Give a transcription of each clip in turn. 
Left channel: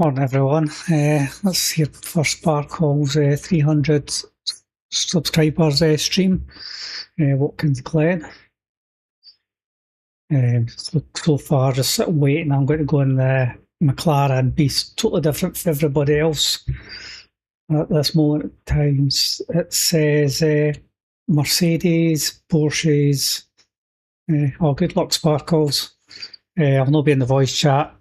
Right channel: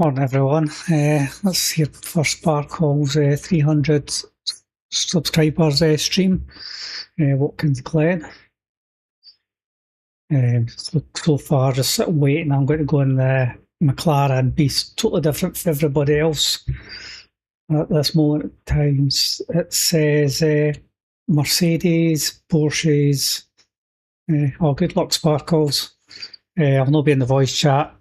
Morning everyone, let's hear for Sparkle's 300 subscribers stream, Watkins Glen. So far just sitting waiting. I'm going to go in the McLaren, be totally different from everybody else at this moment in time. It says Mercedes, Porsches, oh good luck Sparkles. I'll not be in the voice chat.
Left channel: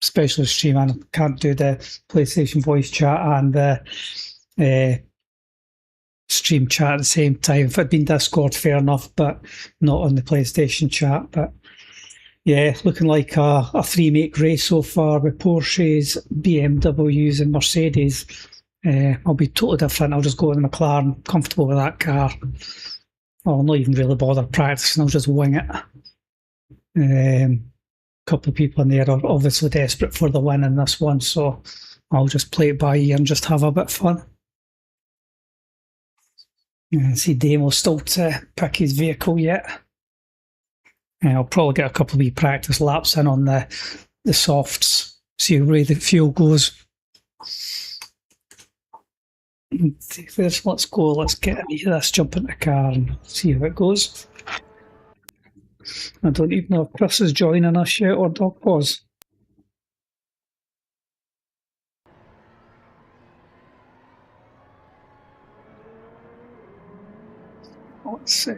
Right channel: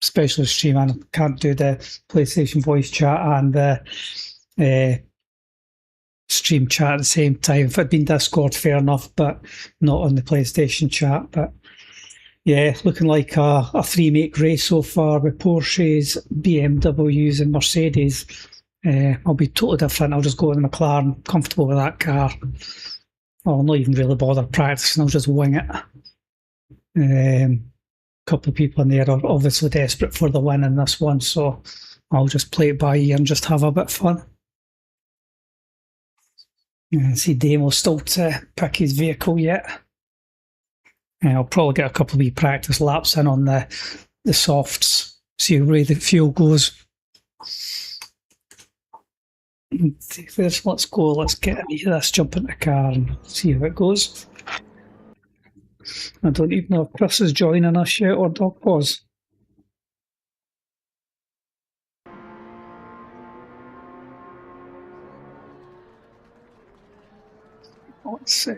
Especially stream, I can't do the PlayStation voice chat and the stream chat at the same time. If it'd been Discord, fair enough, but not on the PlayStation chat. But yeah, looking like a three-make race so far with Porsches, BMWs and Mercedes. I'll be totally different. I'll just go in the McLaren, comfortable with that car. I'll not even really bother practicing, I'll just wing it. Couple of people in there are obviously desperate for the win in this one, so I'll just play it by ear and just have a bit of fun. I see Damo still to pick his vehicle yet. I'll probably get a couple of wee practice laps in on the softs, see where the fuel goes. Let's go, let's get into this, jump in the car and see how it goes. I don't even know if Chris is joining us yet or Doc was. Let's see.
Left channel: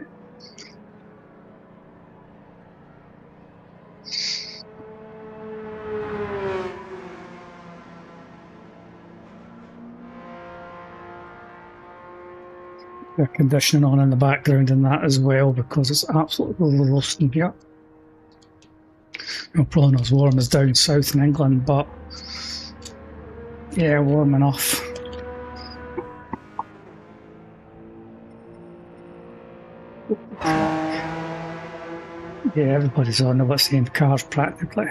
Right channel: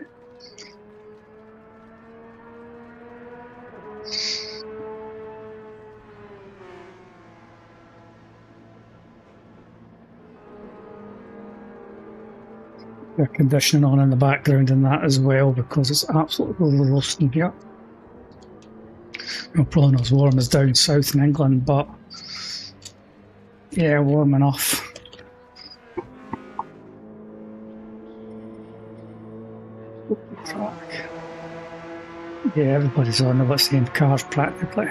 Air conditioning on in the background and that as well, because it's absolutely roasting here. Well, probably not as warm as down south in England, but yeah, warm enough. Yeah, everybody's on the same cars practically.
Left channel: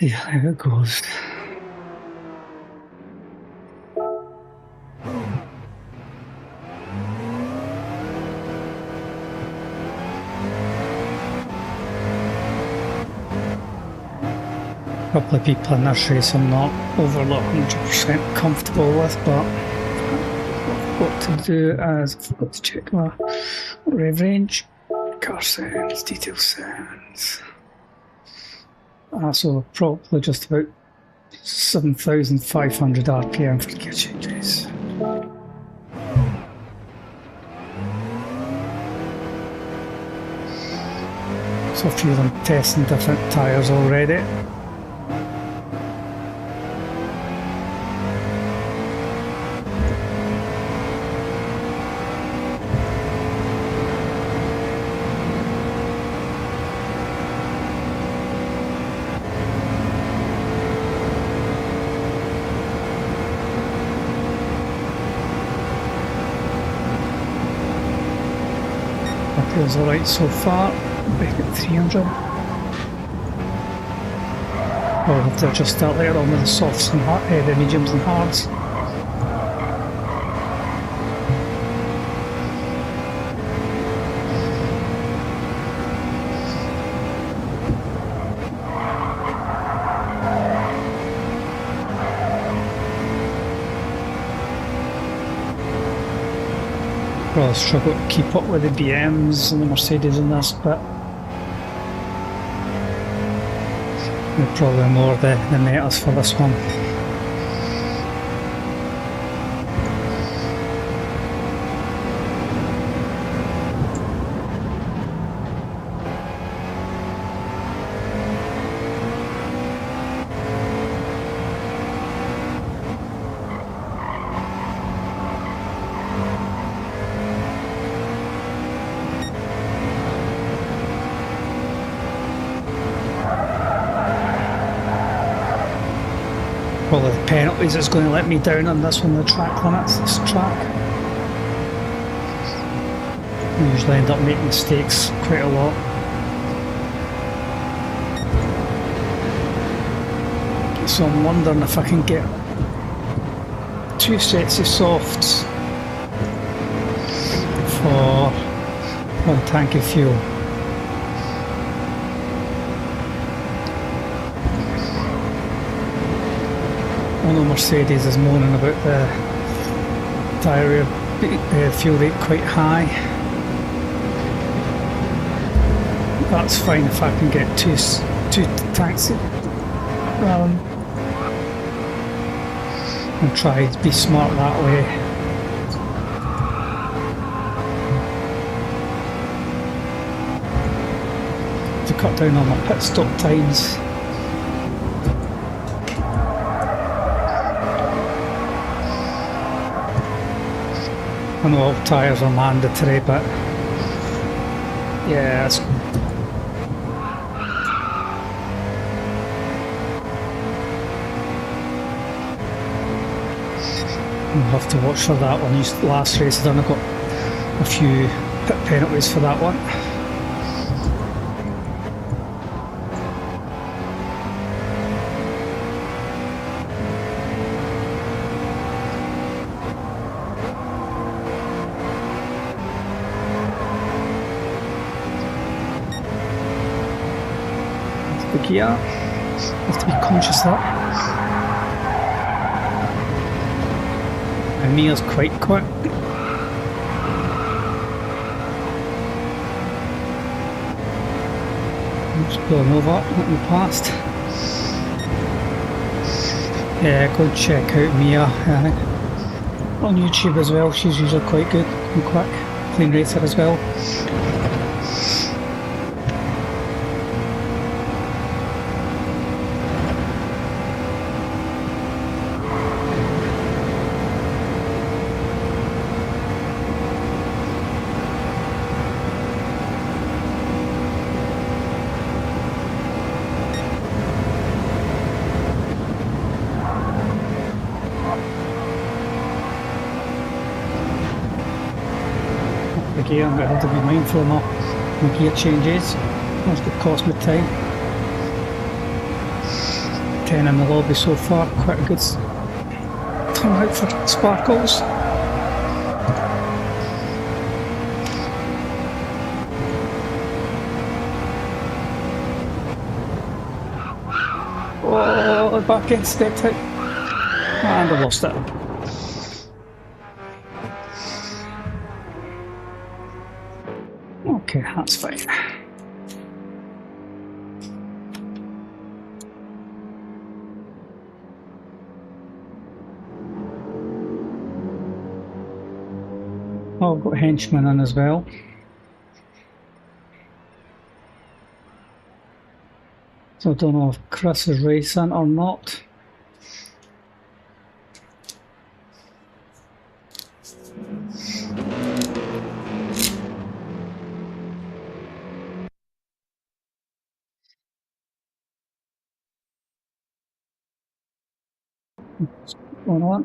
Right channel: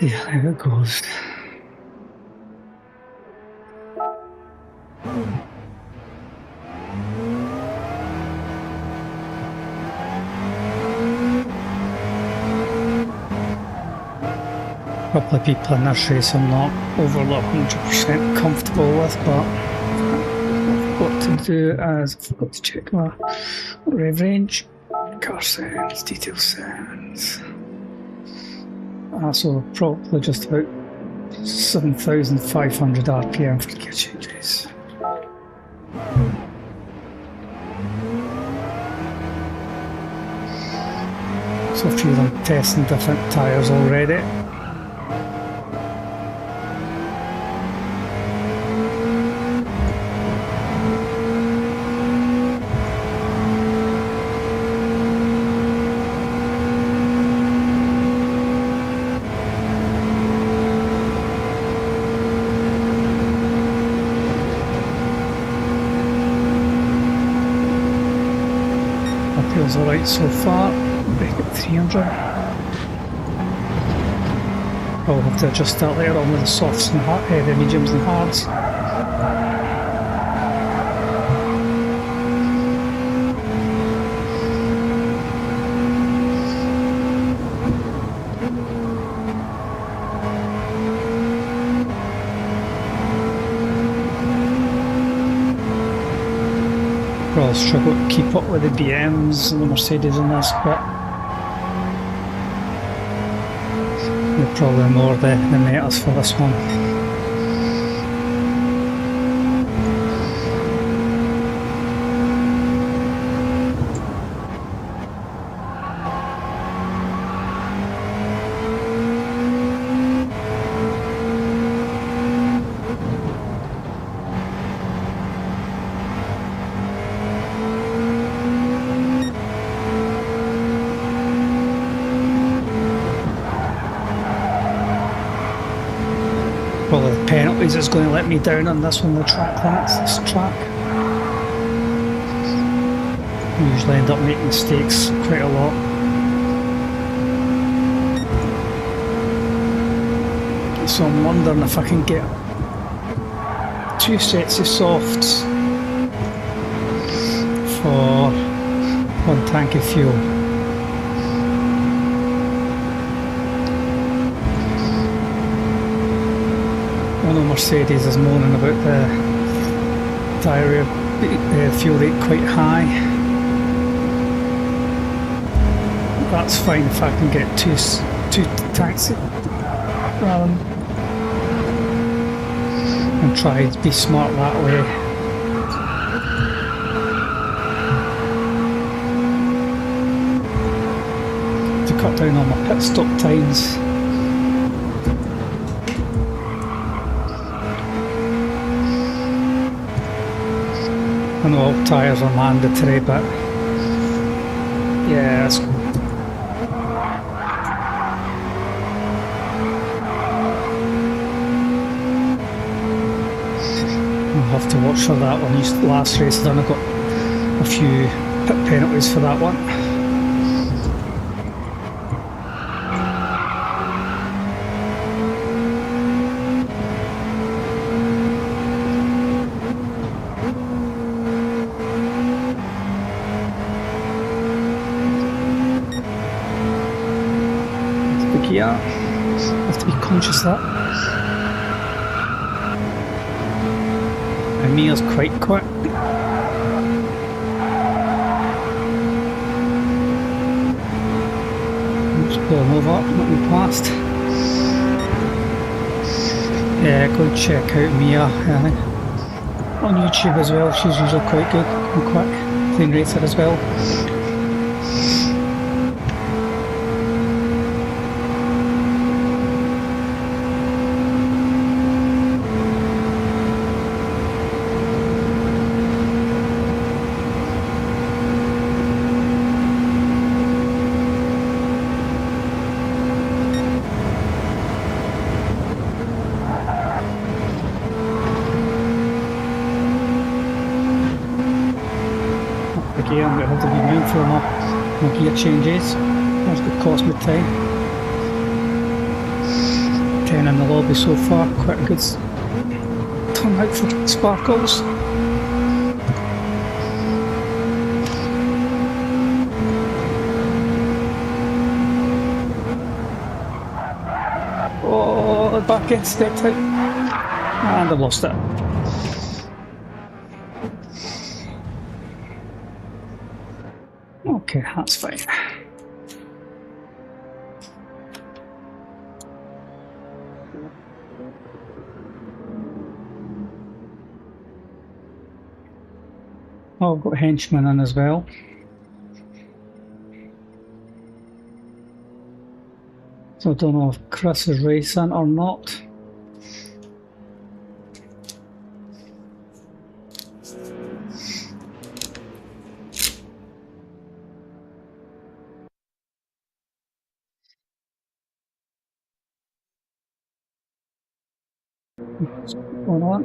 Yeah, how it goes. A couple of people in this race I'm not overly 100% comfortable with, but what I've got to do is I've got to check my rev range, car settings, detail settings. So probably just about 7,500 RPM for gear changes. So a few of them testing different tyres already. Feels alright so far. Back at 300. I'll have to adjust that later on with the softs and the mediums and hards. Probably struggle to keep up with the BMs and the Mercedes in this, but they're probably more the metas for this one. Probably the penalties is going to let me down on this one, the track limits, this track. I usually end up making mistakes quite a lot. So I'm wondering if I can get 2 sets of softs for 1 tank of fuel. I know Mercedes is moaning about the tyre fuel rate quite high. That's fine if I can get two tanks rather than, and try to be smart that way. To cut down on my pit stop times. I know all tyres are mandatory, but yeah, I'll have to watch for that one. Last race I done, I got a few pit penalties for that one. The gear, have to be conscious of that. And Mia's quite quick. I'm just pulling over, let me past. Yeah, go and check out Mia on YouTube as well. She's usually quite good and quick. Clean racer as well. Gear, I'm going to have to be mindful of my gear changes. That's going to cost me time. 10 in the lobby so far, quite a good turnout for Sparkles. Oh, the back end stepped out and I lost it. Okay, that's fine. Oh, I've got henchmen in as well. So I don't know if Chris is racing or not. What's going on?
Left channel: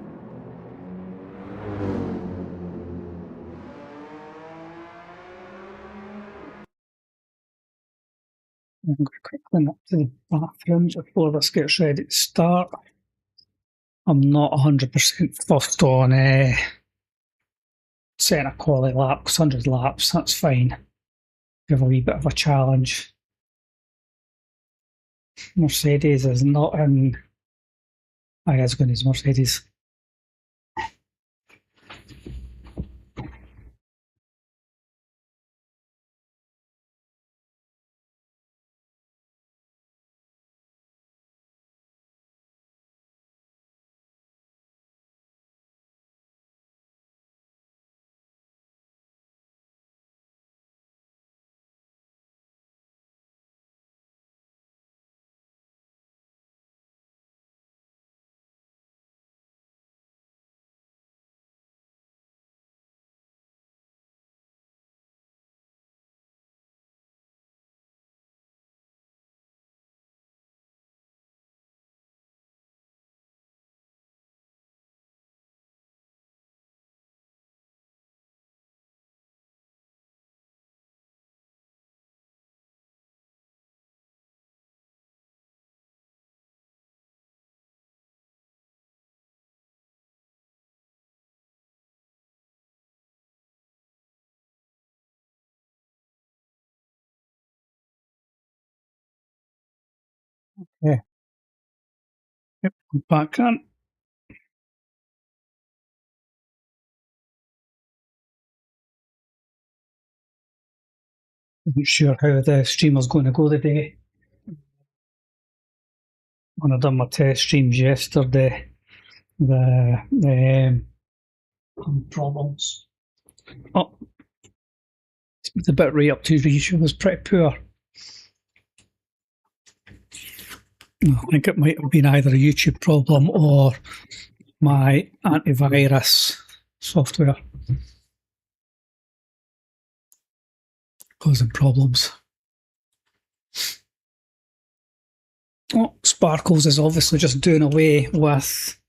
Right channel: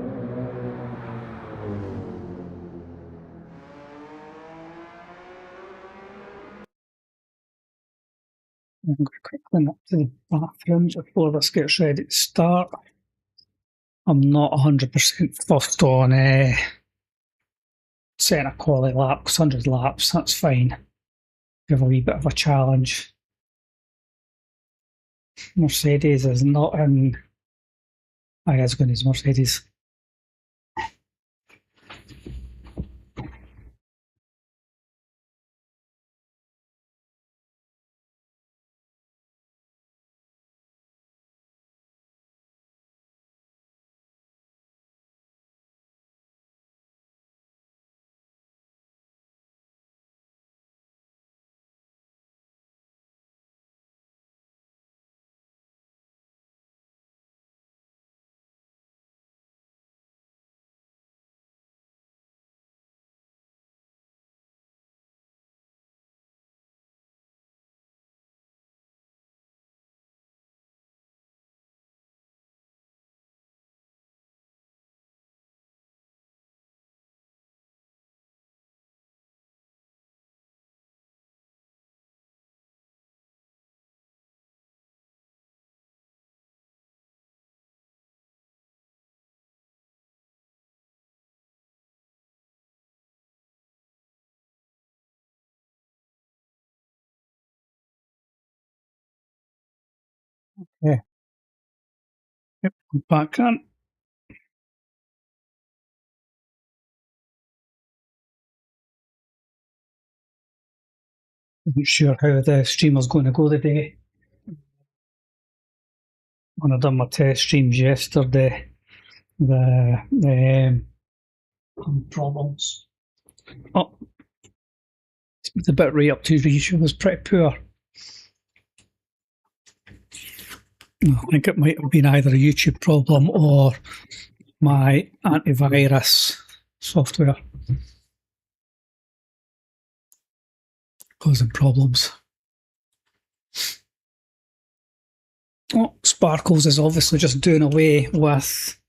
I'm going to quickly nip to the bathroom before this gets ready to start. I'm not 100% fussed on setting a quality lap, because 100 laps, that's fine. Give a wee bit of a challenge. Mercedes is not in. I guess going to use Mercedes. Yeah. Yep, back on. Wasn't sure how the stream was going to go today. When I done my test streams yesterday, the problems. Oh, the bit right up to ratio was pretty poor. I think it might have been either a YouTube problem or my antivirus software causing problems. Oh, Sparkles is obviously just doing away with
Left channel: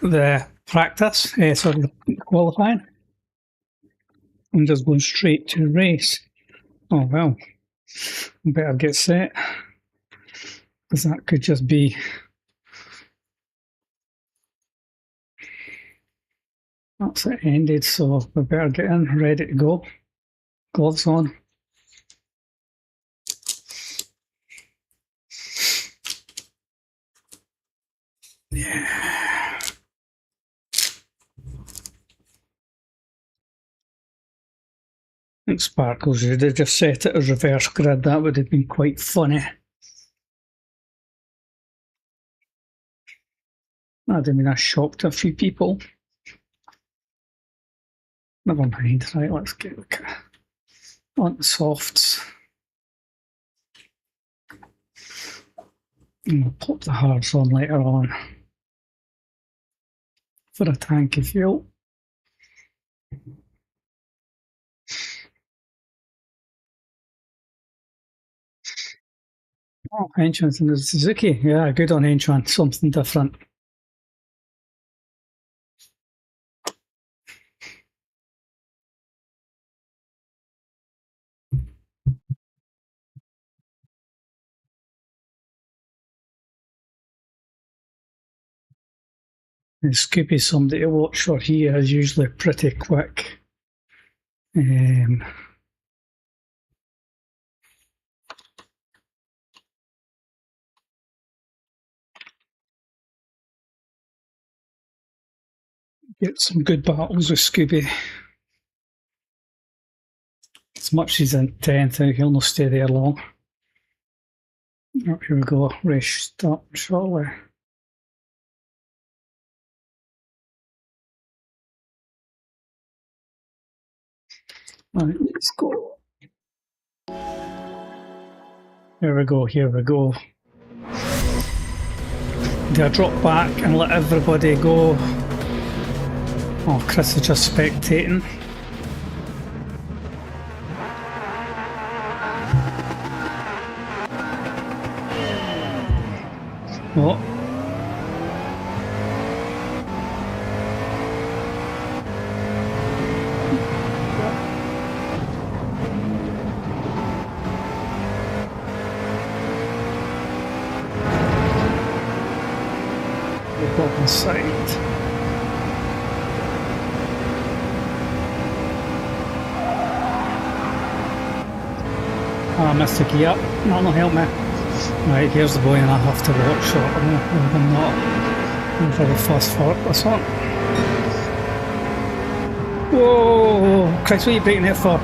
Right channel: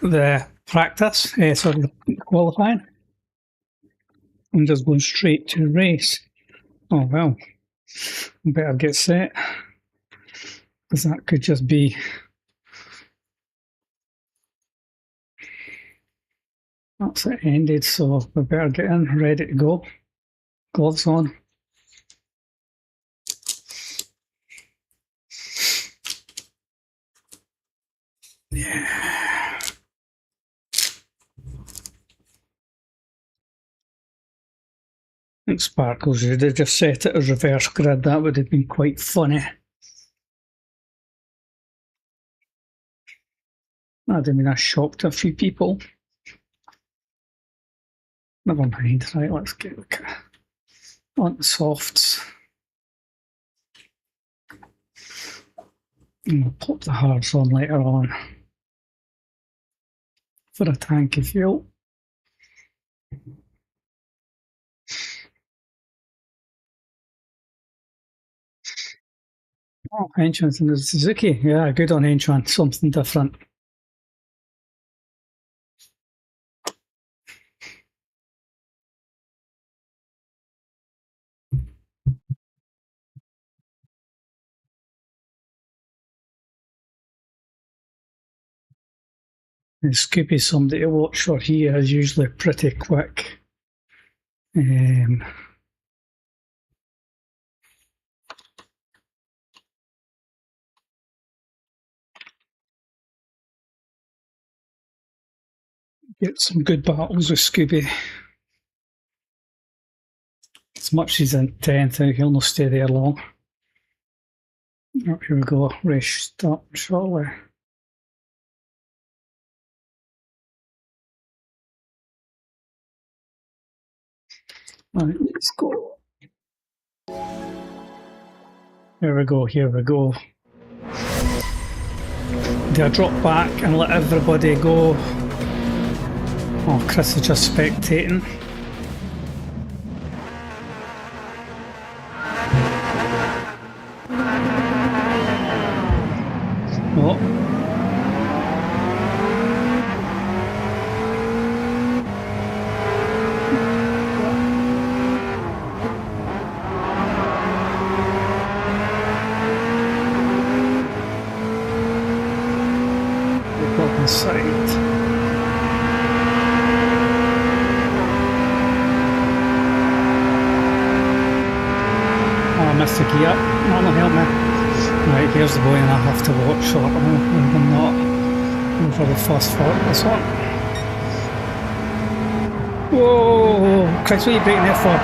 the practice, sorry, qualifying, and just going straight to race. Oh well, better get set, because that could just be that's it ended, so we better get in, ready to go. Gloves on. Yeah. I think Sparkles should have just set it as reverse grid. That would have been quite funny. I mean, I shocked a few people. Never mind. Right, let's get on the softs. And we'll pop the hards on later on for a tank of fuel. Oh, Enchant and the Suzuki. Yeah, good on Enchant. Something different. And Scoopy's somebody to watch for. He is usually pretty quick. Get some good battles with Scooby. As much as he's in 10th, he'll not stay there long. Oh, here we go. Race start shortly. Right, let's go. Here we go, here we go. Do I drop back and let everybody go? Oh, Chris is just spectating. Oh. Up inside. Oh, I missed the gear. That'll help me. Right, here's the boy and I have to watch, so I'm not going for the first for this one. Whoa! Christ, what are you breaking it for?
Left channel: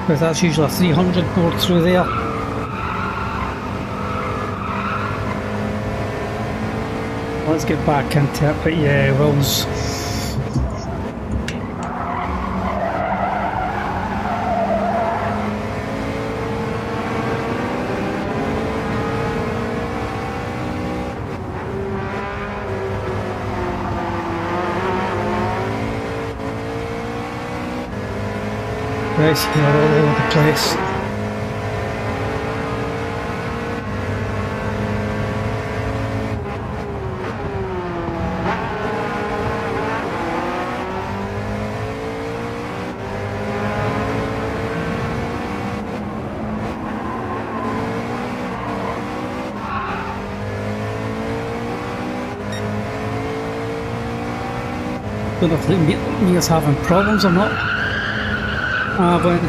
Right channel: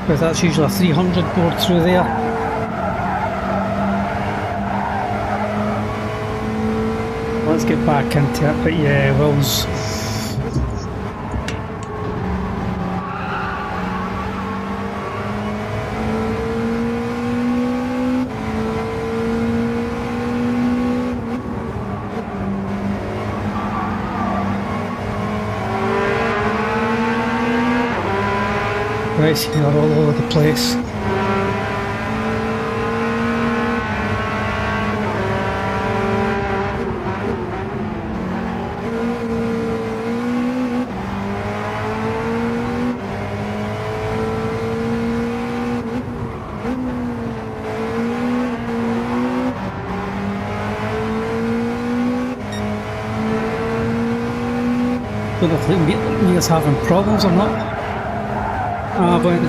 Because that's usually a 300 board through there. Let's get back into it, but yeah, Will's right here all over the place. Don't know if Mia's having problems or not. But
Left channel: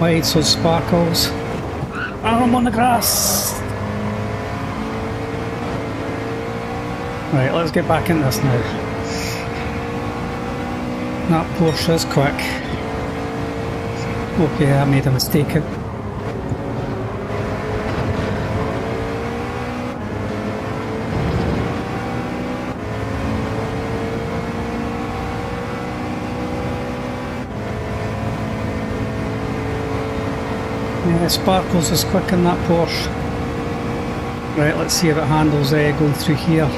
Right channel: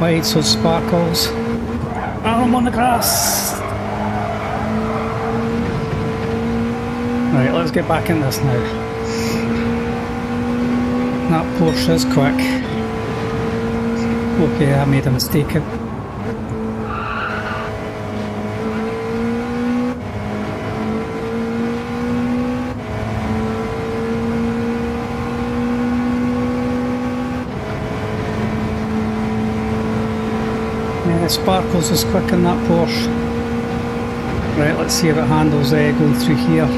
wide, so Sparkles. And I'm on the grass. Right, let's get back in this now. That Porsche is quick. Okay, I made a mistake. Yeah, Sparkles is quick in that Porsche. Right, let's see if it handles going through here.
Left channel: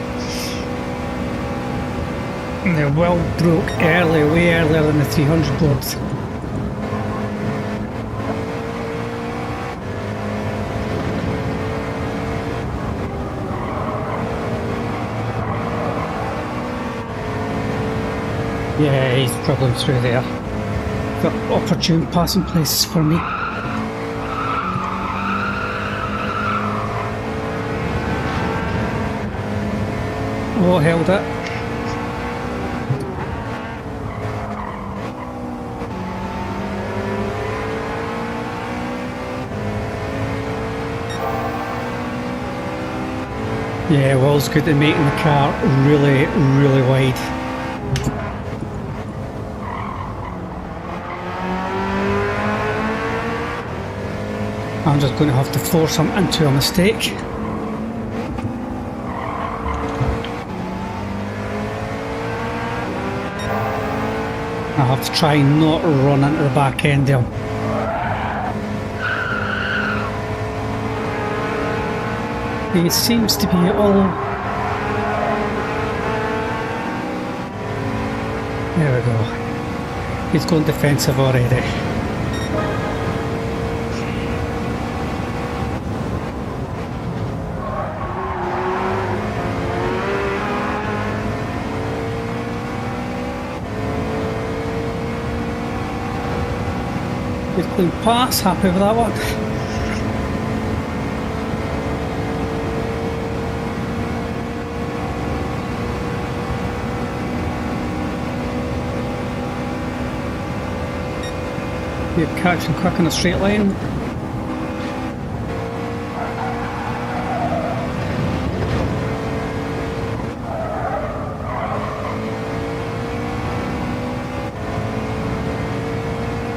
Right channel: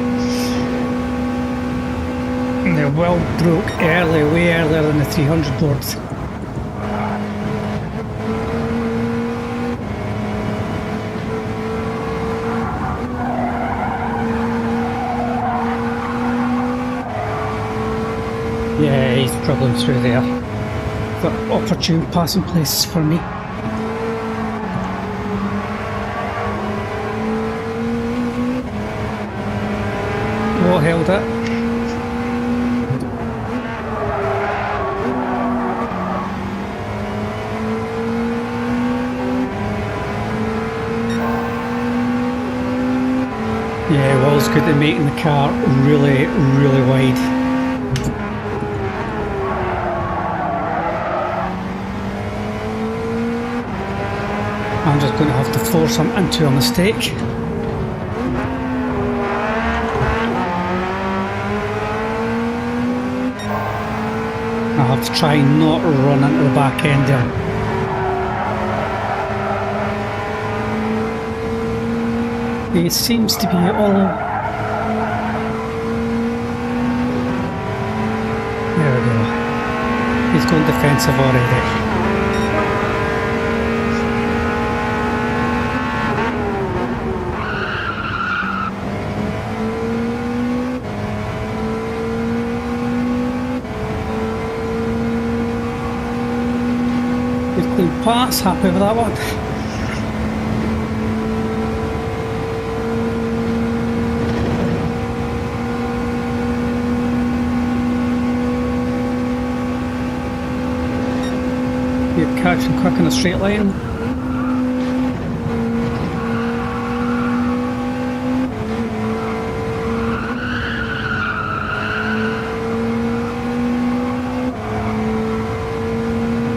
The wheel broke early, way earlier than the 300 board. Yeah, he's dribbling through there. Got opportune passing places for me. Oh, held it. Yeah, Will's good at making the car really, really wide. I'm just going to have to force him into a mistake. I have to try not run into the back end there. He seems to be all... There we go. He's going defensive already. Good clean pass, happy with that one. Good catch and quick in a straight line.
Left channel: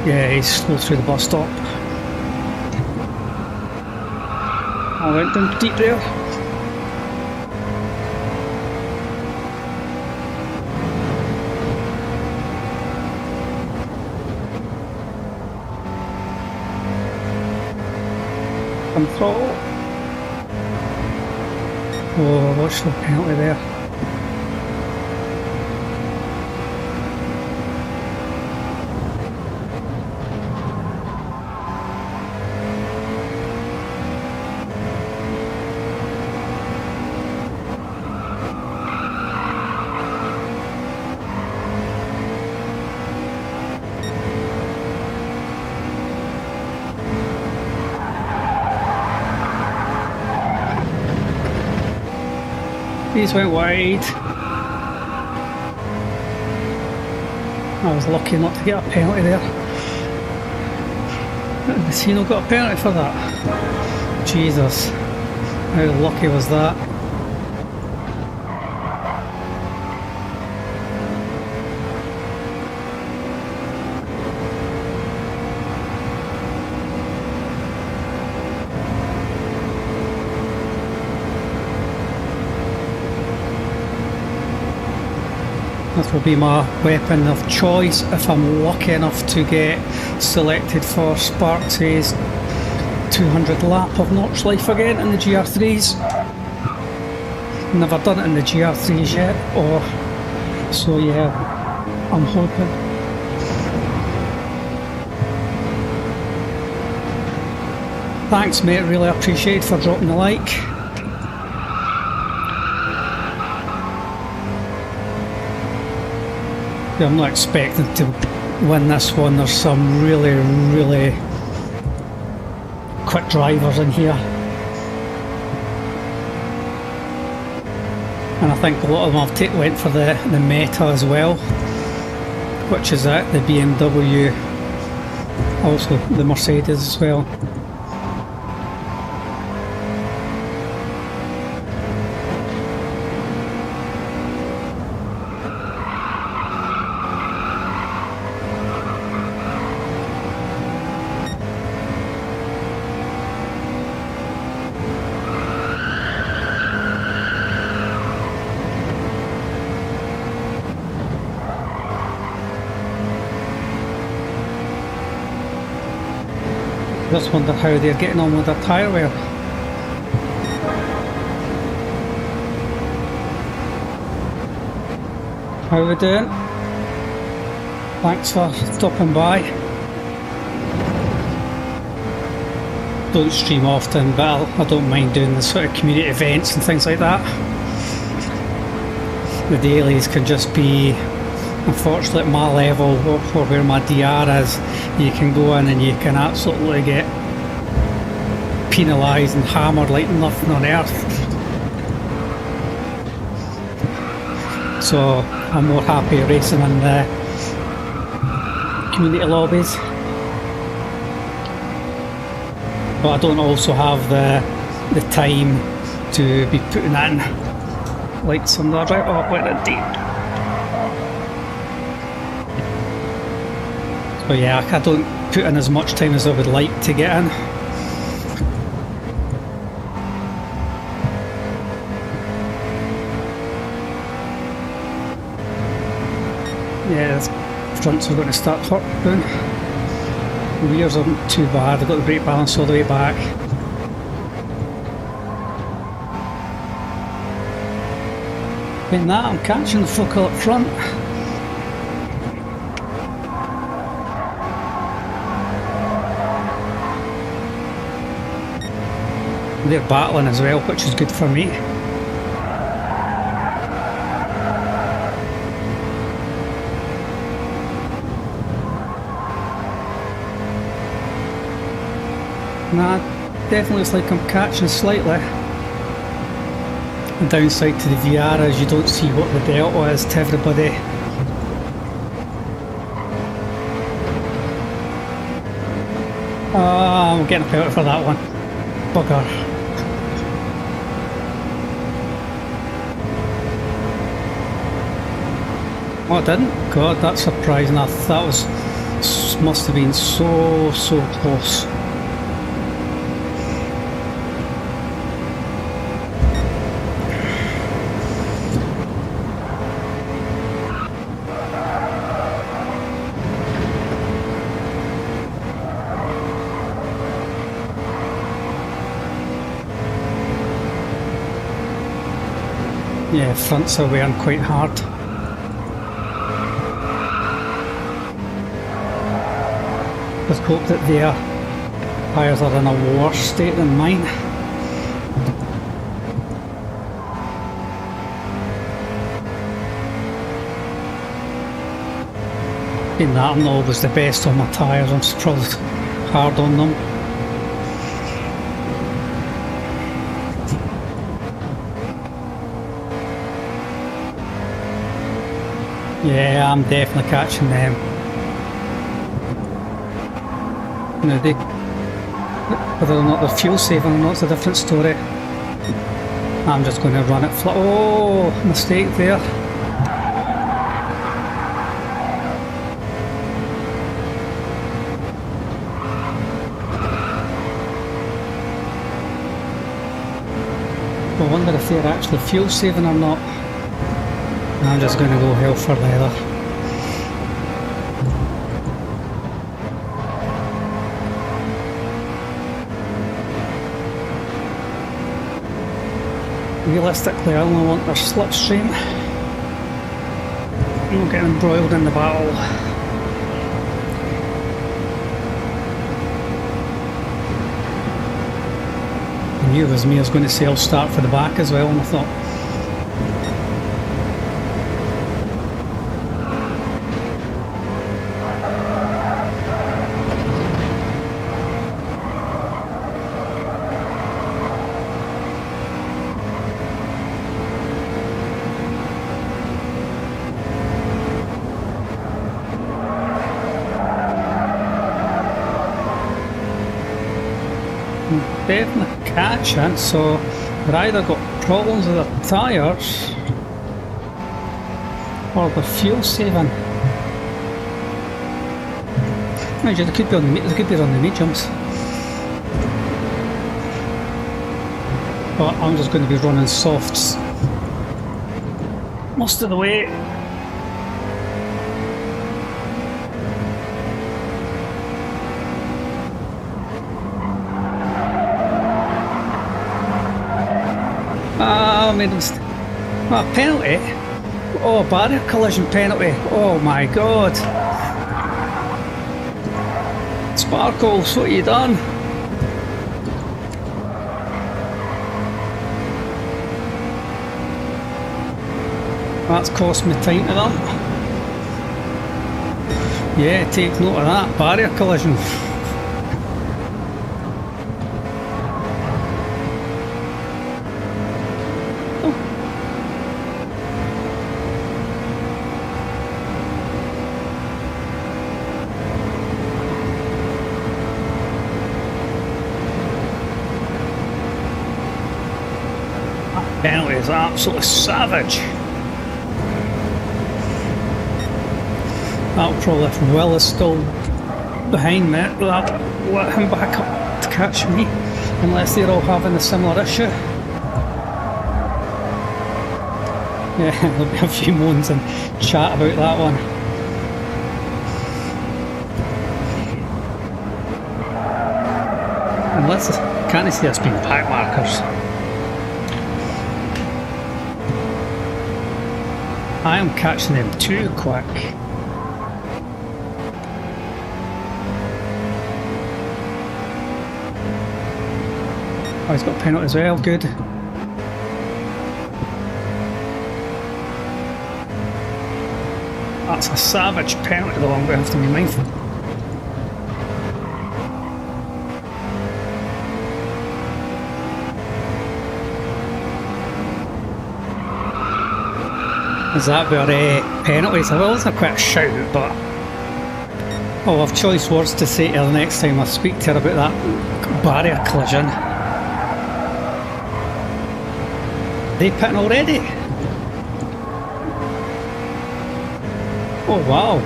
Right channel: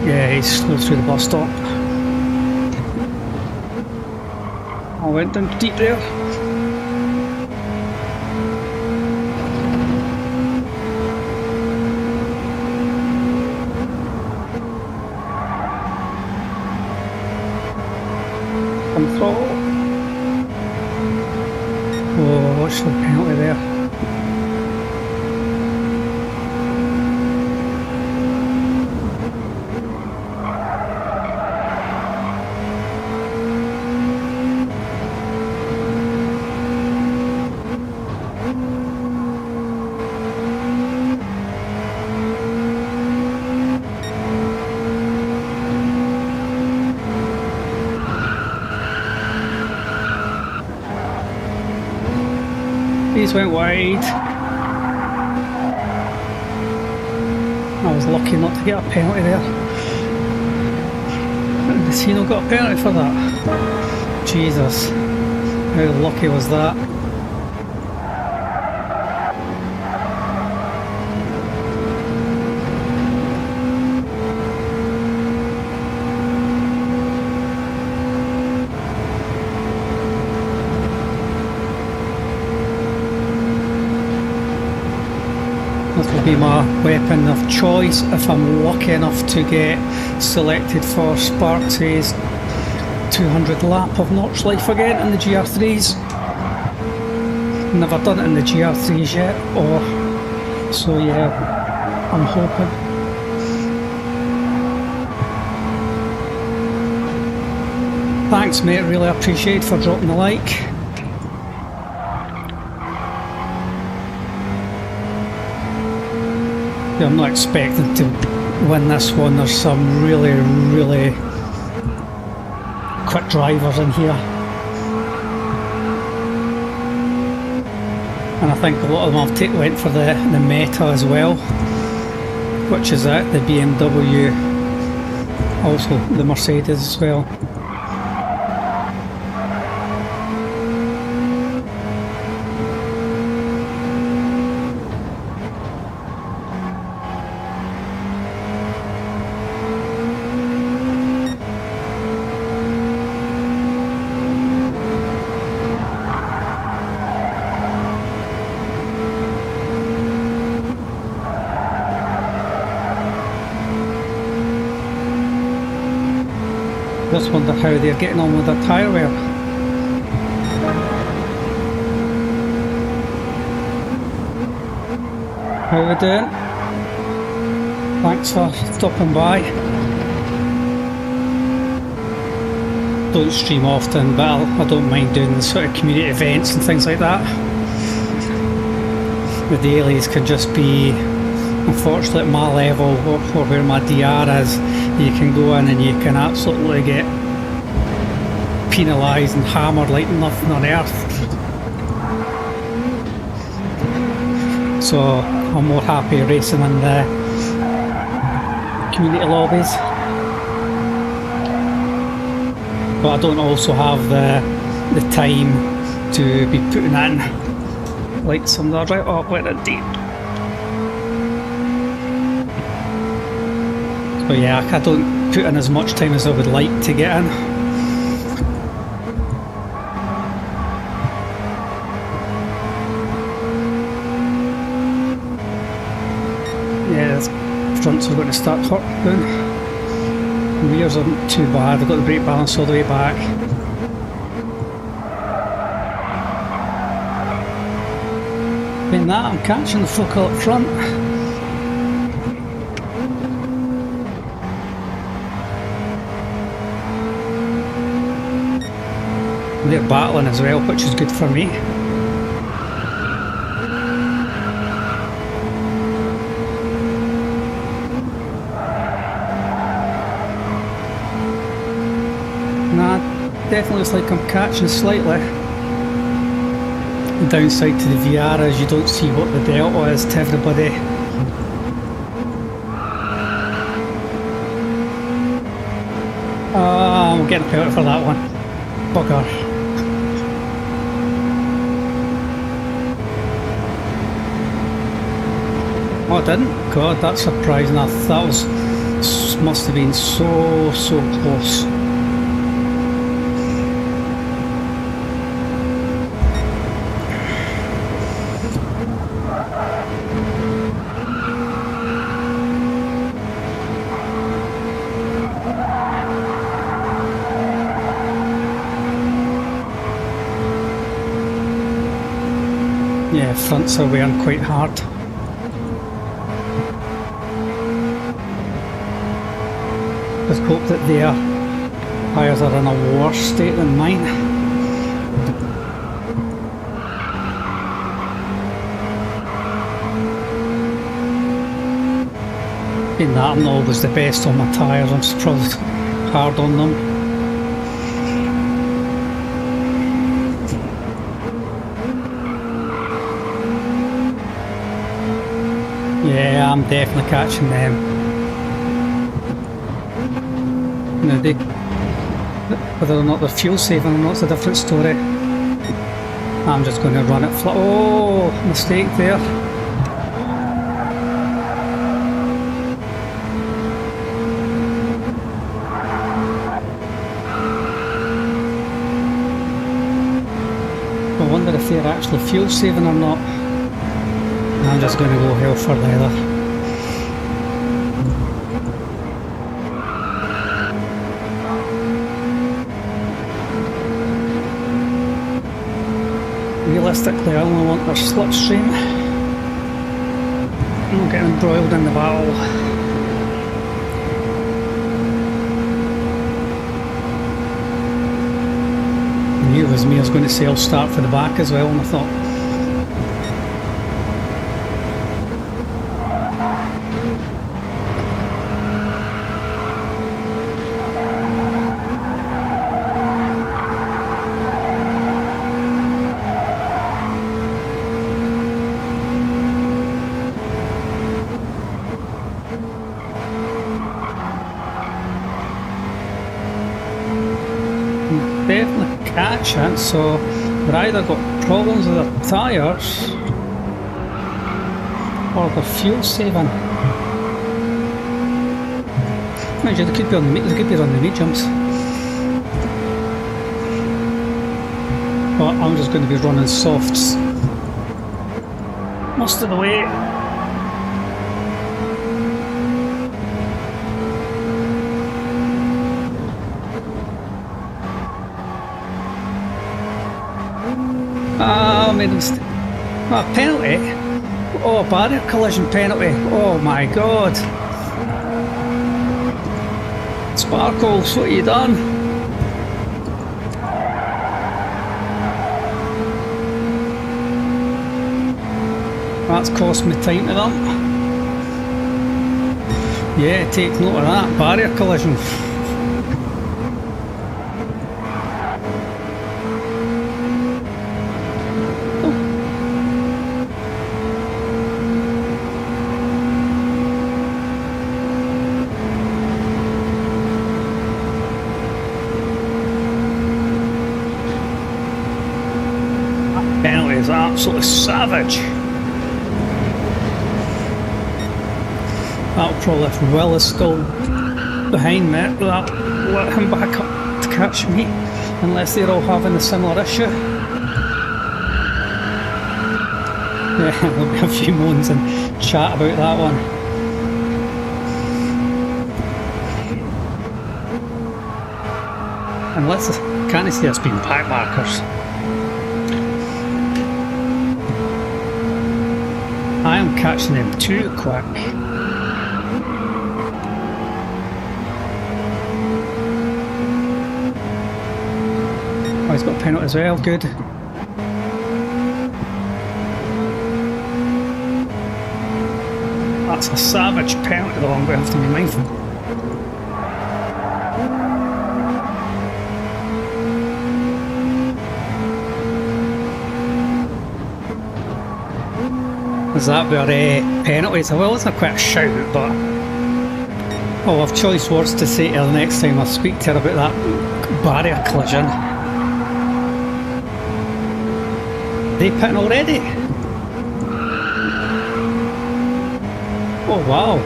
Yeah, he's slow through the bus stop. I went down deep there. Come throttle. Oh, watch the penalty there. These went wide. I was lucky not to get a penalty there. The Sino got a penalty for that. Jesus, how lucky was that? This will be my weapon of choice if I'm lucky enough to get selected for Sparks' 200 lap of Notch Life again in the GR3s. Never done it in the GR3s yet, so yeah, I'm hoping. Thanks mate, really appreciate for dropping the like. Yeah, I'm not expecting to win this one. There's some really, really quick drivers in here. And I think a lot of them have went for the meta as well, which is the BMW also the Mercedes as well. Just wonder how they're getting on with their tyre wear. How are we doing? Thanks for stopping by. Don't stream often, but I don't mind doing the sort of community events and things like that. The dailies can just be, unfortunately at my level, or where my DR is, you can go in and you can absolutely get penalised and hammered like nothing on earth. So I'm more happy racing in the community lobbies. But I don't also have the time to be putting in like some of the right up with it deep. So yeah, I don't put in as much time as I would like to get in. Yeah, the fronts are going to start hurting. Rears aren't too bad, I've got the brake balance all the way back. In that, I'm catching the focal up front. They're battling as well, which is good for me. Nah, definitely looks like I'm catching slightly. The downside to the VR is you don't see what the delta is to everybody. I'm getting a penalty for that one. Bugger. Oh, I didn't? God, that's surprising. That was must have been so close. Yeah, fronts are wearing quite hard. Just hope that their tyres are in a worse state than mine. In that, I'm not always the best on my tyres, I'm probably hard on them. Yeah, I'm definitely catching them. You know, whether or not they're fuel saving or not is a different story. I'm just going to run it flat. Oh, mistake there. I wonder if they're actually fuel saving or not. I'm just going to go hell for leather. Realistically, I only want their slipstream. I'm not getting embroiled in the battle. I knew it was me. I was going to say I'll start for the back as well, and I thought, definitely catching, so they're either got problems with their tyres or they're fuel saving. Mind you, they could be on the mediums. But I'm just going to be running softs most of the way. I made a mistake. Oh, penalty. Oh, barrier collision penalty. Oh my god. Sparkles, what have you done? That's cost me time to them. Yeah, take note of that. Barrier collision. Penalty is absolutely savage. That'll probably, if Will is still behind me, that'll let him back up to catch me, unless they're all having a similar issue. Yeah, there'll be a few moans and chat about that one. Unless, can't see us being pack markers. I am catching them too quick. Oh, he's got a penalty as well, good. That's a savage penalty though, I'm going to have to be mindful. Is that where penalties? Well, it's not quite a shout, but I'll have choice words to say to her the next time I speak to her about that barrier collision. They pitting already? Oh wow.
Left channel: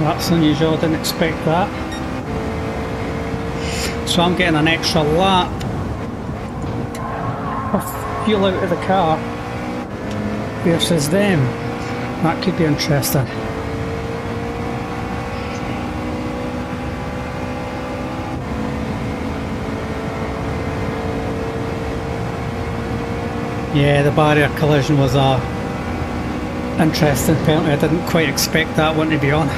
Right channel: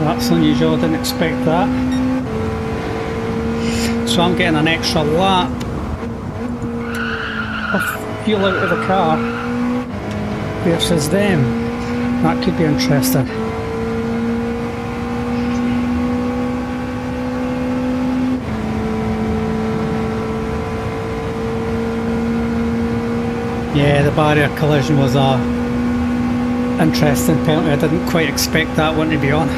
That's unusual, I didn't expect that. So I'm getting an extra lap of fuel out of the car versus them. That could be interesting. Yeah, the barrier collision was a interesting penalty. I didn't quite expect that one to be on.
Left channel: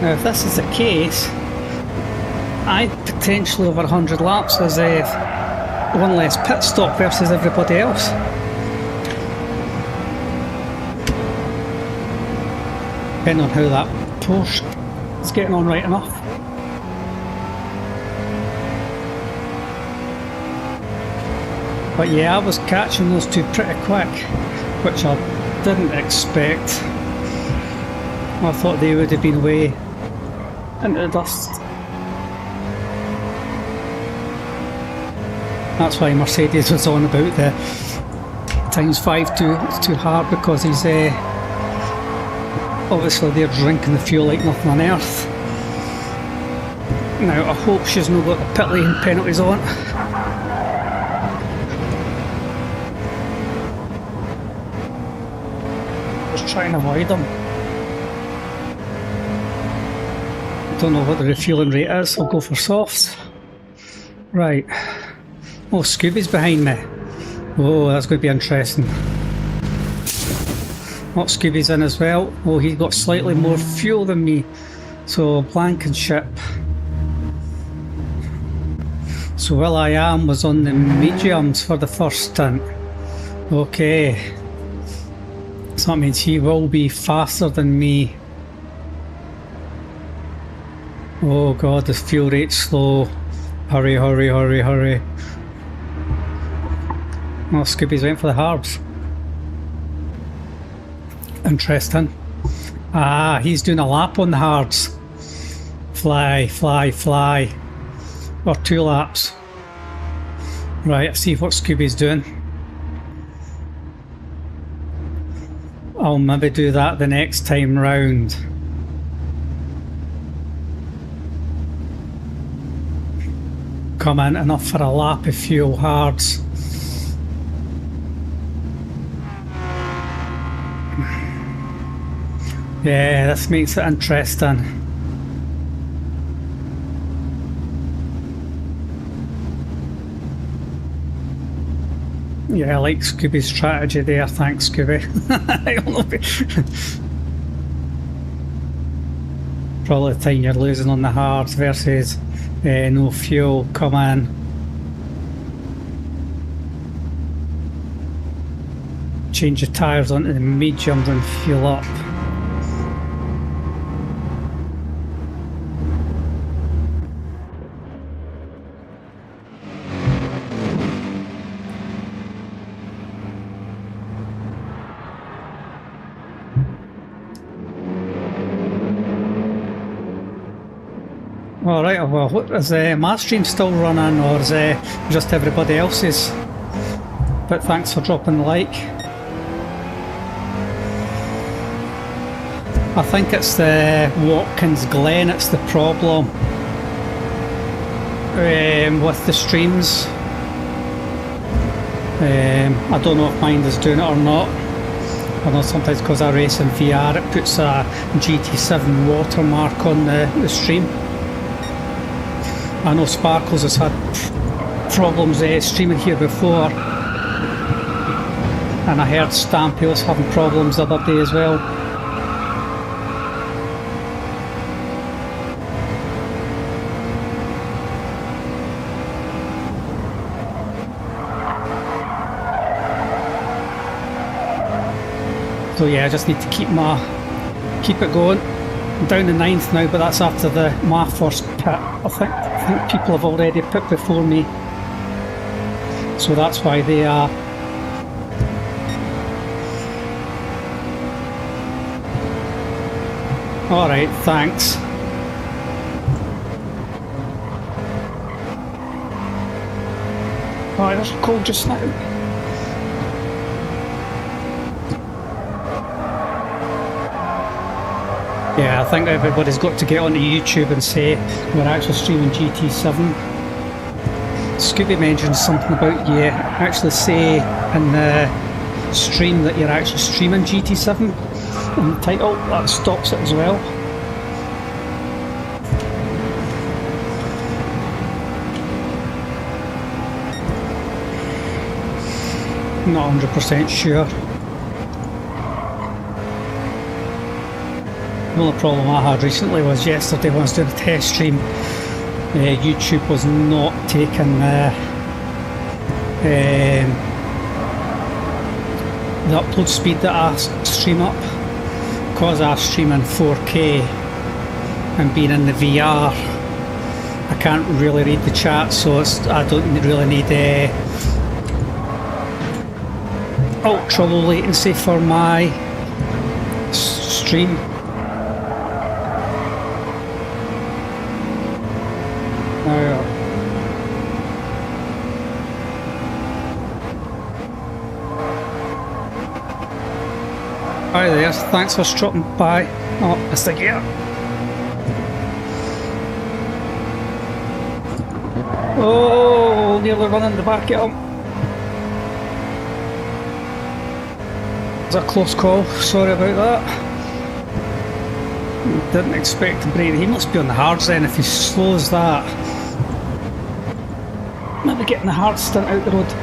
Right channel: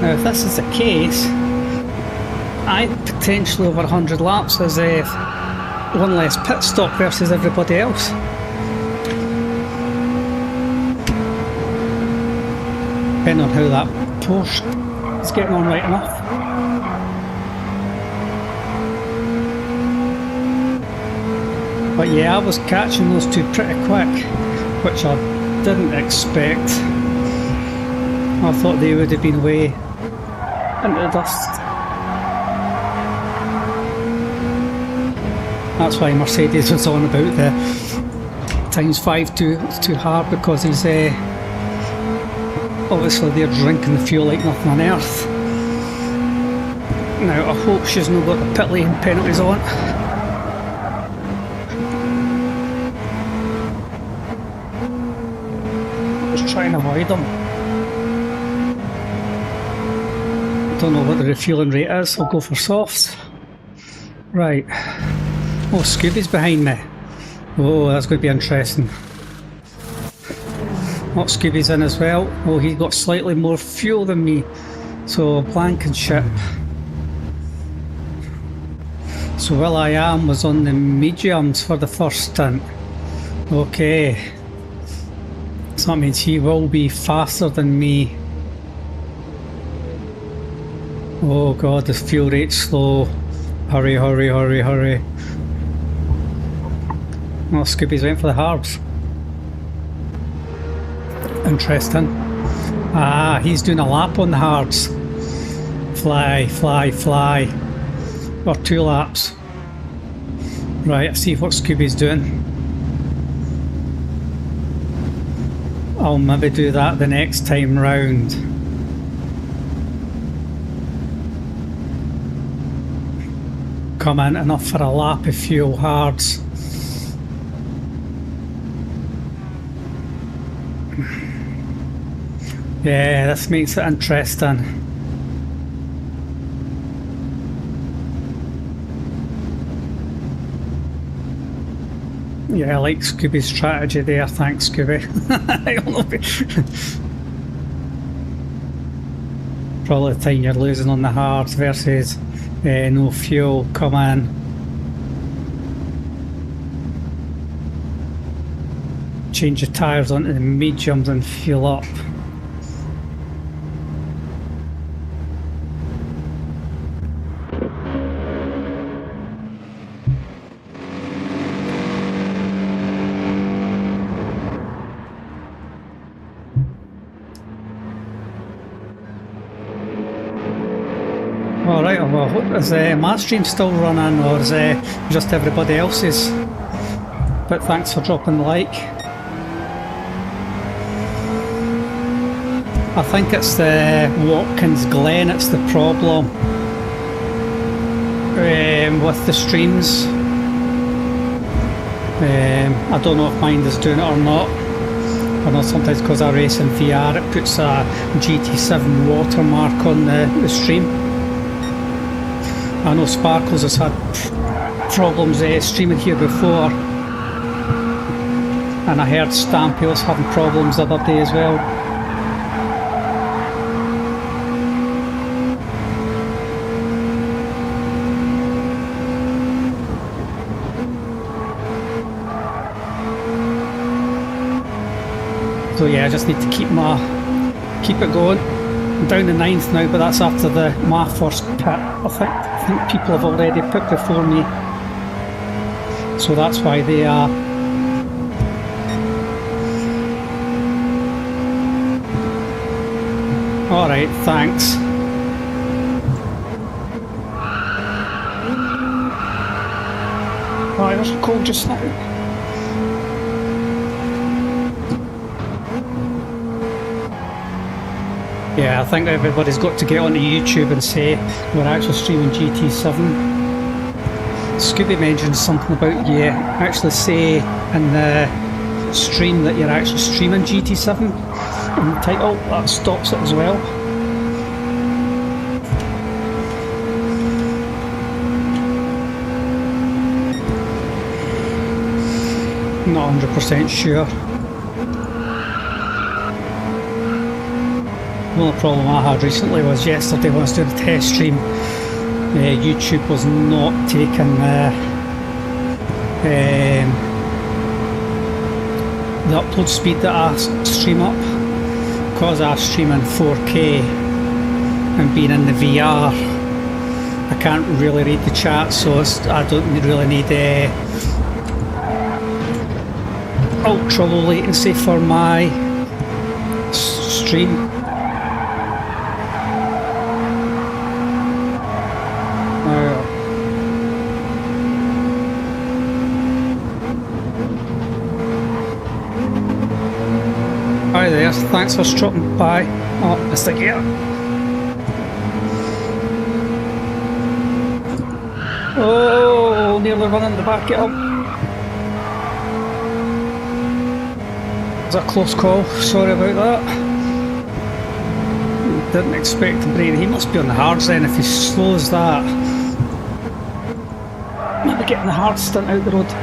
Now, if this is the case, I potentially over 100 laps as one less pit stop versus everybody else. Depending on how that Porsche is getting on right enough. But yeah, I was catching those two pretty quick, which I didn't expect. I thought they would have been away into the dust. That's why Mercedes was on about the ×5 too hard, because he's obviously they're drinking the fuel like nothing on earth. Now I hope she's not got the pit lane penalties on. I was trying to avoid them. Don't know what the refueling rate is, I'll go for softs. Right. Oh, Scooby's behind me. Oh, that's going to be interesting. Oh, Scooby's in as well. Oh, he's got slightly more fuel than me. So, Blankenship. So, Will.i.am was on the mediums for the first stint. Okay. So that means he will be faster than me. Oh god, the fuel rate's slow. Hurry, hurry, hurry, hurry. Oh, Scooby's went for the harbs. Interesting. Ah, he's doing a lap on the hards. Fly, fly, fly. Or 2 laps. Right, let's see what Scooby's doing. I'll maybe do that the next time round. Come in enough for a lap of fuel hards. Yeah, this makes it interesting. Yeah, I like Scooby's strategy there, thanks Scooby. Probably the time you're losing on the hards versus no fuel, come in. Change your tyres onto the mediums and fuel up. Alright, well, is my stream still running or is just everybody else's? But thanks for dropping the like. I think it's the Watkins Glen, it's the problem with the streams. I don't know if mine is doing it or not. I know sometimes because I race in VR it puts a GT7 watermark on the stream. I know Sparkles has had problems streaming here before, and I heard Stampy was having problems the other day as well. So yeah, I just need to keep it going. I'm down to 9th now, but that's after my first pit. I think people have already pit before me, so that's why they are. Alright, thanks. Alright, that's cold just now. Yeah, I think everybody's got to get onto YouTube and say we're actually streaming GT7. Scooby mentioned something about you actually say in the stream that you're actually streaming GT7 in the title. That stops it as well. Not 100% sure. The only problem I had recently was yesterday when I was doing a test stream, YouTube was not taking the upload speed that I stream up. Because I stream in 4K and being in the VR, I can't really read the chat, so I don't really need ultra low latency for my stream. Hi there, thanks for stopping by. Oh, Mr. Gear. Oh, nearly running the back of him. It was a close call, sorry about that. Didn't expect to break. He must be on the hards then if he slows that. Maybe getting the hard stunt out the road.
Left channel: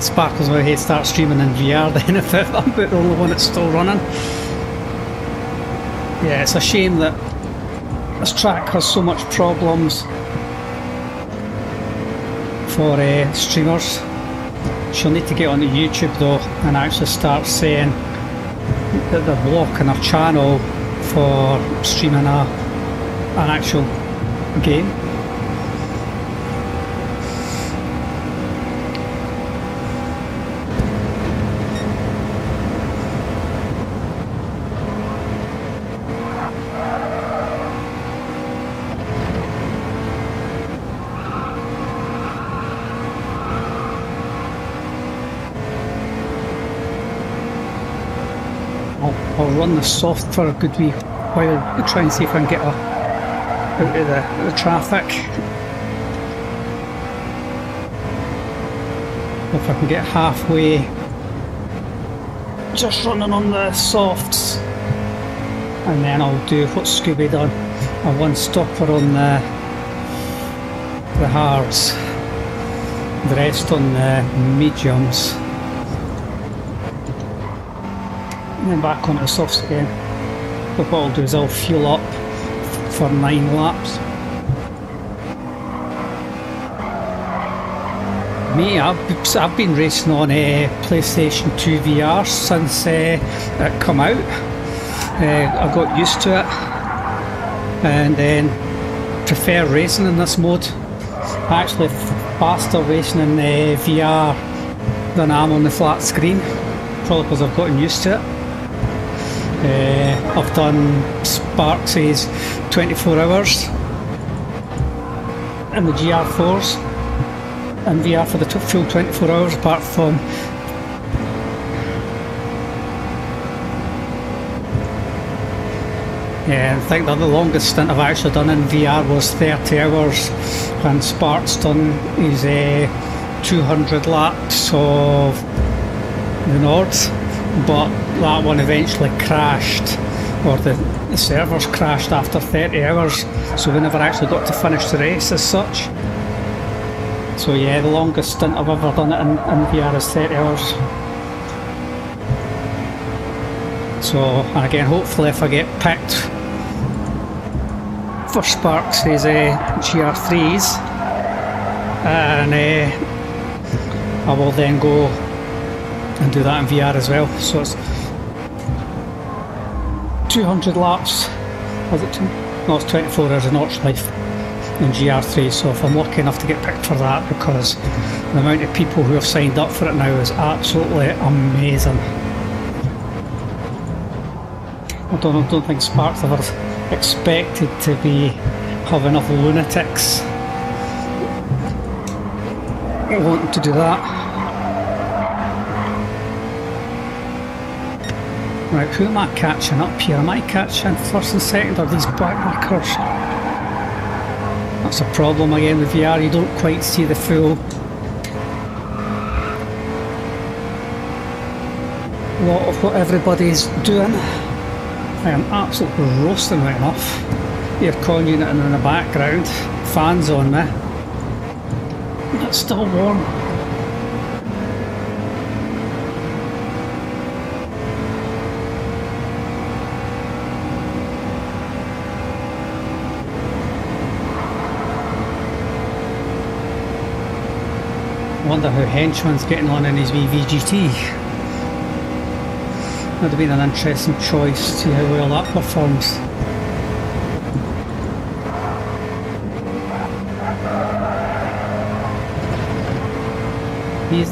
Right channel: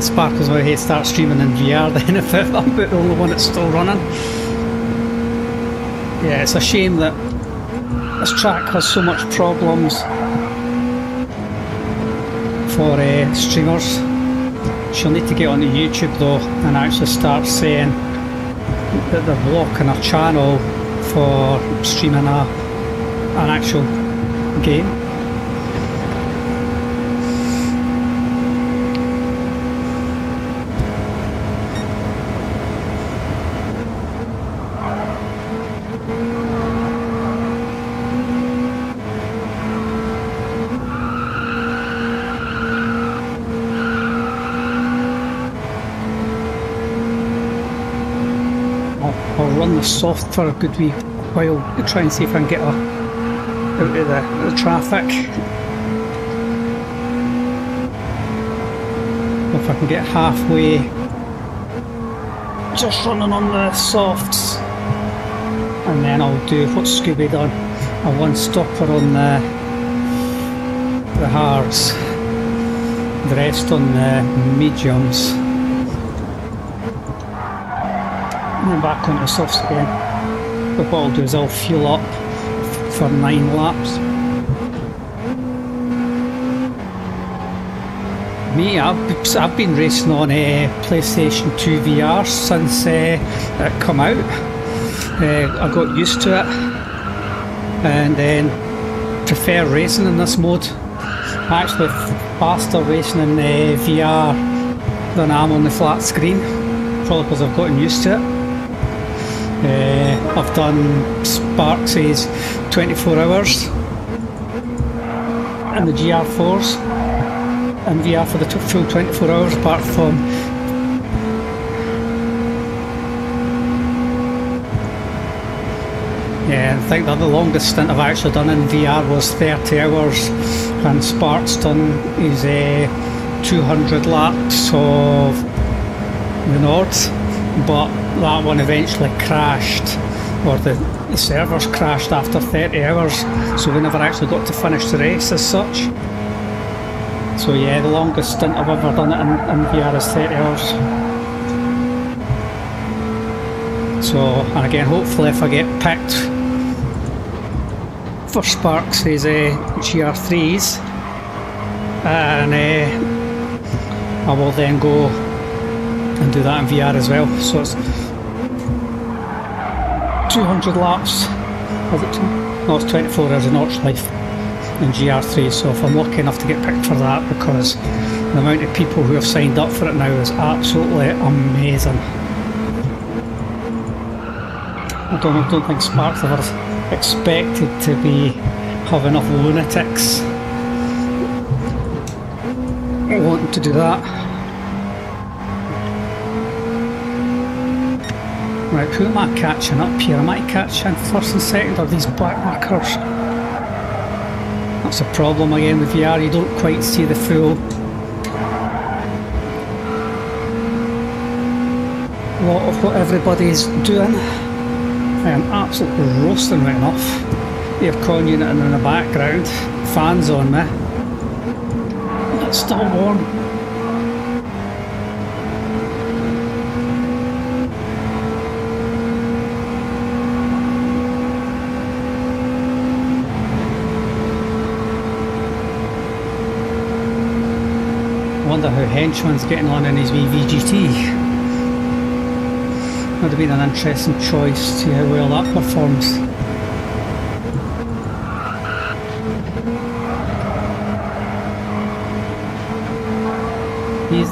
Sparkles will hate start streaming in VR then if I'm the only one that's still running. Yeah, it's a shame that this track has so much problems for streamers. She'll need to get onto YouTube though and actually start saying that they're blocking her channel for streaming an actual game. I'll run the soft for a good wee while to try and see if I can get her out of the traffic. If I can get halfway just running on the softs, and then I'll do what Scooby done, a one stopper on the hards, the rest on the mediums. And then back onto the softs again. But what I'll do is I'll fuel up for 9 laps. Me, I've been racing on PlayStation 2 VR since it come out. I got used to it and then prefer racing in this mode. I'm actually faster racing in VR than I am on the flat screen, probably because I've gotten used to it. I've done Sparks' 24 hours in the GR4s and VR for the full 24 hours, apart from I think that the longest stint I've actually done in VR was 30 hours, and Sparks done his 200 laps of the Nords. But that one eventually crashed, or the servers crashed after 30 hours, so we never actually got to finish the race as such. So yeah, the longest stint I've ever done it in VR is 30 hours. So, and again, hopefully if I get picked for Sparks' GR3s, and I will then go and do that in VR as well. So it's 200 laps, was it? No, it's 24 hours of Notch Life in GR3, so if I'm lucky enough to get picked for that, because the amount of people who have signed up for it now is absolutely amazing. I don't think Sparks ever expected to have enough lunatics wanting to do that. Right, who am I catching up here? Am I catching first and second, or these black markers? That's a problem again with VR, you don't quite see the full lot of what everybody's doing. I am absolutely roasting right enough. Aircon unit in the background, fans on me. It's still warm. I wonder how Henchman's getting on in his wee VGT. Would have been an interesting choice to see how well that performs.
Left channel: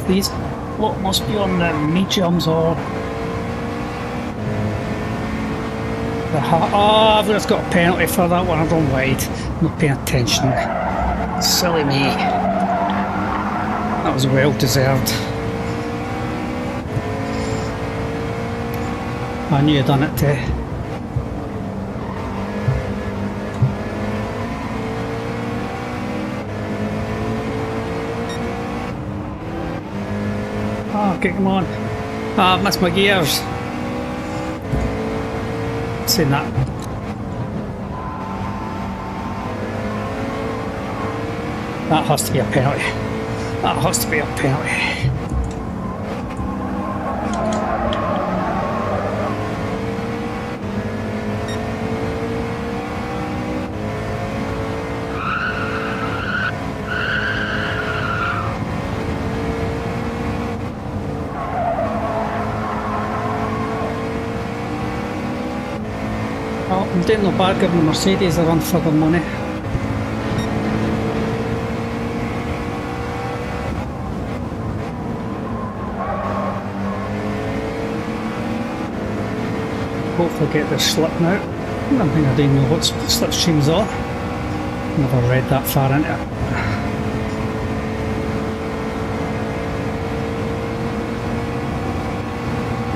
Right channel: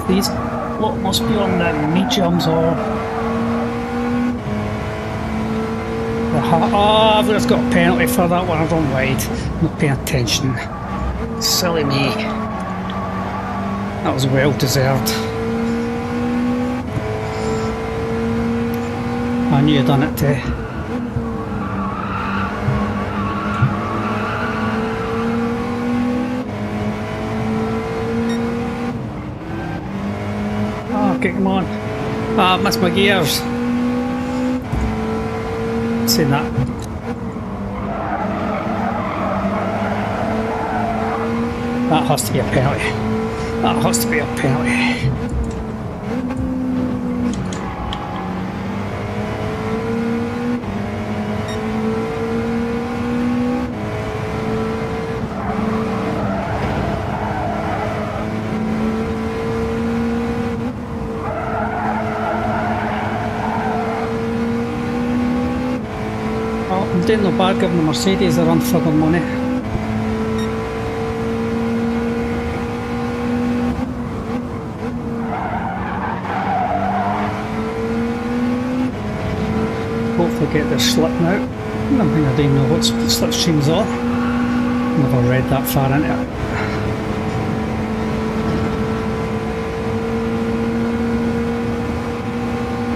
These lot must be on the mediums or the I've just got a penalty for that one. I've run wide. Not paying attention. Silly me. That was well deserved. I knew I'd done it too. Oh, okay, come on. Ah, I've missed my gears. Seen that. That has to be a penalty. That has to be a penalty. doing no bad giving the Mercedes a run for their money. Hopefully get their slip now. I don't think I didn't know what slipstreams are. Never read that far into it.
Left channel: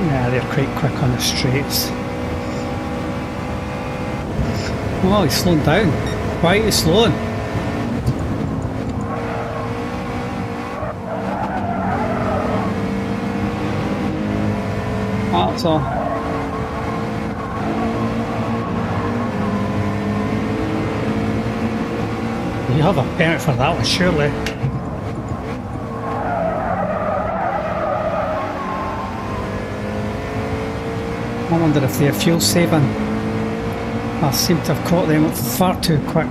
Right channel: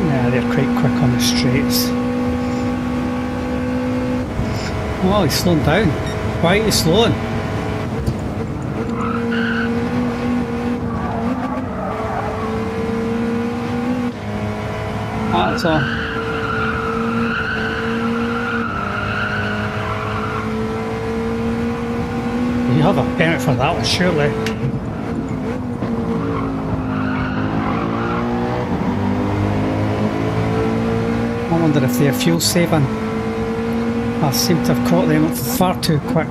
Yeah, they're quite quick on the straights. Oh, he's slowing down. Why are you slowing? That's all. You have a permit for that one, surely. I wonder if they're fuel saving. I seem to have caught them far too quick.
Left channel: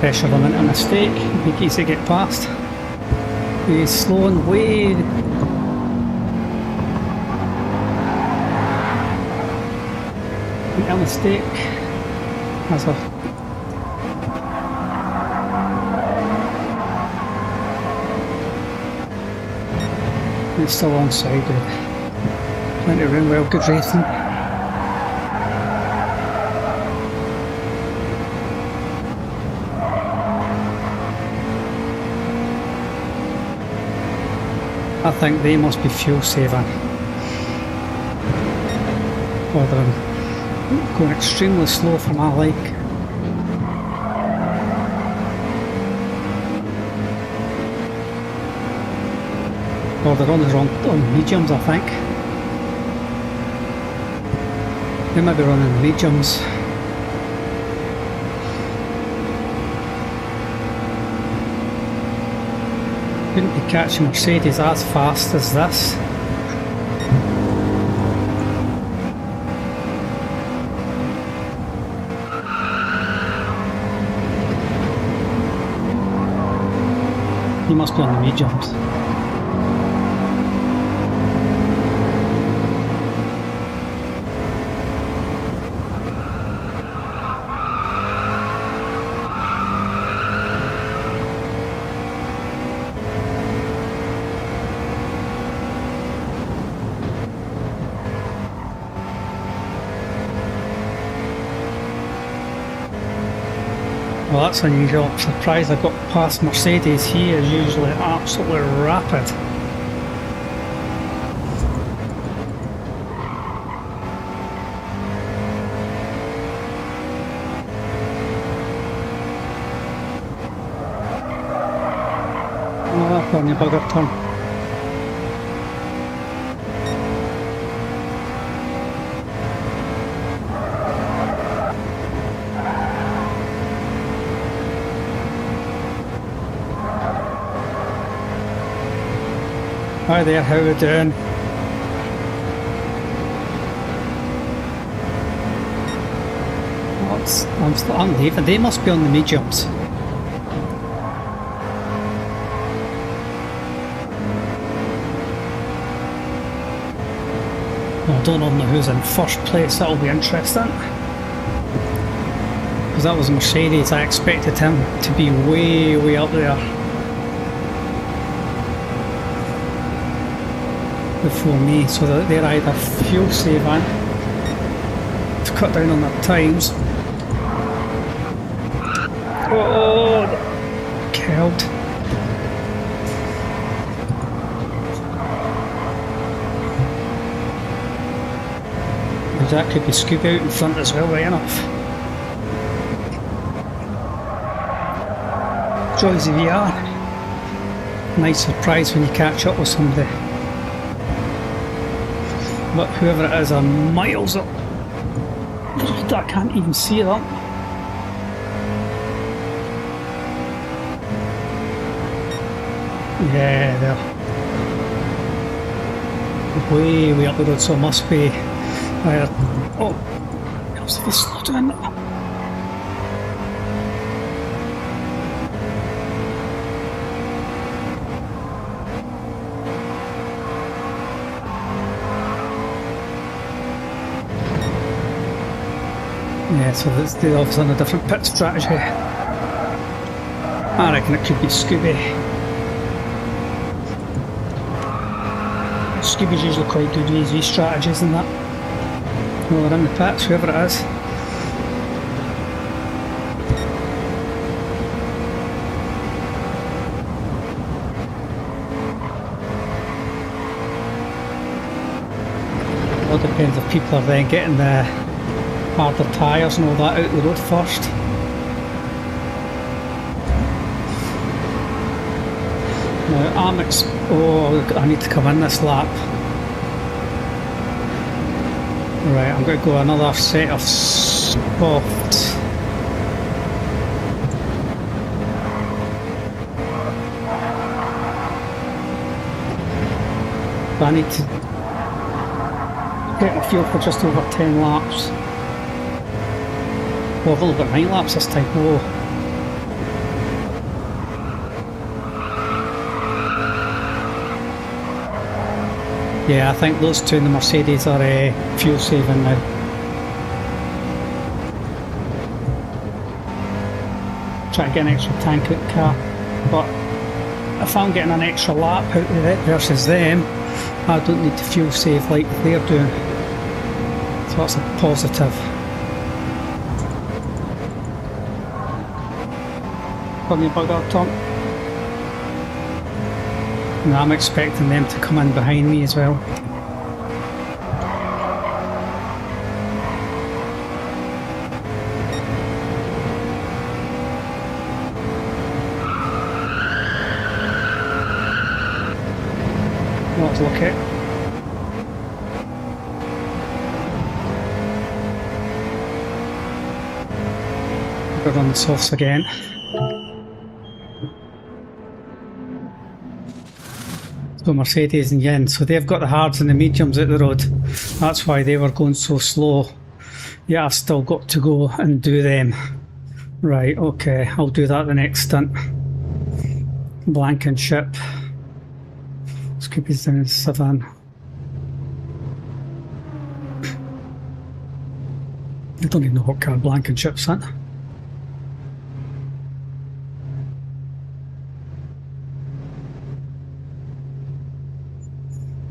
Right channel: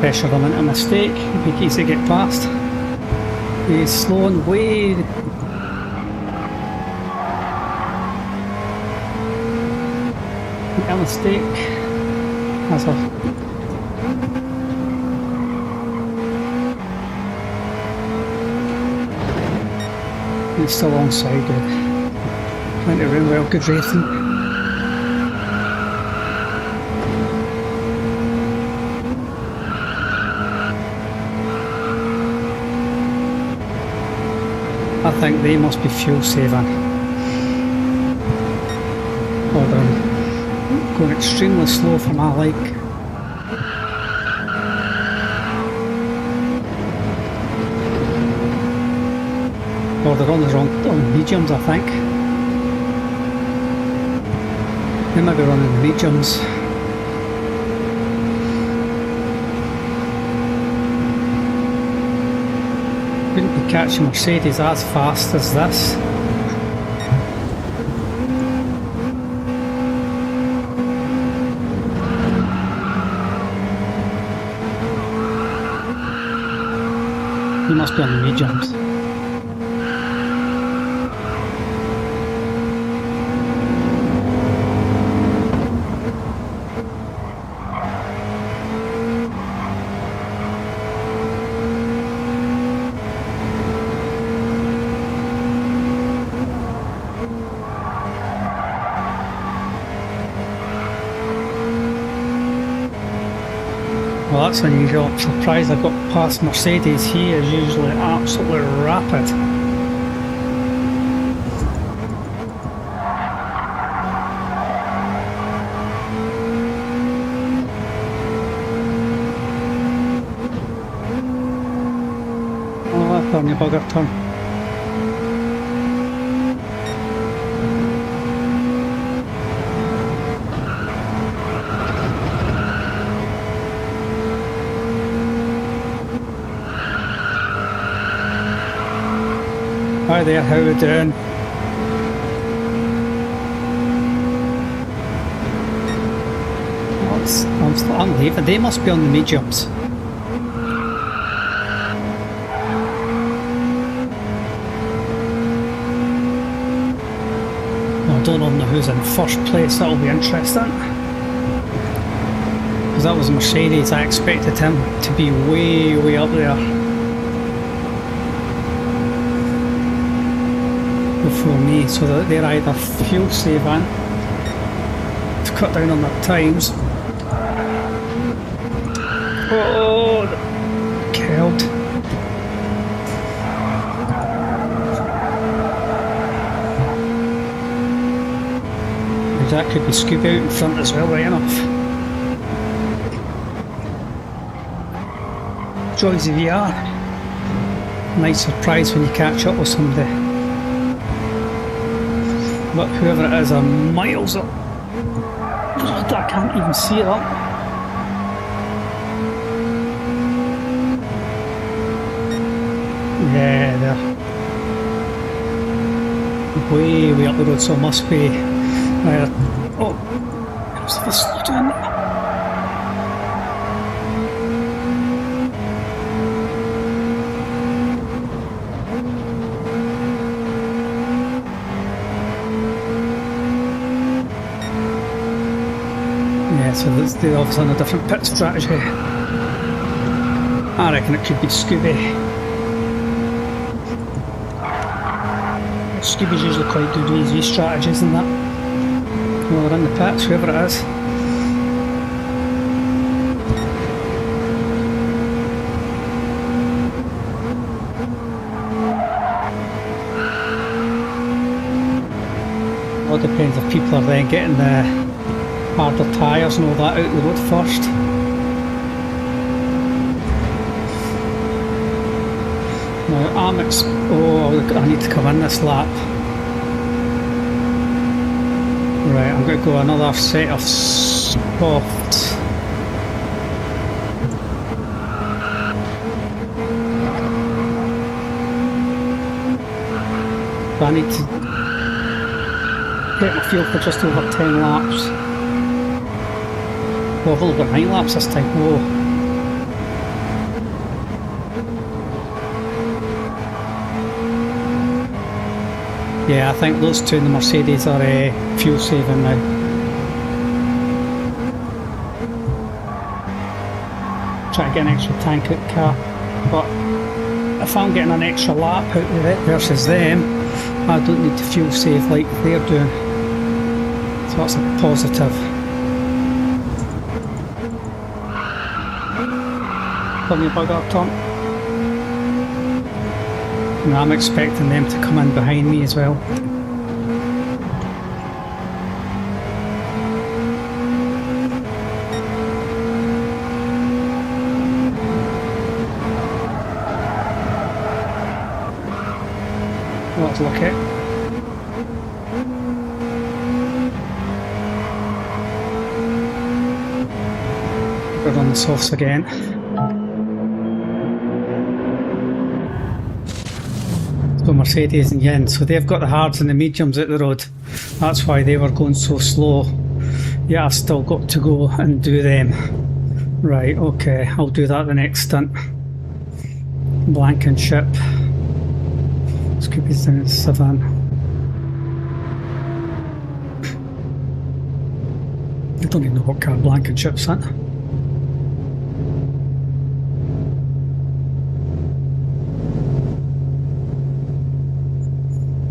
Pressure them into a mistake, make it easy to get past. He's slowing way. A mistake. That's a. It's still onside, good. Plenty of room, well, good racing. I think they must be fuel saving. Or they're going extremely slow for my like. Or they're on the wrong mediums, I think. They might be running the mediums. Wouldn't be catching Mercedes as fast as this. He must be on the mediums. Well, that's unusual. I'm surprised I got past Mercedes. He is usually absolutely rapid. Oh, that's only a bugger turn. Hi there, how are we doing? Oh, I'm leaving. They must be on the mediums. I don't know who's in first place. That'll be interesting. Because that was Mercedes. I expected him to be way up there before me, so that they're either fuel saving to cut down on their times. Oh, killed. That could be Scooby out in front as well, right enough. Joys of VR. Nice surprise when you catch up with somebody. But whoever it is are miles up. I can't even see them. Yeah, they're way up the road, so it must be. Oh, it was a slow down. Yeah, so they're obviously on a different pit strategy. I reckon it could be Scooby. Scooby's usually quite good with these strategies and that. Well, they're in the pits, whoever it is. It all depends if people are then getting the harder tyres and all that out the road first. Now I need to come in this lap. Right, I'm going to go another set of softs. I need to get my fuel for just over 10 laps. Oh, I've only got 9 laps this time. Whoa. Yeah, I think those two in the Mercedes are fuel saving now. Try to get an extra tank out the car, but if I'm getting an extra lap out of it versus them, I don't need to fuel save like they're doing. So that's a positive. Turn your bug up, Tom. Now I'm expecting them to come in behind me as well. Let's look at. We're on the softs again. So Mercedes and Yin, so they've got the hards and the mediums out the road. That's why they were going so slow. Yeah, I've still got to go and do them. Right, okay, I'll do that the next stint. Blankenship. Scooby's down in Savannah. I don't even know what car Blankenship's in.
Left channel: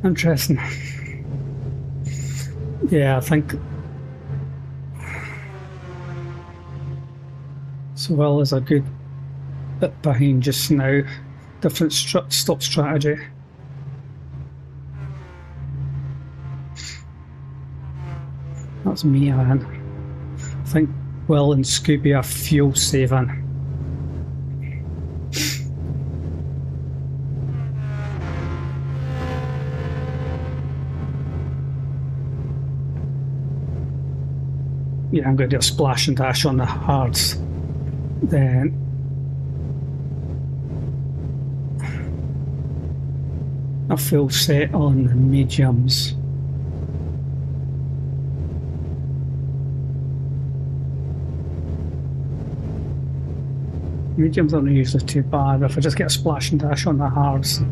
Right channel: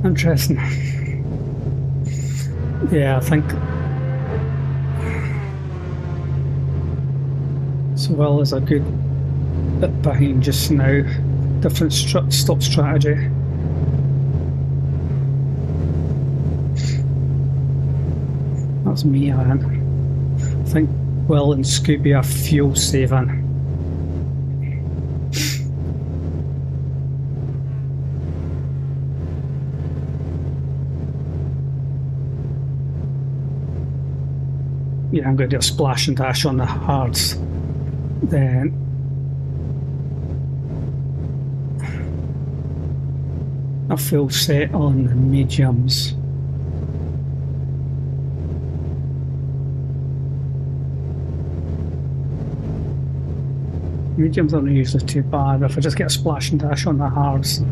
Interesting. Yeah, I think Sewell is a good bit behind just now. Different stop strategy. That's me, I think Will and Scooby are fuel saving. Yeah, I'm going to do a splash and dash on the hards. Then a full set on the mediums. Mediums aren't usually too bad if I just get a splash and dash on the hards.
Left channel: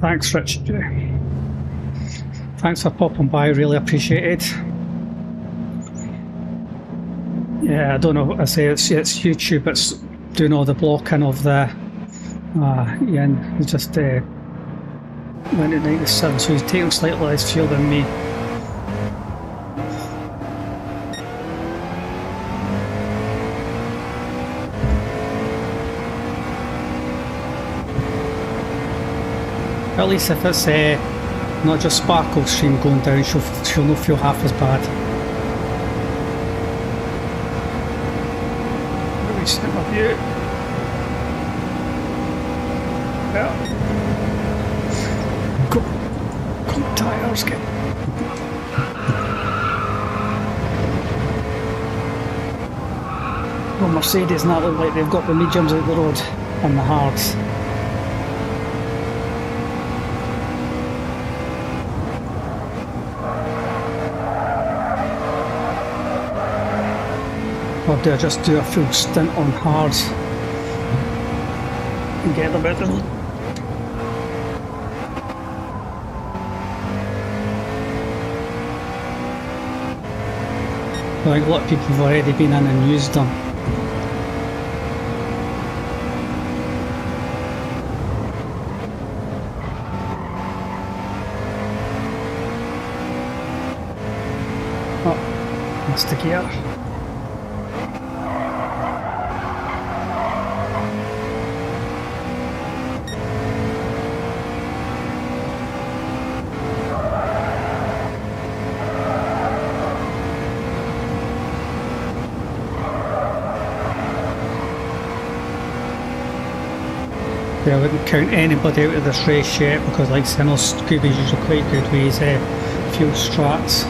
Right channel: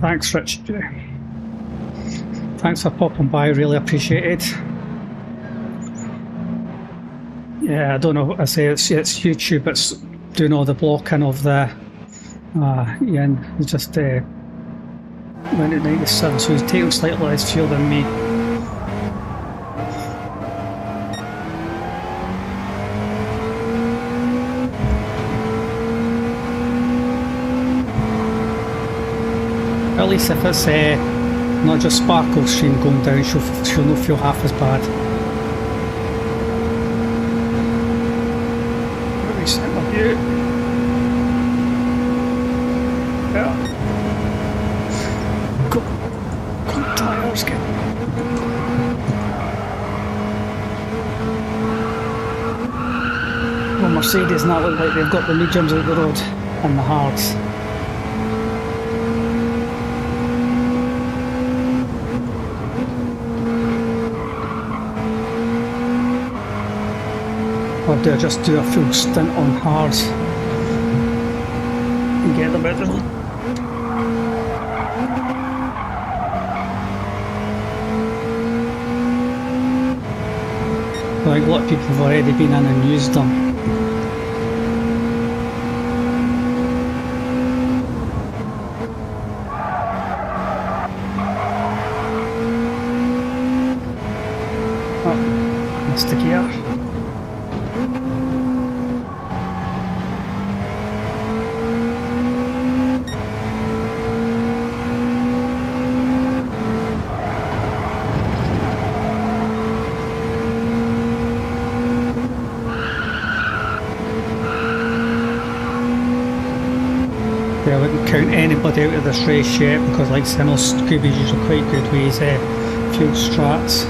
Thanks, Rich. Thanks for popping by, really appreciate it. Yeah, I don't know what I say, it's YouTube, it's doing all the blocking of the yeah, he just went at 97, so he's taking slightly less fuel than me. At least if it's not just Sparkle's stream going down, she'll not feel half as bad. Let me set my view. Yeah. Go tyres, get. Well, Mercedes and that look like they've got the mediums out the road and the hards. Or do I just do a full stint on hards? and get them out of them. I think a lot of people have already been in and used them. Oh, missed the gear. I wouldn't count anybody out of this race yet because, like I said, I know Scooby's usually quite good with his fuel strats.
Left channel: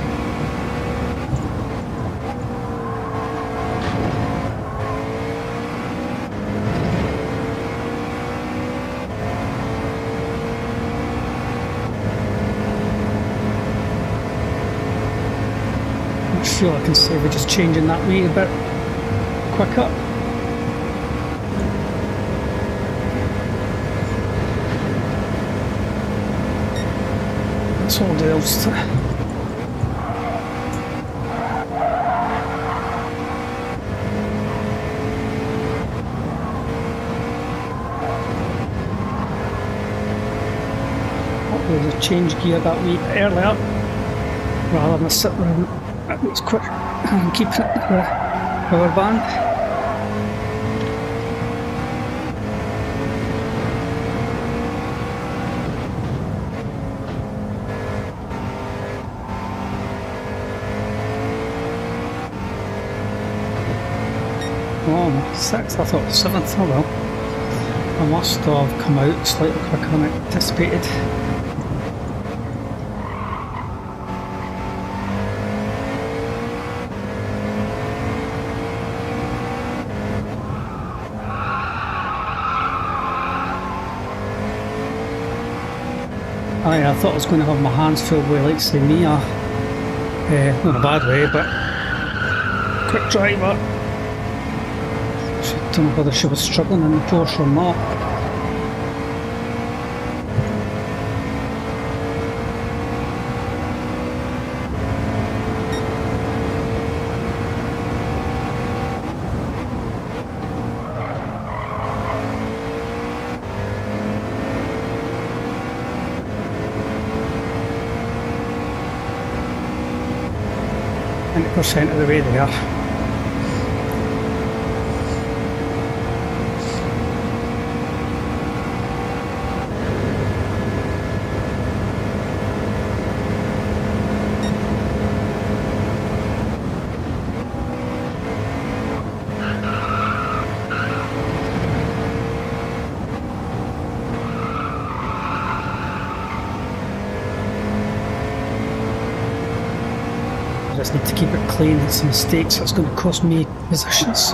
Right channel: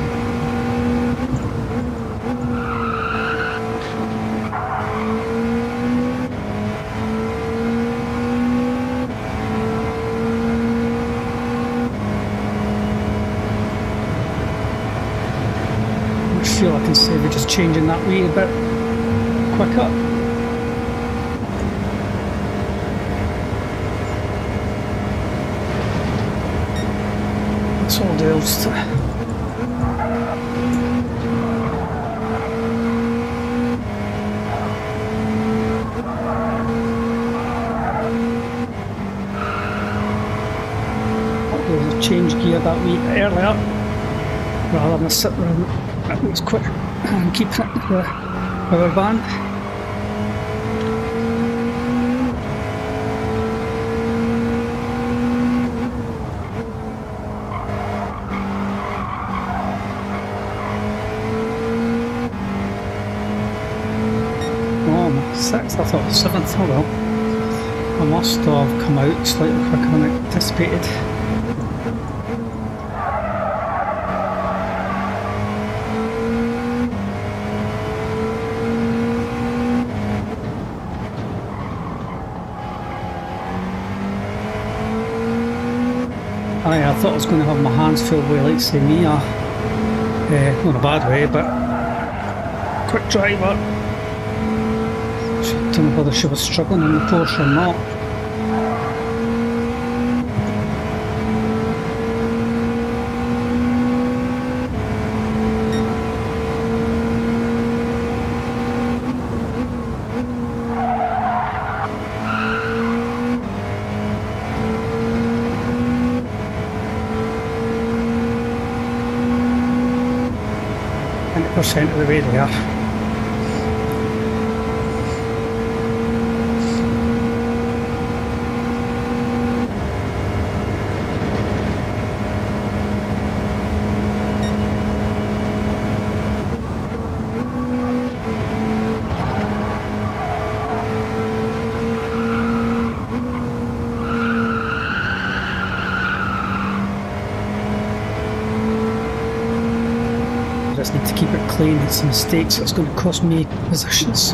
I feel I can say we're just changing that wheel a bit quicker. That's all there is to it. Oh, there's a change gear that wee earlier rather than sit around at least quick and keep it at the power band. Oh, I'm 6th, I thought it was 7th, oh well. I must have come out slightly quicker than I anticipated. I thought I was going to have my hands full with, like, say, Mia. Not in a bad way, but quick driver. I don't know whether she was struggling in the Porsche or not. % of the way there. Just need to keep it clean. It's a mistake, so it's going to cost me positions.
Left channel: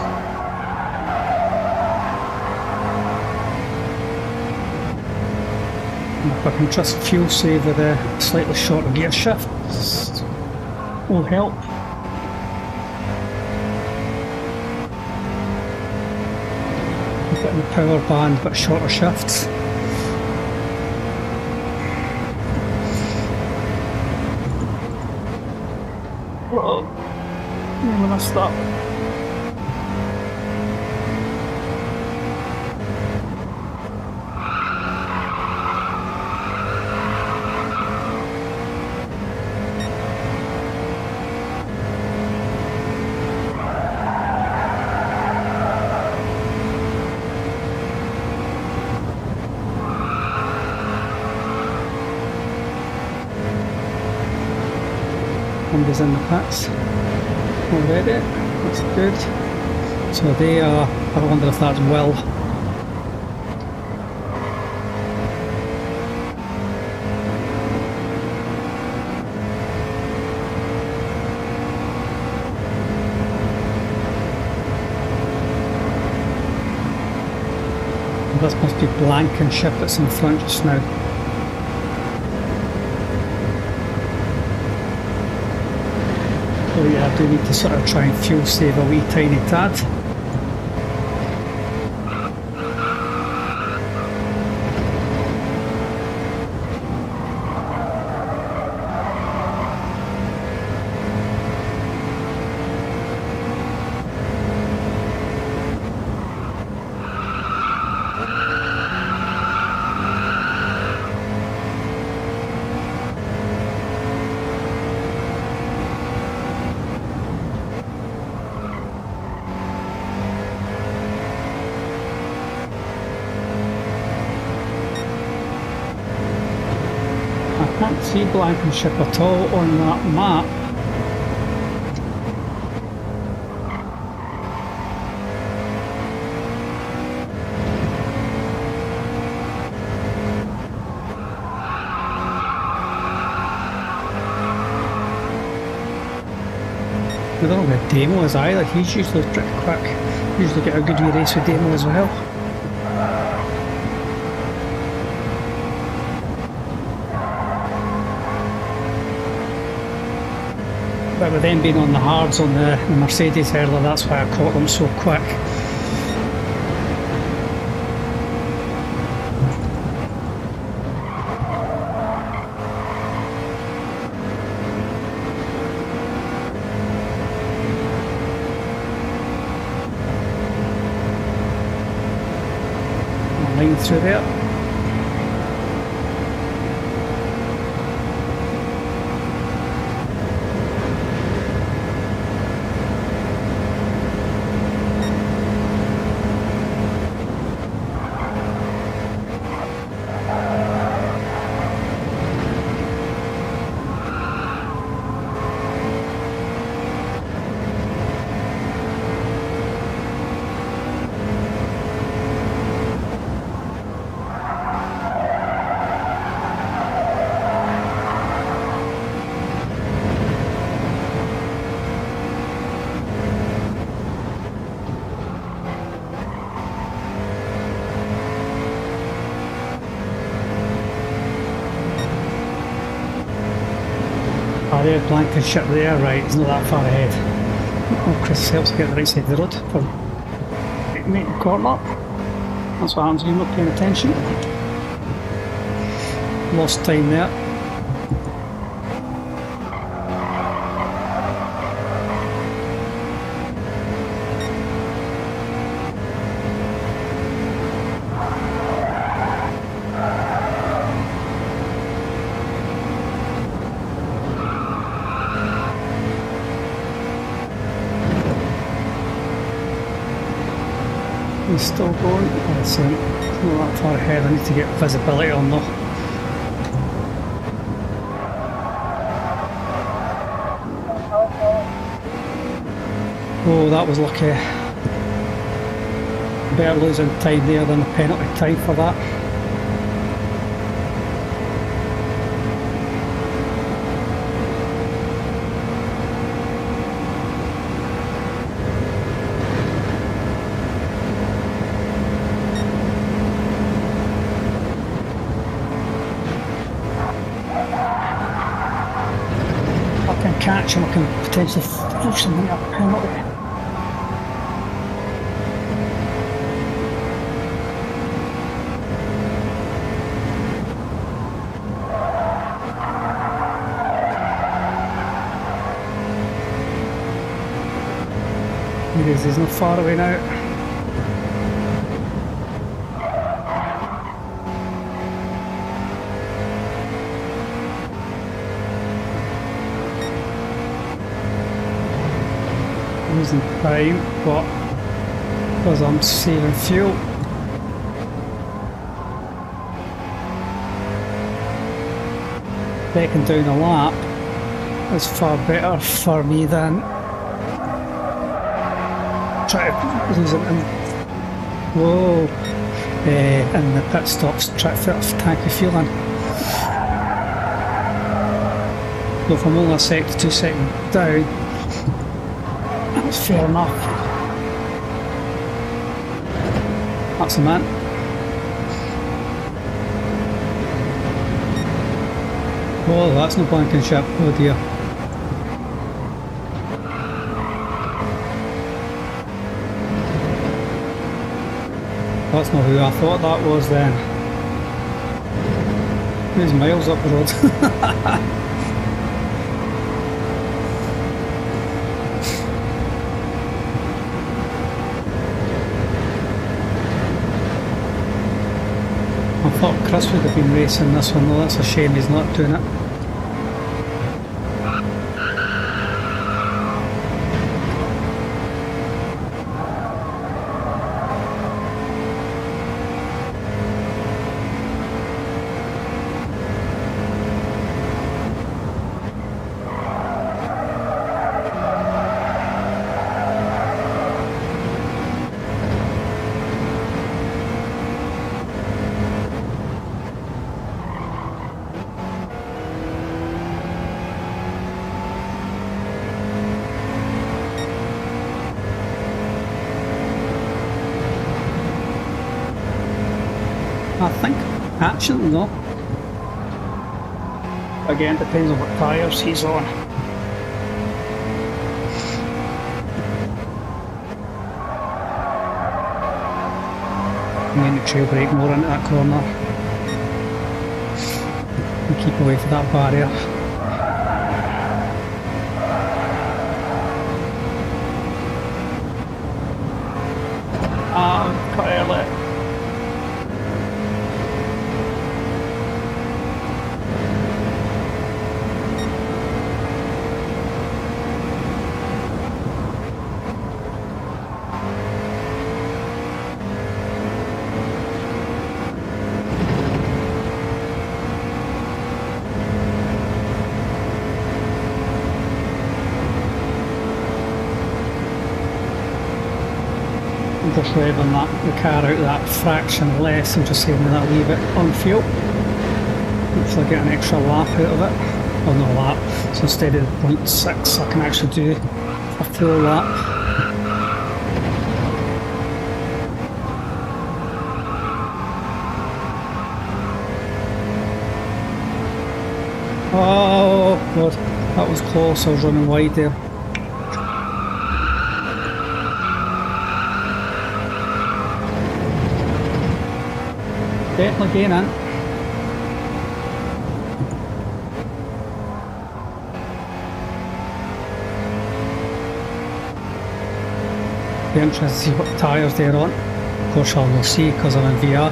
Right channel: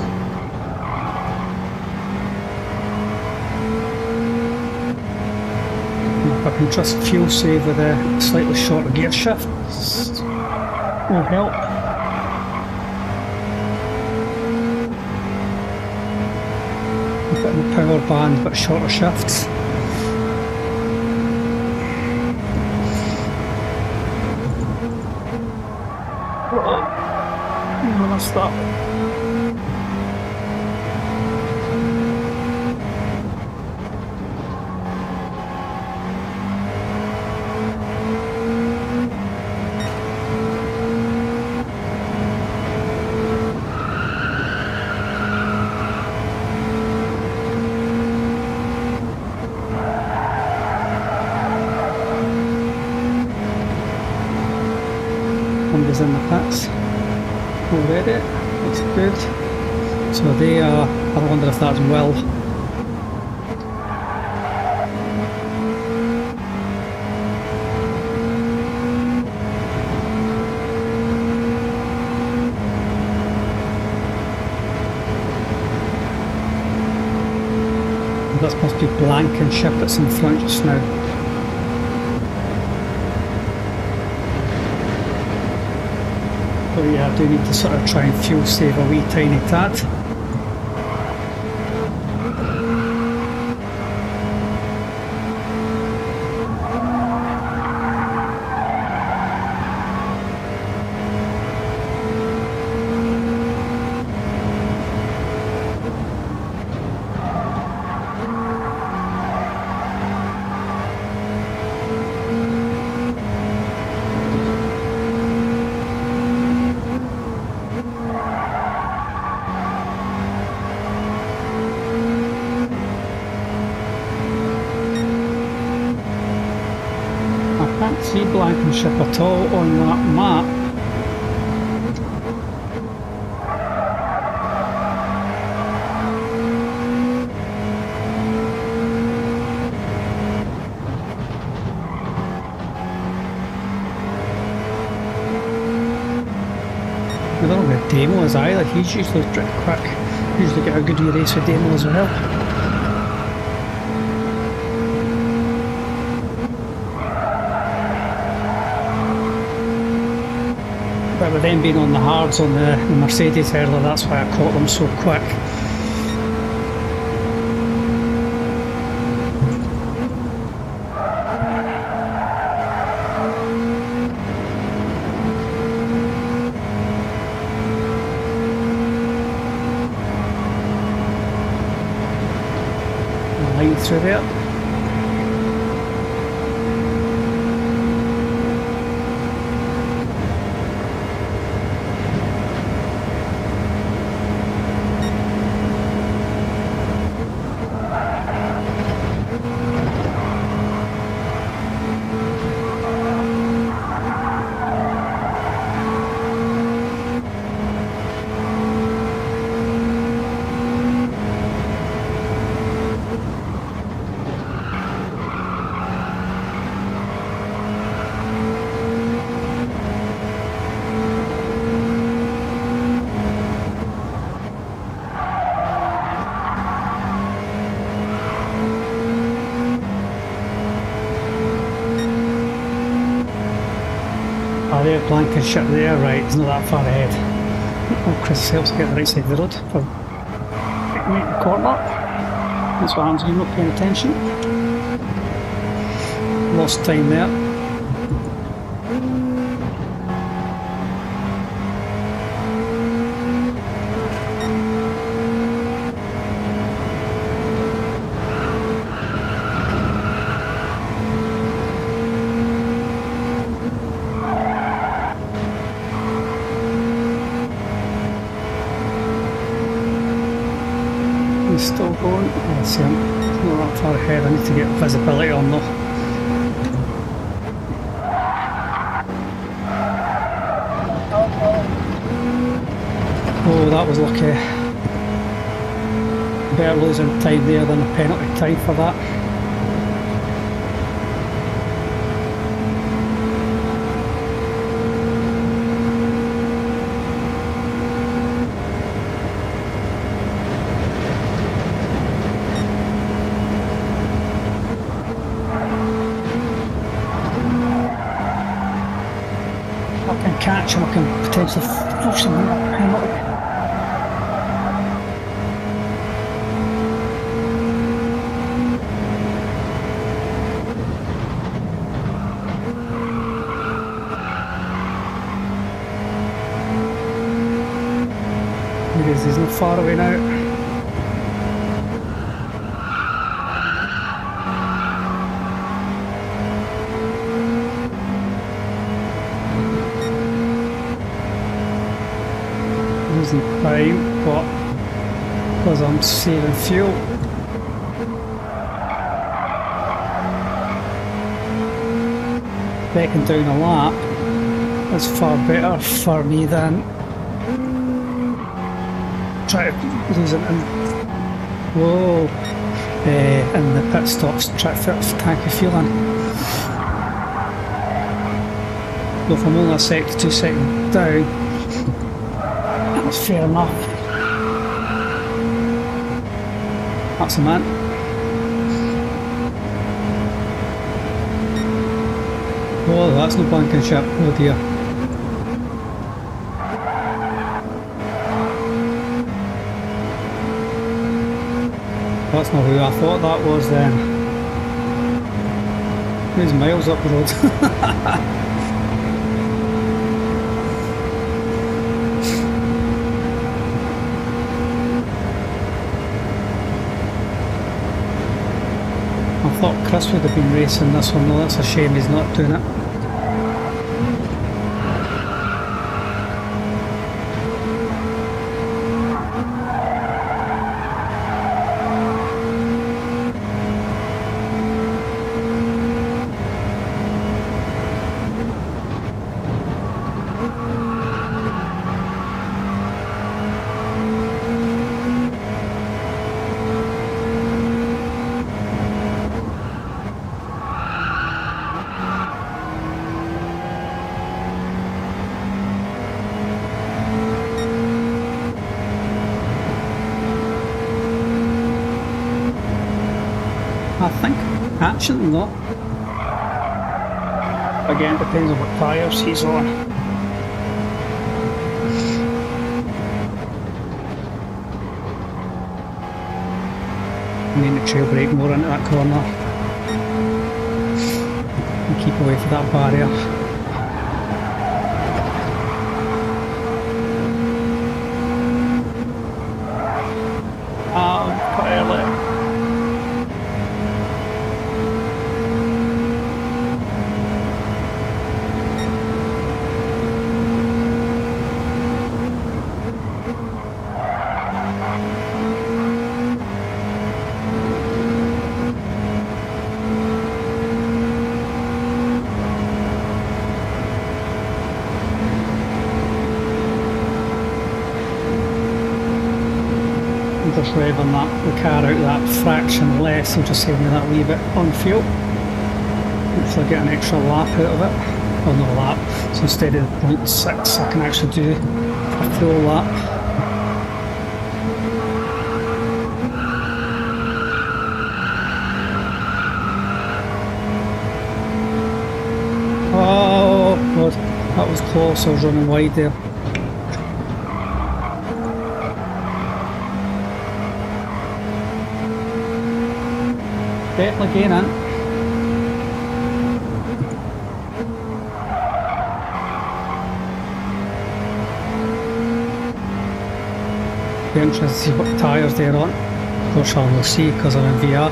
And if I can trust fuel save with a slightly shorter gear shift, will help. A bit in the power band, but shorter shifts. I'm gonna stop. Somebody's in the pits already, that's good. So they are, I wonder if that's Will. This must be blank and ship it's in front just now. So yeah, I do need to sort of try and fuel save a wee tiny tad. Can't see Blankenship at all on that map. I don't know where Demo is either. He's usually pretty quick. Usually get a good wee race with Demo as well. But with them being on the hards on the Mercedes earlier, that's why I caught them so quick. Line through there. Ah, there's Blankenship there, right, he's not that far ahead. Oh, Chris helps get the right side of the road for making the corner. That's what happens when you're not paying attention. Lost time there. He's still going. Oh, I see him. He's not that far ahead. I need to get visibility on though. Oh, that was lucky. Better losing time there than a penalty time for that. I can catch him, I can potentially force him into a penalty. He is, he's not far away now. Losing time, but because I'm saving fuel. Backing down a lap is far better for me than try to lose it in, whoa, in the pit stops, try to fit a tank of fuel in. So if I'm only a sec to 2 seconds down, that's fair enough. That's the man. Oh, that's no Blankenship, oh dear. That's not who I thought that was then. He's miles up the road. I thought Chris would have been racing this one though, that's a shame he's not doing it. I think. Actually, no. Again, depends on what tyres he's on. Need to trail brake more into that corner. And keep away from that barrier. Quite early. I'm just revving the car out that fraction less and just saving me that wee bit on fuel. Hopefully get an extra lap out of it. Well, not a lap, so instead of 0.6 I can actually do a full lap. Oh god, that was close, I was running wide there. Definitely gaining. Be interested to see what tyres they're on. Of course I'll not see because I'm in VR.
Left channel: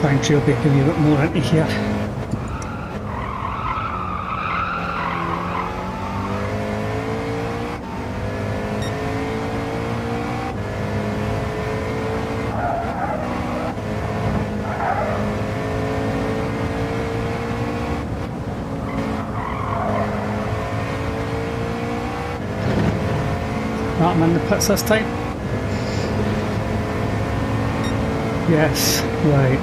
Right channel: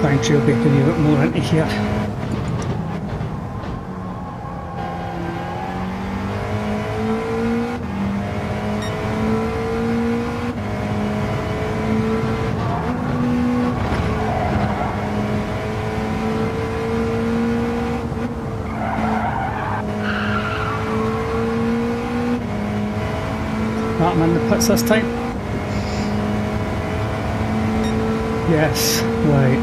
Try and trail brake a wee bit more into here. I'm in the pits this time. Yes, right.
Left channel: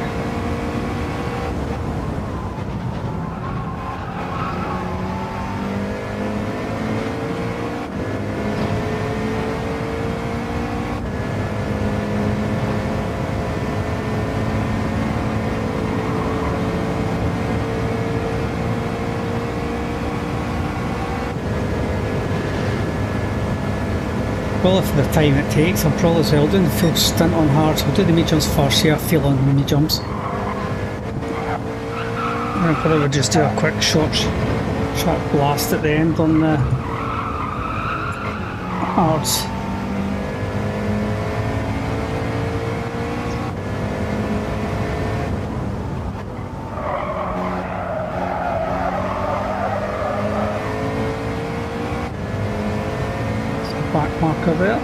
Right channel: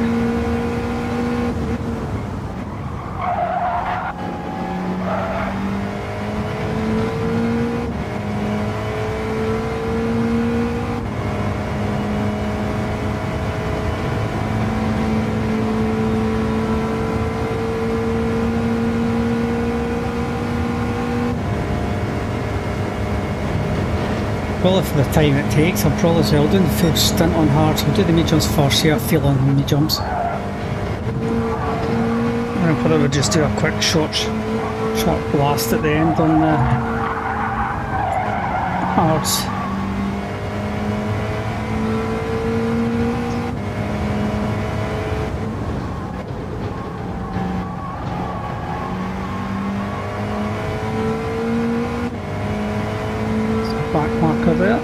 Well, for the time it takes, I'm probably as well doing the full stint on hard, so I'll do the mid-jumps first, see how I feel on the mid-jumps. And I'll probably just do a quick sharp blast at the end on the hards. Back marker there.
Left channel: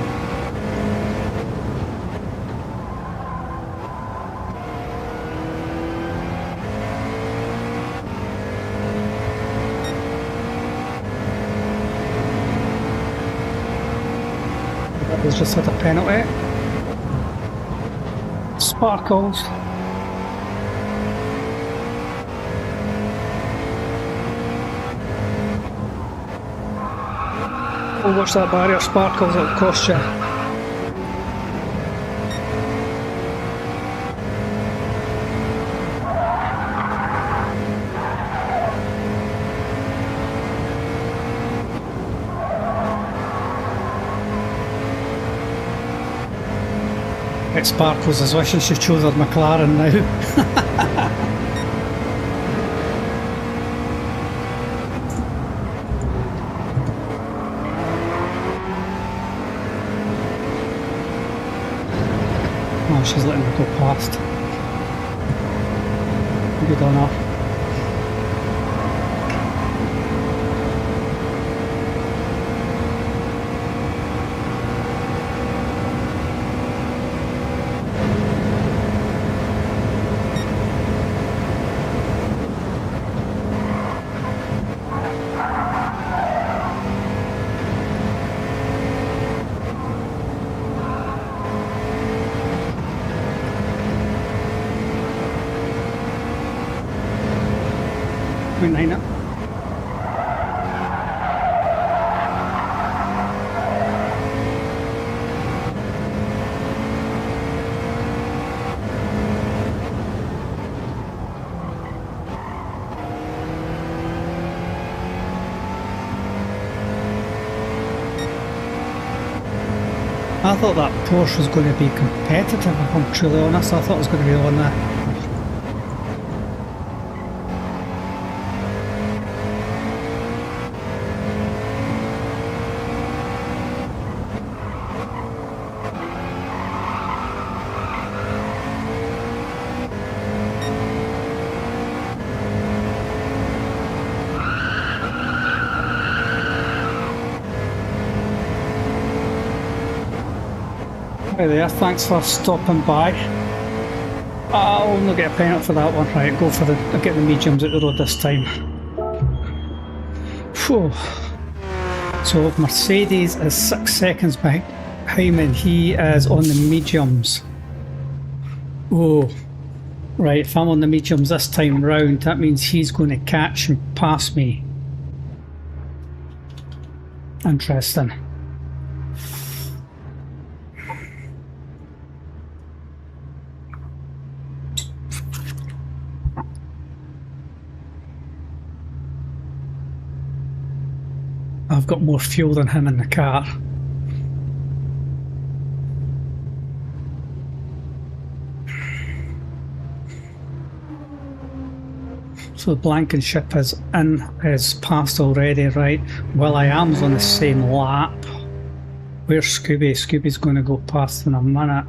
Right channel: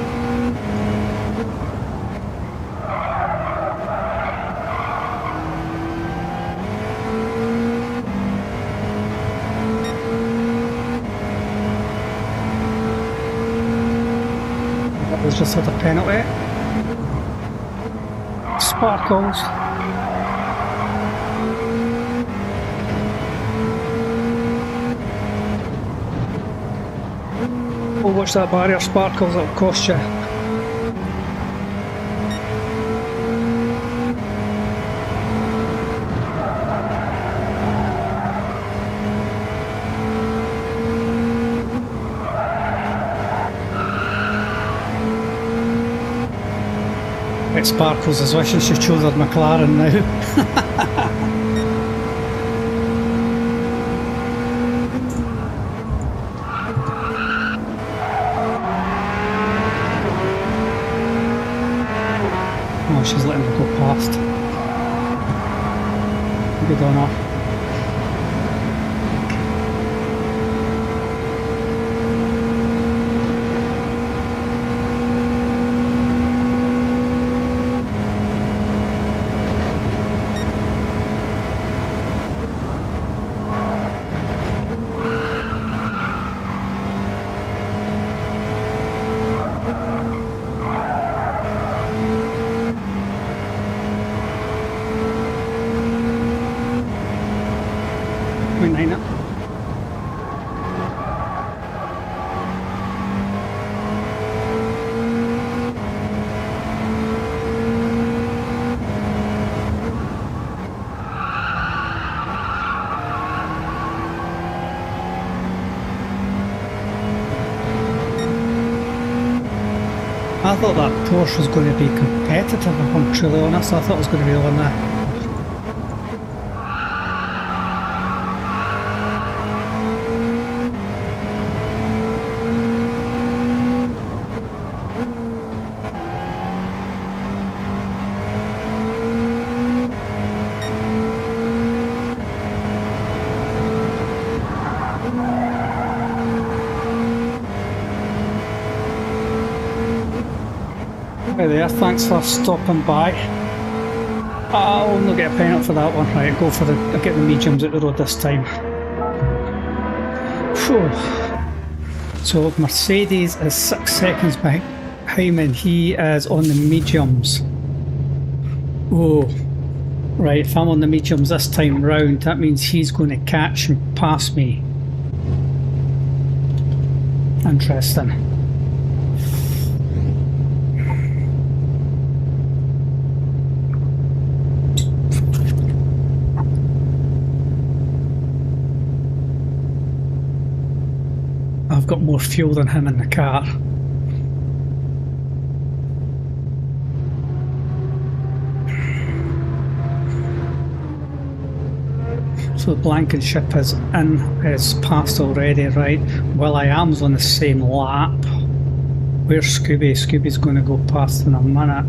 That was just at a penalty. Sparkles. Oh, watch that barrier, Sparkles, it'll cost you. It Sparkles is wishing she chose her McLaren now. Oh, she's letting me go past. Good on her. I thought that Porsche was going to be competitive, if I'm truly honest. I thought it was going to be on there. Hi there, thanks for stopping by. I'll not get a penalty for that one. Right, go for I'll get the mediums out the road this time. Whew. So Mercedes is 6 seconds behind me and he is on the mediums. Oh, right, if I'm on the mediums this time round, that means he's going to catch and pass me. Interesting. I've got more fuel than him in the car. So the Blankenship is passed already, right? Will.i.am's on the same lap. Where's Scooby? Scooby's going to go past in a minute.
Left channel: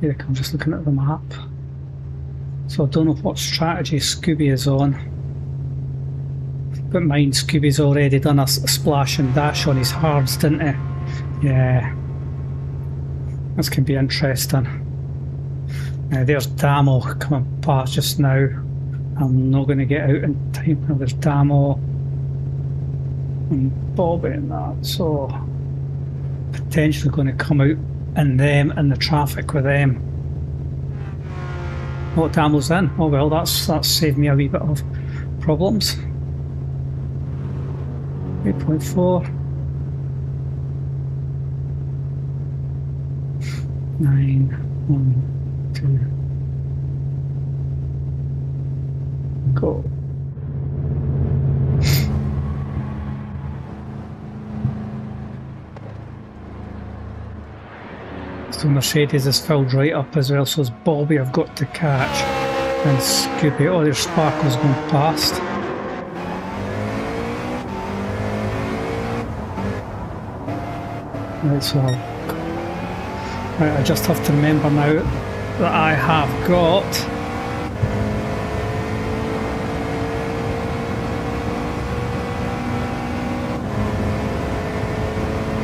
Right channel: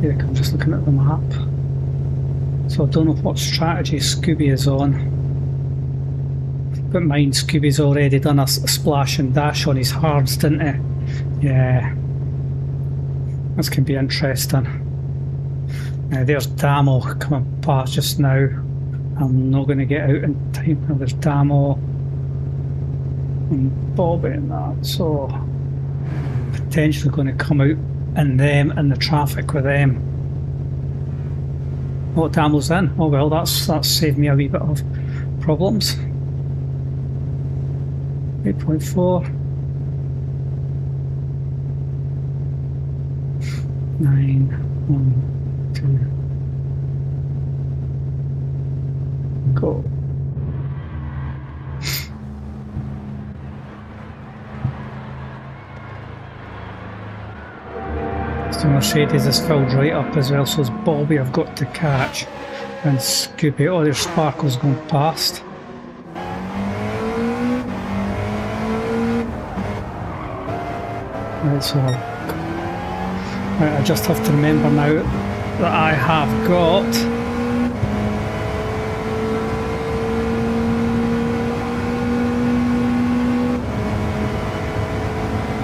Yeah, I'm just looking at the map. So I don't know what strategy Scooby is on. But mind, Scooby's already done a splash and dash on his hards, didn't he? Yeah. This can be interesting. There's Damo coming past just now. I'm not going to get out in time. There's Damo and Bobby and that. So potentially going to come out in them in the traffic with them. Oh, Damo's in. Oh well, that's saved me a wee bit of problems. 8.4 9 1 2 go. So Mercedes is filled right up as well, so it's Bobby I've got to catch and Scooby. Oh, there's Sparkles going past. Right, so I just have to remember now that I have got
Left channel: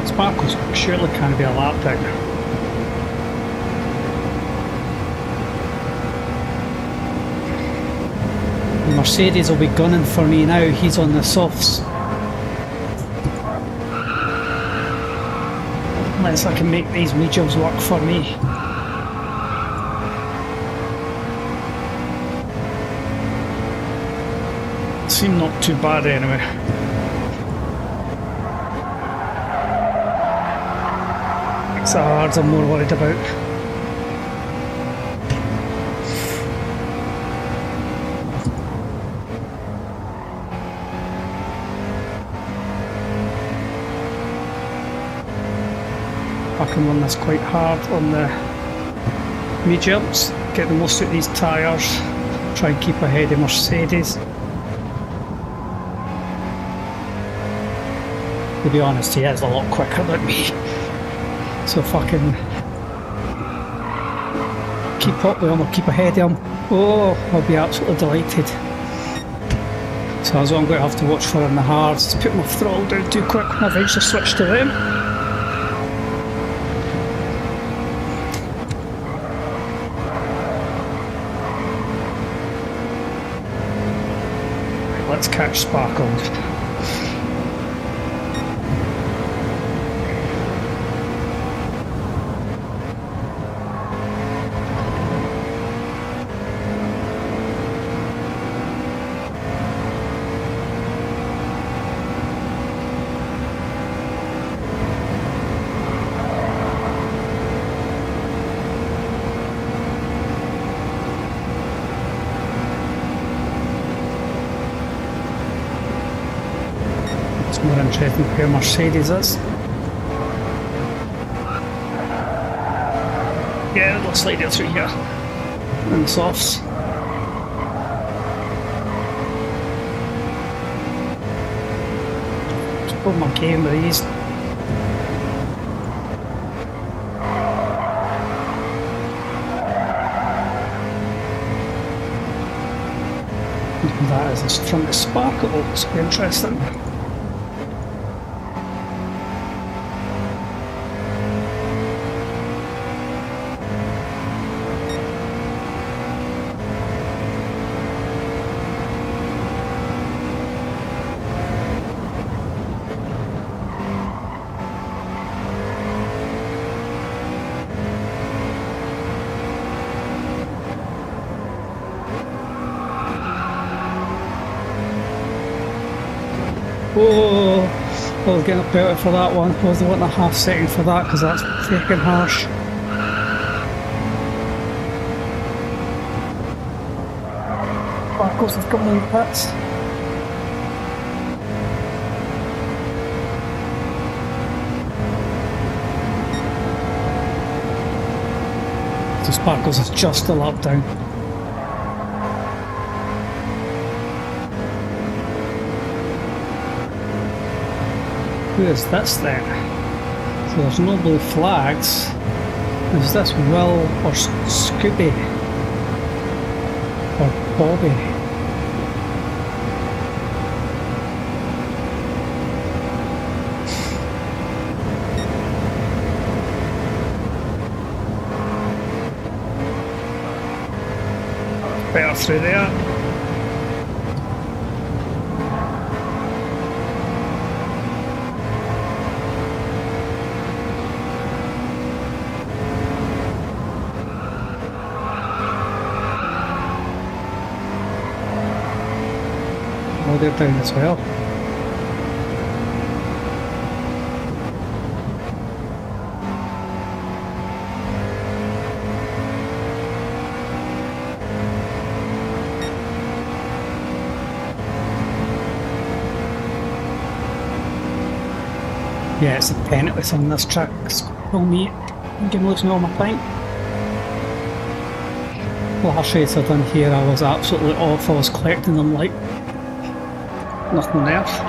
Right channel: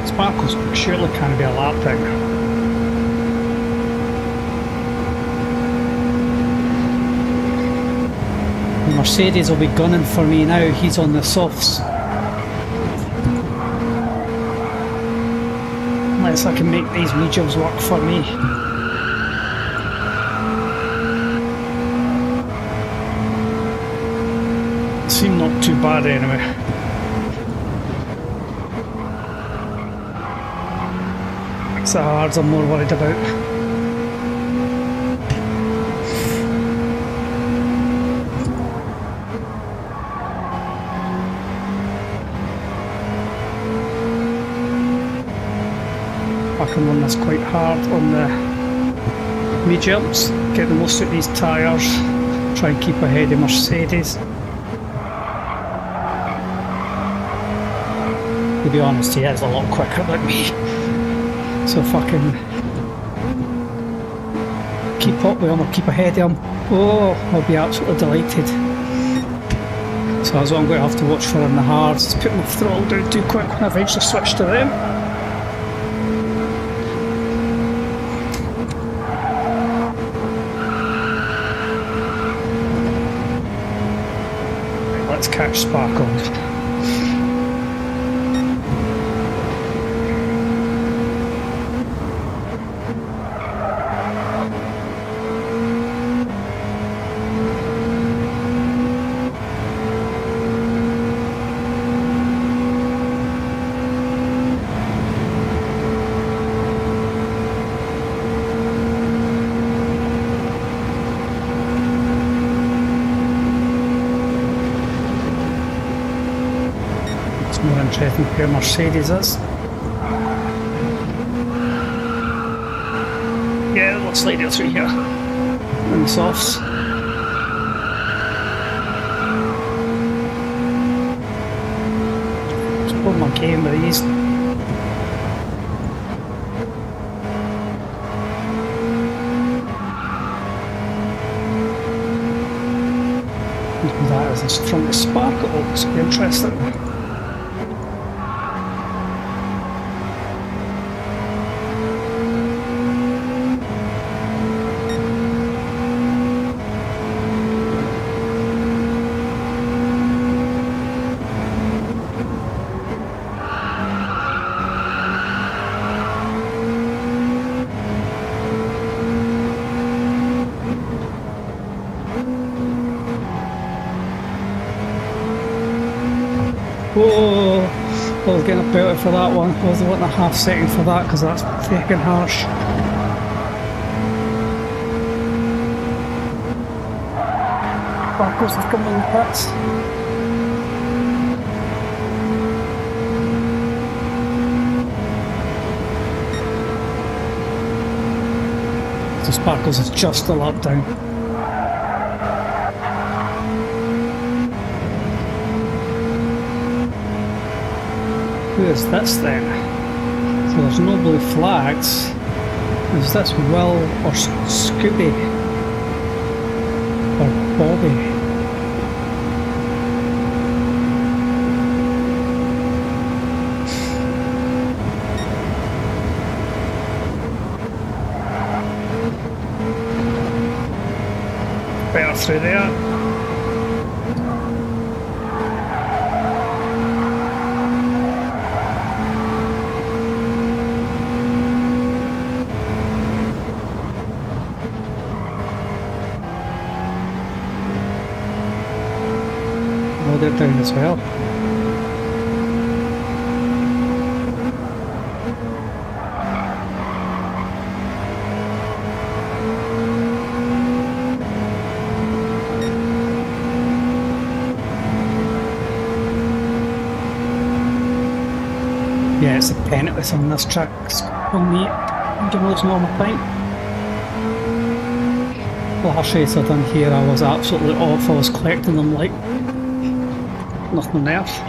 Sparkles surely can't be a lap down. The Mercedes will be gunning for me now, he's on the softs. Unless I can make these mediums work for me. Seem not too bad anyway. It's the hards I'm more worried about. I can run this quite hard on the mediums, get the most out of these tyres, try and keep ahead of Mercedes. To be honest, he is a lot quicker than me, so if I can keep up with him or keep ahead of him, oh, I'll be absolutely delighted. So that's what I'm going to have to watch for in the hards, put my throttle down too quick when I eventually switch to them. Let's catch Sparkles. More interesting where Mercedes is. Yeah, a little slider through here. And the softs. Just pull my game with these. That is from the Sparkles, be interesting. Whoa, I was getting a better for that one. I was wanting a half second for that because that's freaking harsh. Sparkles are coming in the pits. So Sparkles is just a lap down. Who is this then? So there's no blue flags. Is this Will or Scooby? Or Bobby? Better through there. Oh, they're down as well. Yeah, it's a penniless on this track. Call me. I'm giving losing all my time. Last race I done here, I was absolutely off. I was collecting them like nothing on earth.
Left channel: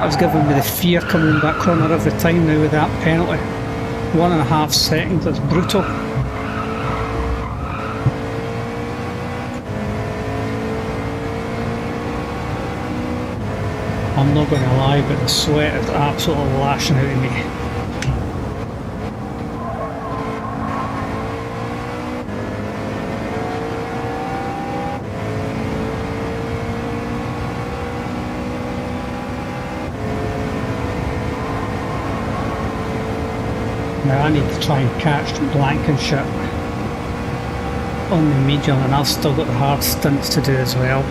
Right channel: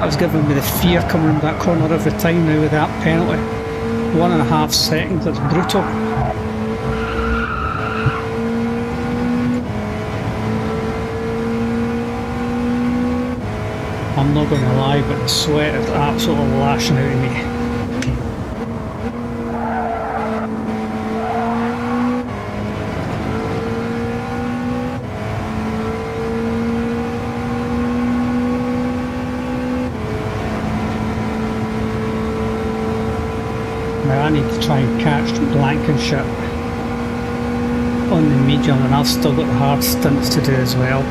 I was giving me the fear coming in that corner every time now with that penalty. 1.5 seconds, that's brutal. I'm not going to lie, but the sweat is absolutely lashing out of me. Now I need to try and catch Blankenship on the medium, and I've still got the hard stints to do as well.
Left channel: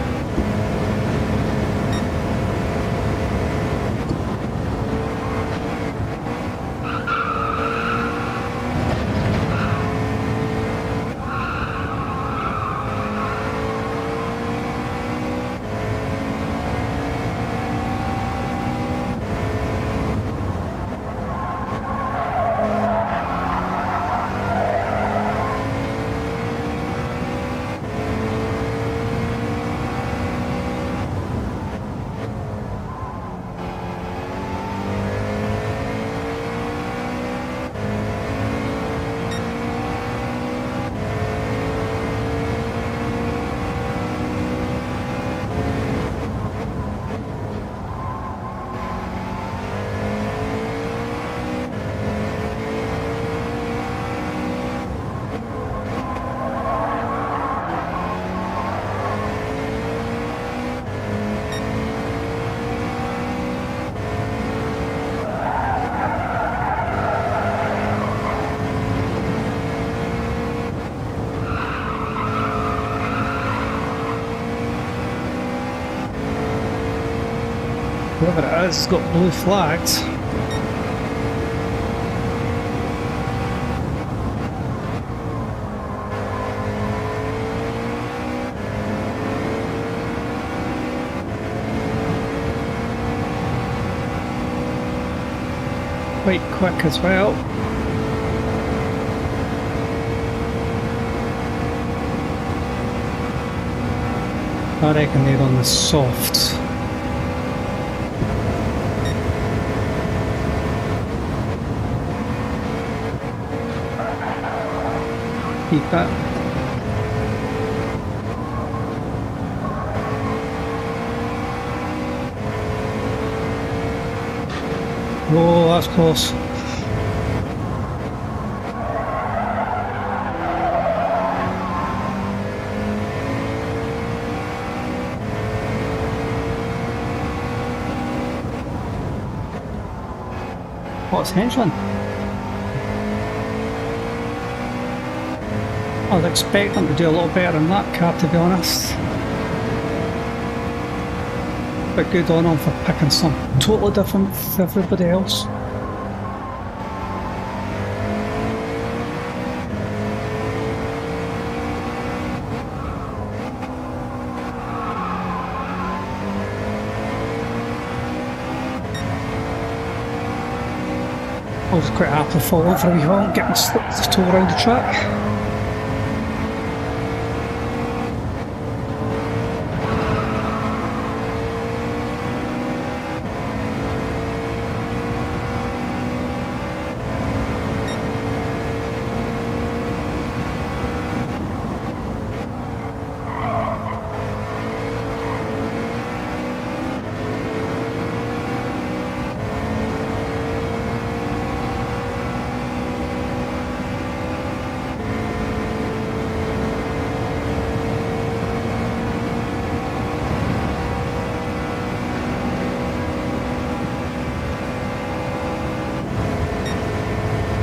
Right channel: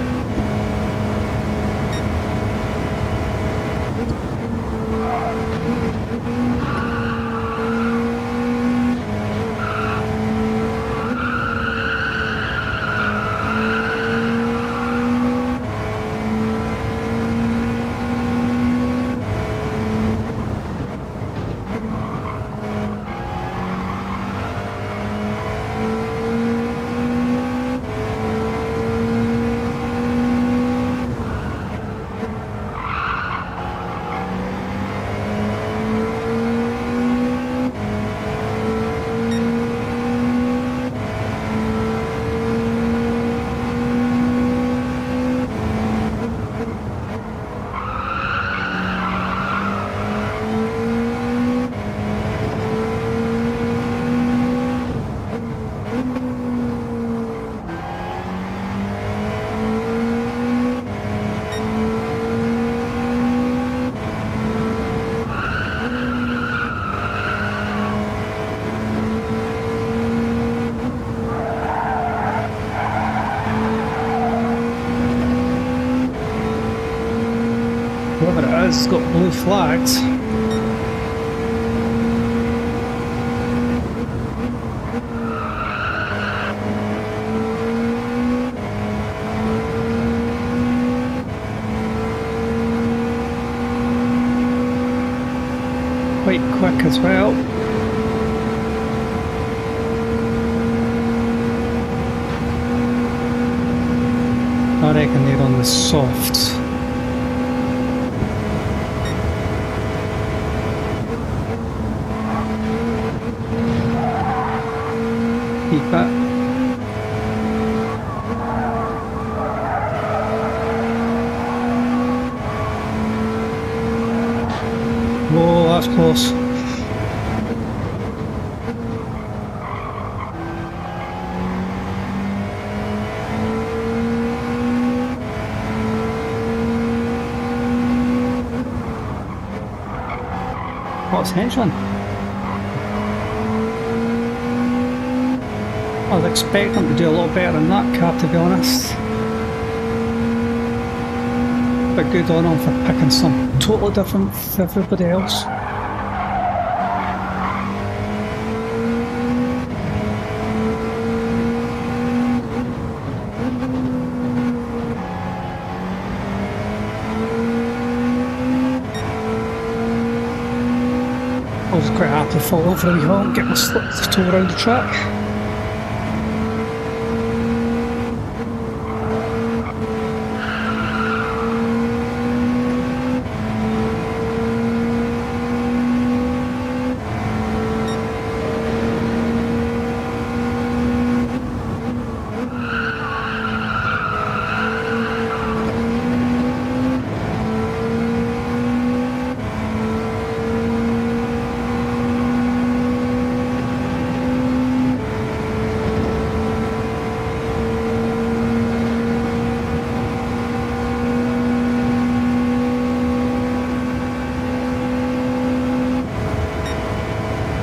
Whoever it is has got blue flags. quite quick as well. I reckon they're on the softs. Keep it. Whoa, that's close. What's henchman? I was expecting to do a lot better in that car, to be honest. But good on him for picking something totally different from everybody else. I was quite happy to fall over a wee while and get my slip to toe around the track.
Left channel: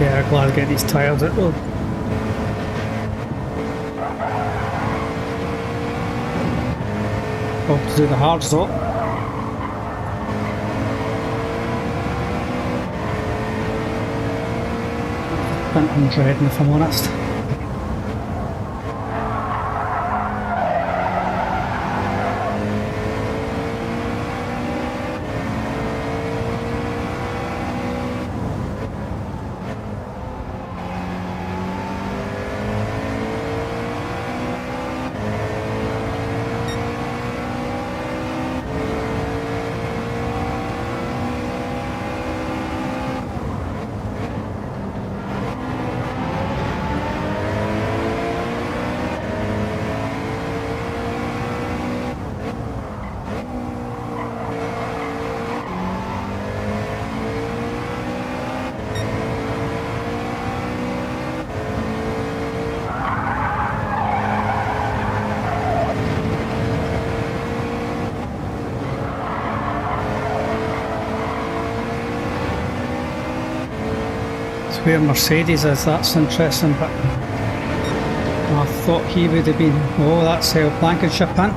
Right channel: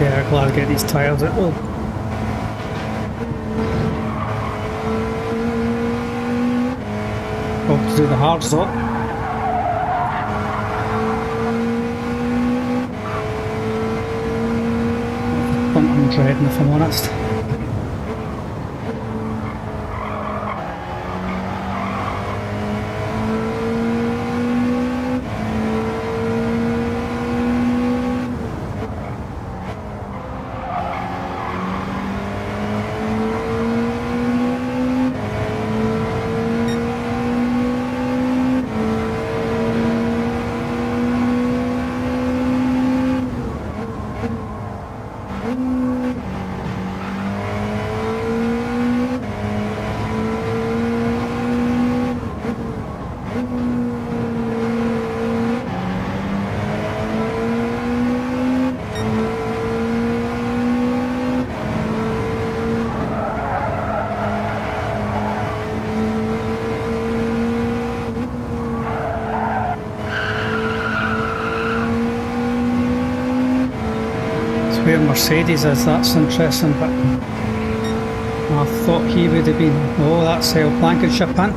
Yeah, glad to get these tyres out though. Hope to do the hards though. I'm dreading, if I'm honest. Where Mercedes is, that's interesting, but I thought he would have been. Oh, that's Blankenship in.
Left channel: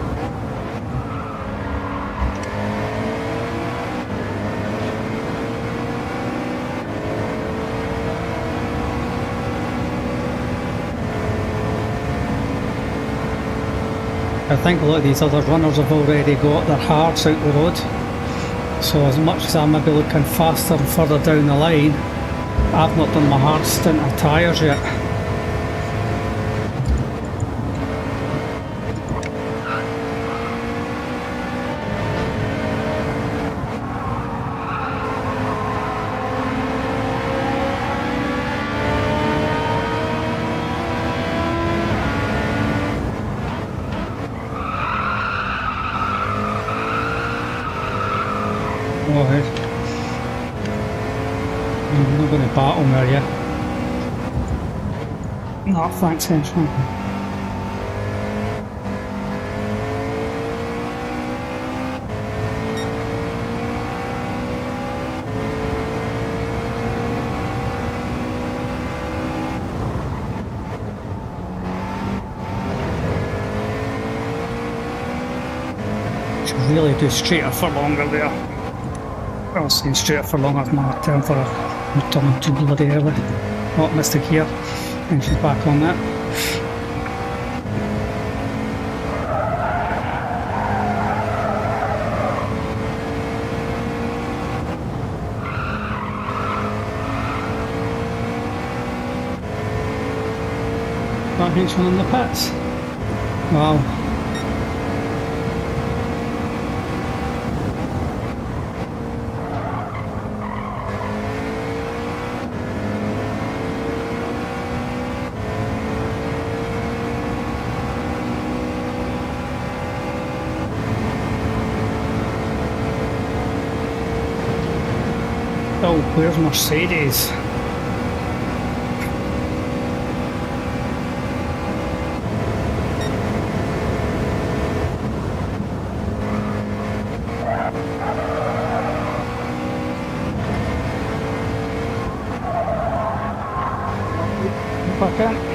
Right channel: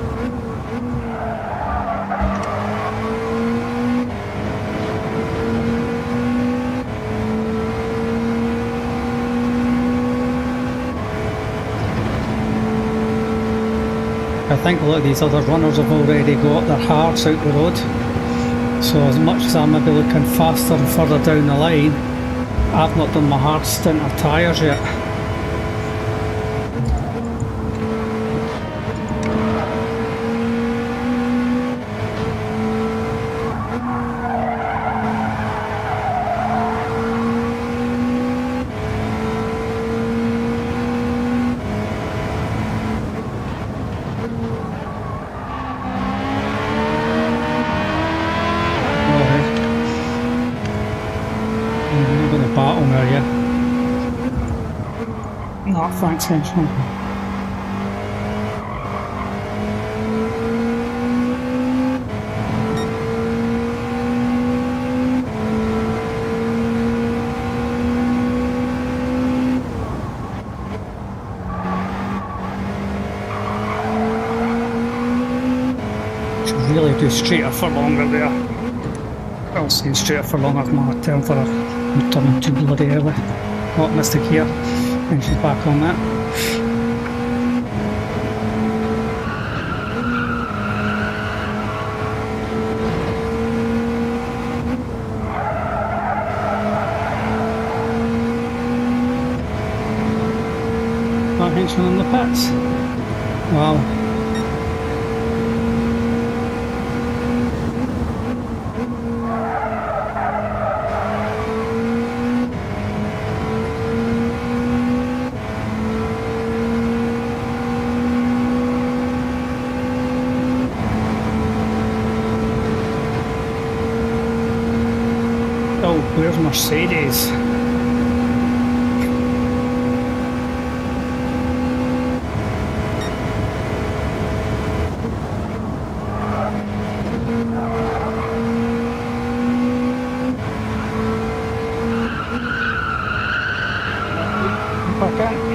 I think a lot of these other runners have already got their hards out the road, so as much as I may be looking faster and further down the line, I've not done my hard stint of tyres yet. I'm not going to battle me, are you? No, thanks, henchman. Should really do straighter for longer there. I'll say straighter for longer is my term for I'm turning too bloody early. Oh, missed a gear. And she's back on that. That henchman in the pits. Wow. Oh, where's Mercedes? Back in.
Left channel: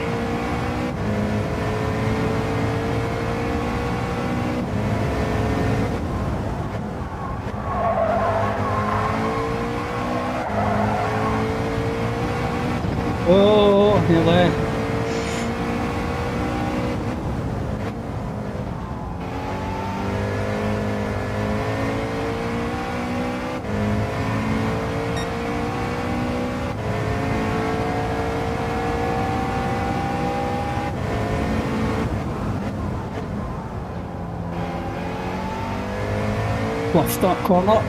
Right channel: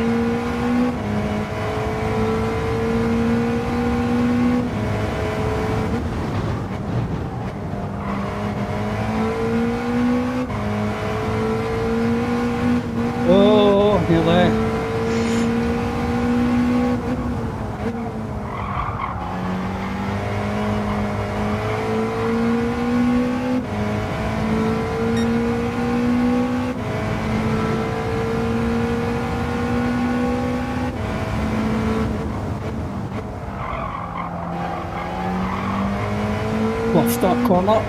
Oh, nearly. Bluffed that corner.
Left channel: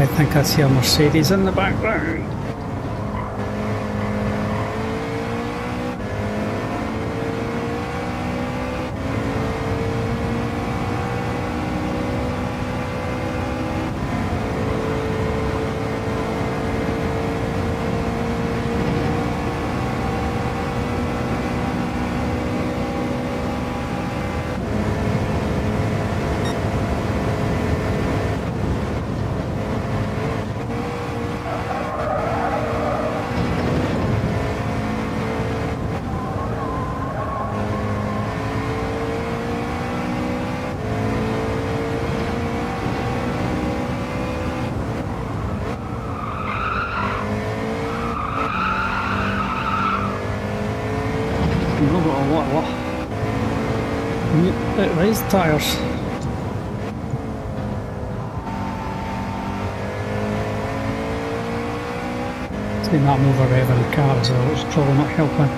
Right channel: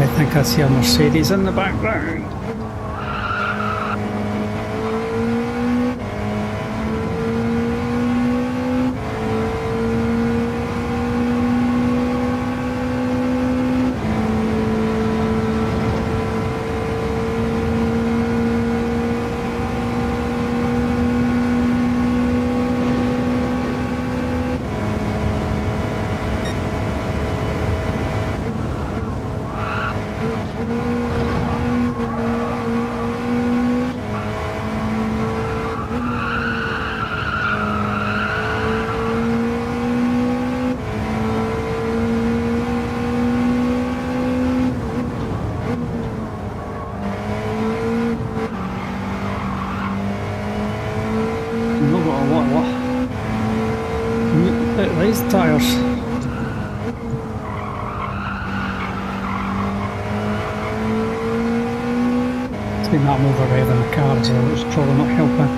I think I see a Mercedes in the background. I've got a lot of raised tyres. It's been that I'm over revving the car as well, which is probably not helping.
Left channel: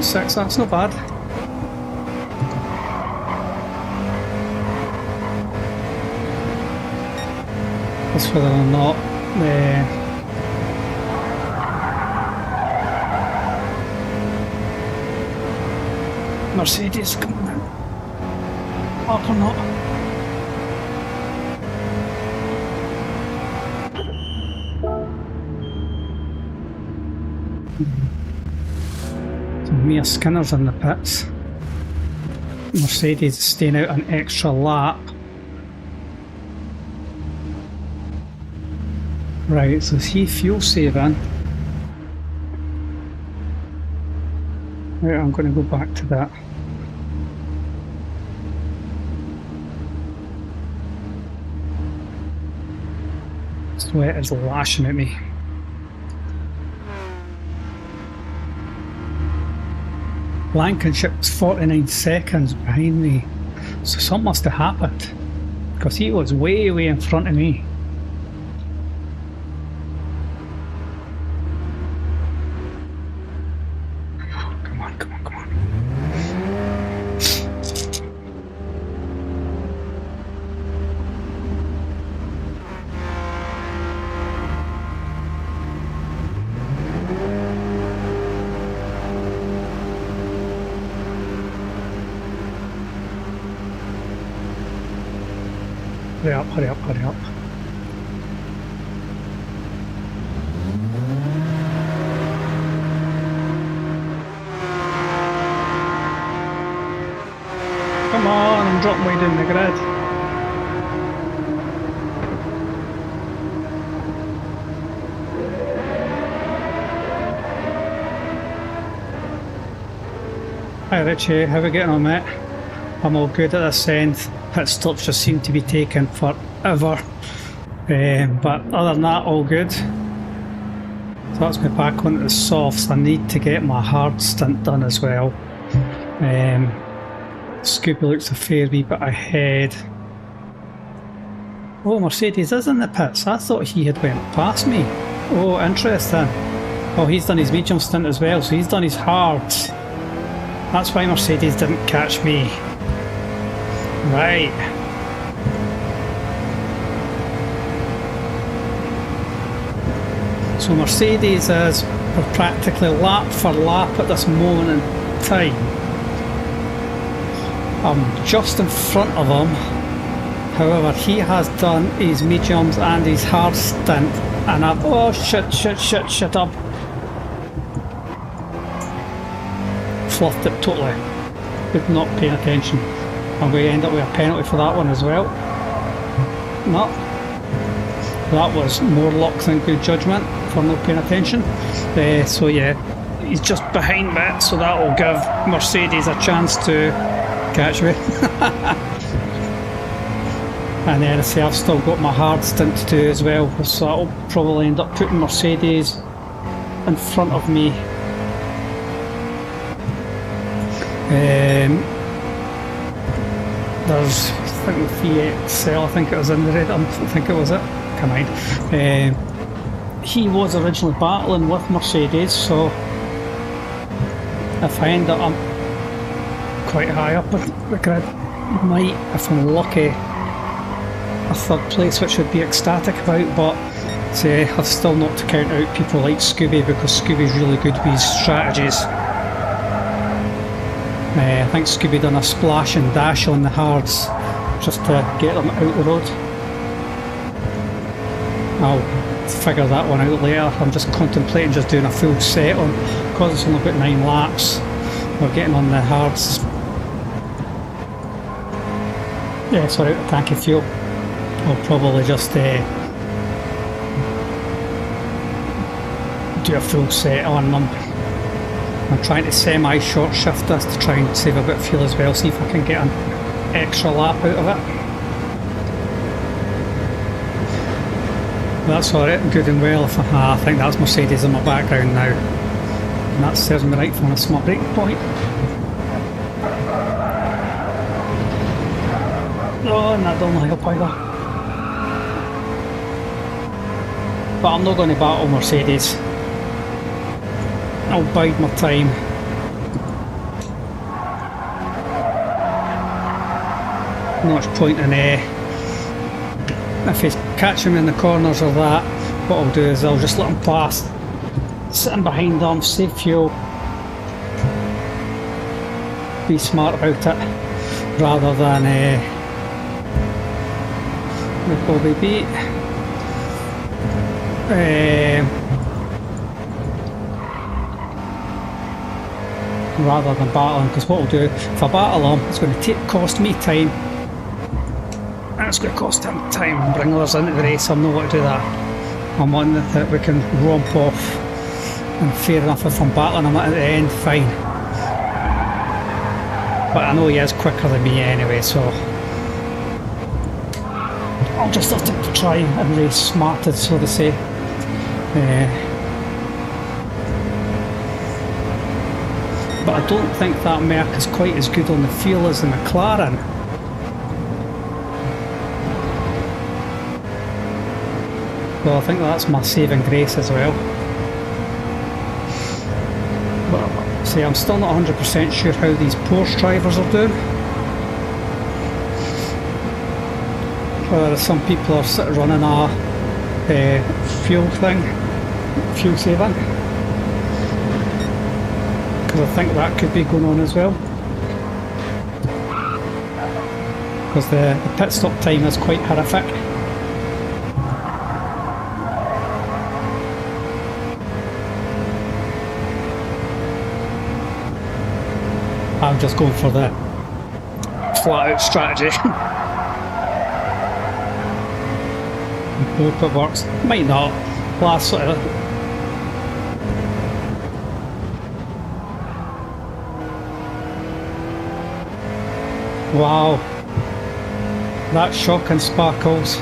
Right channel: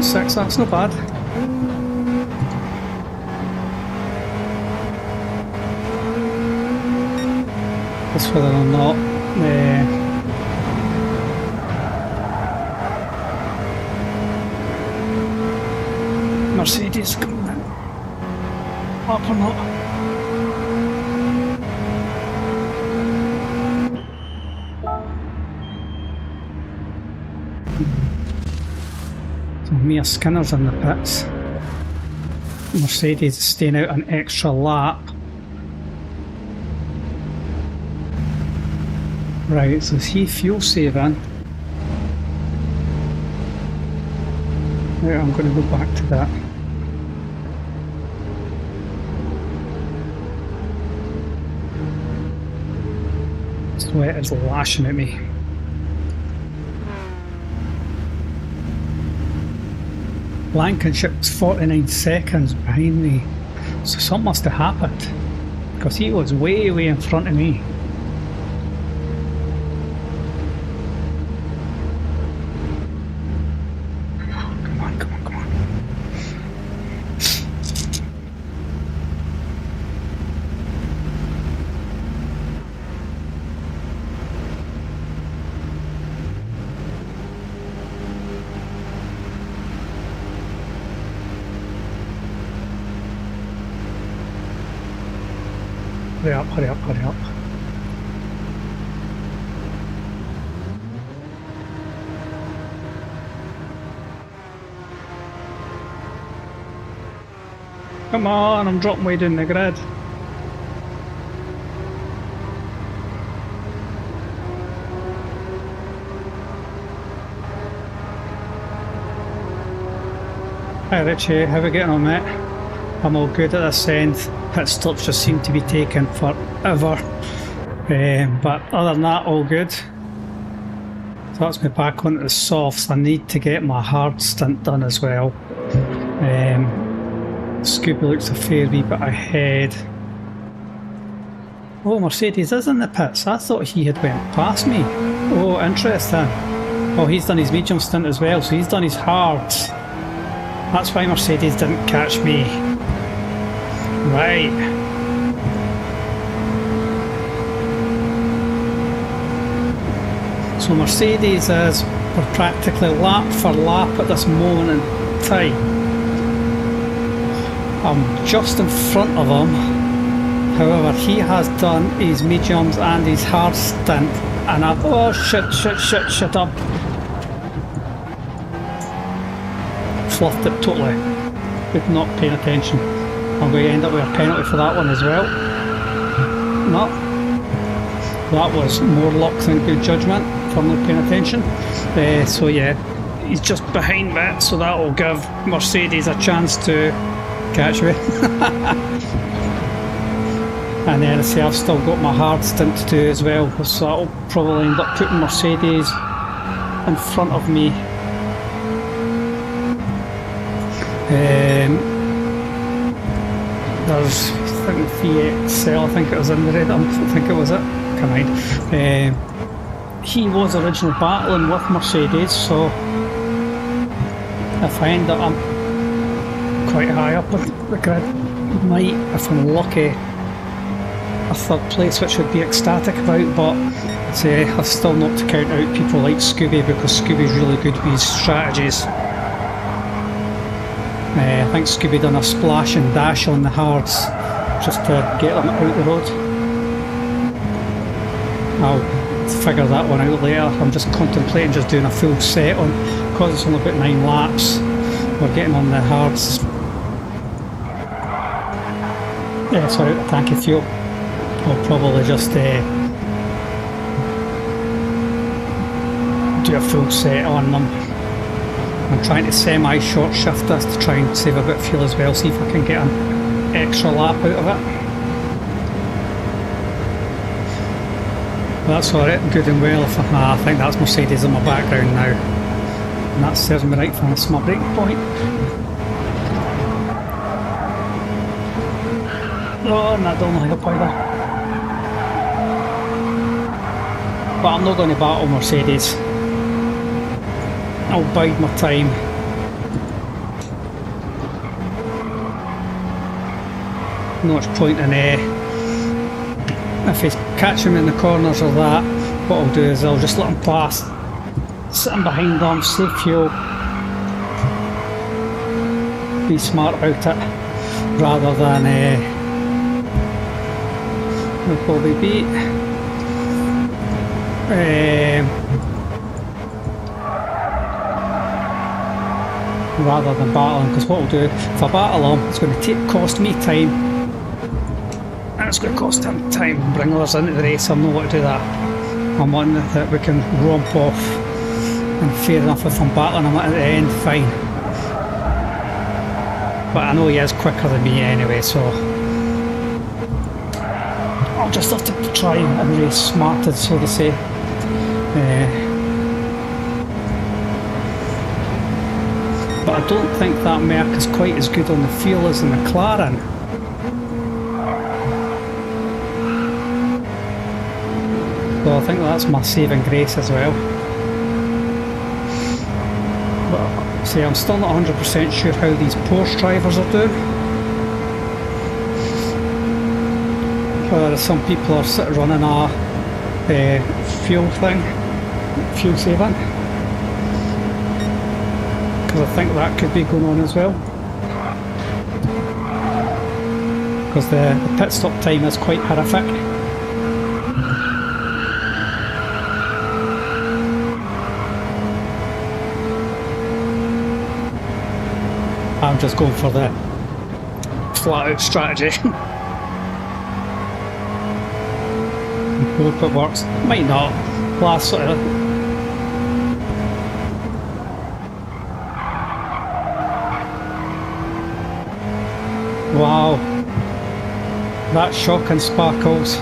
.6, that's not bad. That's whether or not Mercedes coming up or not. So Mia Skinner's in the pits. Mercedes is staying out an extra lap. Right, so is he fuel saving? Right, I'm going to go back to that. Sweat is lashing at me. Blankenship's 49 seconds behind me, so something must have happened because he was way in front of me. Hurry up, hurry up, hurry up. Come on, I'm dropping way down the grid. Hi Richie, how are we getting on, mate? I'm all good at this end. Pit stops just seem to be taking forever. But other than that, all good. So that's me back onto the softs. I need to get my hard stint done as well. Scooby looks a fair wee bit ahead. Oh, Mercedes is in the pits. I thought he had went past me. Oh, interesting. Oh, he's done his medium stint as well, so he's done his hards. That's why Mercedes didn't catch me. Right. So Mercedes is, we're practically lap for lap at this moment in time. I'm just in front of him. However, he has done his mediums and his hard stint, and I've, oh shit up. Fluffed it totally. With not paying attention. I'm going to end up with a penalty for that one as well. No. That was more luck than good judgment for not paying attention. So yeah, he's just behind me, so that will give Mercedes a chance to catch me. And then I say I've still got my hard stint to do as well, so that will probably end up putting Mercedes in front of me. There's, I think the CSL, I think it was in the red, I think it was it, can't mind. He was originally battling with Mercedes, so if I end up, I'm quite high up in the grid, might, if I'm lucky, a third place, which would be ecstatic about, but say, I've still not to count out people like Scooby, because Scooby's really good with his strategies. I think Scooby done a splash and dash on the hards just to get them out the road. I'll figure that one out later. I'm just contemplating just doing a full set on, because it's only about 9 laps. We're getting on the hards. Yeah, sorry, a tank of fuel. I'll probably just do a full set on them. I'm trying to semi-short shift this to try and save a bit of fuel as well, see if I can get an extra lap out of it. But that's alright, good and well. If I think that's Mercedes in my background now, and that serves me right for a smart braking point. Oh, and that don't help either. But I'm not going to battle Mercedes. I'll bide my time. Not much point in if he's catching me in the corners or that, what I'll do is I'll just let him pass, sitting behind them, save fuel, be smart about it, rather than we'll probably beat rather than battling, because what I'll do, if I battle him, it's going to cost me time, and it's going to cost him time and bring others into the race. I'm not going to do that. I'm one that we can romp off, and fair enough, if I'm battling him at the end, fine. But I know he is quicker than me anyway, so I'll just have to try and race smarted, so to say. But I don't think that Merc is quite as good on the fuel as the McLaren. Well, I think that's my saving grace as well. But see, I'm still not 100% sure how these Porsche drivers are doing. Whether some people are sort of running a fuel thing, fuel saving. Because I think that could be going on as well. Because the pit stop time is quite horrific. I'm just going for the flat out strategy. Hope it works. Might not. Last sort of. Wow. That's shocking, Sparkles.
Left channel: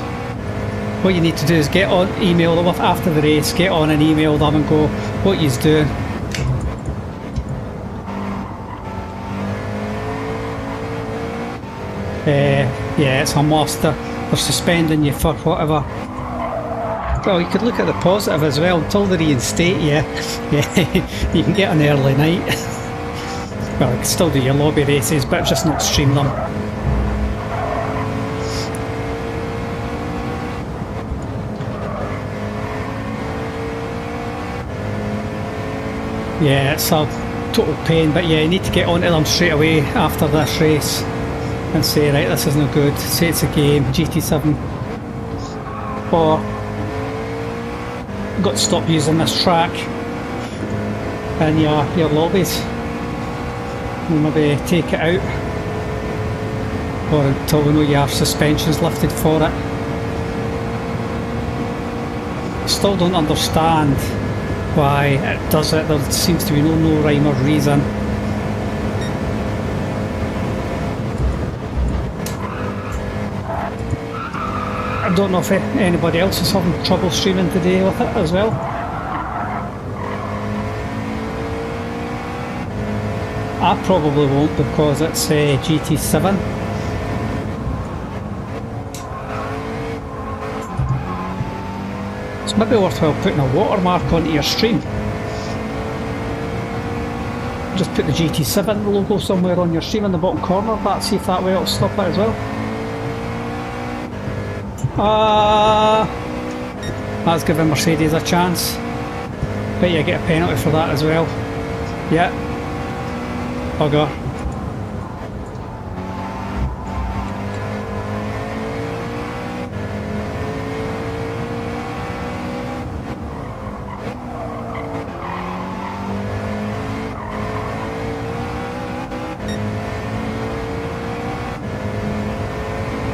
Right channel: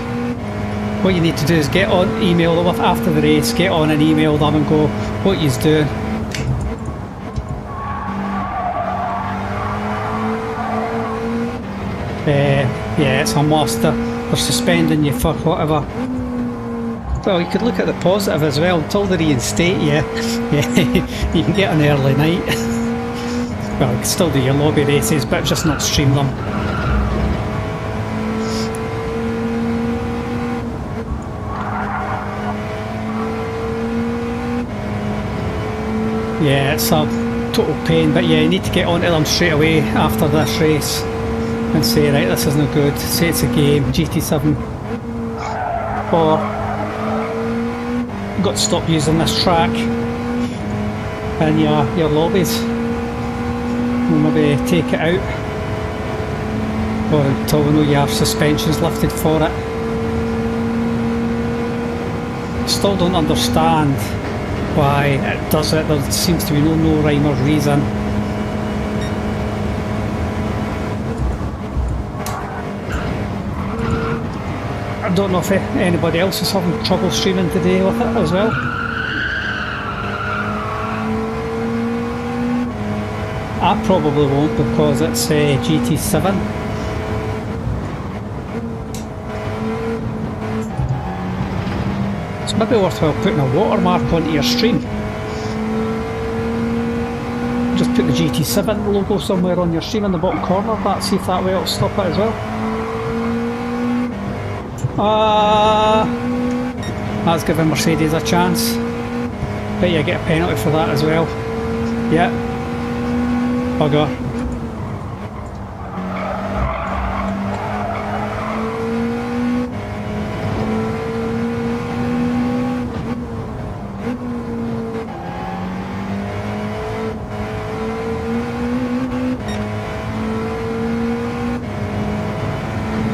What you need to do is get on, email them after the race, get on and email them and go, what you's doing. Yeah, it's a must. They're suspending you for whatever. Well, you could look at the positive as well. Until they reinstate you, yeah, you can get an early night. Well, you can still do your lobby races, but just not stream them. Yeah, it's a total pain, but yeah, you need to get onto them straight away after this race and say, right, this isn't good, say it's a game, GT7, or got to stop using this track in your lobbies. We'll maybe take it out, or until we know your suspension's lifted for it. Still don't understand why it does it. There seems to be no rhyme or reason. I don't know if anybody else is having trouble streaming today with it as well. I probably won't because it's GT7. It's maybe worthwhile putting a watermark onto your stream. Just put the GT7 logo somewhere on your stream in the bottom corner. See if that way it'll stop it as well. That's giving Mercedes a chance. Bet you get a penalty for that as well. Yeah. Bugger.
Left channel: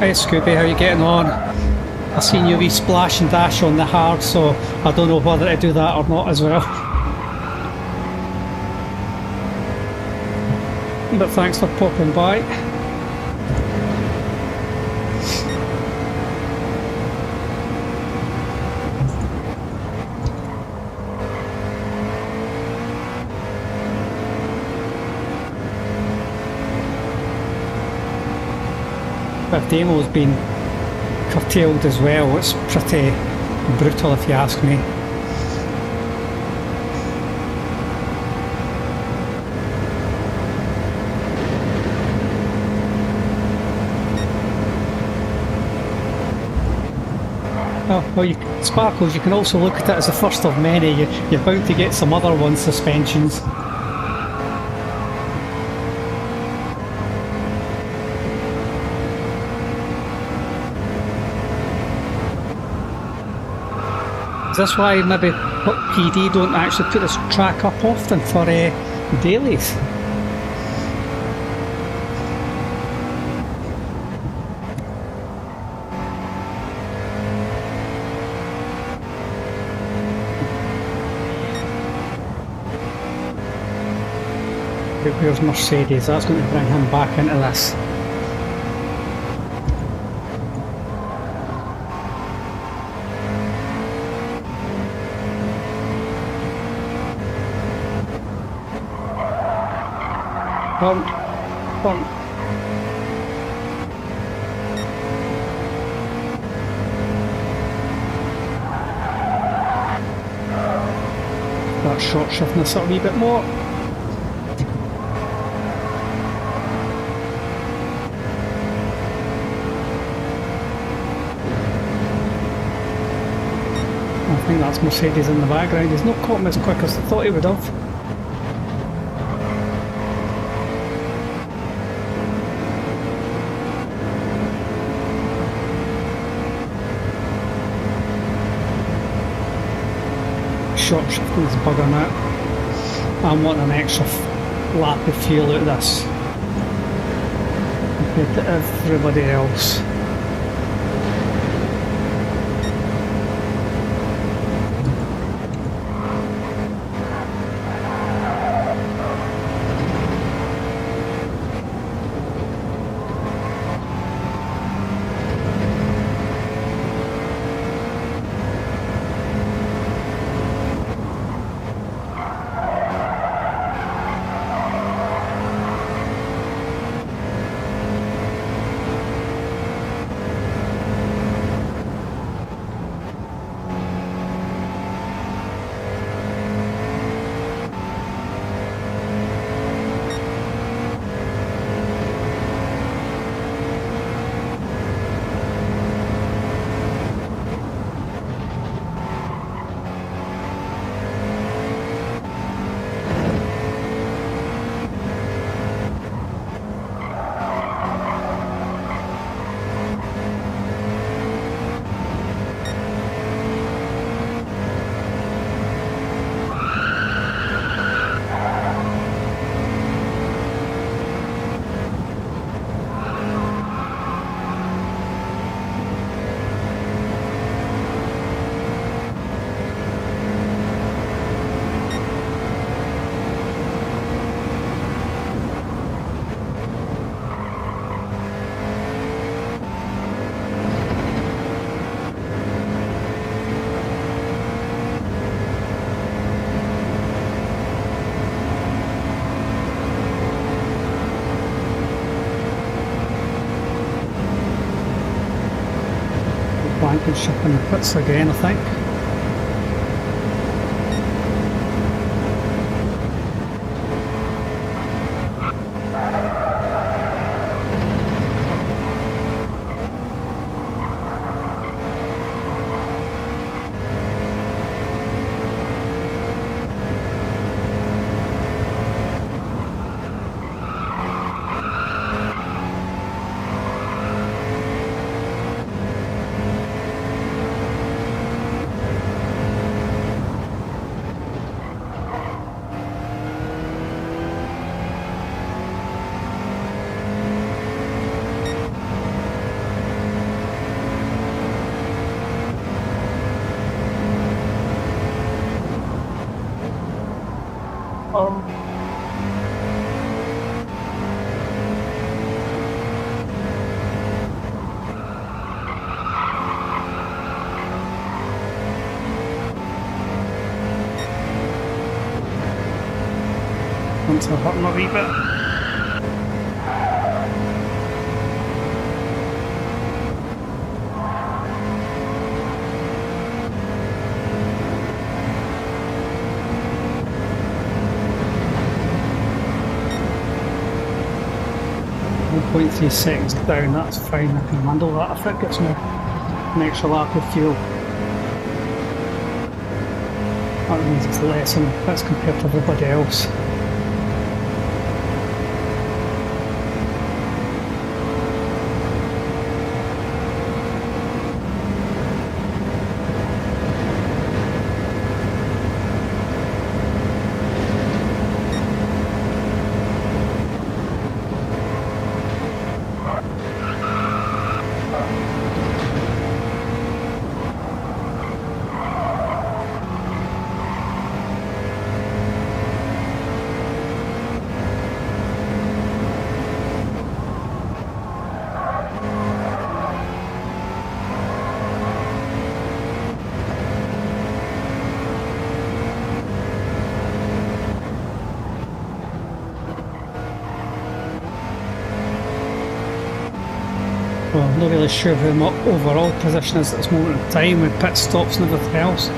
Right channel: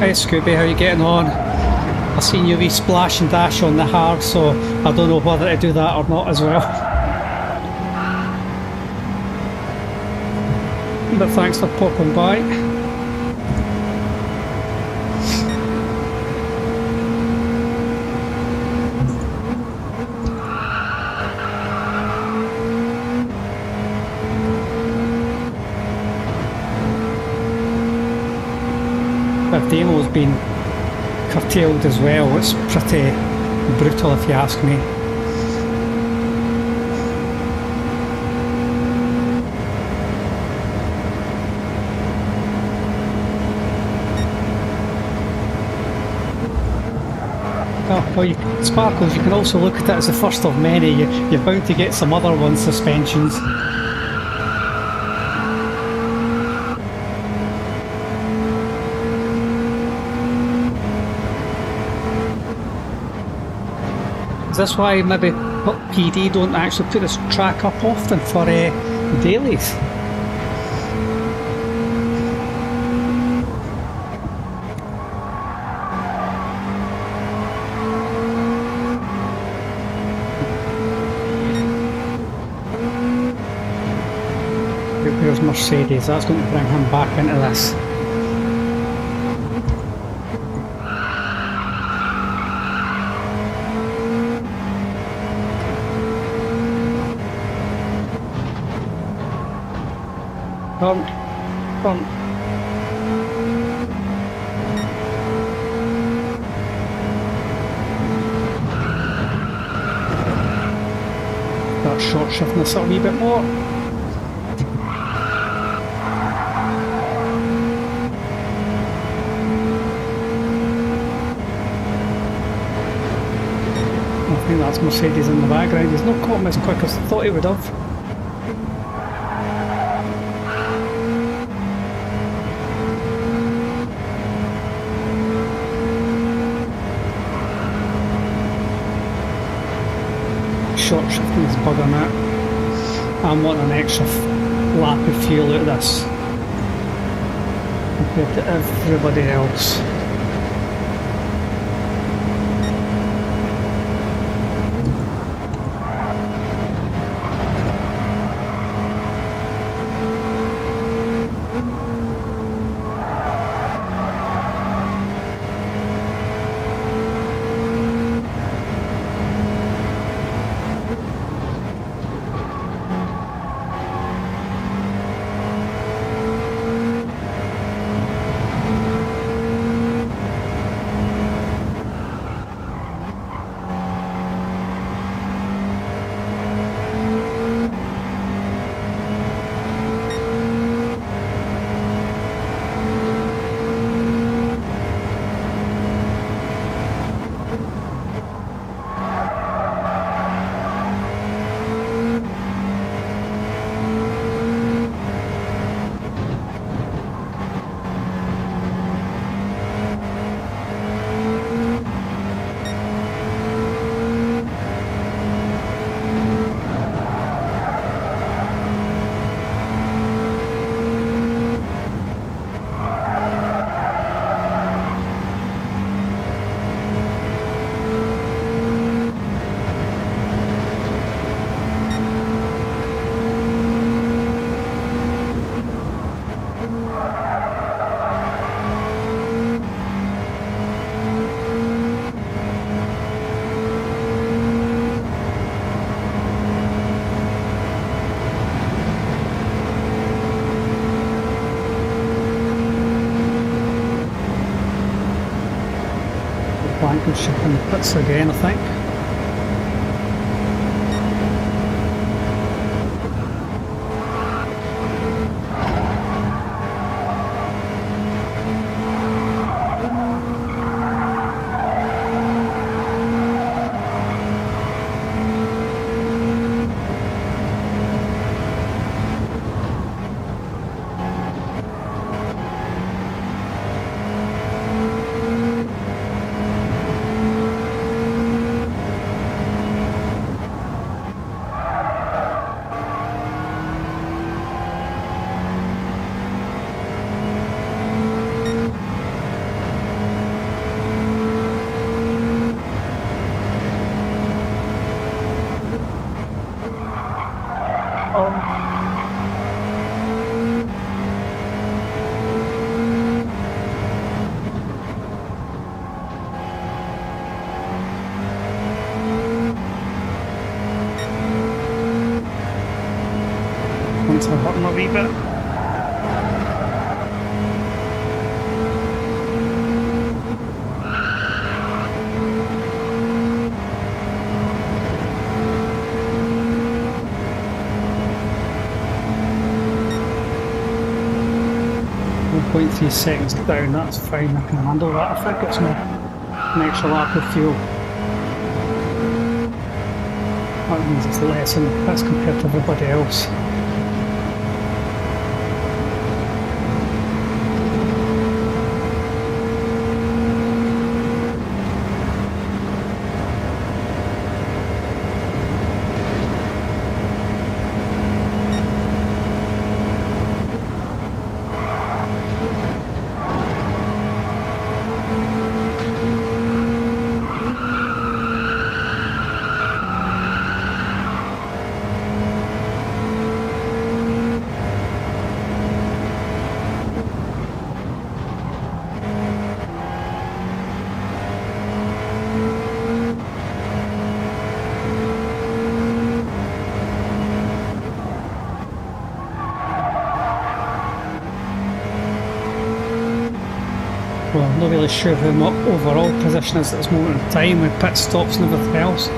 Hey Scooby, how you getting on? I seen you wee splash and dash on the hard, so I don't know whether to do that or not as well. But thanks for popping by. The demo's been curtailed as well. It's pretty brutal if you ask me. Well, Sparkles, you can also look at it as the first of many. You're bound to get some other ones, suspensions. Is this why maybe PD don't actually put this track up often for dailies? Where's Mercedes? That's going to bring him back into this. Front. Start short shifting this up a wee bit more. I think that's Mercedes in the background. He's not caught him as quick as I thought he would have. Short shifting is bugging out. I'm wanting an extra lap of fuel out of this. compared to everybody else. Watkins shipping the pits again, I think. Once I hurt him a wee bit. .3 seconds down, that's fine, I can handle that if it gets me an extra lap of fuel. That means it's less in the pits compared to everybody else. Well, I'm not really sure who my overall position is at this moment in time with pit stops and everything else.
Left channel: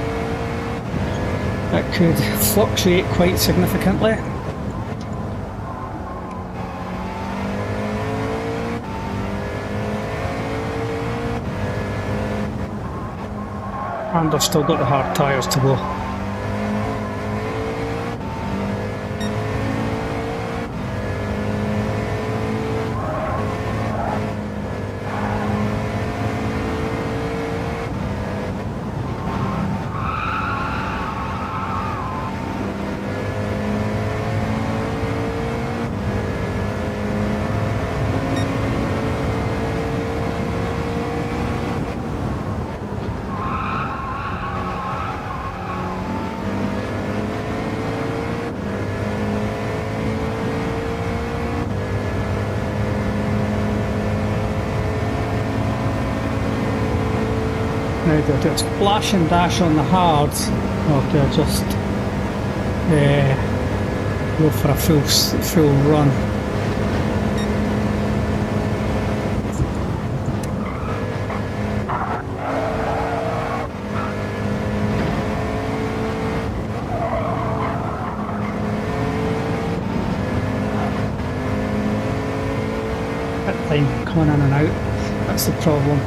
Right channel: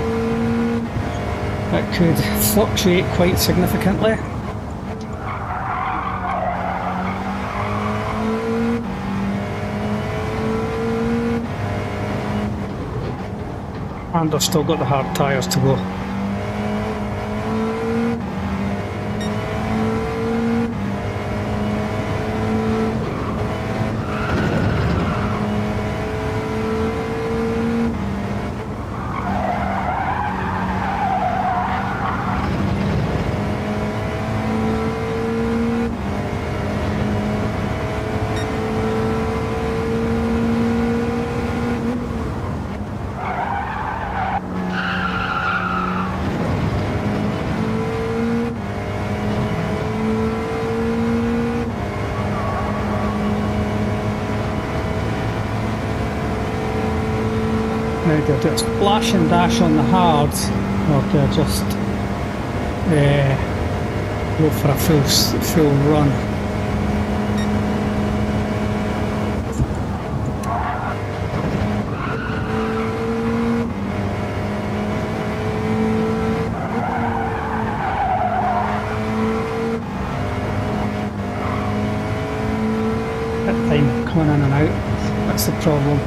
It could fluctuate quite significantly. And I've still got the hard tyres to go. Now do I do a splash and dash on the hards, or do I just go for a full run? That time coming in and out, that's the problem.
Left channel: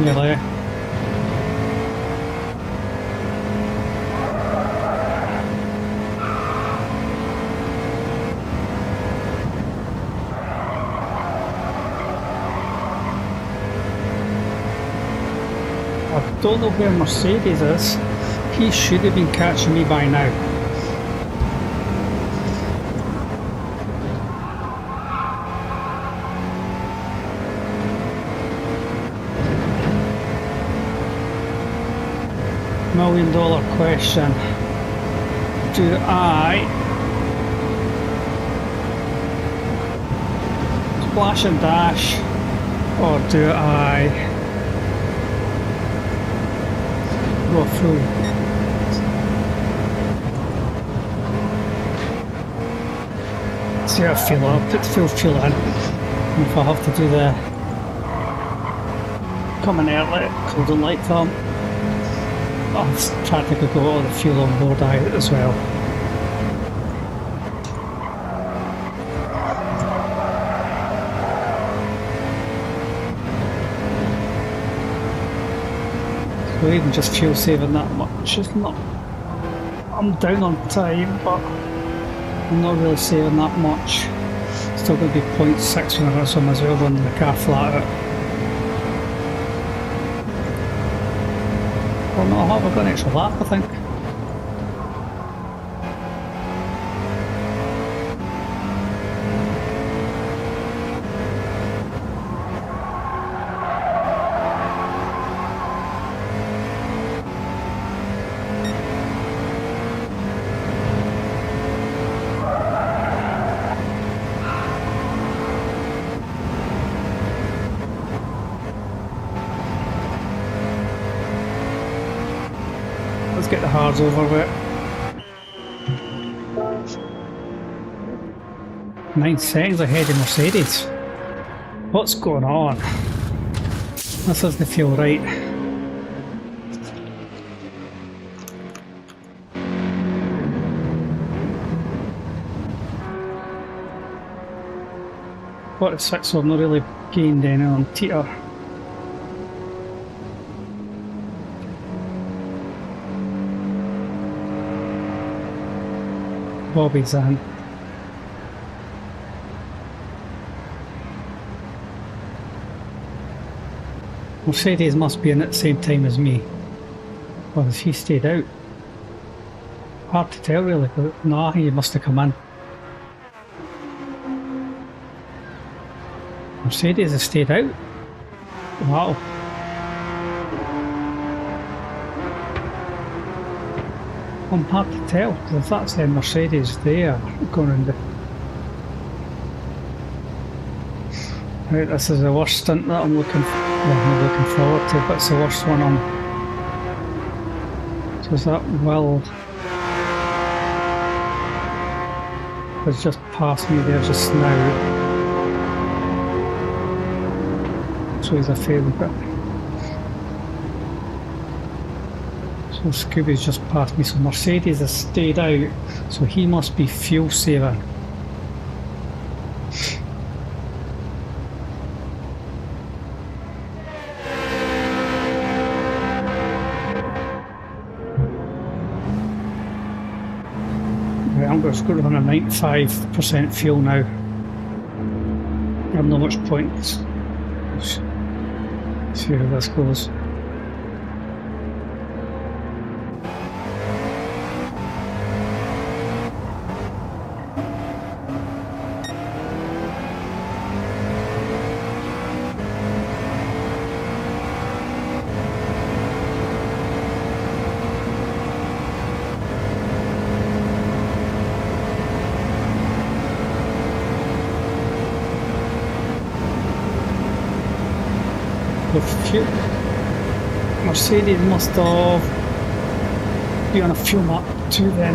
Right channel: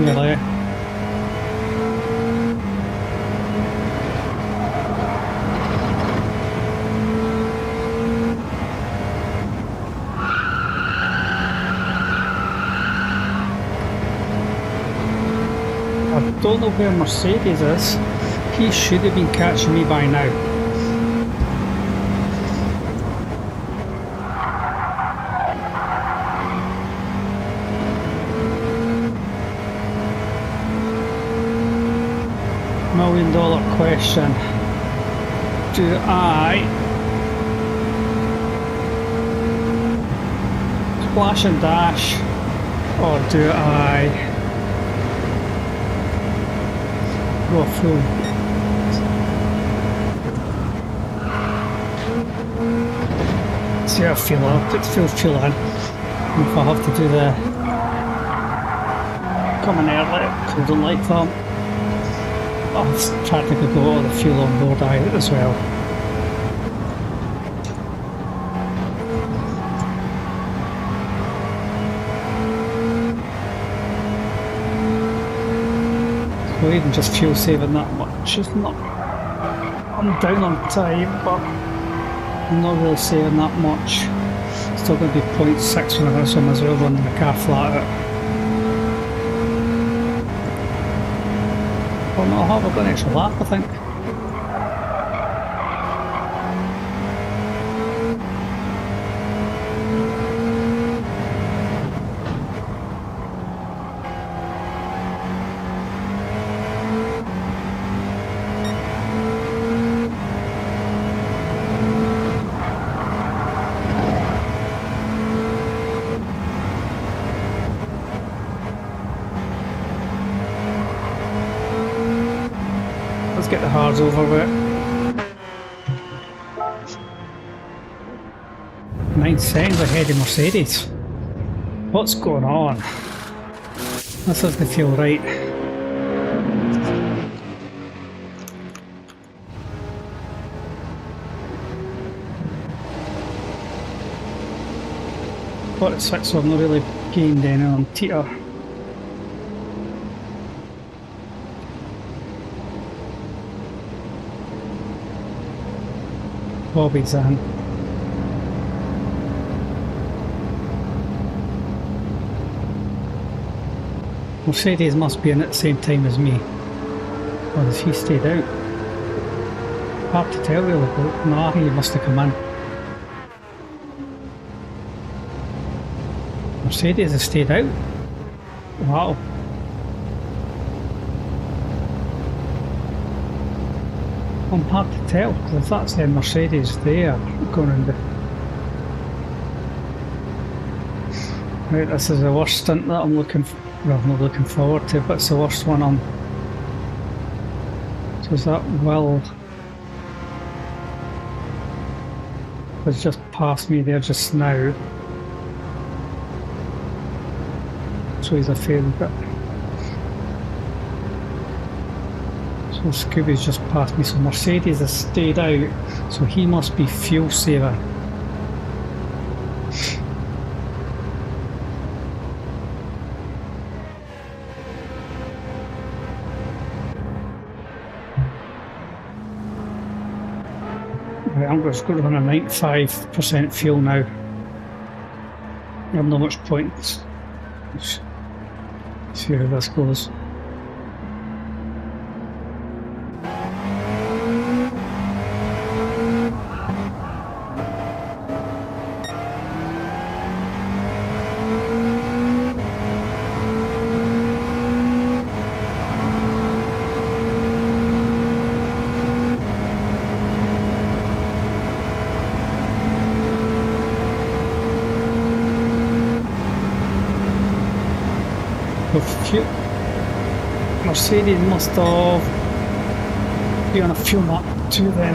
Nearly. I don't know where Mercedes is. He should have been catching me by now. $1 million question. Do I splash and dash, or do I go full? See how I feel. I'll put full fuel in. And if I have to do the coming early, because I don't like them, I'll practically go all the fuel on board as well. So even just fuel saving that much is not... I'm down on time, but I'm not really saving that much. Still going to be 0.6 when I go, so I might as well run the car flat out. Well, no, I've got an extra lap, I think. Let's get the hards over with. 9 seconds ahead of Mercedes. What's going on? This doesn't feel right. .46, so I've not really gained any on TR. Bobby's in. Mercedes must be in at the same time as me. Or has he stayed out? Hard to tell really, but nah, he must have come in. Mercedes has stayed out? Wow. I'm hard to tell, because if that's the Mercedes there, going around the... Right, this is the worst stint that I'm looking for. Well, I'm not looking forward to, but it's the worst one on. So is that Will has just passed me there just now. So he's a failed bit. So Scooby's just passed me, so Mercedes has stayed out, so he must be fuel saving. I'm going to go on a 95% fuel now. I have not much point. Let's see how this goes. Mercedes must have been on a fuel map too then.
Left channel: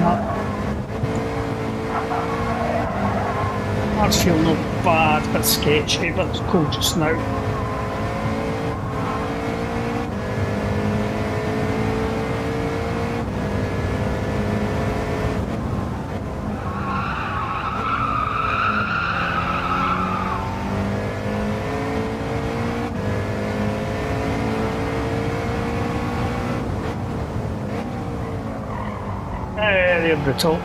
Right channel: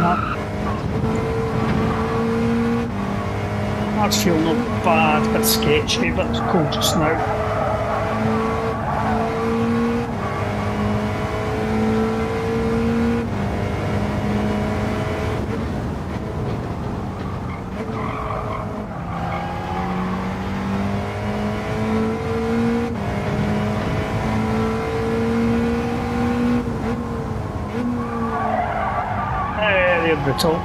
That's fuel not bad, but sketchy, but it's cold just now. They're brutal.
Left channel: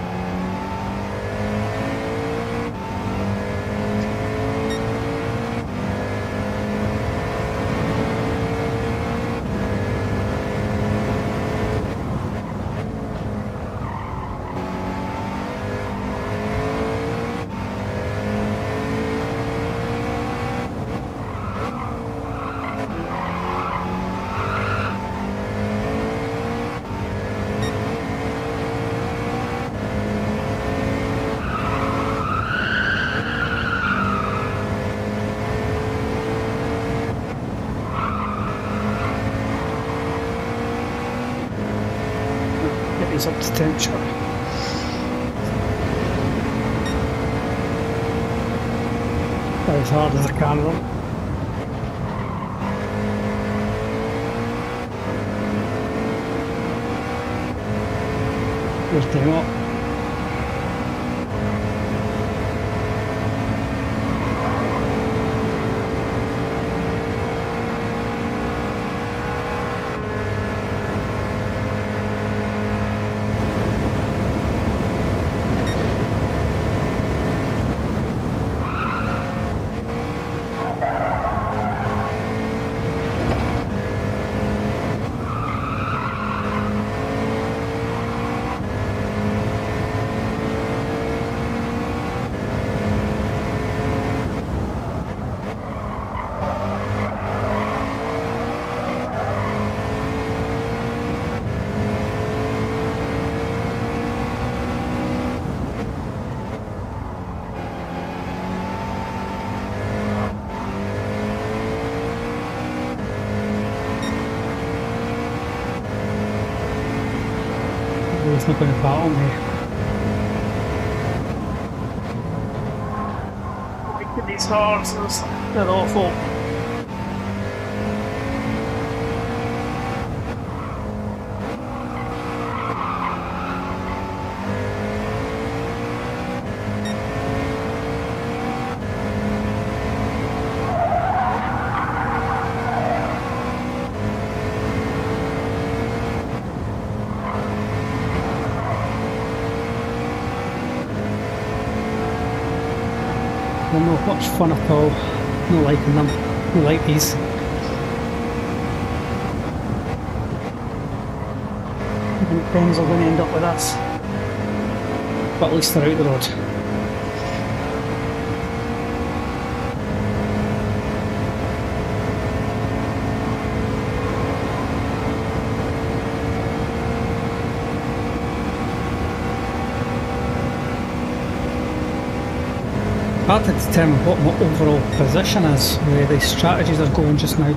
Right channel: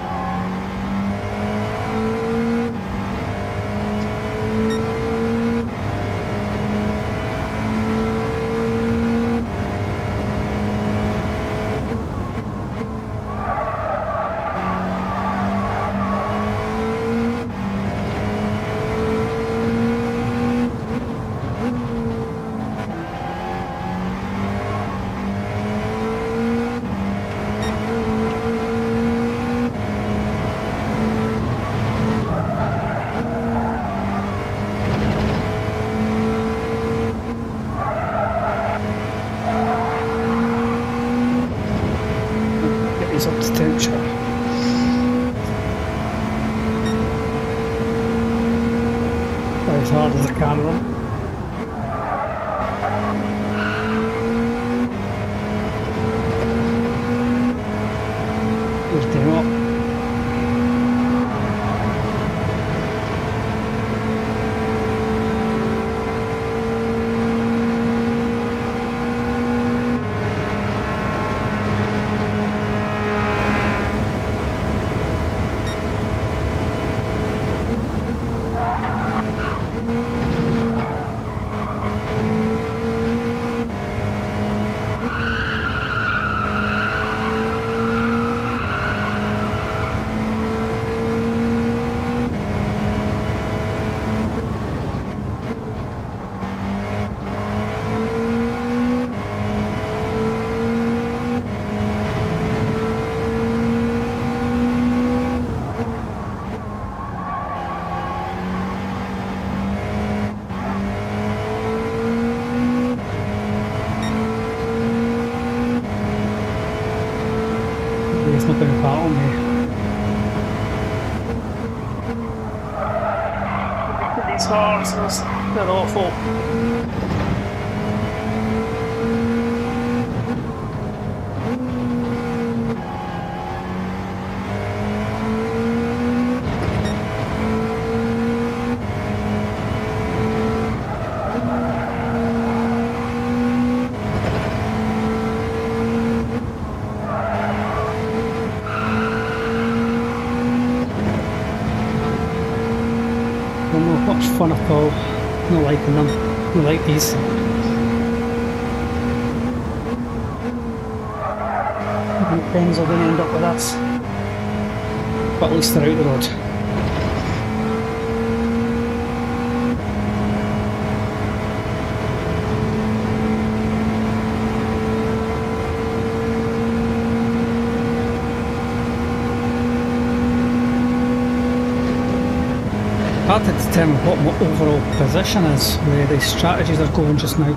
Up to temperature. About as hard as I can run. Just came up. He's not going to battle me. Look at these horses, they're awful. They're not much fun at all. Not liking them. Not like these. I think Ben's are going to end up with us. But at least they're out the road. Hard to determine what my overall position is, where the strategies are going just now.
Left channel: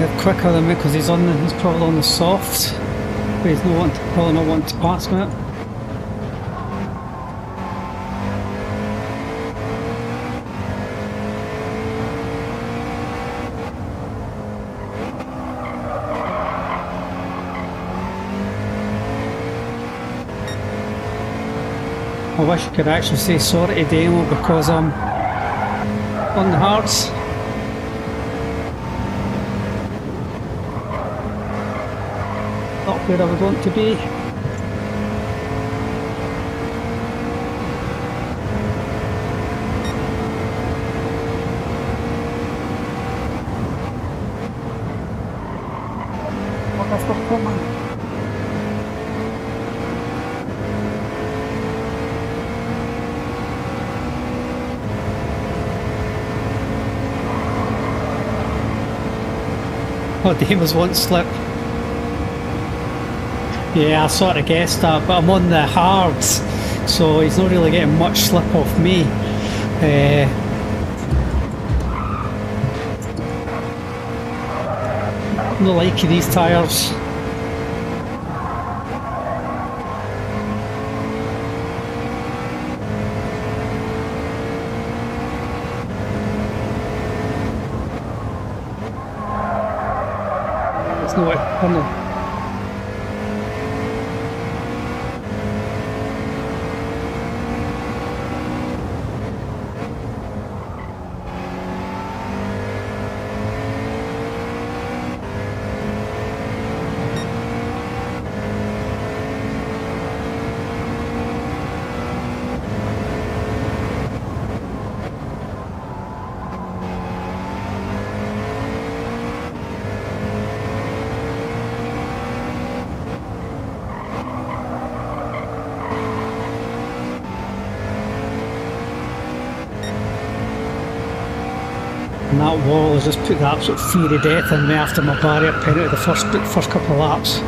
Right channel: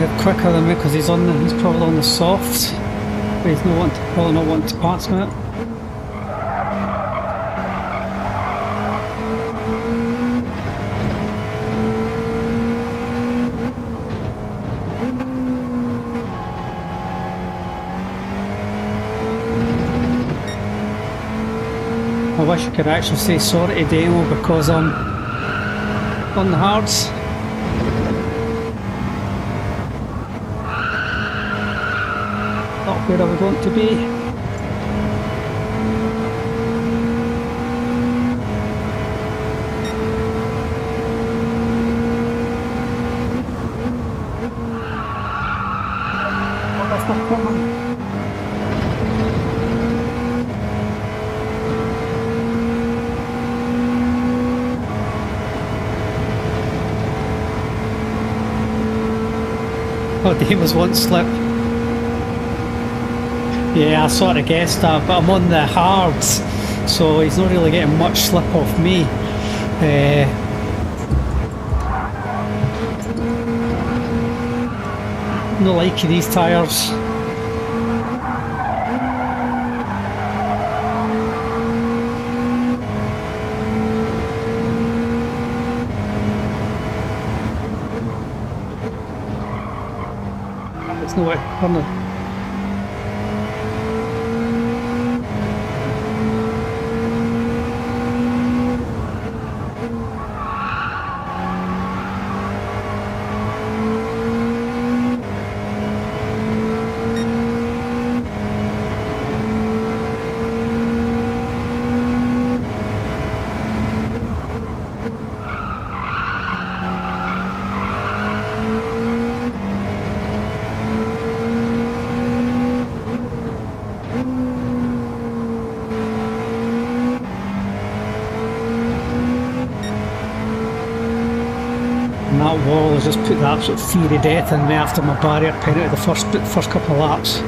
get quicker than me because he's probably on the soft, but he's probably not wanting to pass me. I wish I could actually say sorry to Demo because I'm on the hards. Not where I would want to be. What the fuck, man? Oh, Damon's won't slip. Yeah, I sort of guessed that, but I'm on the hards, so he's not really getting much slip off me. No like these tyres. There's no way. Oh no. And that wall has just put the absolute fear of death in me after my barrier penalty the first couple of laps.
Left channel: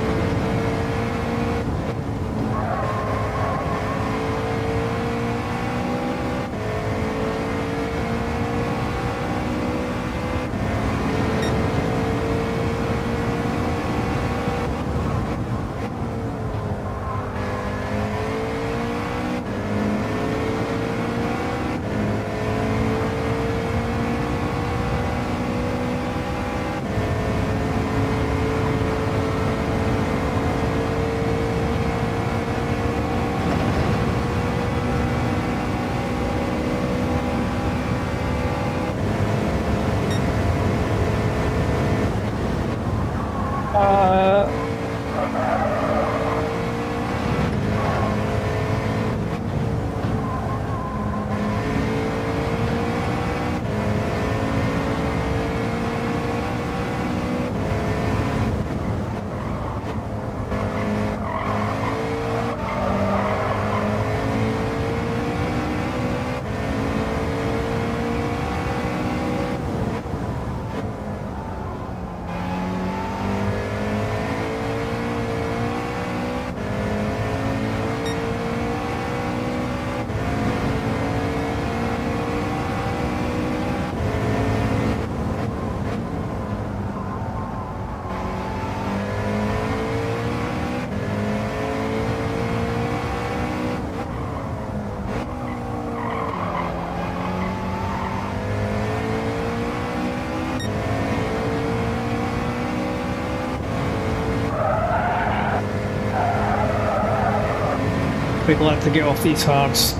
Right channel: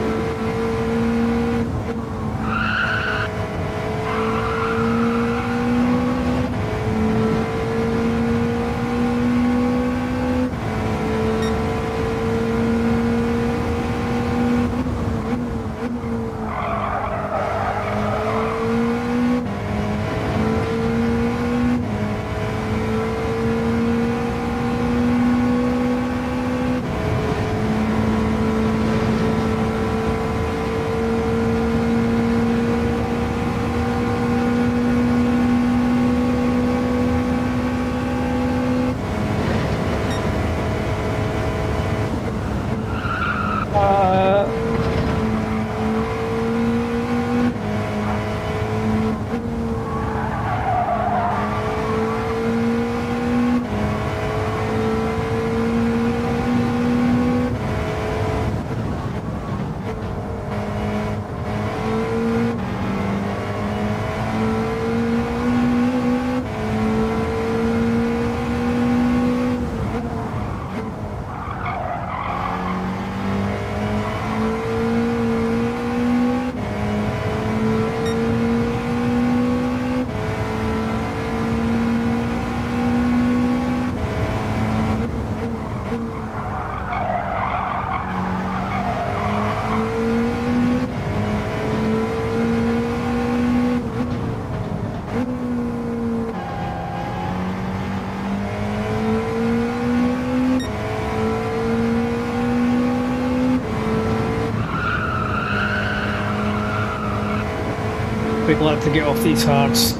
We'd like to get off these hards.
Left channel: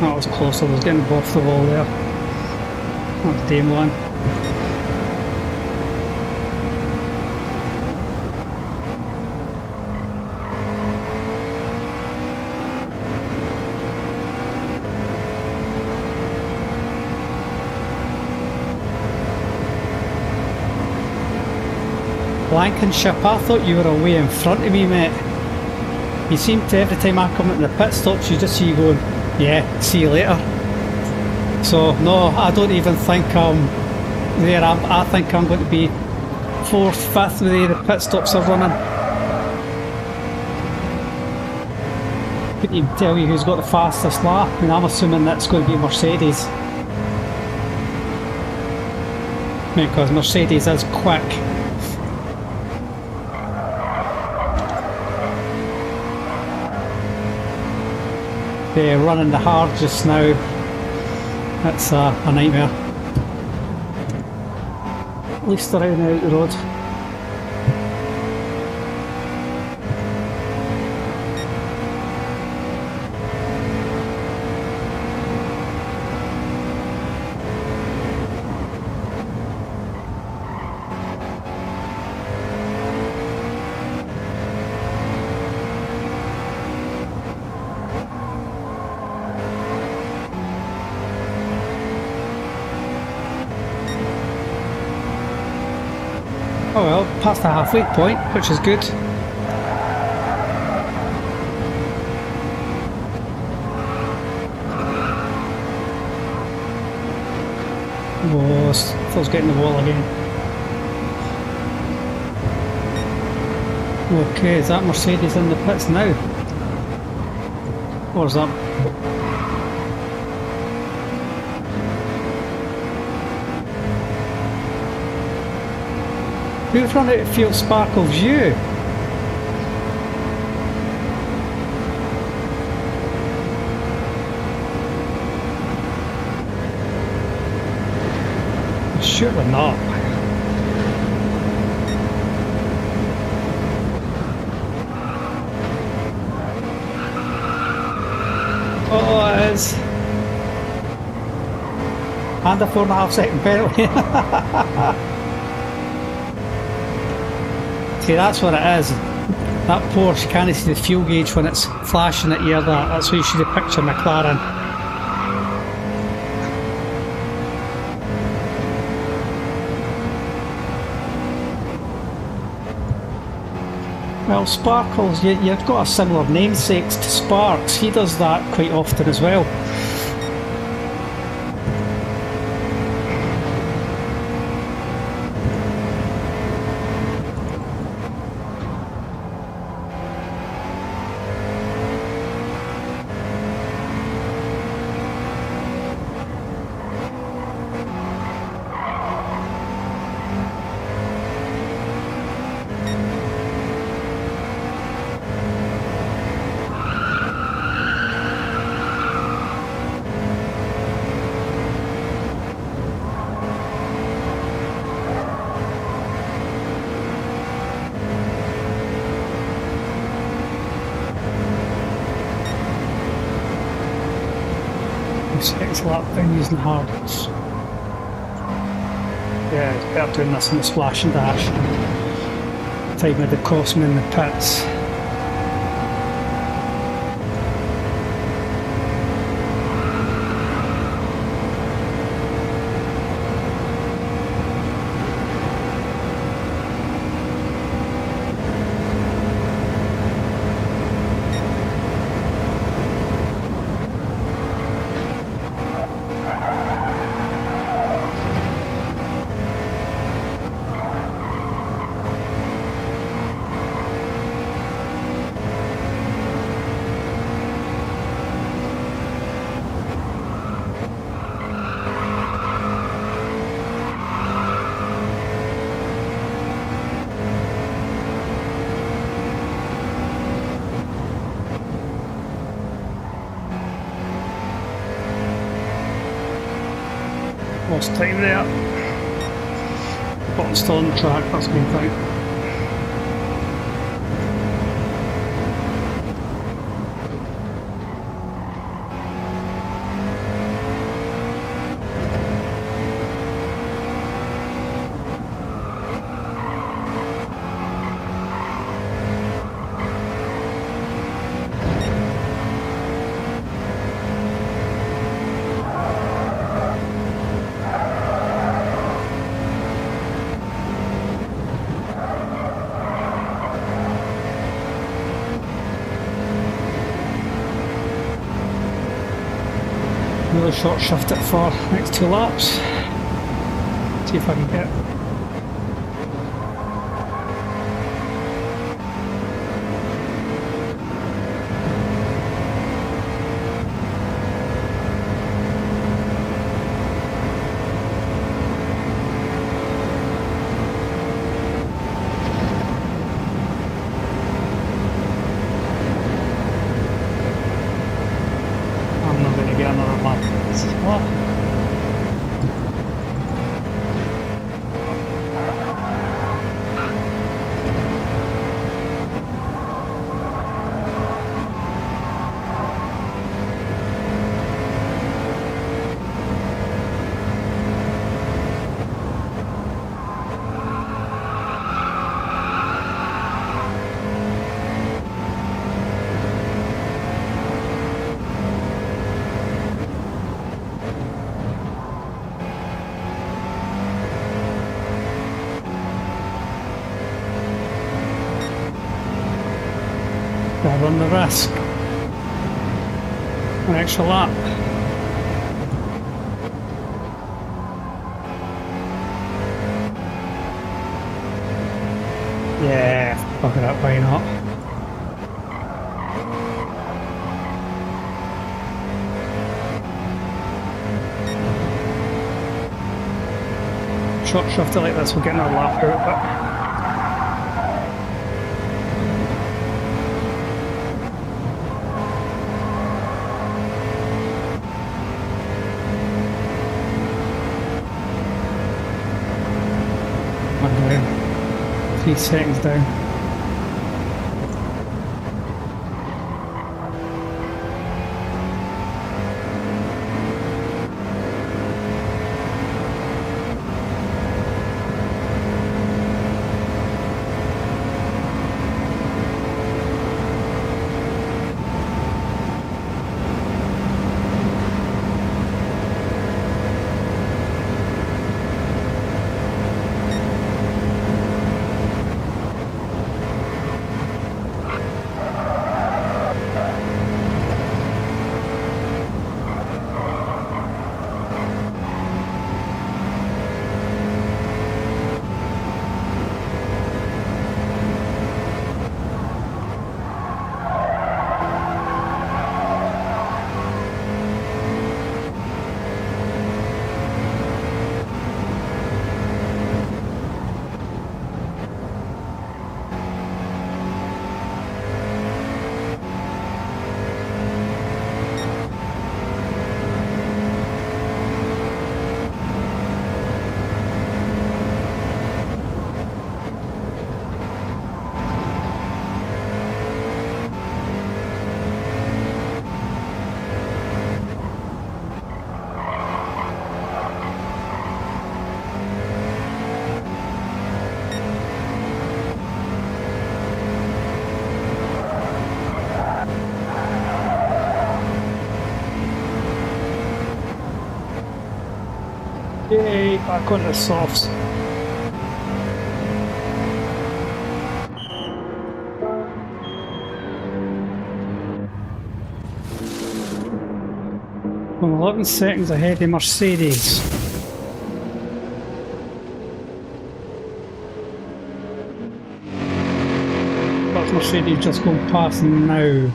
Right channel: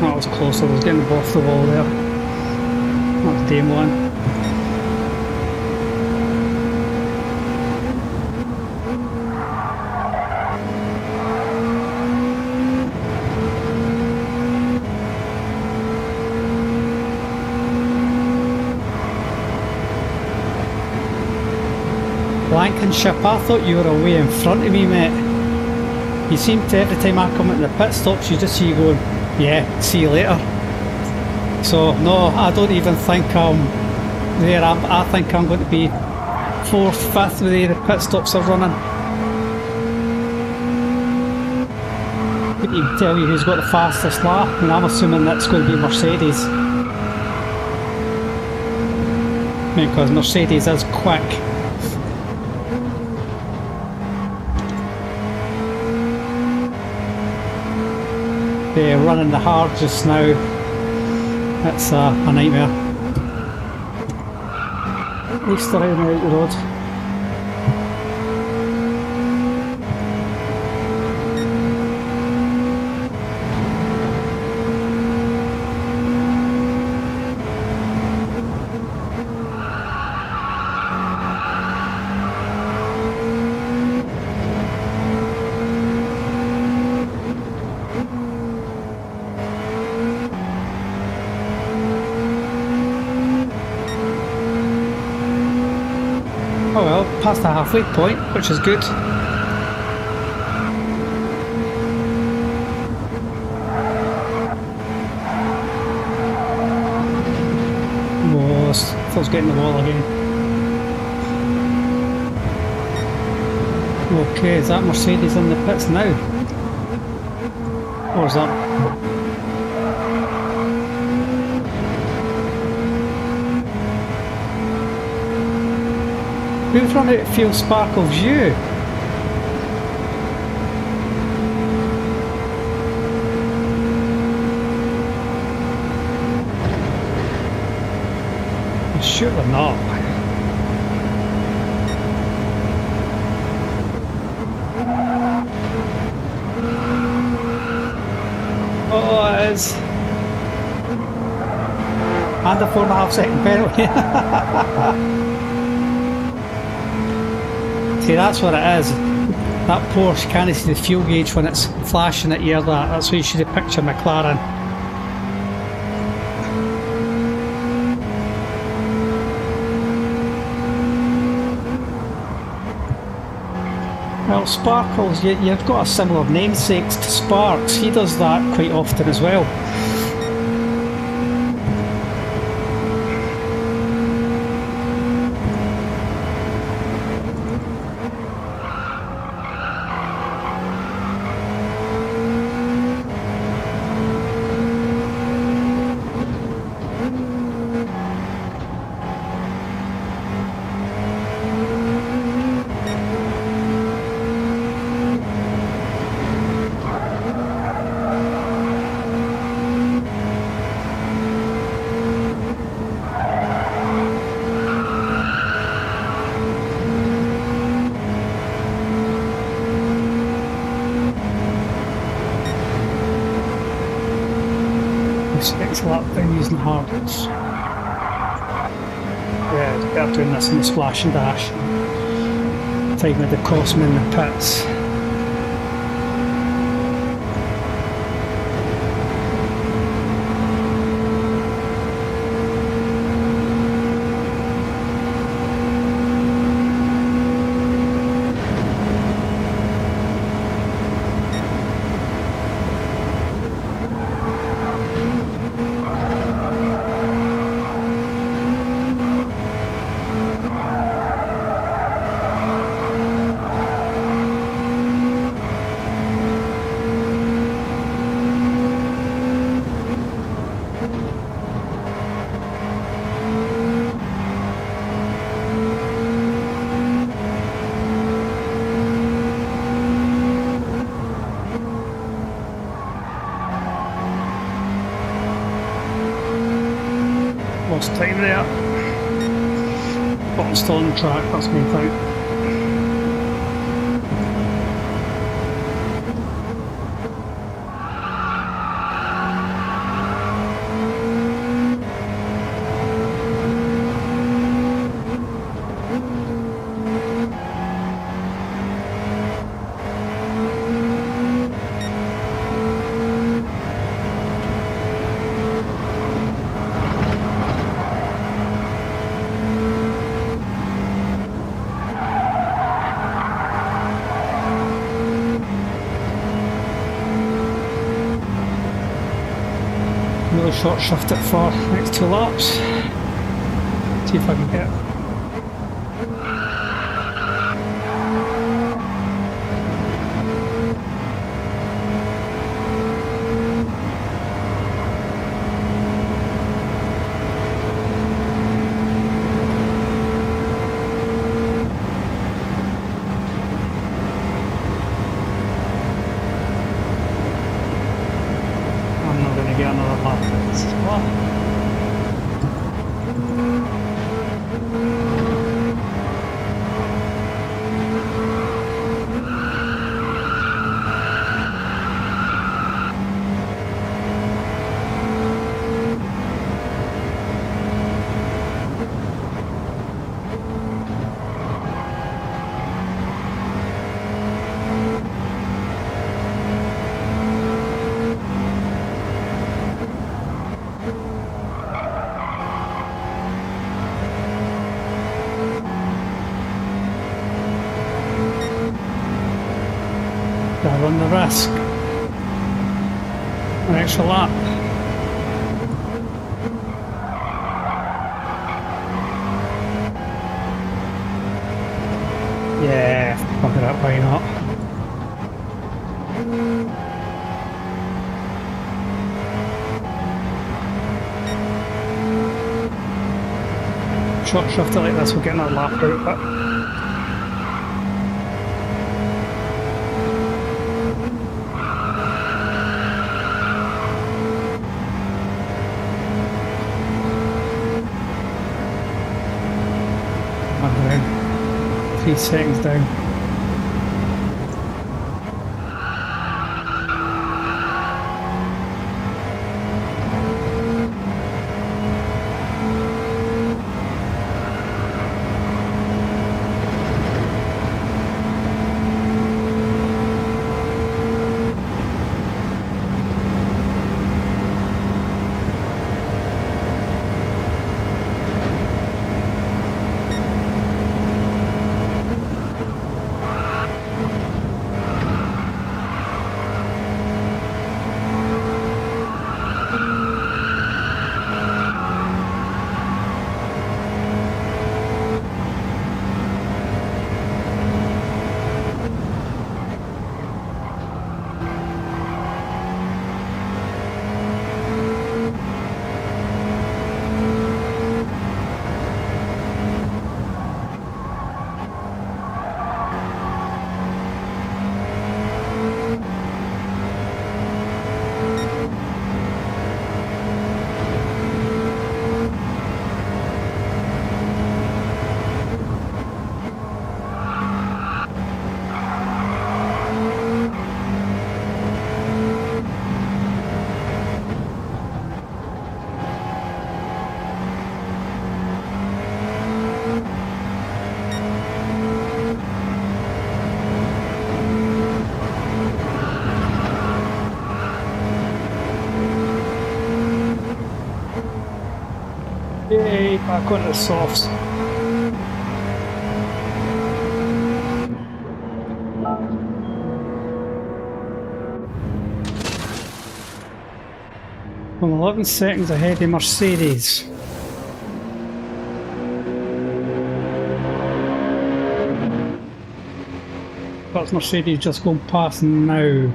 That was close, I was getting off the wall there. That was Dame one. Blankenship, I thought you were away in front of me, mate. You seem to, every time I come into the pit stops, you just see you going, yeah, see you later. So, no, I don't even think I'm there. I think I'm going to be 4th, 5th the way the pit stops are running. Couldn't even tell you who's got the fastest lap. I mean, I'm assuming that's going to be Mercedes. because Mercedes is quick. They're running the hard just now. It's a nightmare. At least they're out the road. Oh well, past the halfway point, which is good. Oh, I thought I was getting the wall again. Okay, is that Mercedes in the pits now? Or is that... Who's run out of fuel Sparkles? You? Surely not. Oh, it is. And a 4.5 second penalty. See, that's what it is. That Porsche can't see the fuel gauge when it's flashing at you. That's why you should have pictured McLaren. Well, Sparkles, you've got a similar namesake to Sparks. He does that quite often as well. Six lap down using hards. Yeah, it's better doing this in the splash and dash. Time with the cost me in the pits. Lost time there. Bottom's still on the track, that's main thing. Really short shift it for next 2 laps. See if I can get it. another lap. What? I run the risk. An extra lap. Yeah, fuck it up, why not? Short shifter like this, we'll get another lap out, but down. 3 seconds down. Yay, back on the softs. I'm 11 seconds ahead of Mercedes. That's Mercedes just going past now.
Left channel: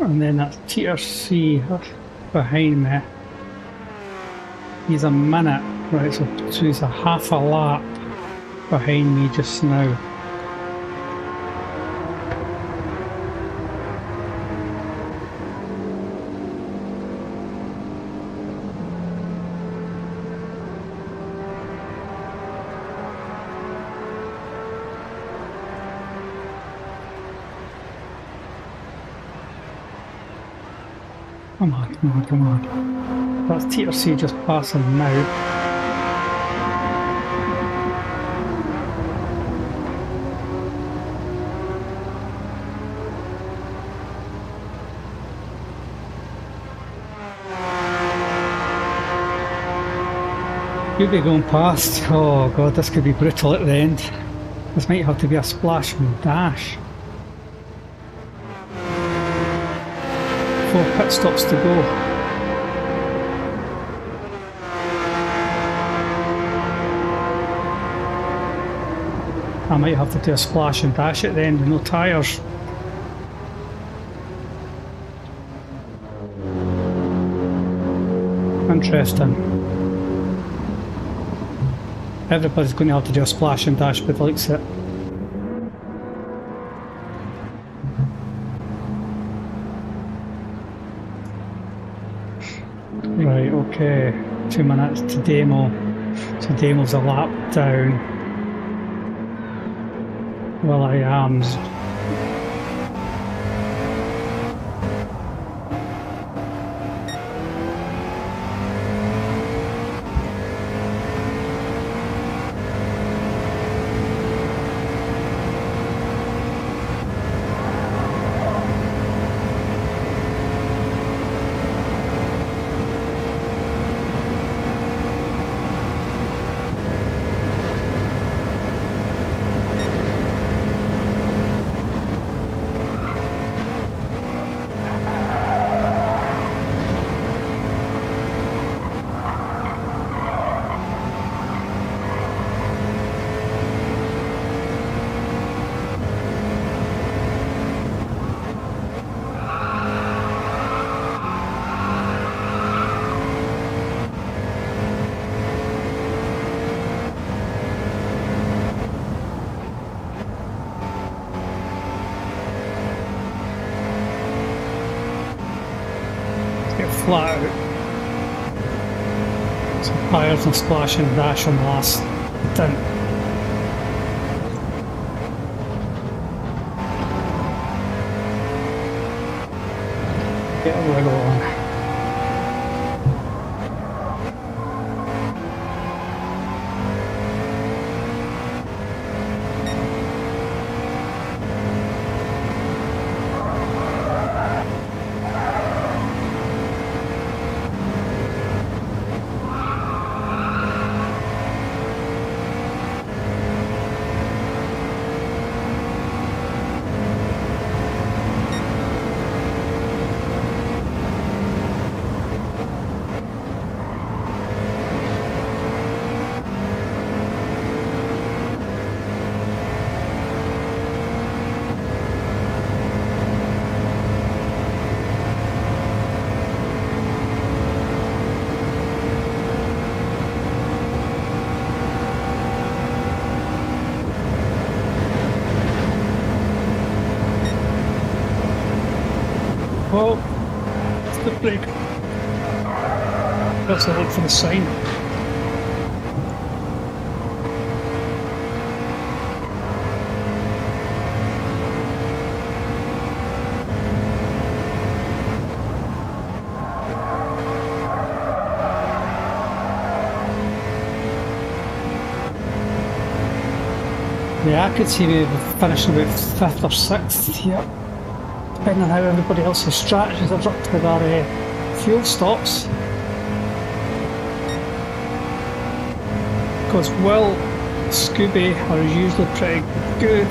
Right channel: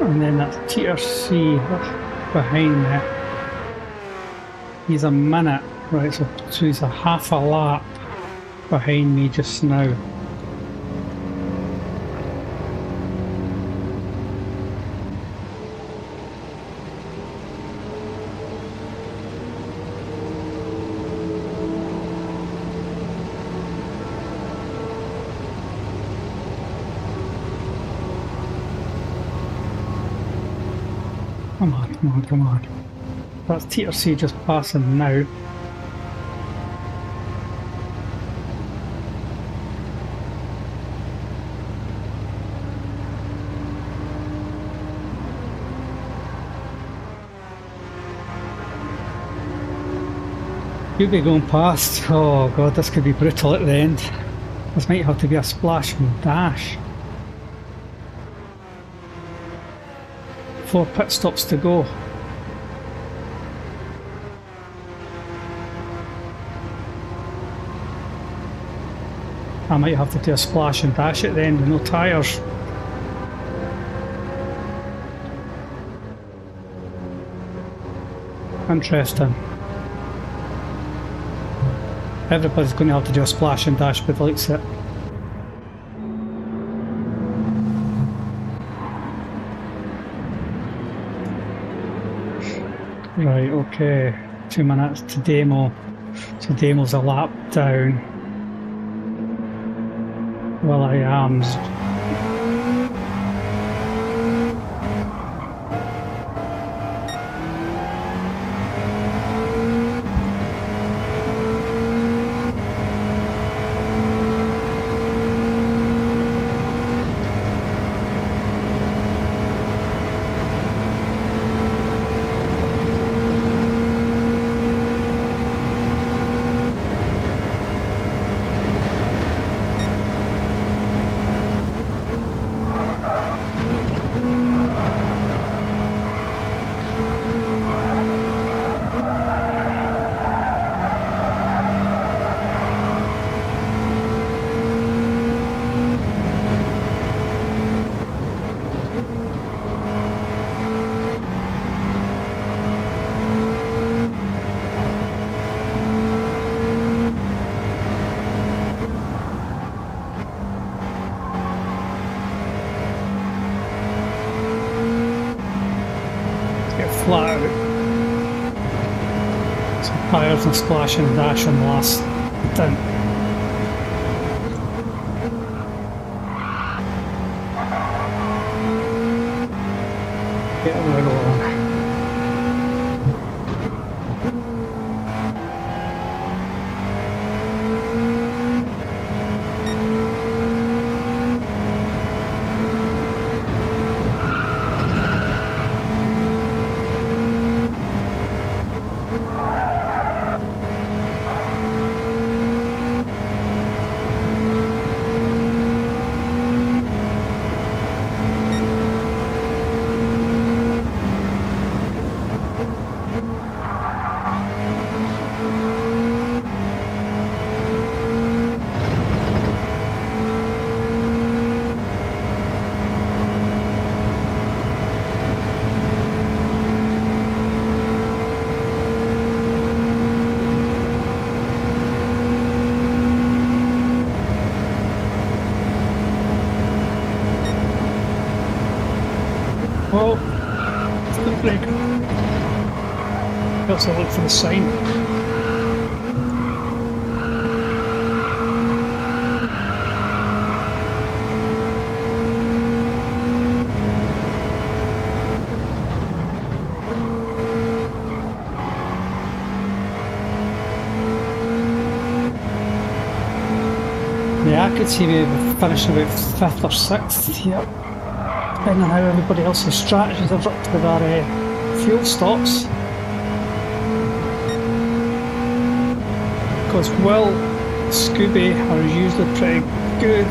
And then that's TRC behind me. He's a minute, right, so he's a half a lap behind me just now. Come on, come on, come on. That's TRC just passing now. You'll be going past. Oh god, this could be brutal at the end. This might have to be a splash and dash. 4 pit stops to go. I might have to do a splash and dash at the end with no tyres. Interesting. Everybody's going to have to do a splash and dash by the looks of it. Right, okay. 2 minutes to demo. So demo's a lap down. Well, I am. Get flat out. So tyres and splash and dash on the last stint. Get a wiggle on. Oh, it's the brake. Let's look for the sign. Yeah, I could see we finishing about 5th or 6th here, depending on how everybody else's strategies have up to their fuel stops. Because Will, Scooby are usually pretty good.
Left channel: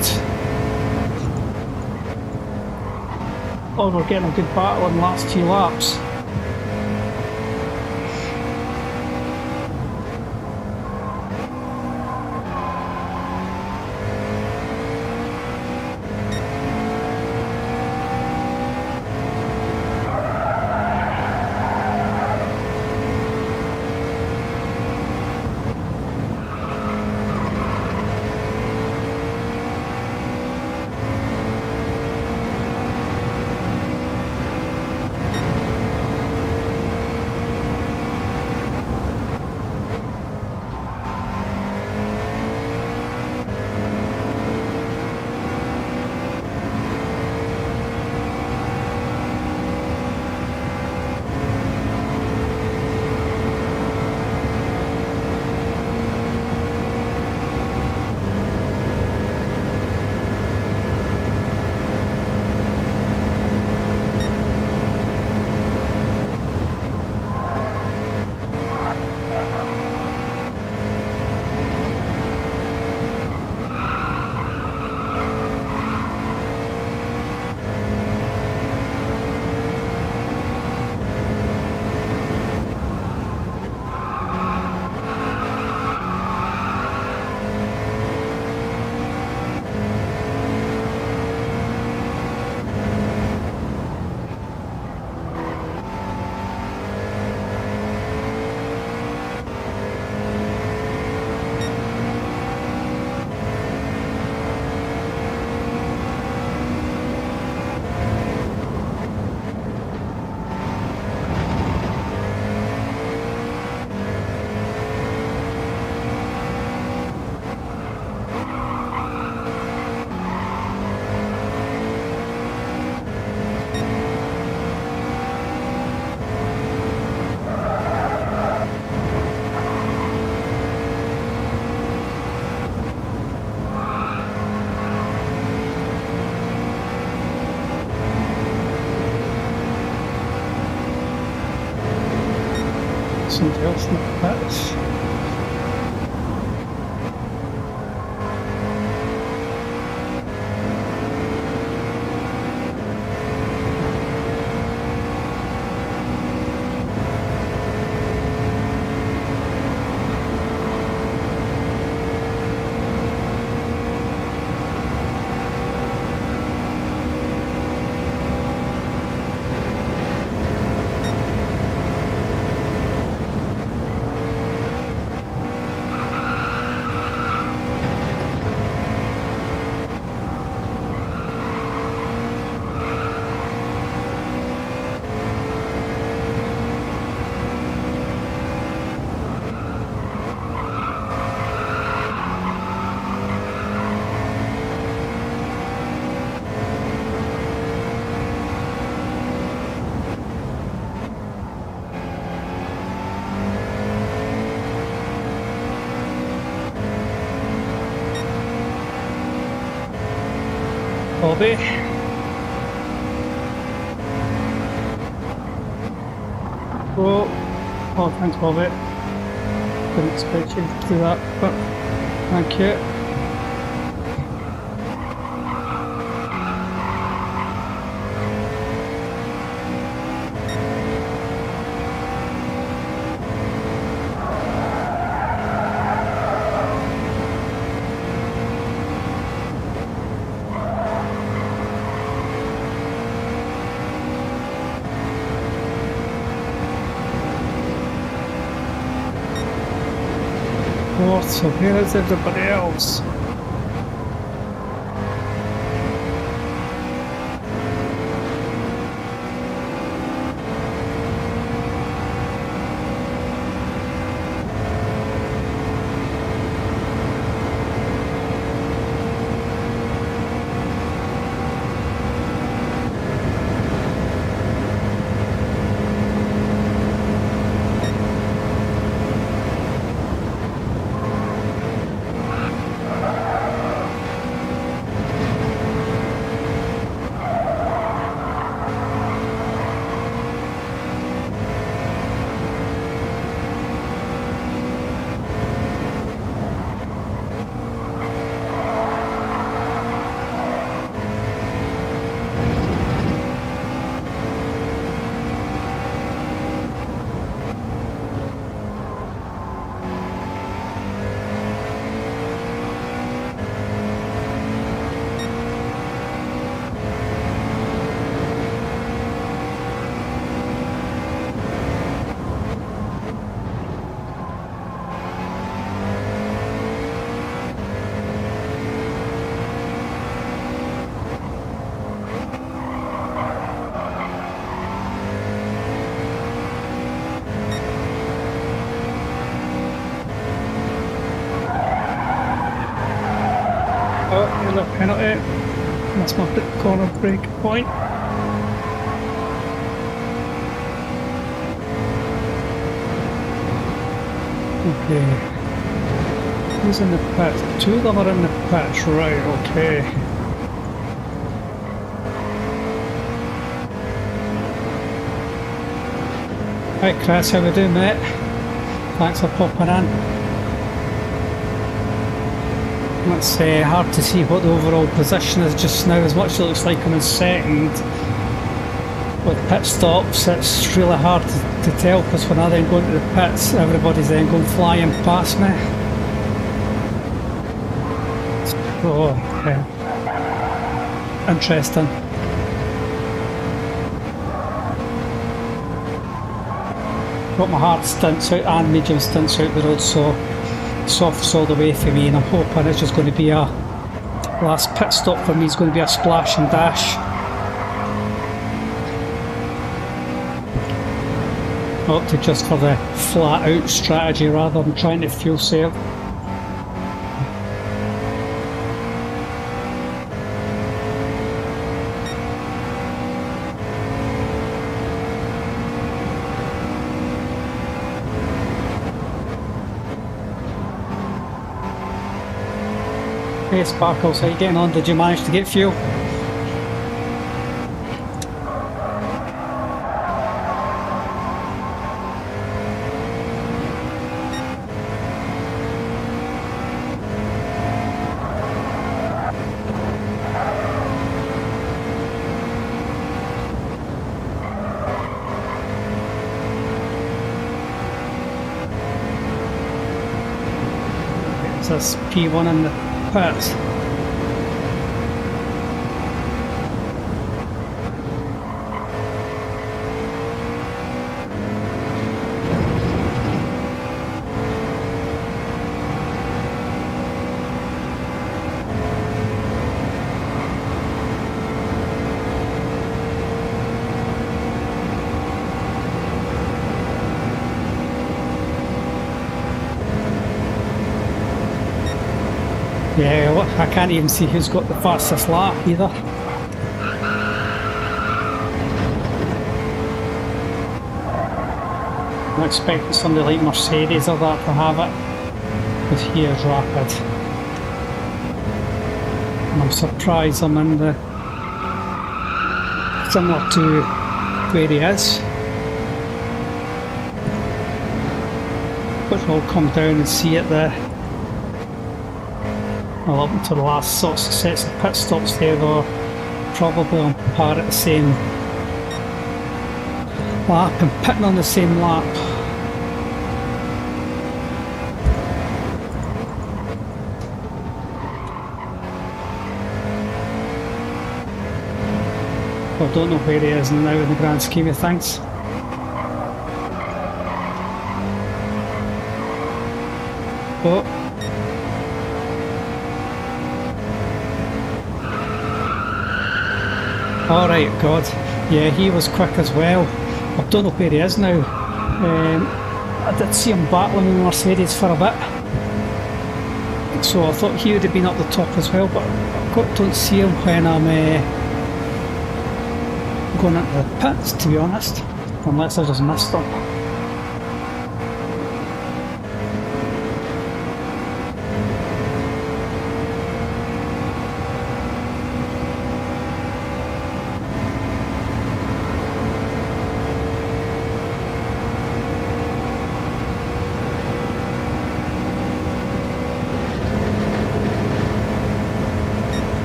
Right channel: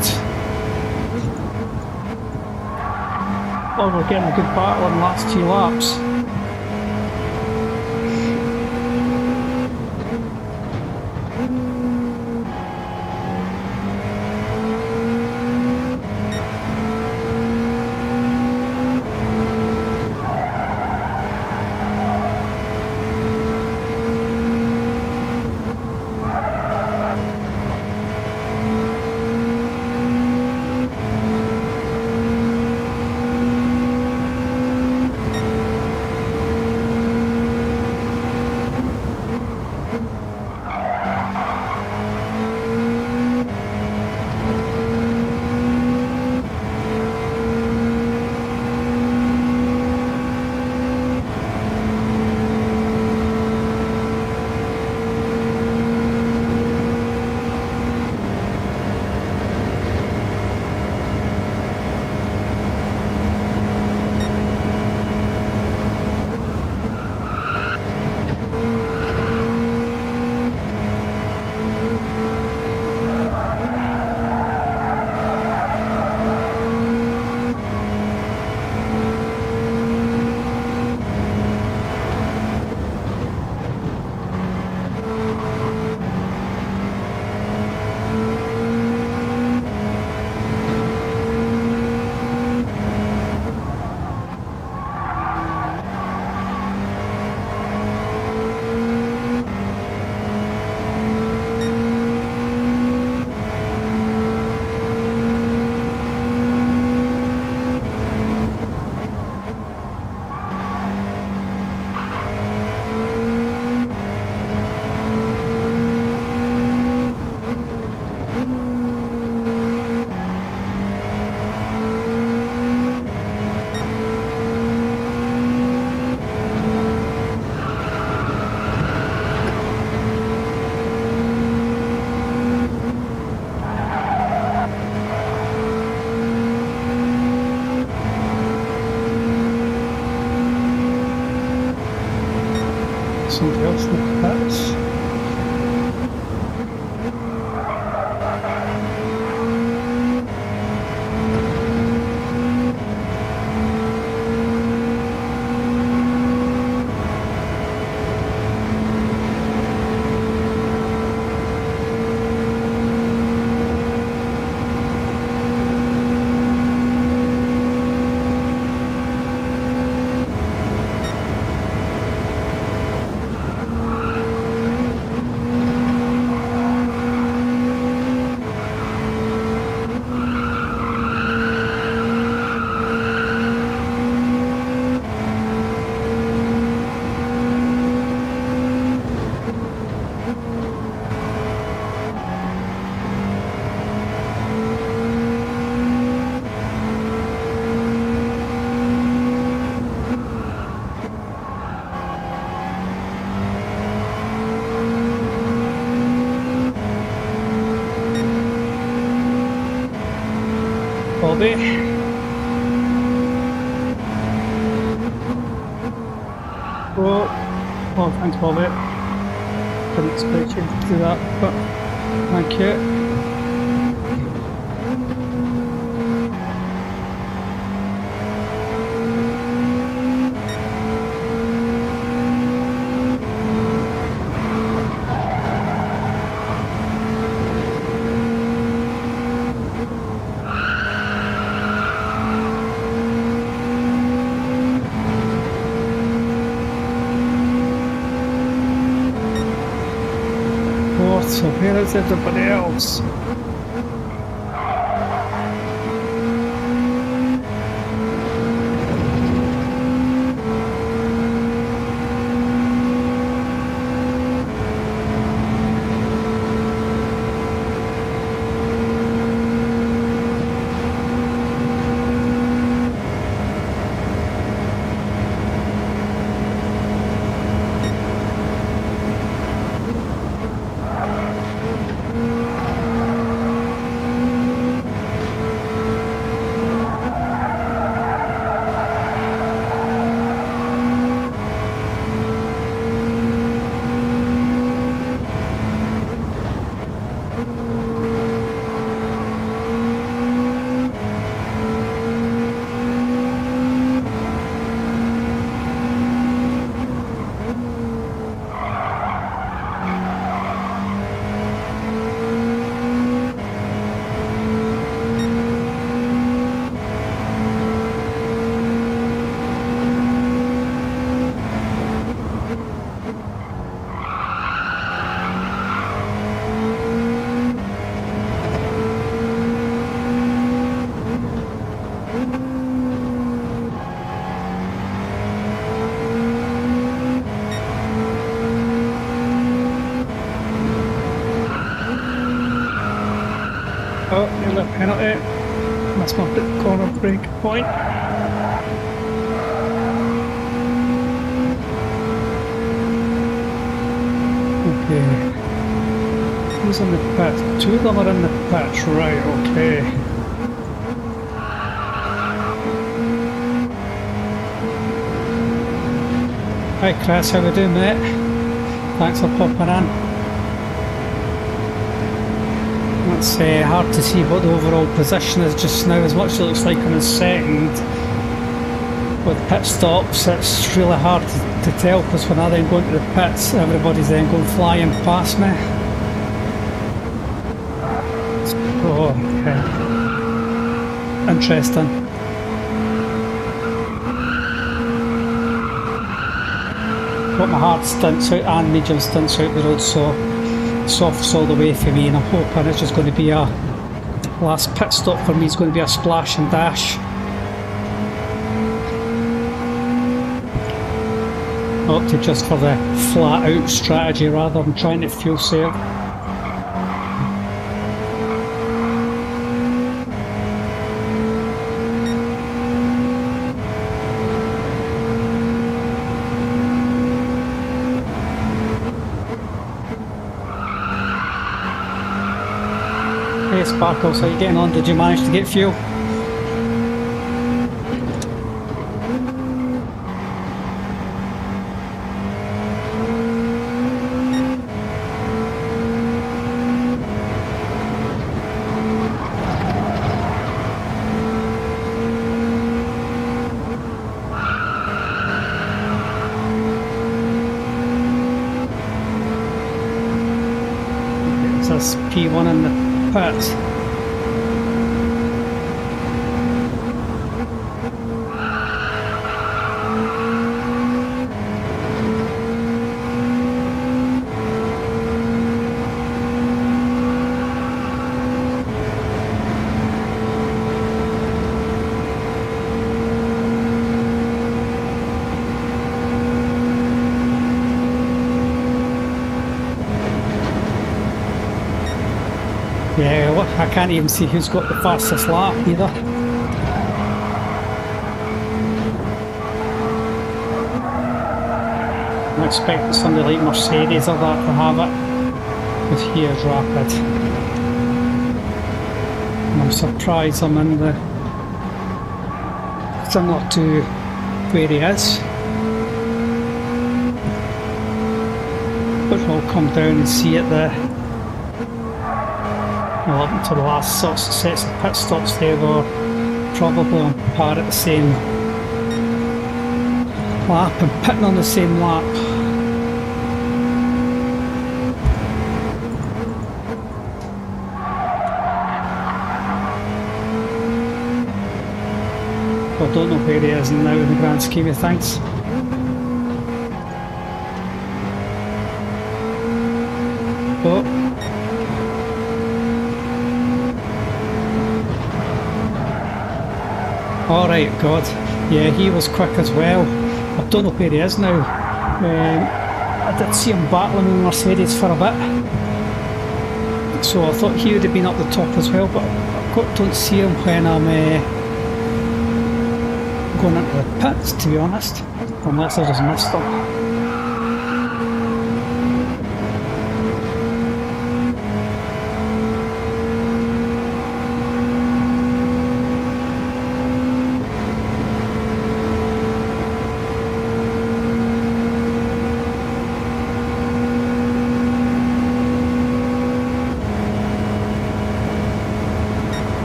Oh, we're getting a good battle in the last few laps. somebody else in the pits. Bobby. Oh, thanks Bobby. Didn't expect you to do that, but thank you. So where is everybody else? Oh, yellow penalty. Must not hit the corner break point. Okay. Who's in the pit? Two of them are in the pit, right, okay. Hi Chris, how we doing mate? Thanks for popping in. It's hard to see what the overall position is just now. As much as it looks like I'm in second with pit stops, it's really hard to tell because when I then go into the pits, everybody's then going flying past me. So, okay. Interesting. Got my hard stints out and medium stints out the road, so soft's all the way for me, and I'm hoping it's just going to be a last pit stop for me. It's going to be a splash and dash. Opted just for the flat out strategy rather than trying to fuel save. Hey Sparkles, how are you getting on? Did you manage to get fuel? Is this P1 in the pits? Yeah, look, I can't even see who's got the fastest lap either. I'm expecting somebody like Mercedes or that to have it, with here's rapid. And I'm surprised I'm in the similar to where he is. But we'll come down and see it there. Well, up until the last sorts of sets of pit stops there, they're probably on par at the same lap and pitting on the same lap. I don't know where he is now in the grand scheme of things. But alright, God, yeah, he was quick as well. I don't know where he is now. I did see him battling with Mercedes for a bit, so I thought he would have been up the top as well, but I don't see him when I'm going into the pits, to be honest, unless I just missed him.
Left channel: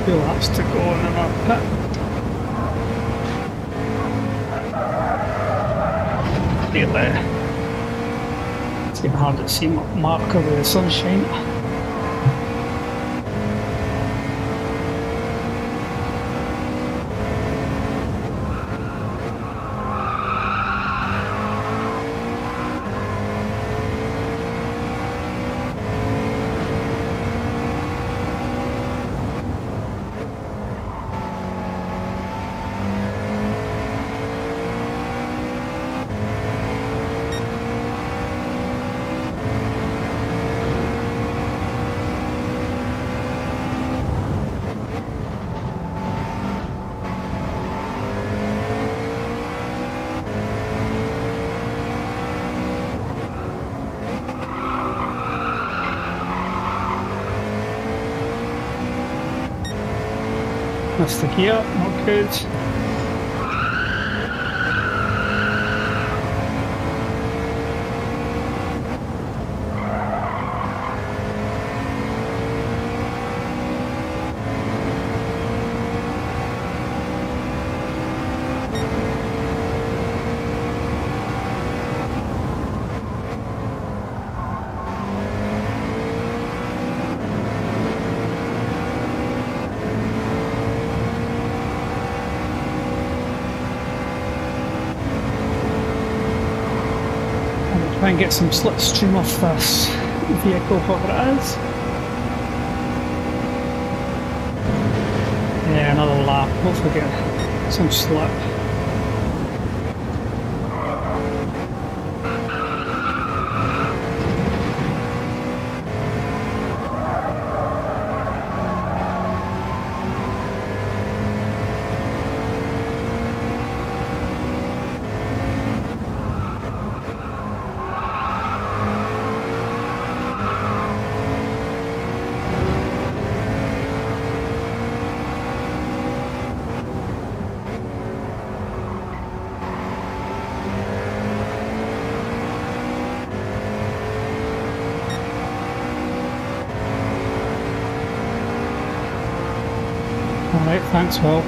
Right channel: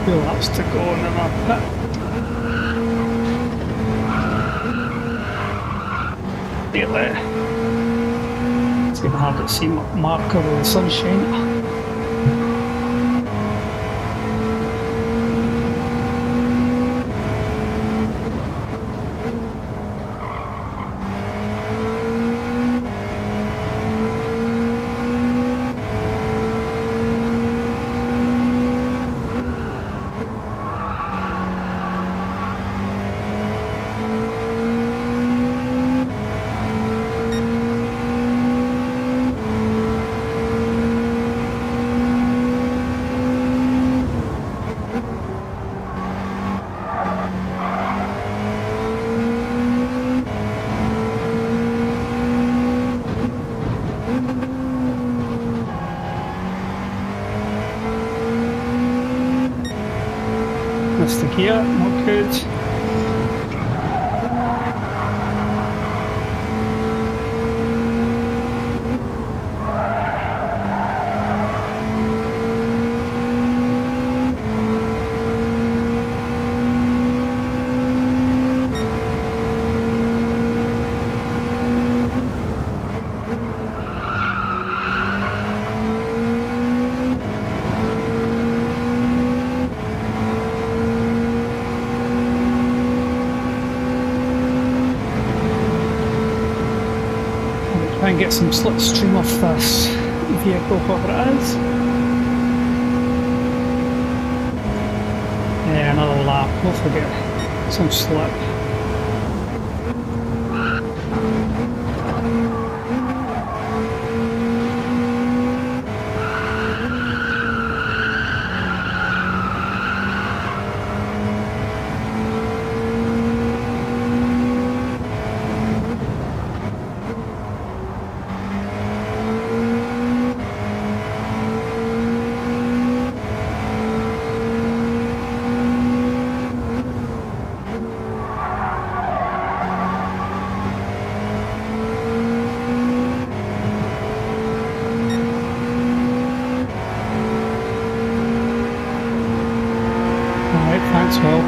Few laps to go in our pit. Really, it's getting hard to see marker with the sunshine. Missed the gear, not good. Try and get some slipstream off this vehicle, whatever it is. Yeah, another lap, hopefully get some slip. Alright, thanks, Will.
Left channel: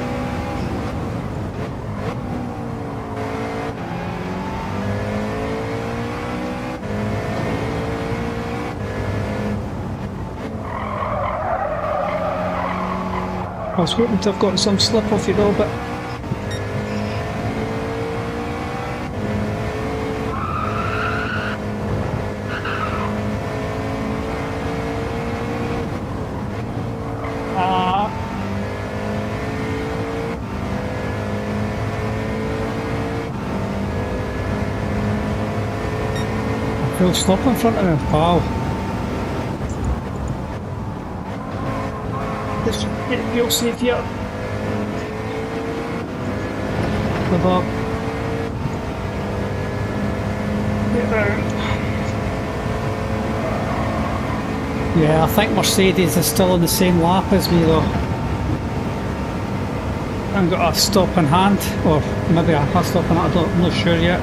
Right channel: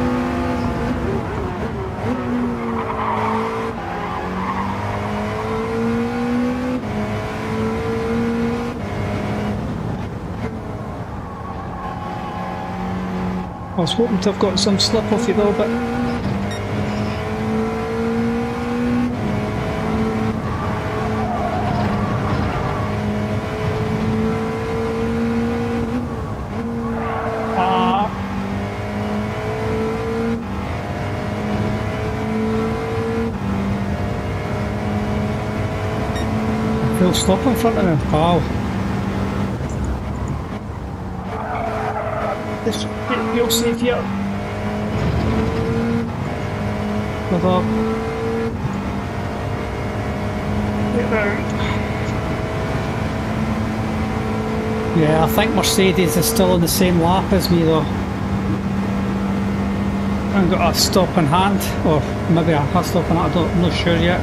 I was hoping to have got some slip off it though, but full stop in front of me. Wow. This fuel safe here. Good luck. Get round. Yeah, I think Mercedes is still on the same lap as me though. I've got a stop in hand, or maybe I have stop in hand, I'm not sure yet.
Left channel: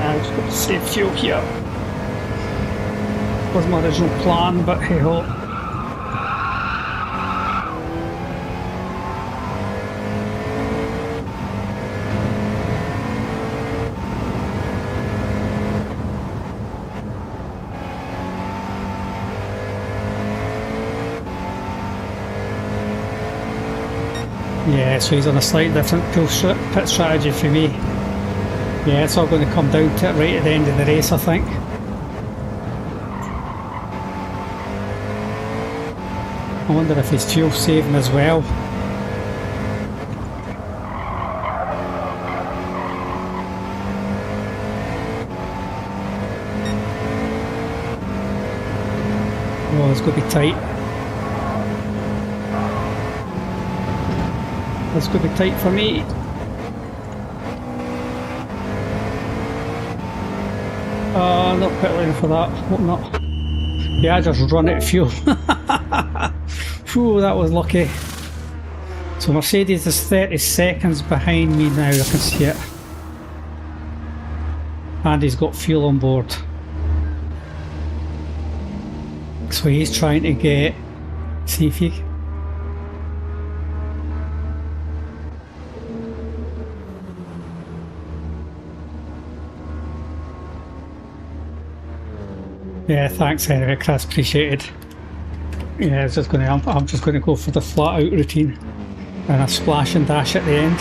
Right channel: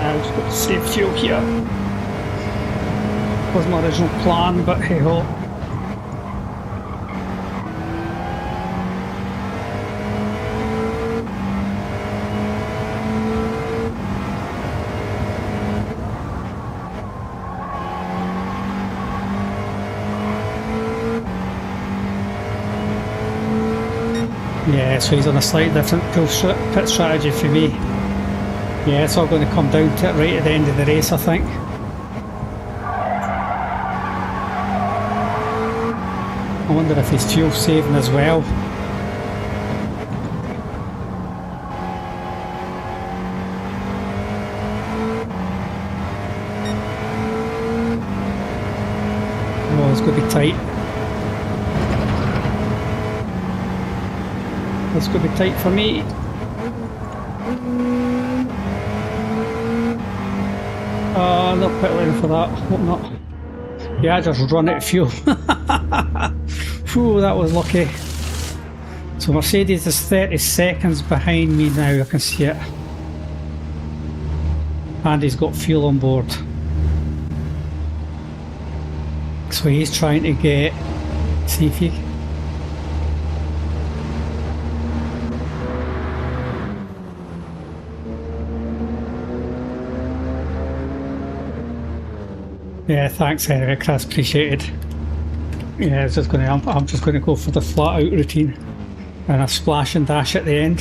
I've got to save fuel here. Wasn't my original plan, but hey ho. Yeah, so he's on a slightly different pit strategy for me. Yeah, it's all going to come down to it right at the end of the race, I think. I wonder if he's fuel saving as well. Oh, it's going to be tight. It's going to be tight for me. Not pit lane for that. Hope not. Yeah, I just run out of fuel. Whew, that was lucky. So Mercedes is 30 seconds behind me now, I can see it. And he's got fuel on board. So he's trying to get... See if he... Yeah, thanks anyway, Chris, appreciated. Yeah, it's just I'm just going to go for the flat out routine and a splash and dash at the end.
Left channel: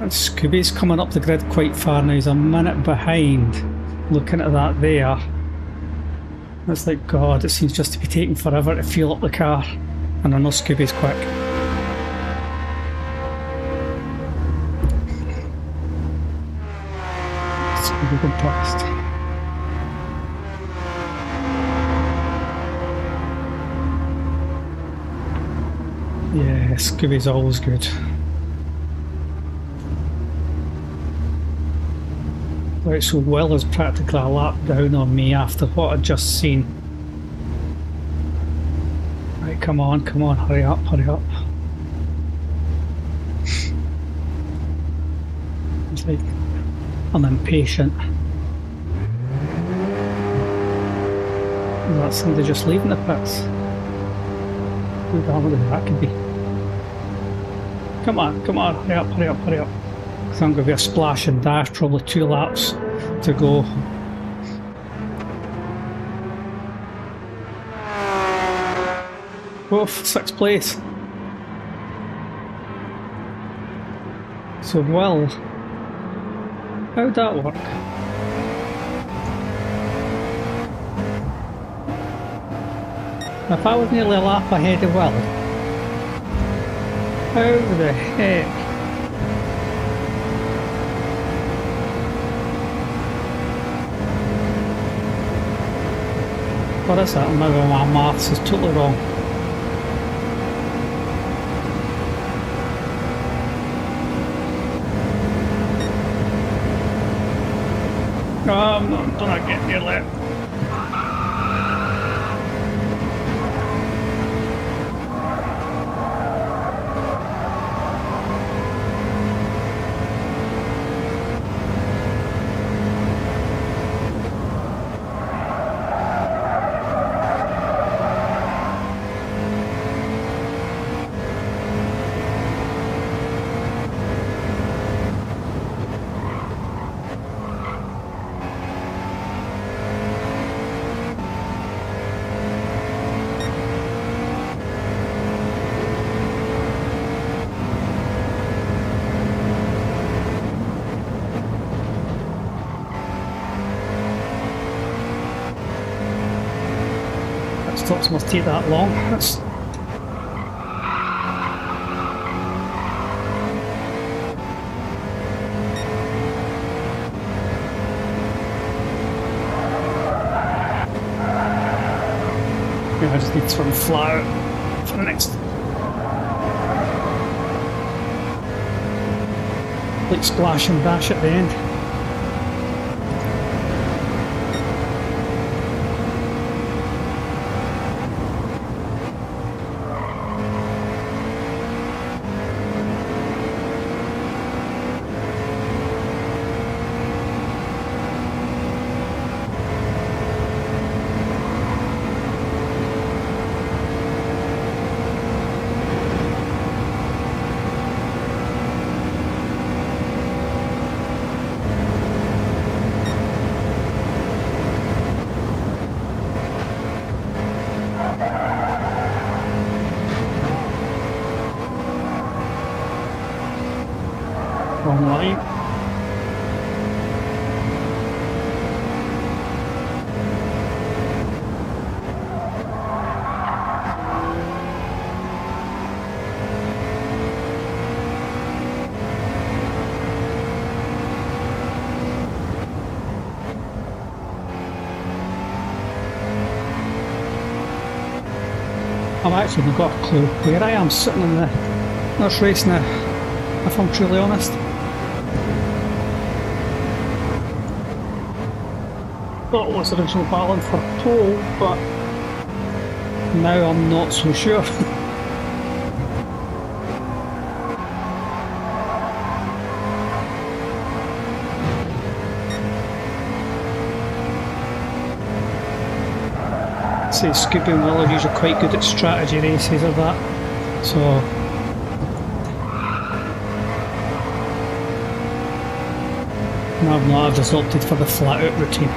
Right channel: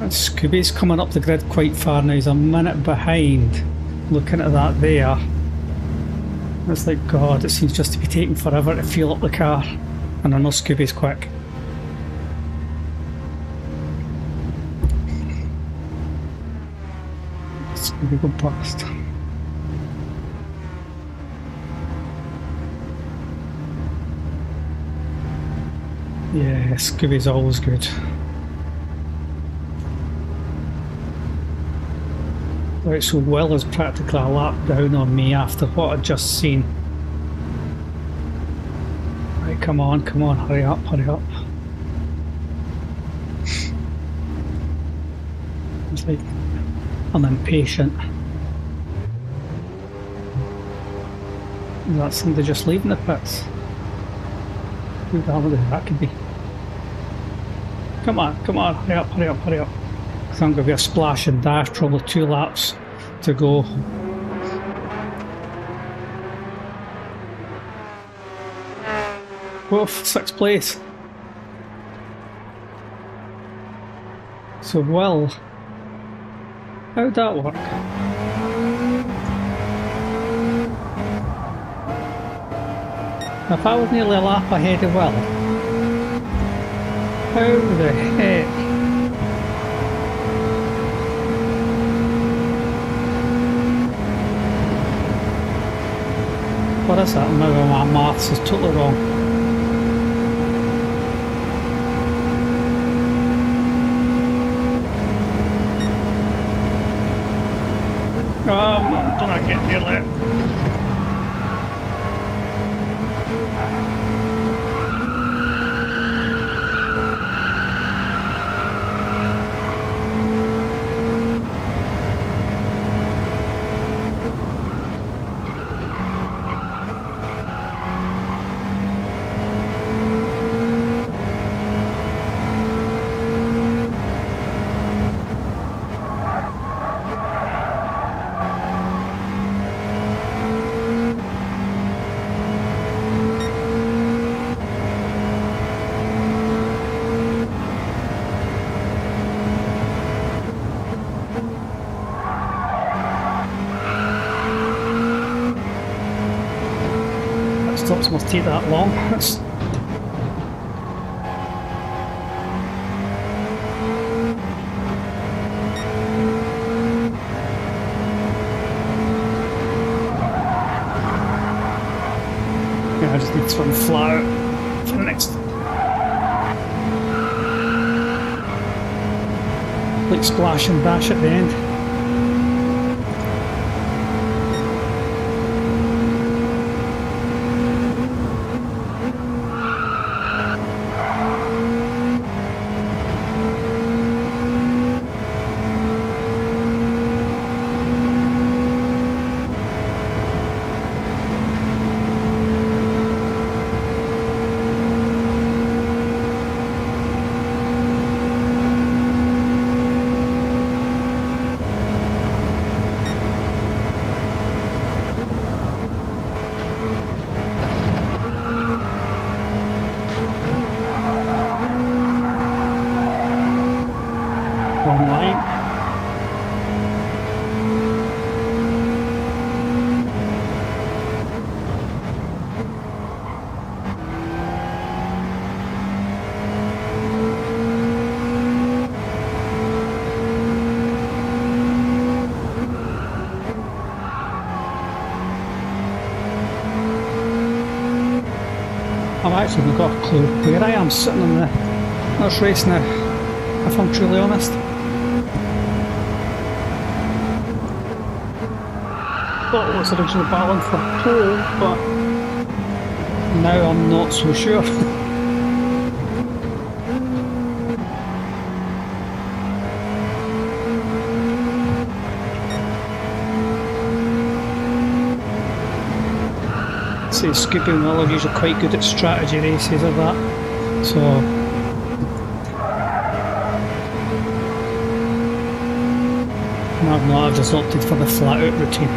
And Scooby's coming up the grid quite far now, he's a minute behind. Looking at that there, it's like, God, it seems just to be taking forever to fuel up the car, and I know Scooby's quick. We go past. Yeah, Scooby's always good. Right, so Will is practically a lap down on me after what I'd just seen. Right, come on, hurry up, hurry up. It's like I'm impatient. Is that somebody just leaving the pits? Who the hell that could be? Come on, hurry up, hurry up, hurry up. Because I'm going to be a splash and dash, probably 2 laps to go. Oof, 6th place. So Will, how'd that work? If I was nearly a lap ahead of Will, how the heck? What is that? Maybe my maths is totally wrong. I'm not getting near that. stops must take that long. That's yeah, I just need to run flat out for the next, like, splash and bash at the end. Wrong line. I've actually not got a clue where I am sitting in this race now, if I'm truly honest. Thought it was originally battling for pole, but now I'm not so sure. See, Scoopy and Will are usually quite good at strategy races or that, so no, I've just opted for the flat out routine.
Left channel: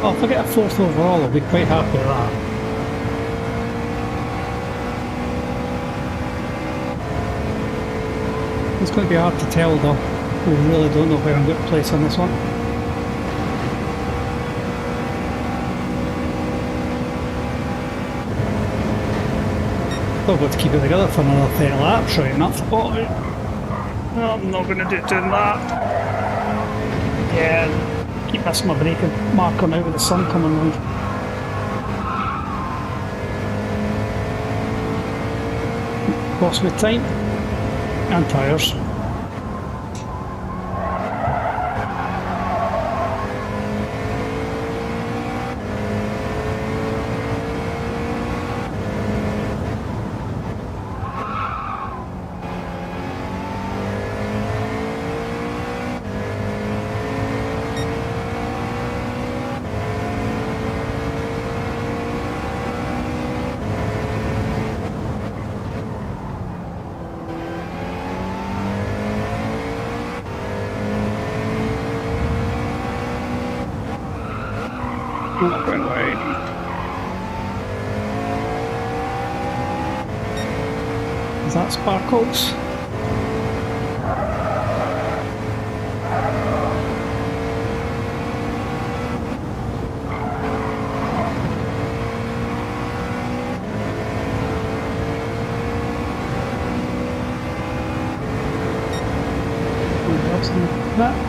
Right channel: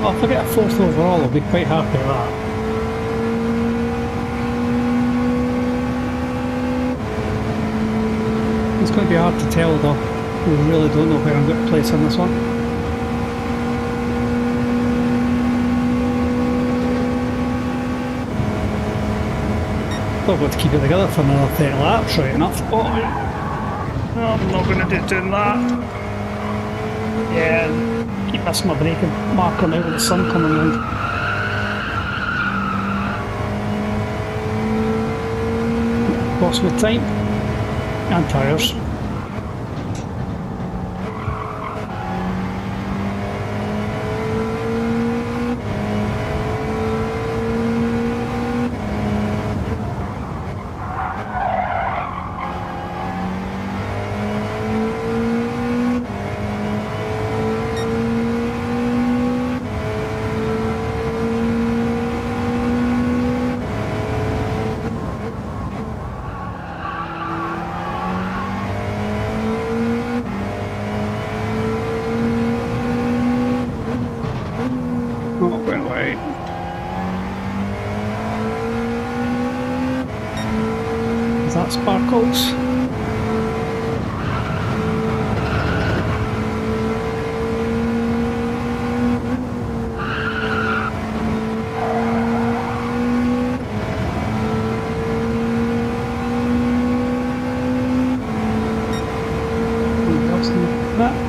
Well, if I get a 4th overall, I'll be quite happy with that. It's going to be hard to tell though. We really don't know where I'm going to place on this one. Still got to keep it together for another 30 laps, right enough. Oh, I'm not going to do doing that. Yeah. Keep missing my braking marker now with the sun coming round. Cost me time and tyres. Not going wide. Is that Sparkles? Somebody else in that?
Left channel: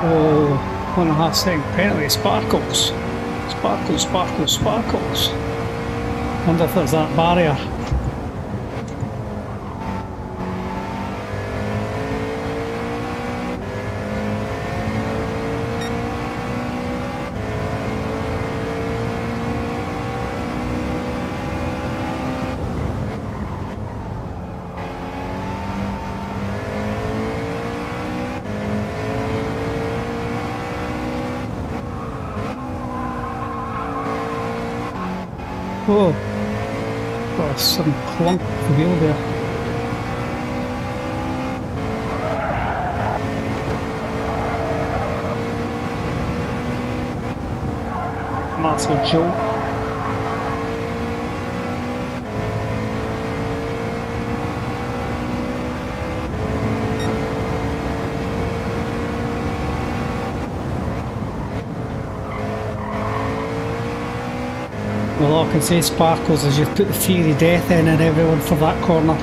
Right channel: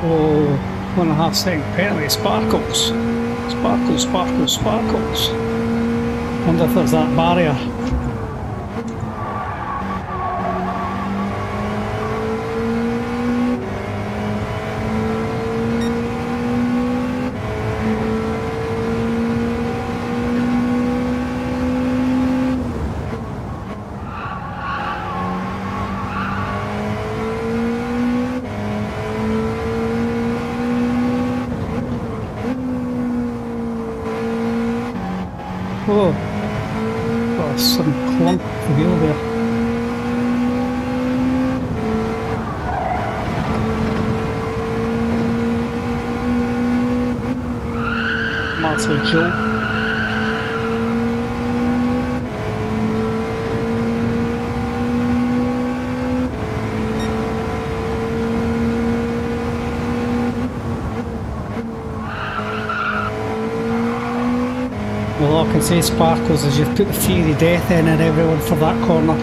Oh, 1.5 second penalty. Sparkles. Sparkles, sparkles, sparkles. Wonder if there's that barrier. Oh, got some clunk of the wheel there. Massive jolt. Well, all I can say, Sparkles, is you've put the fiery death in everyone for that corner.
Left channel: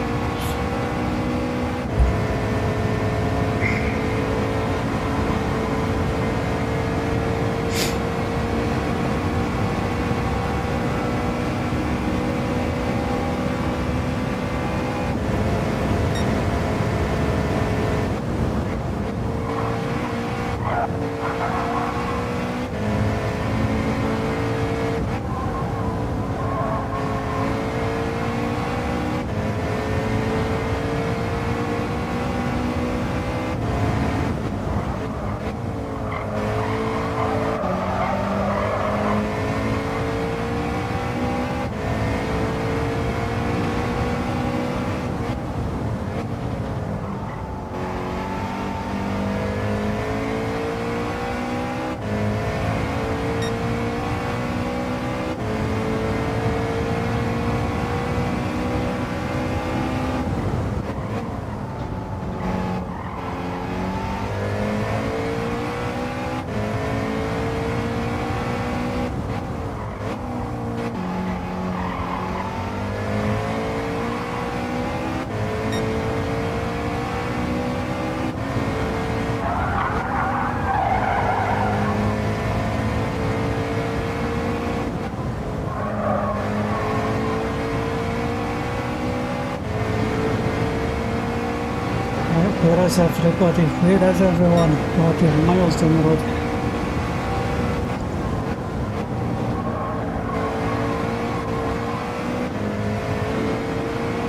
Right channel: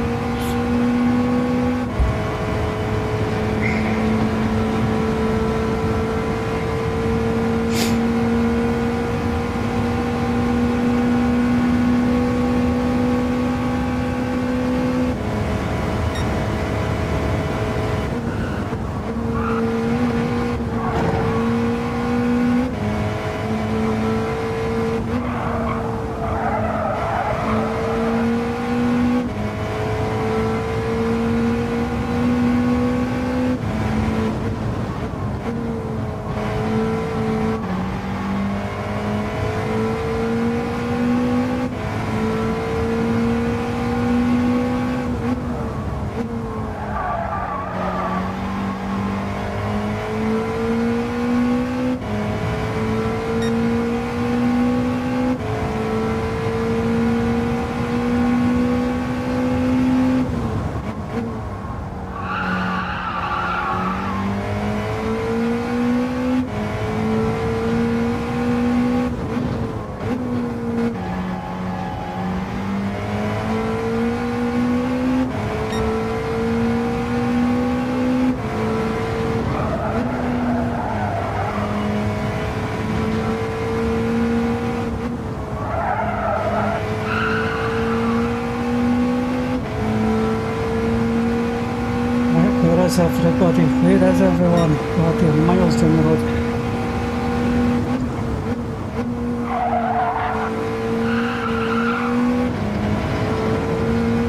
Where is everybody? Where is everyone? God, they're miles down the road.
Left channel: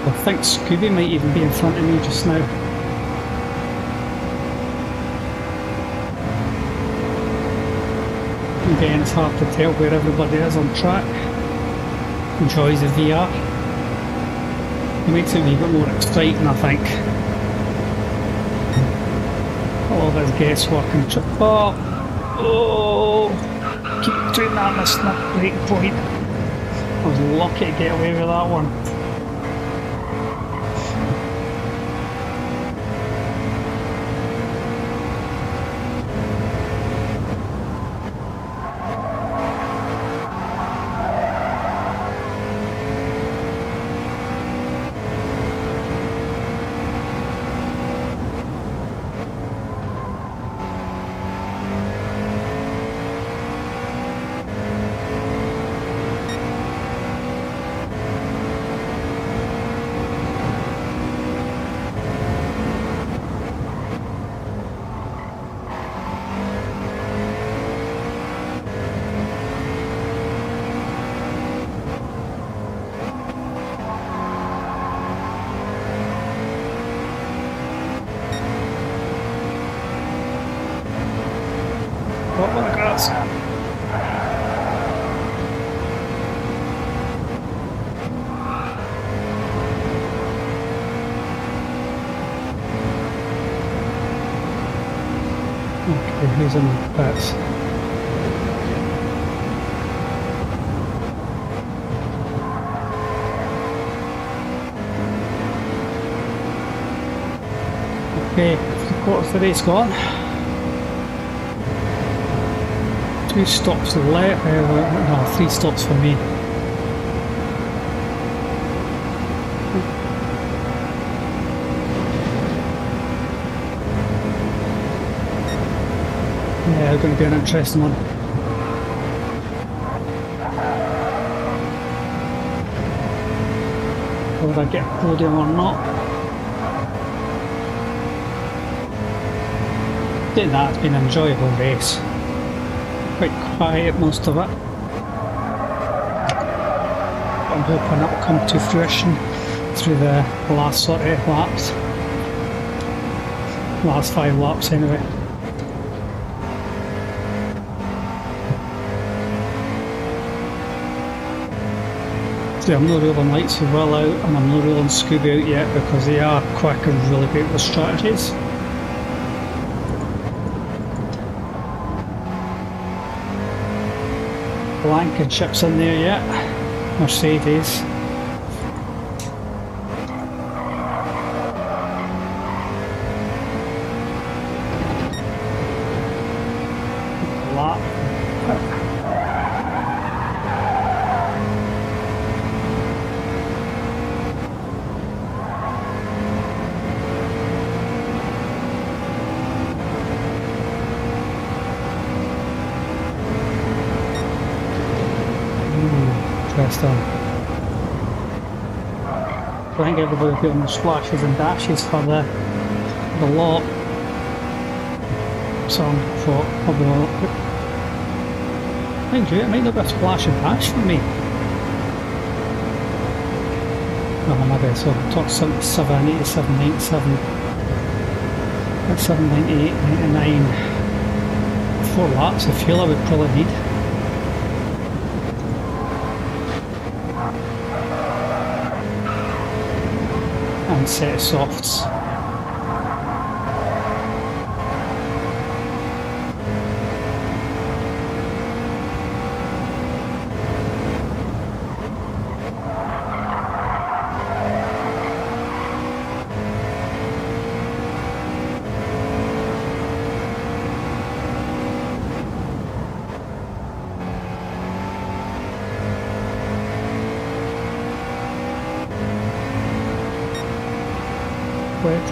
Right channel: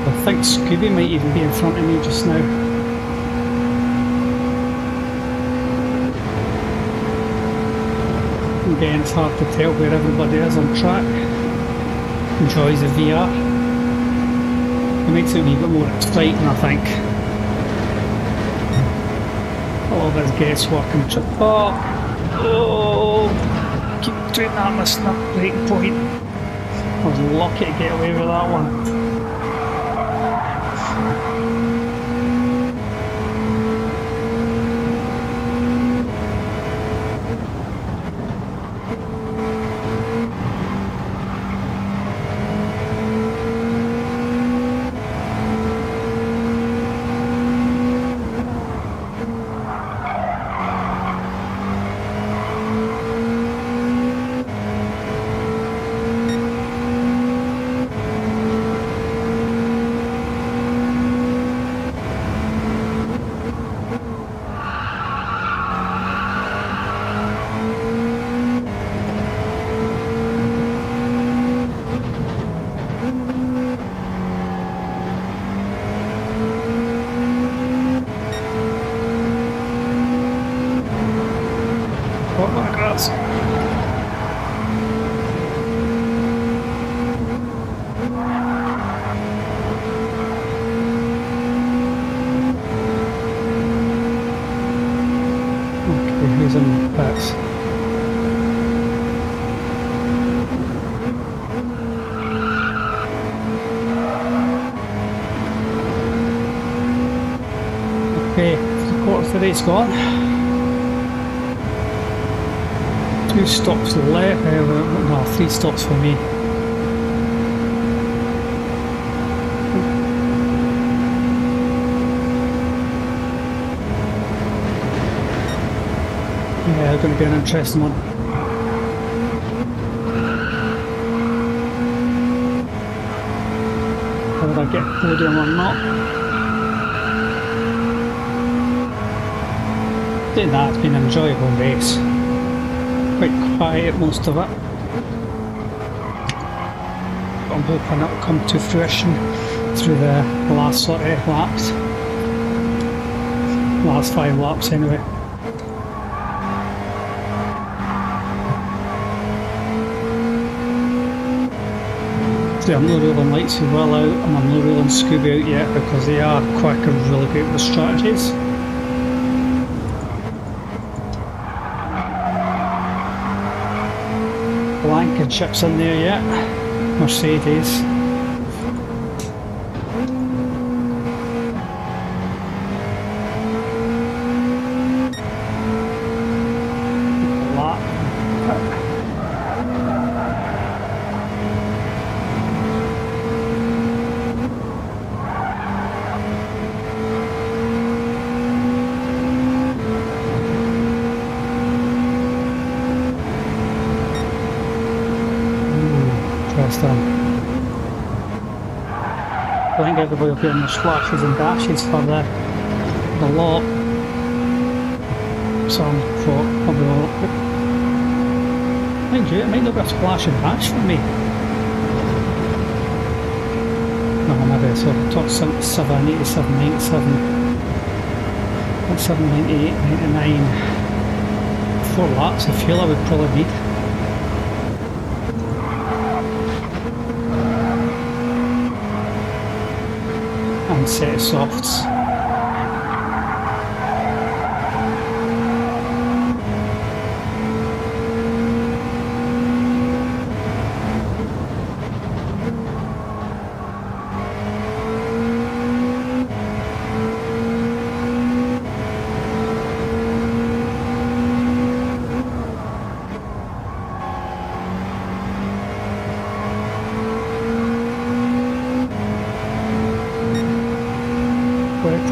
I think Scooby might even be in front of me just now. Again, it's hard to tell where everybody is on track. Enjoys the VR. It makes it a wee bit more exciting, I think. All this guesswork and keep doing that, missing that break point. I was lucky to get away with that one. What with the grass? Okay, who's in the pits? Okay, 3/4 of the race gone. 2 stops to the left, no, 3 stops for me. Yeah, it's going to be an interesting one. Whether I get a podium or not. Saying that, it's been an enjoyable race. Quite quiet most of it. I'm hoping it will come to fruition through the last sort of laps. Last 5 laps anyway. See, I'm not rolling lights as well out, and I'm not rolling Scooby out yet because they are quick and really great with strategies. Blankenship's in there yet. Mercedes. A lot. Interesting. I think everybody will be on the splashes and dashes for the lot. So I thought probably will. Mind you, it might not be a splash and dash for me. No, maybe so top 77, 87, 97, 97, 98, 99. 4 laps of fuel I would probably need. And set of softs.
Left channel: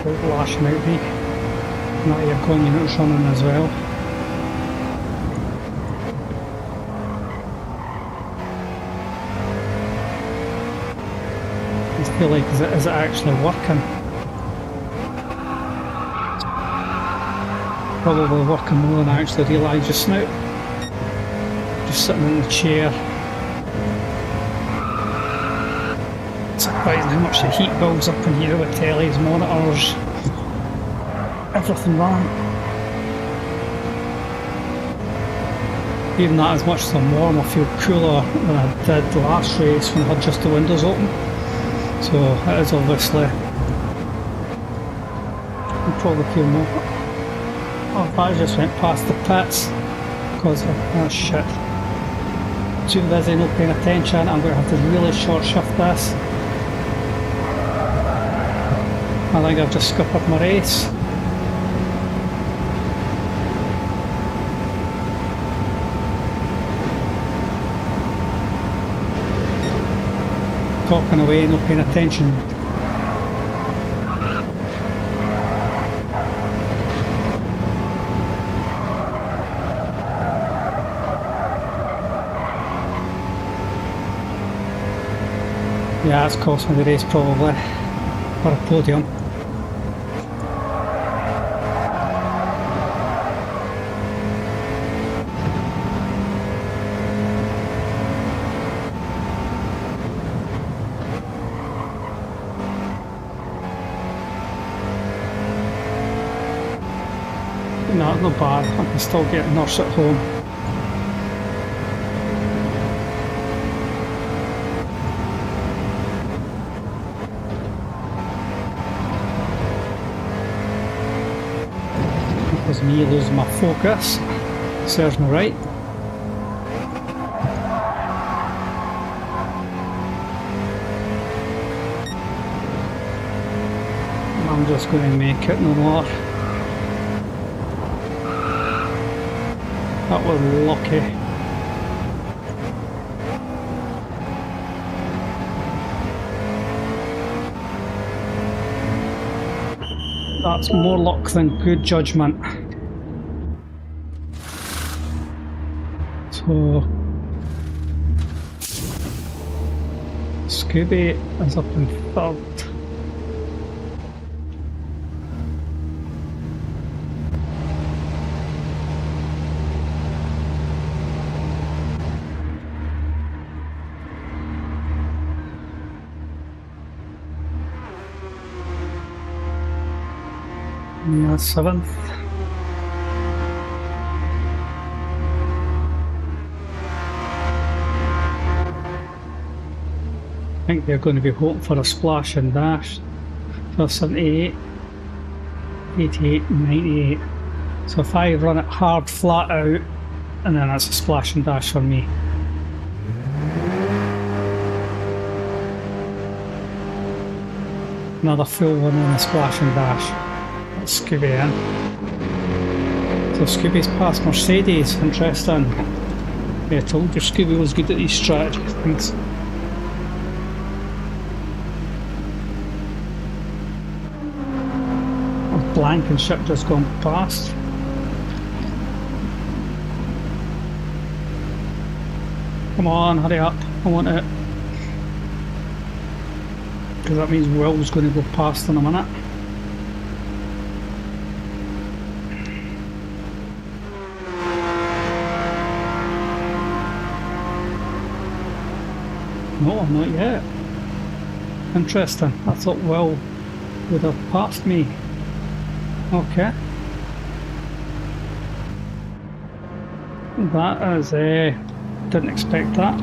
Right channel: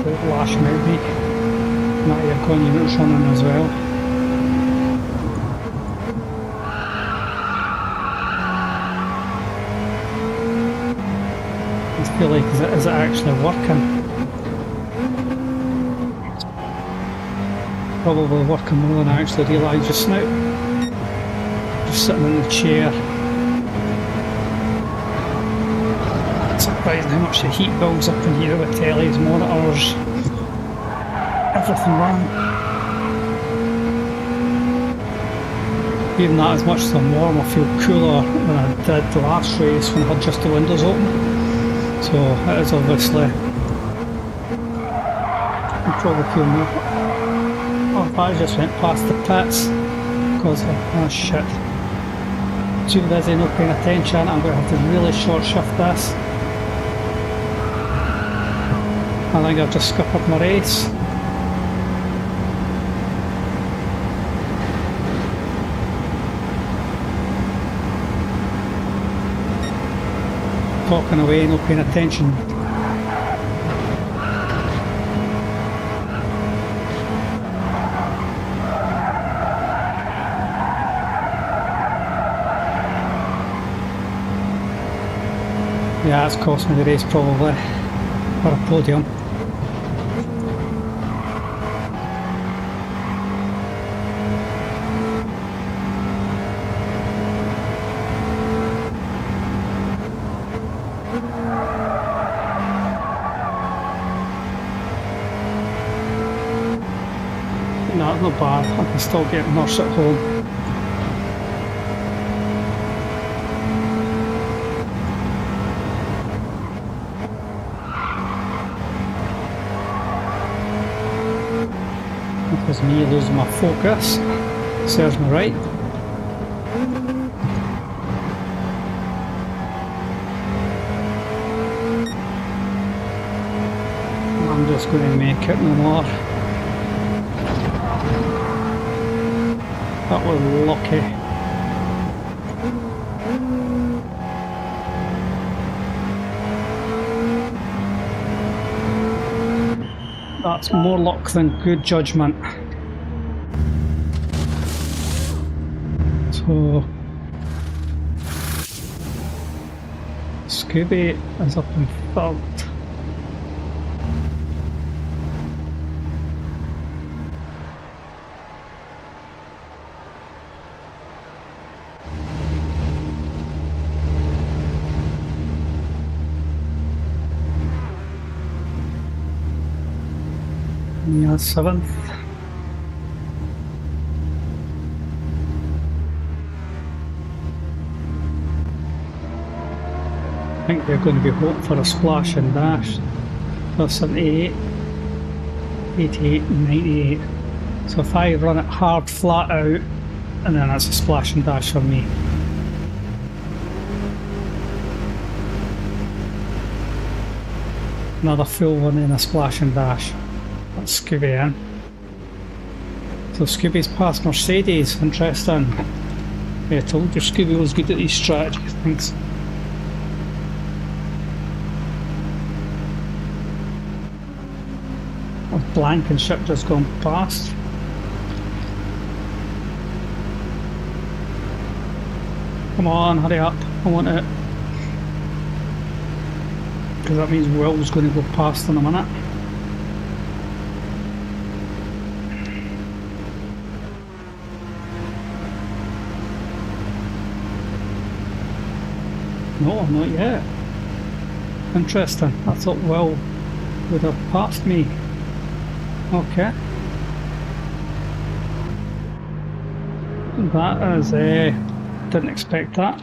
To lash him out me. Not your gun units running as well. I feel like is it actually working? Probably working more than I actually realised just now. Just sitting in the chair. Surprising how much the heat builds up in here with tellies, monitors, everything running. Even that, as much as I'm warm, I feel cooler than I did the last race when I had just the windows open. So it is obviously. I probably feel more. Oh, I just went past the pits because of, oh shit. Too busy, not paying attention. I'm going to have to really short shift this. I think I've just scuppered my race. Talking away, not paying attention. Yeah, it's cost me the race probably, or a podium. No, it's not bad. I can still get nurse at home. That was me losing my focus. Serves me right. I'm just going to make it no more. That was lucky. That's more luck than good judgment. So Scooby is up in third. Yeah, 7th. I think they're going to be hoping for a splash and dash. So 78, 88, 98. So if I run it hard, flat out, and then that's a splash and dash for me. Another full one and a splash and dash. That's Scooby in. So Scooby's past Mercedes, interesting. Yeah, I told you Scooby was good at these strategy things. Blankenship just gone past. Come on, hurry up, I want it. Because that means Will's going to go past in a minute. No, not yet. Interesting. I thought Will would have passed me. Okay. That is, didn't expect that.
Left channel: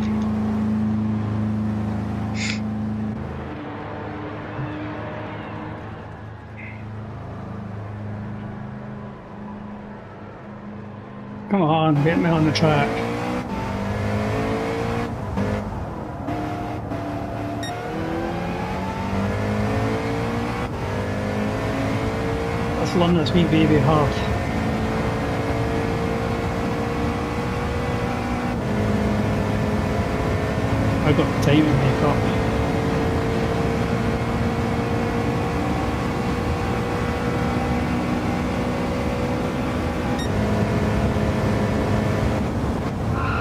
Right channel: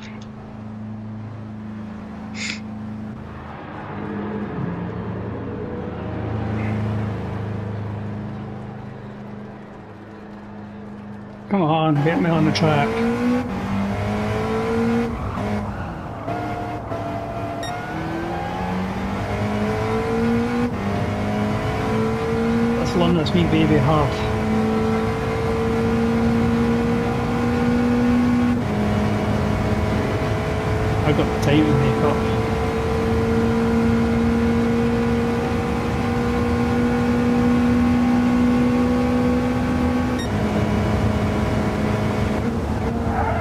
Come on, get me on the track. Let's run this wee baby hard. I got time to make up.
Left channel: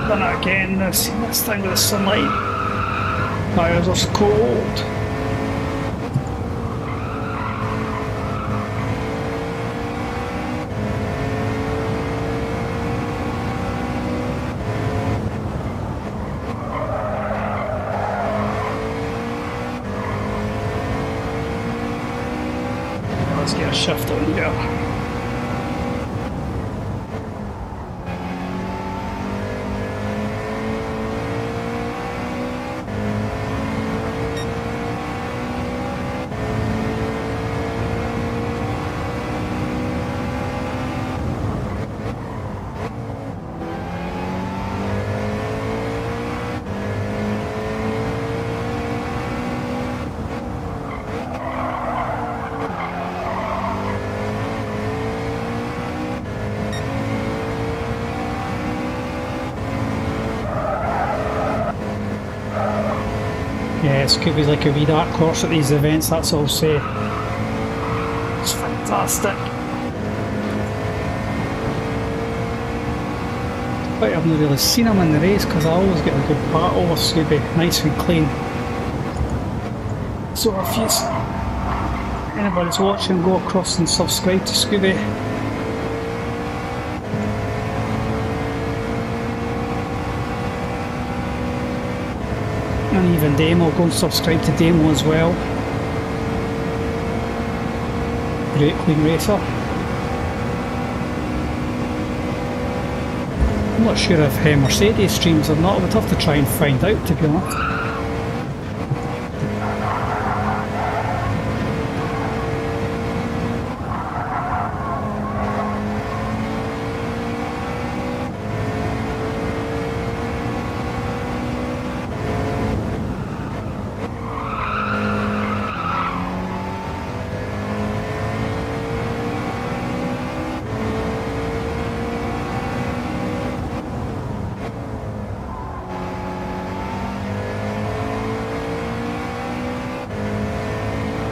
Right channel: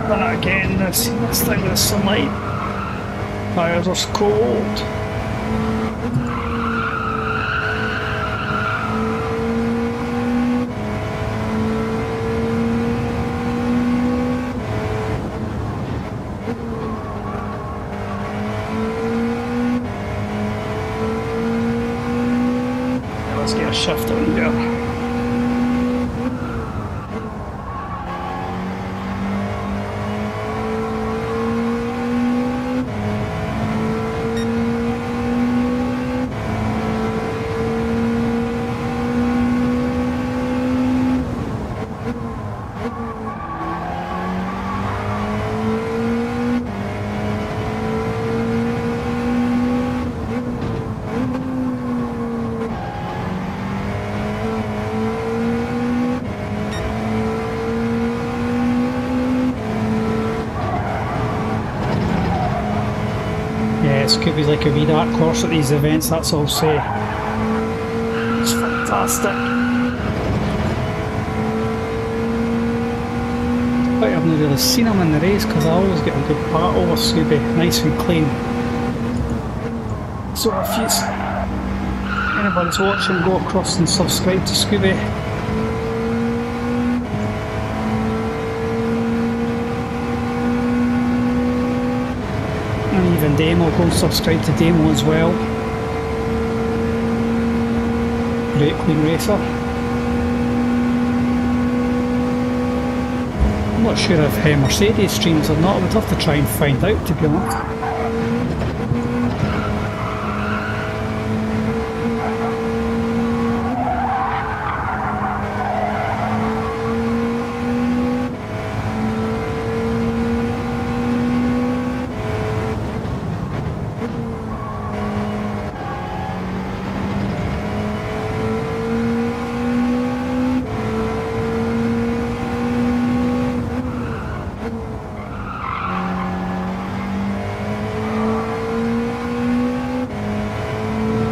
Done it again, this thing with the sunlight. Tires are cold. Let's get a shift on here. Yeah, Scooby's like a wee dark horse at these events, that's all I'll say. It's fantastic. But I've not really seen him in the race because I always get a good battle with Scooby, nice and clean. So if anybody's watching, go across and subscribe to Scooby. And even Demo, go and subscribe to Demo as well. Great clean racer. I'm not sure if Mercedes streams or not. I would have to try and find out, to be honest.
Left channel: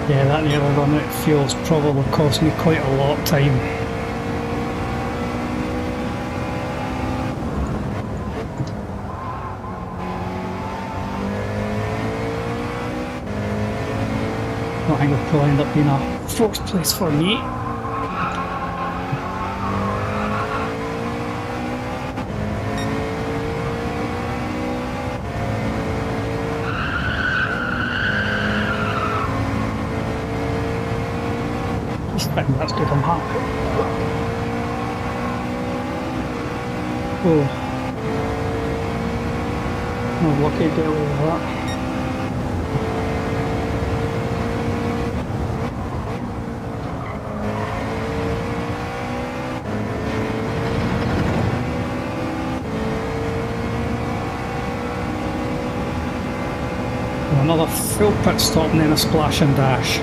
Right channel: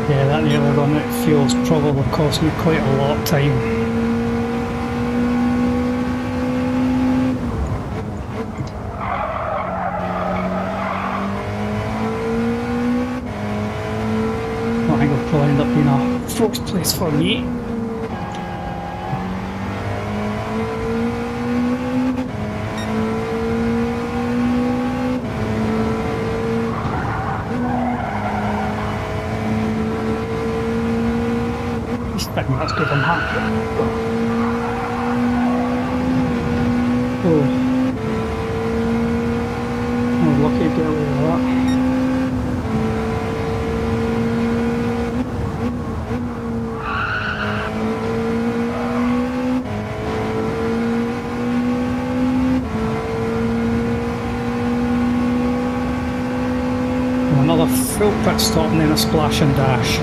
Yeah, that nearly run out of fuel's probably cost me quite a lot of time. I think it'll probably end up being a fourth place for me. I think that's good, I'm happy. Oh. Oh, lucky to get away with that. Oh, another full pit stop and then a splash and dash.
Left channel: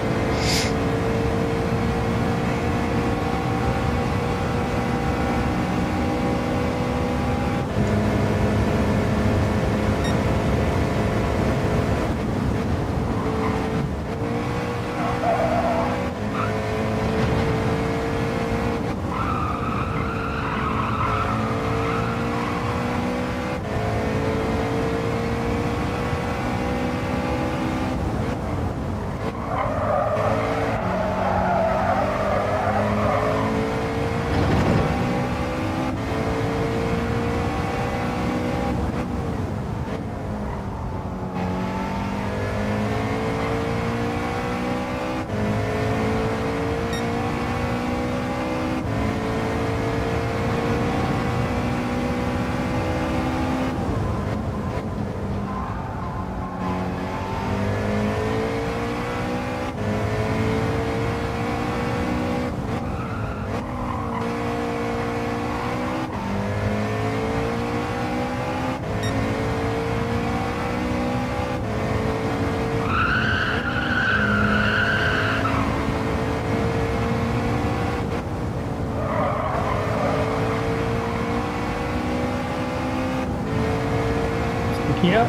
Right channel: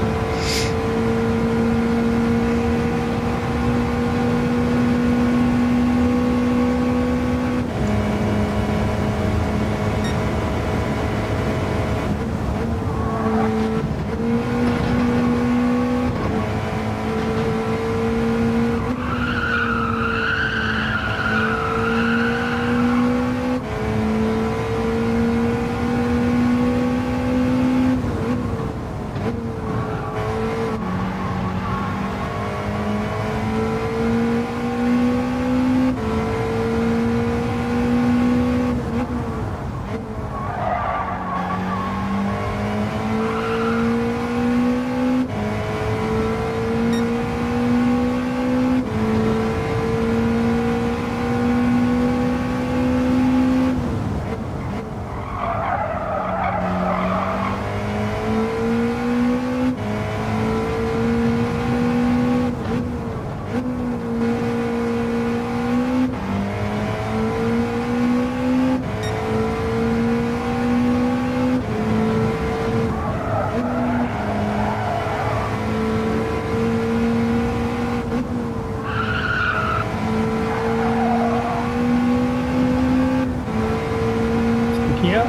Here,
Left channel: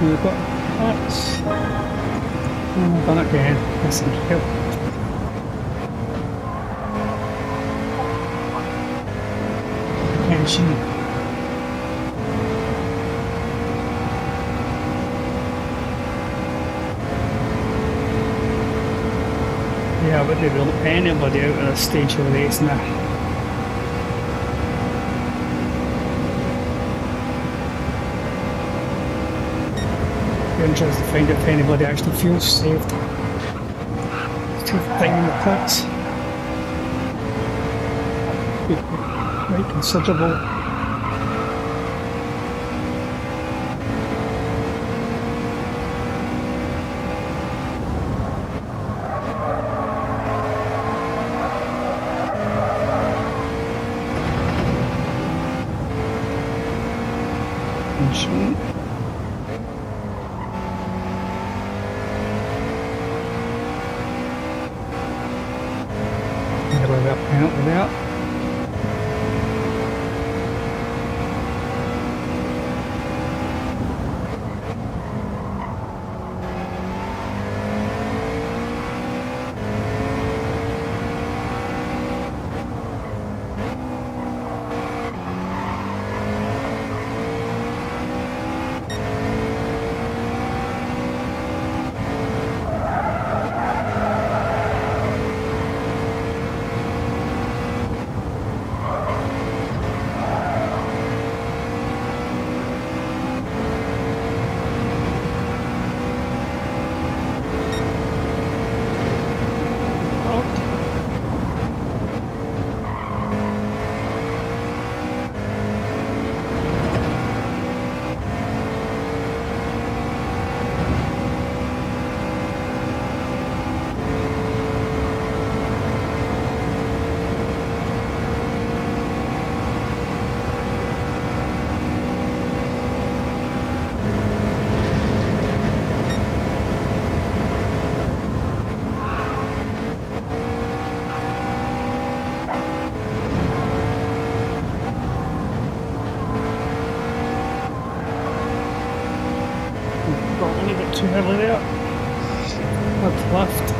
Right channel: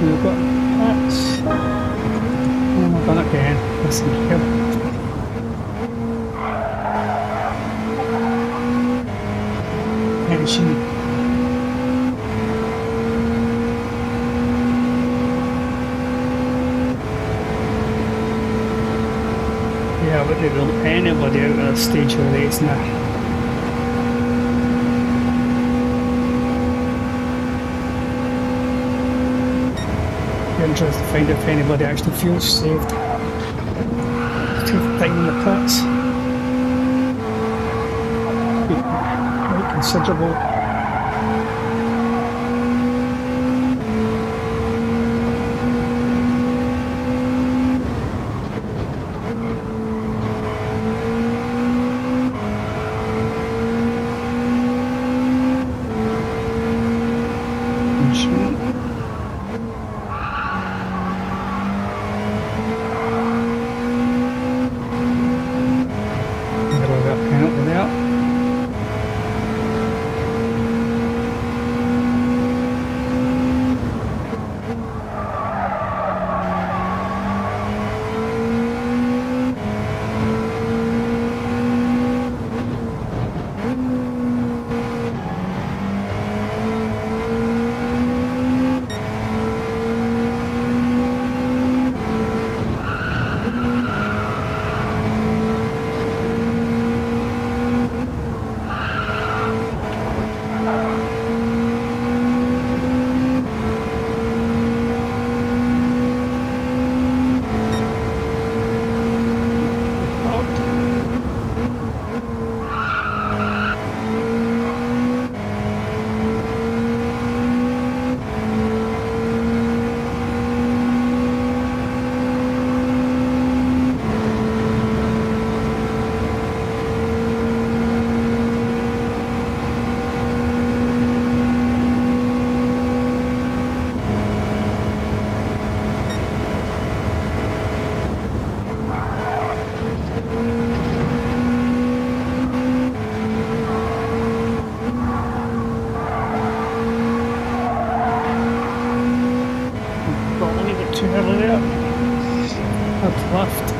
we've got that, and I've done it again, listen here. Tension. Yeah, I wouldn't rule anybody out at this stage of the race now. Interested to find out if anybody actually feels saved. Take time in the pits. Be quite considerable. Penalty there. too early there. Up left.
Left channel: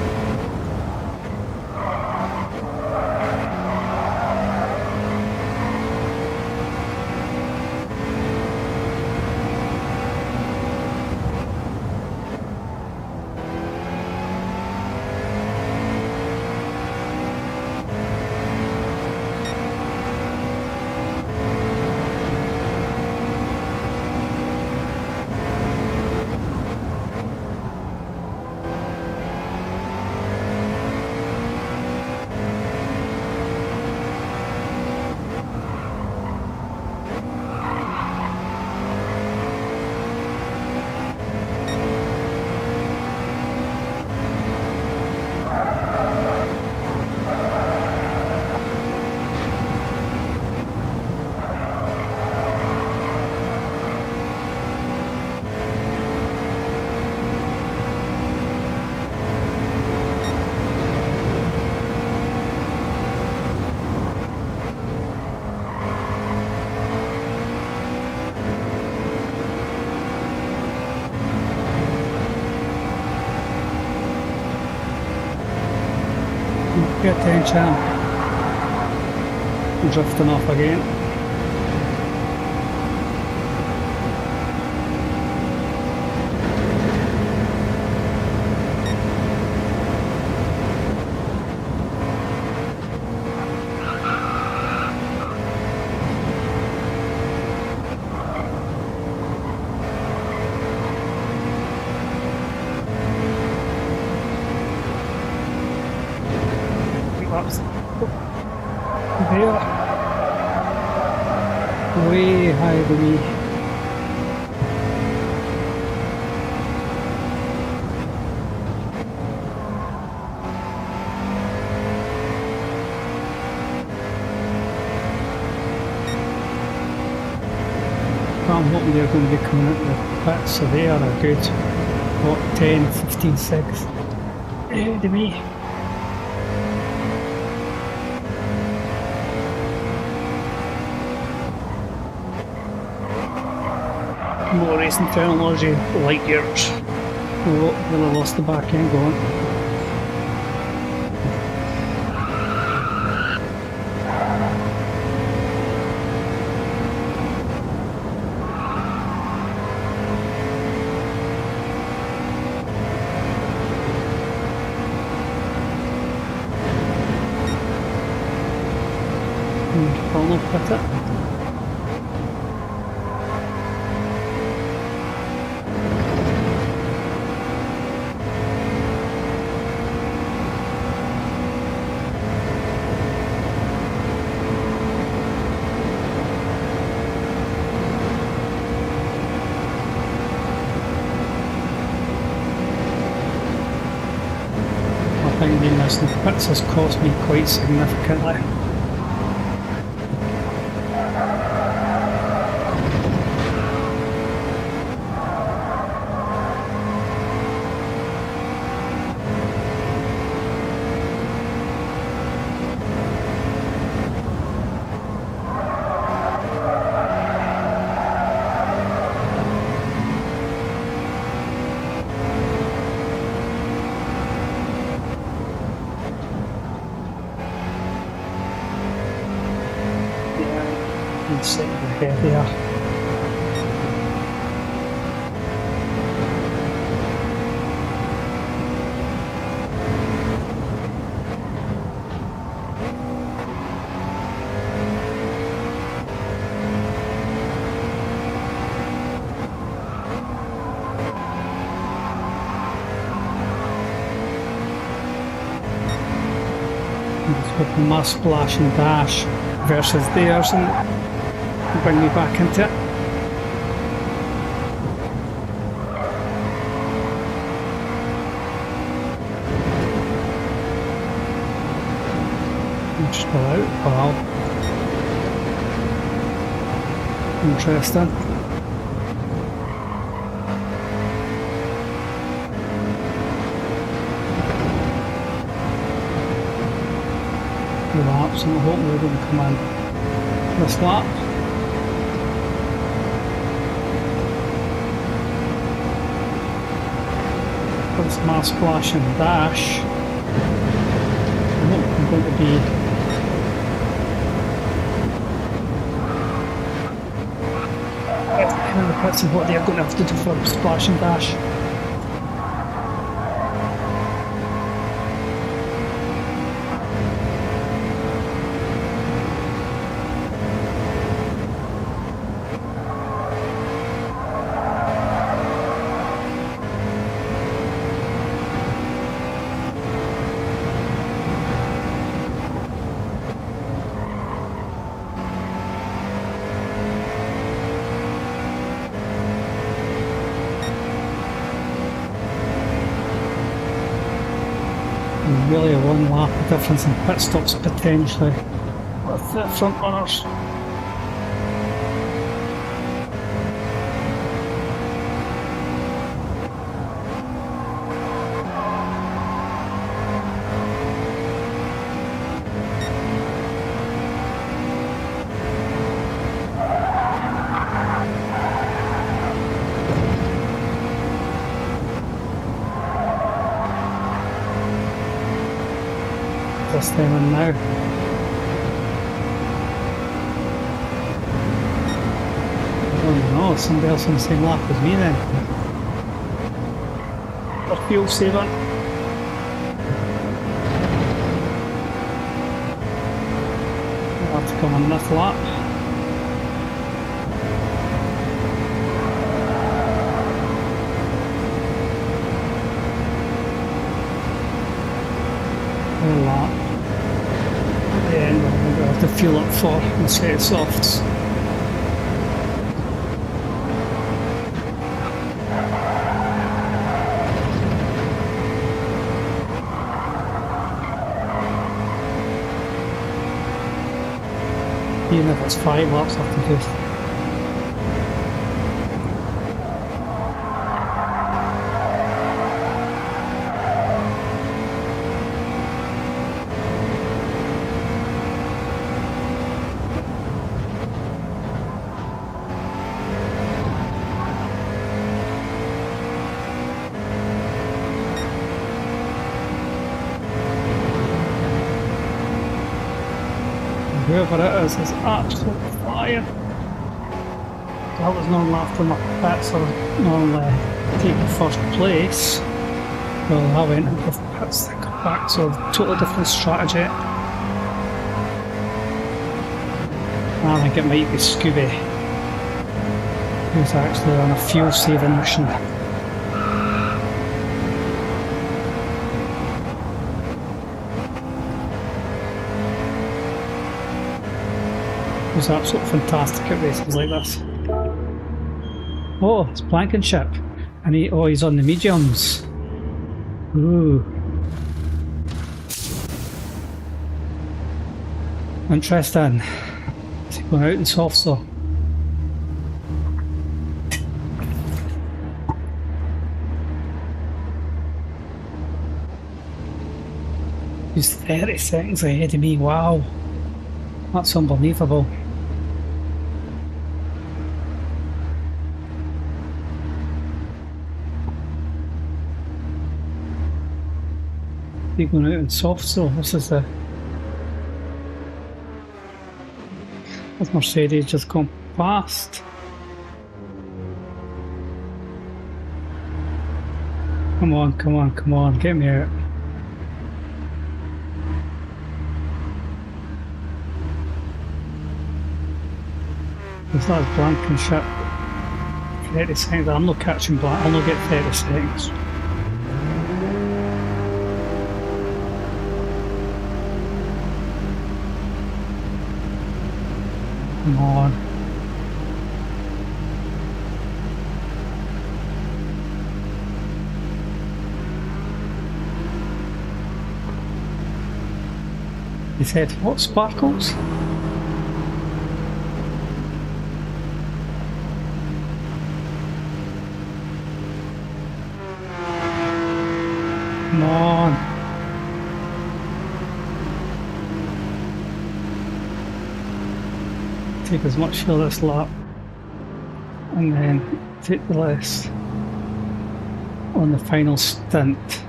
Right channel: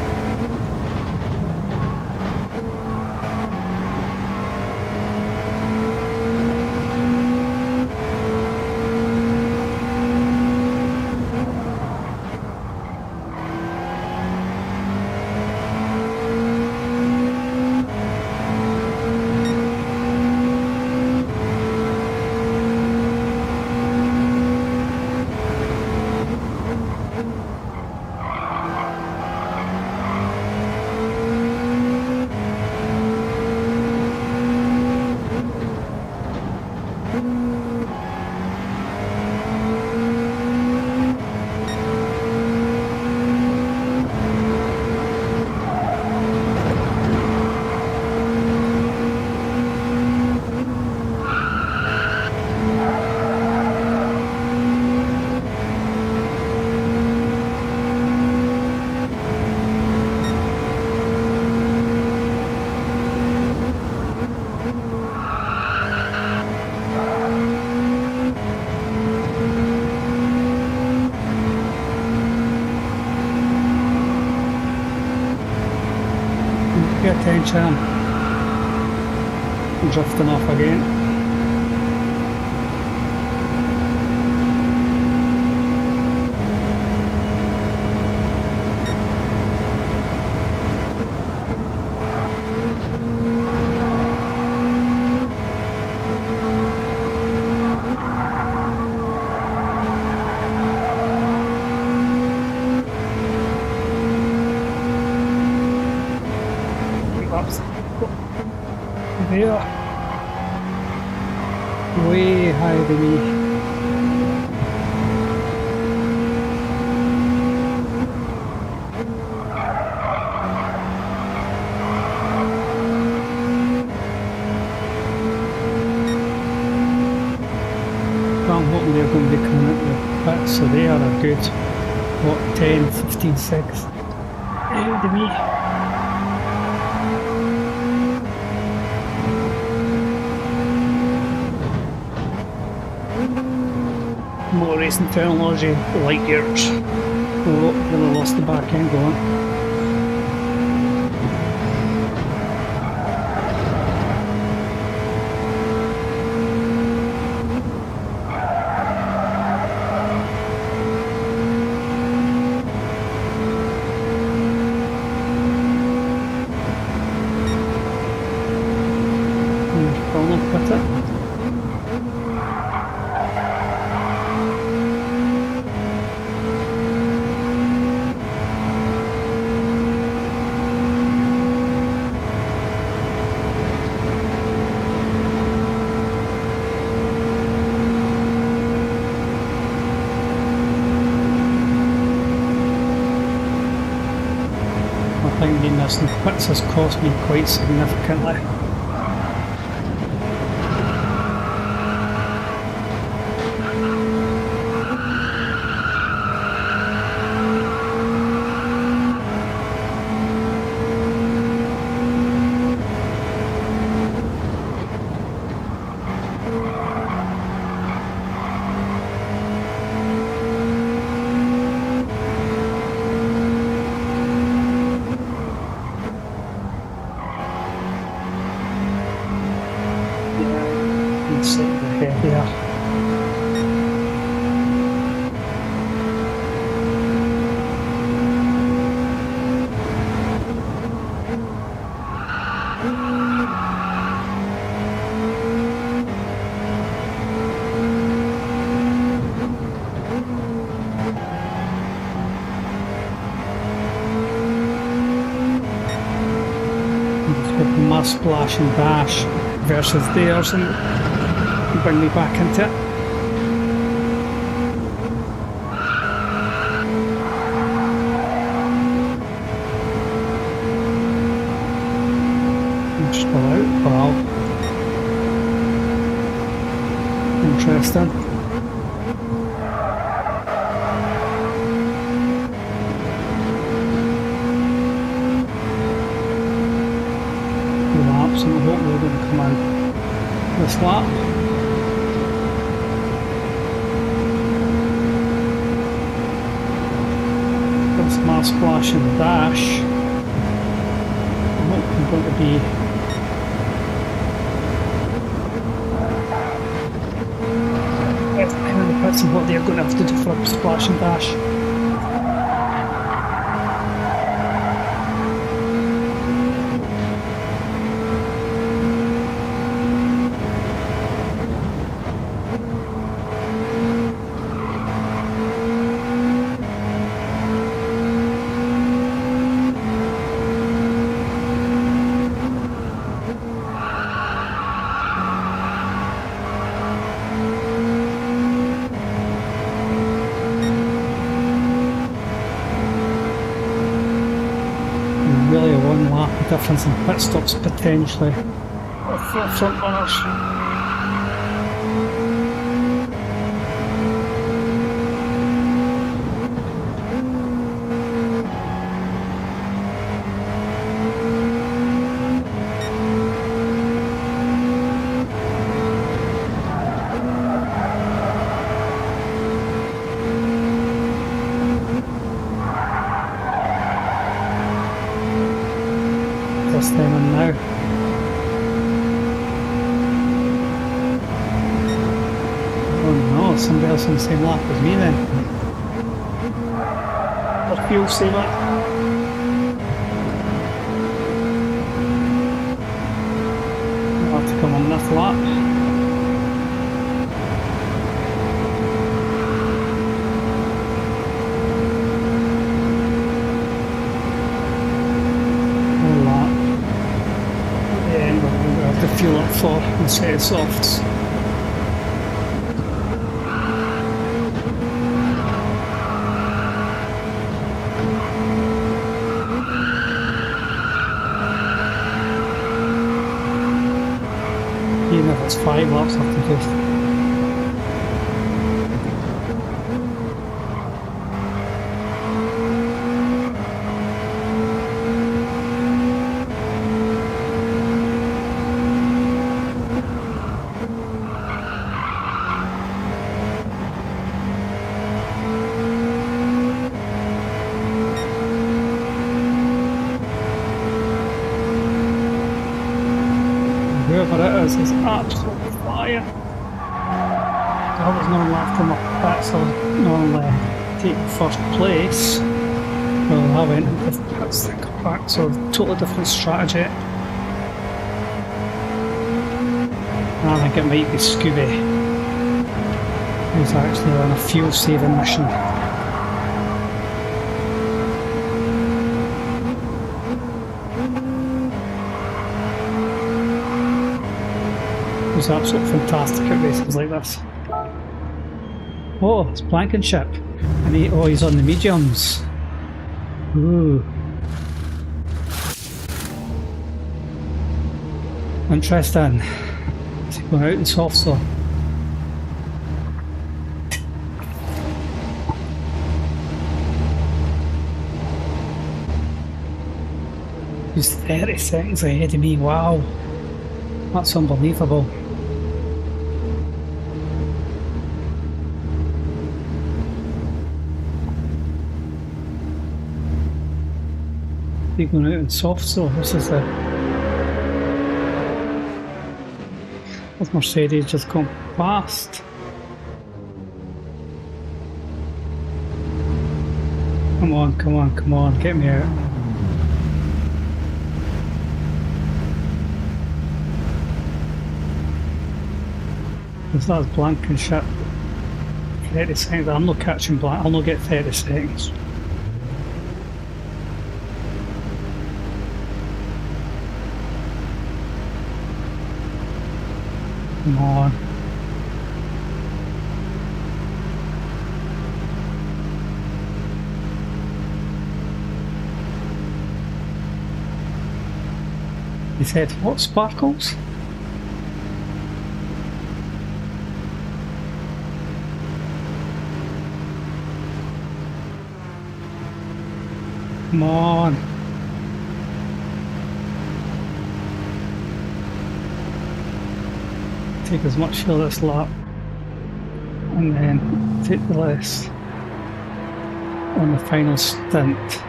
Pay attention. I'm drifting off again. There, way higher than me. But I'm hoping they're going to be coming out the pits, so they are a good, what, 10, 15 seconds ahead of me. More racing technology, light years. Oh, really lost the back end going. I'll not put it. I think being missing pits has cost me quite significantly. Inside the head there. It's got my splash and dash versus theirs, and bring me back into it. Just pull out. Wow. Interesting. Laps, and I hope they're going to come in this lap. That's my splash and dash. I'm not going to be in the pits and what they're going to have to do for a splash and dash. Really a one lap difference in pit stops potentially for front runners. This time in now. Oh no, somebody else on the same lap as me then. Or fuel saver. I'll have to come on this lap. To fuel up for and set of softs. Even if it's 5 laps, I have to just whoever it is absolutely flying. I was normally after my pits, I was normally taking first place. Well, I went into the pits to come back, so totally different strategy. I think it might be Scooby, who's actually on a fuel saving mission. He's absolutely fantastic at races like this. Oh, it's Blankenship. And he's on the mediums. Ooh. Interesting. Is he going out in softs though? He's 30 seconds ahead of me, wow. That's unbelievable. He's going out in softs though, this is the... This Mercedes just gone past. Come on, come on, come on, get me out. Because that's Blankenship. 30 seconds, I'm not catching Blank, I'll not get 30 seconds. Come on. He said, what, Sparkles? Come on. Take as much for this lap and then take the less. on the final stint.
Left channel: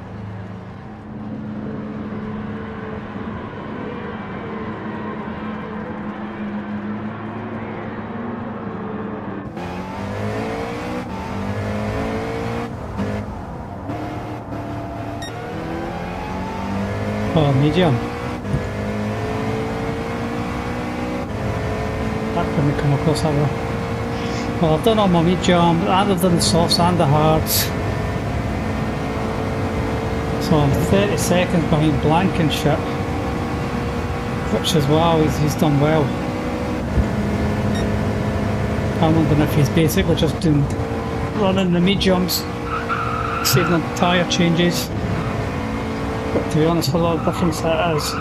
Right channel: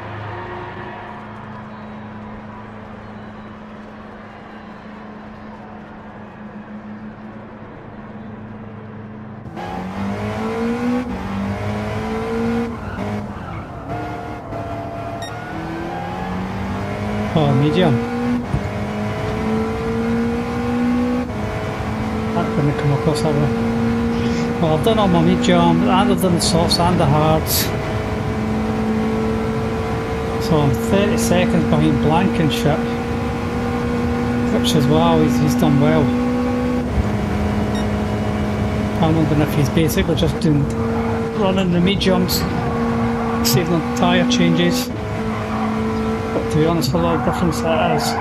Oh, medium. That didn't come across that way. Well, I've done all my medium, and I've done the softs and the hards. So I'm 30 seconds behind Blankenship, which is wow, he's done well. I'm wondering if he's basically just running the mediums, saving on tyre changes. But to be honest, a lot of difference that is.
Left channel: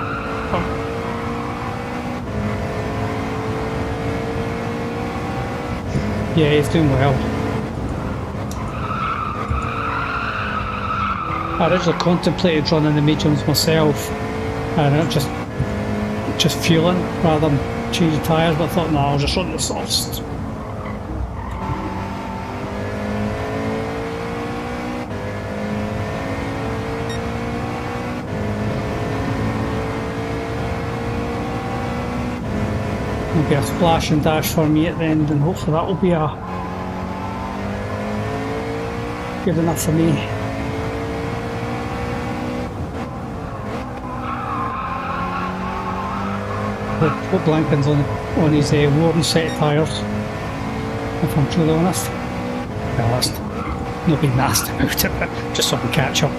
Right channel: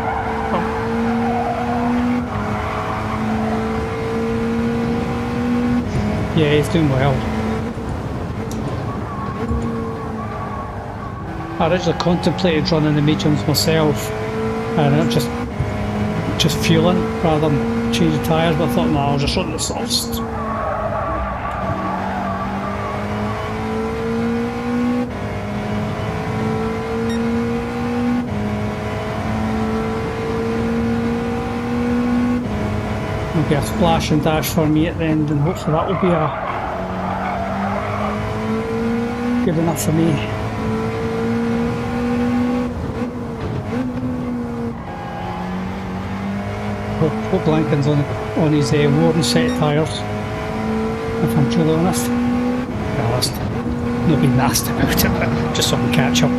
Yeah, he's doing well. I originally contemplated running the mediums myself, and I'm just fueling rather than changing tyres, but I thought, no, I'll just run the softs. There'll be a splash and dash for me at the end, and hopefully that will be good enough for me. Hope Blanken's on his worn set of tyres, if I'm truly honest. Well, that's not being nasty about it, but just so I can catch up.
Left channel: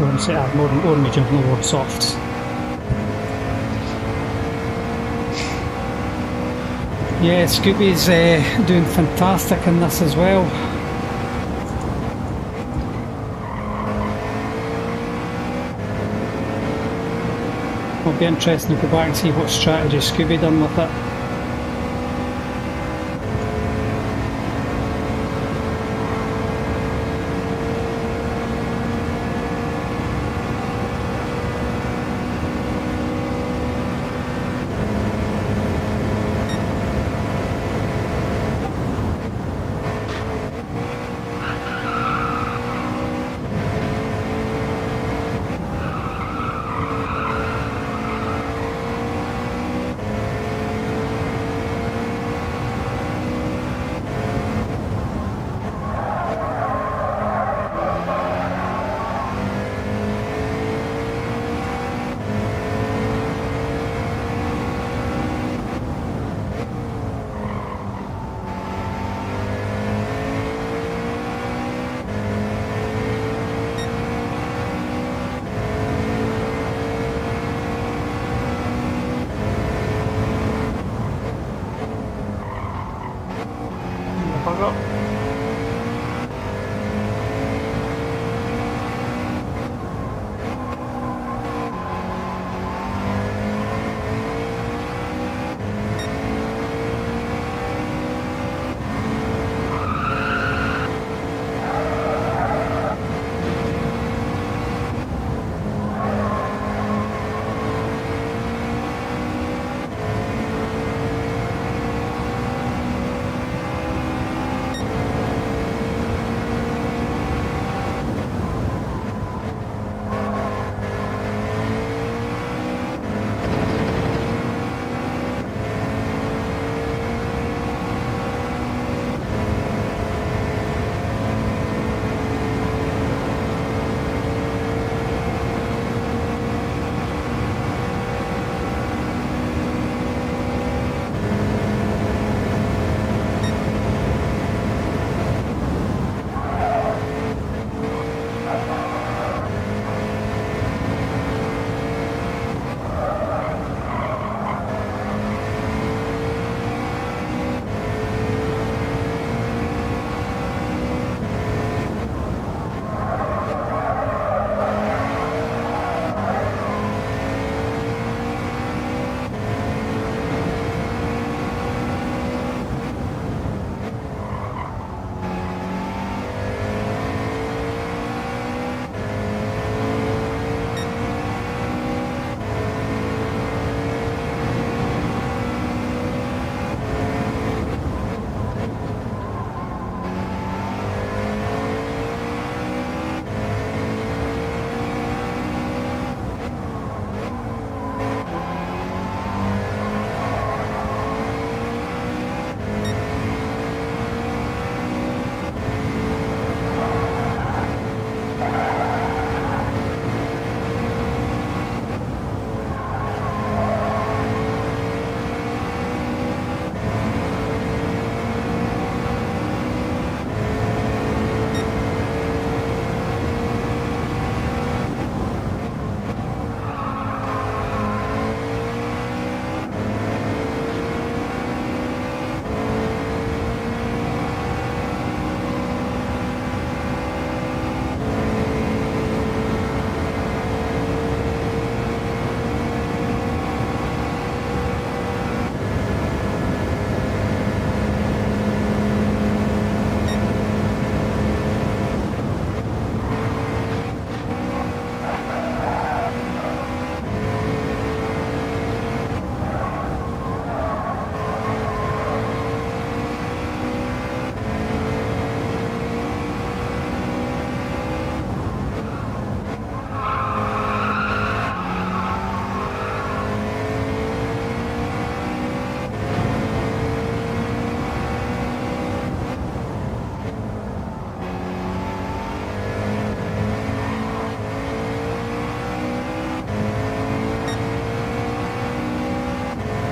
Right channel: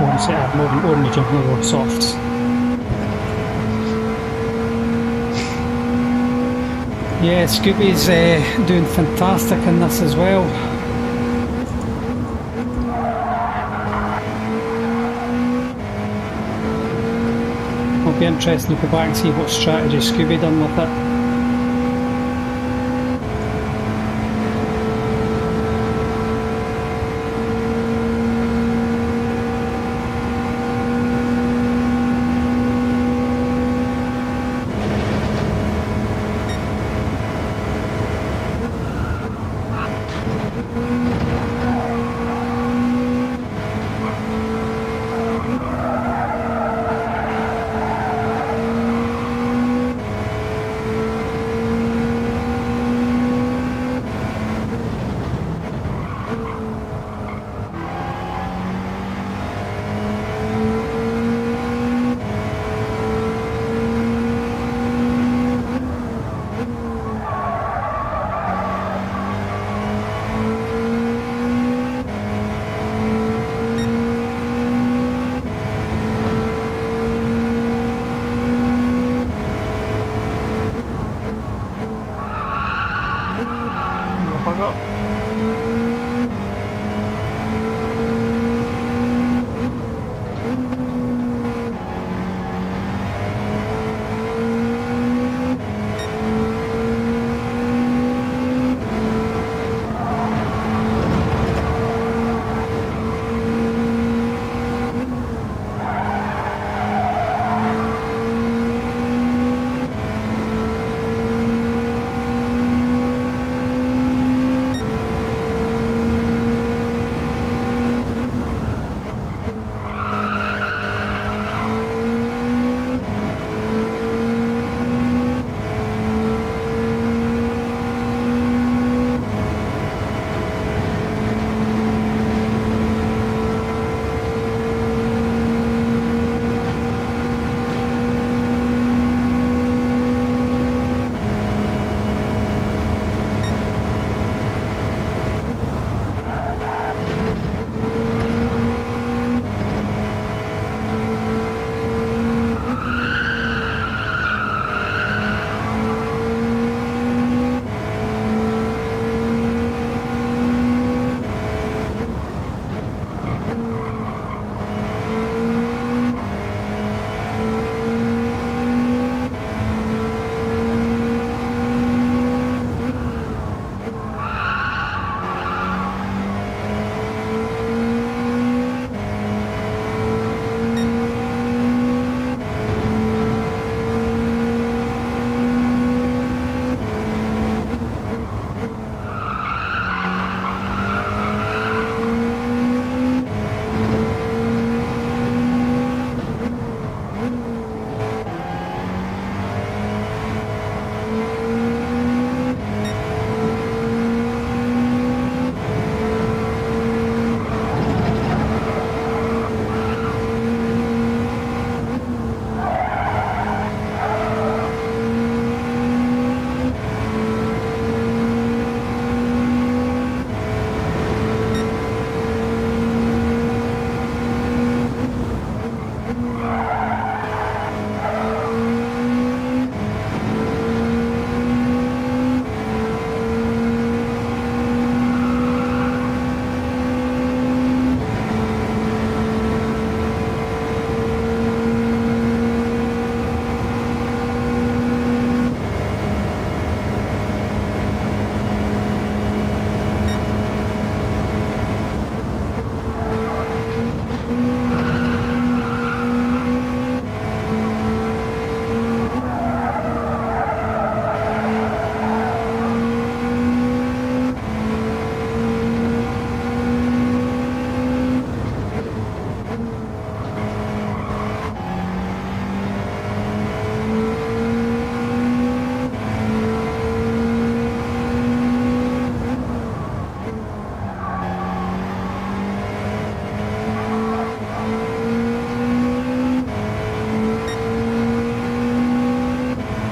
Worn set, more medium, no worn softs. Yeah, Scooby's doing fantastic in this as well. It'll be interesting to go back and see what strategy Scooby done with it.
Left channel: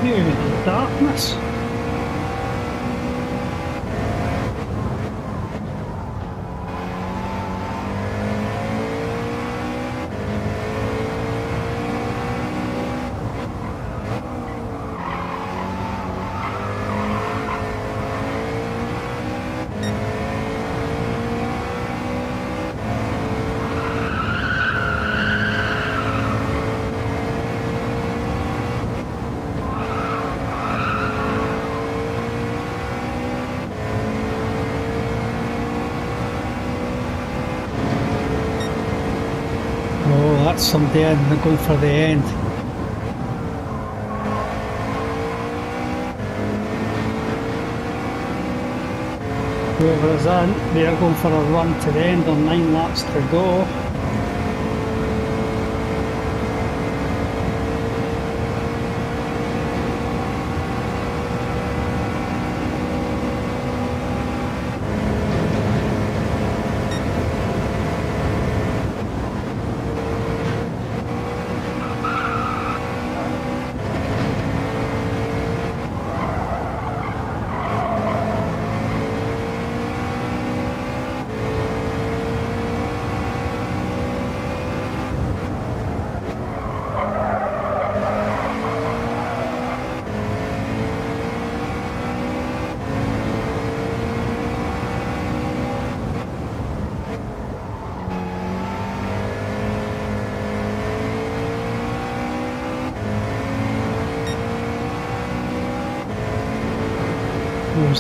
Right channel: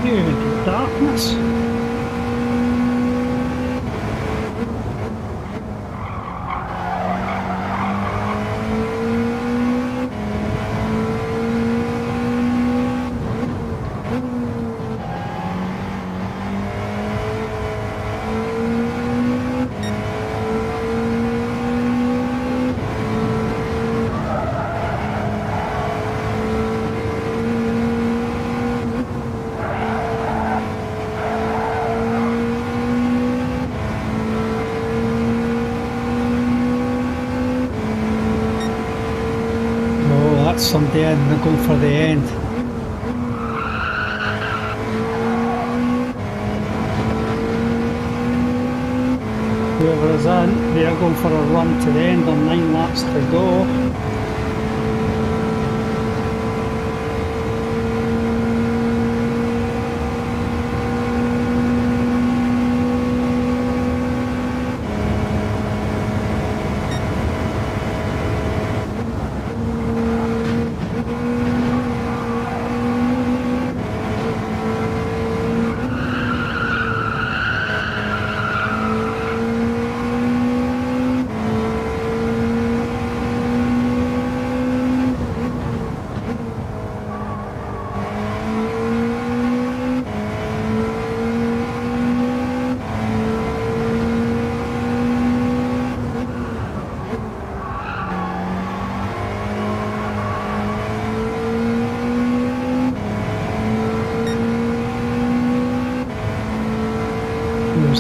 You even get darkness. That's somebody in, they're going for the end. Whoever is in, they're going for a run to the end on 9 laps to go.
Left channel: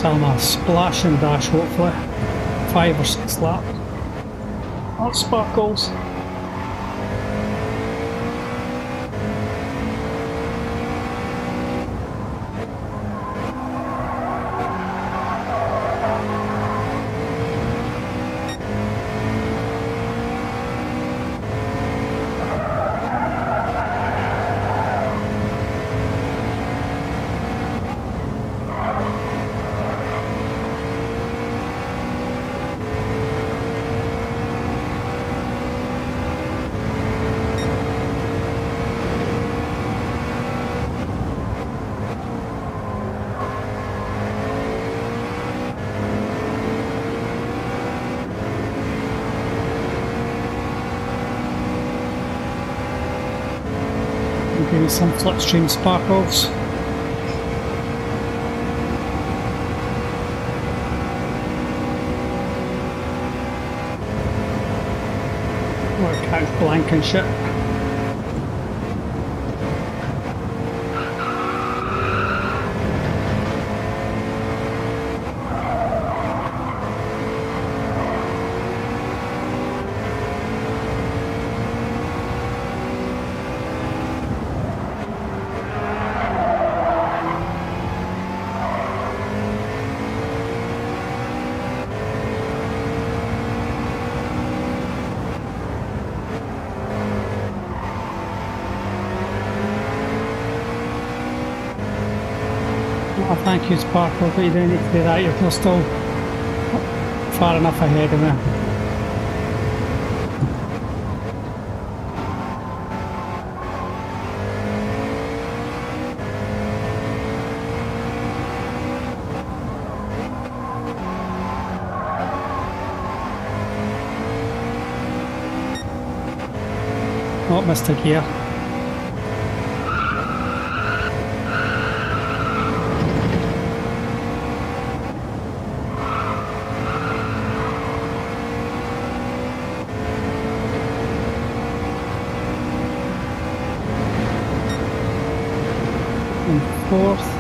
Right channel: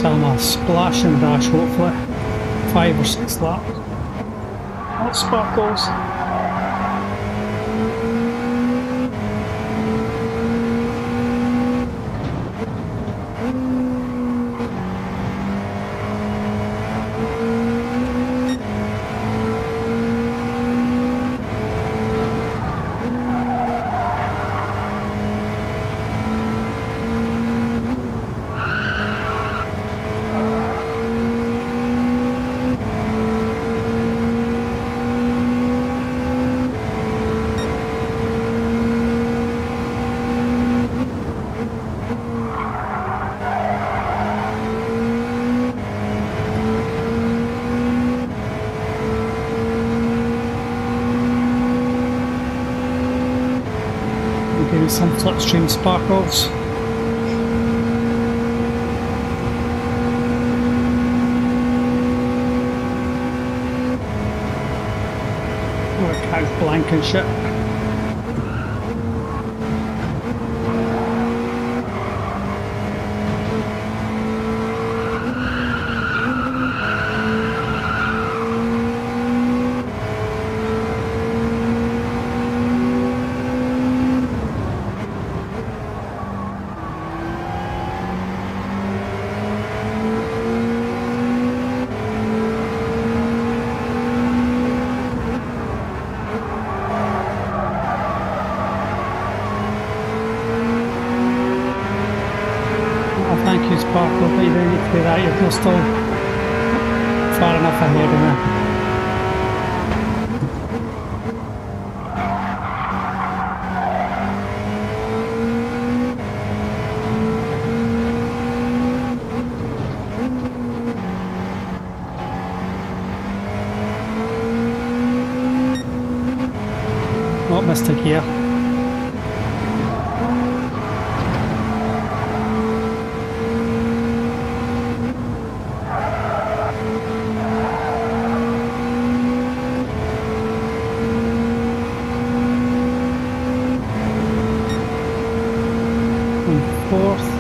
I'm a splash and dash, hopefully 5 or 6 laps. Not Sparkles. Give me some slipstream Sparkles. Or a couch blank and shit. Oh, thank you, Sparkle, but you don't need to do that, you're still far enough ahead of me. Oh, missed a gear. Fourth.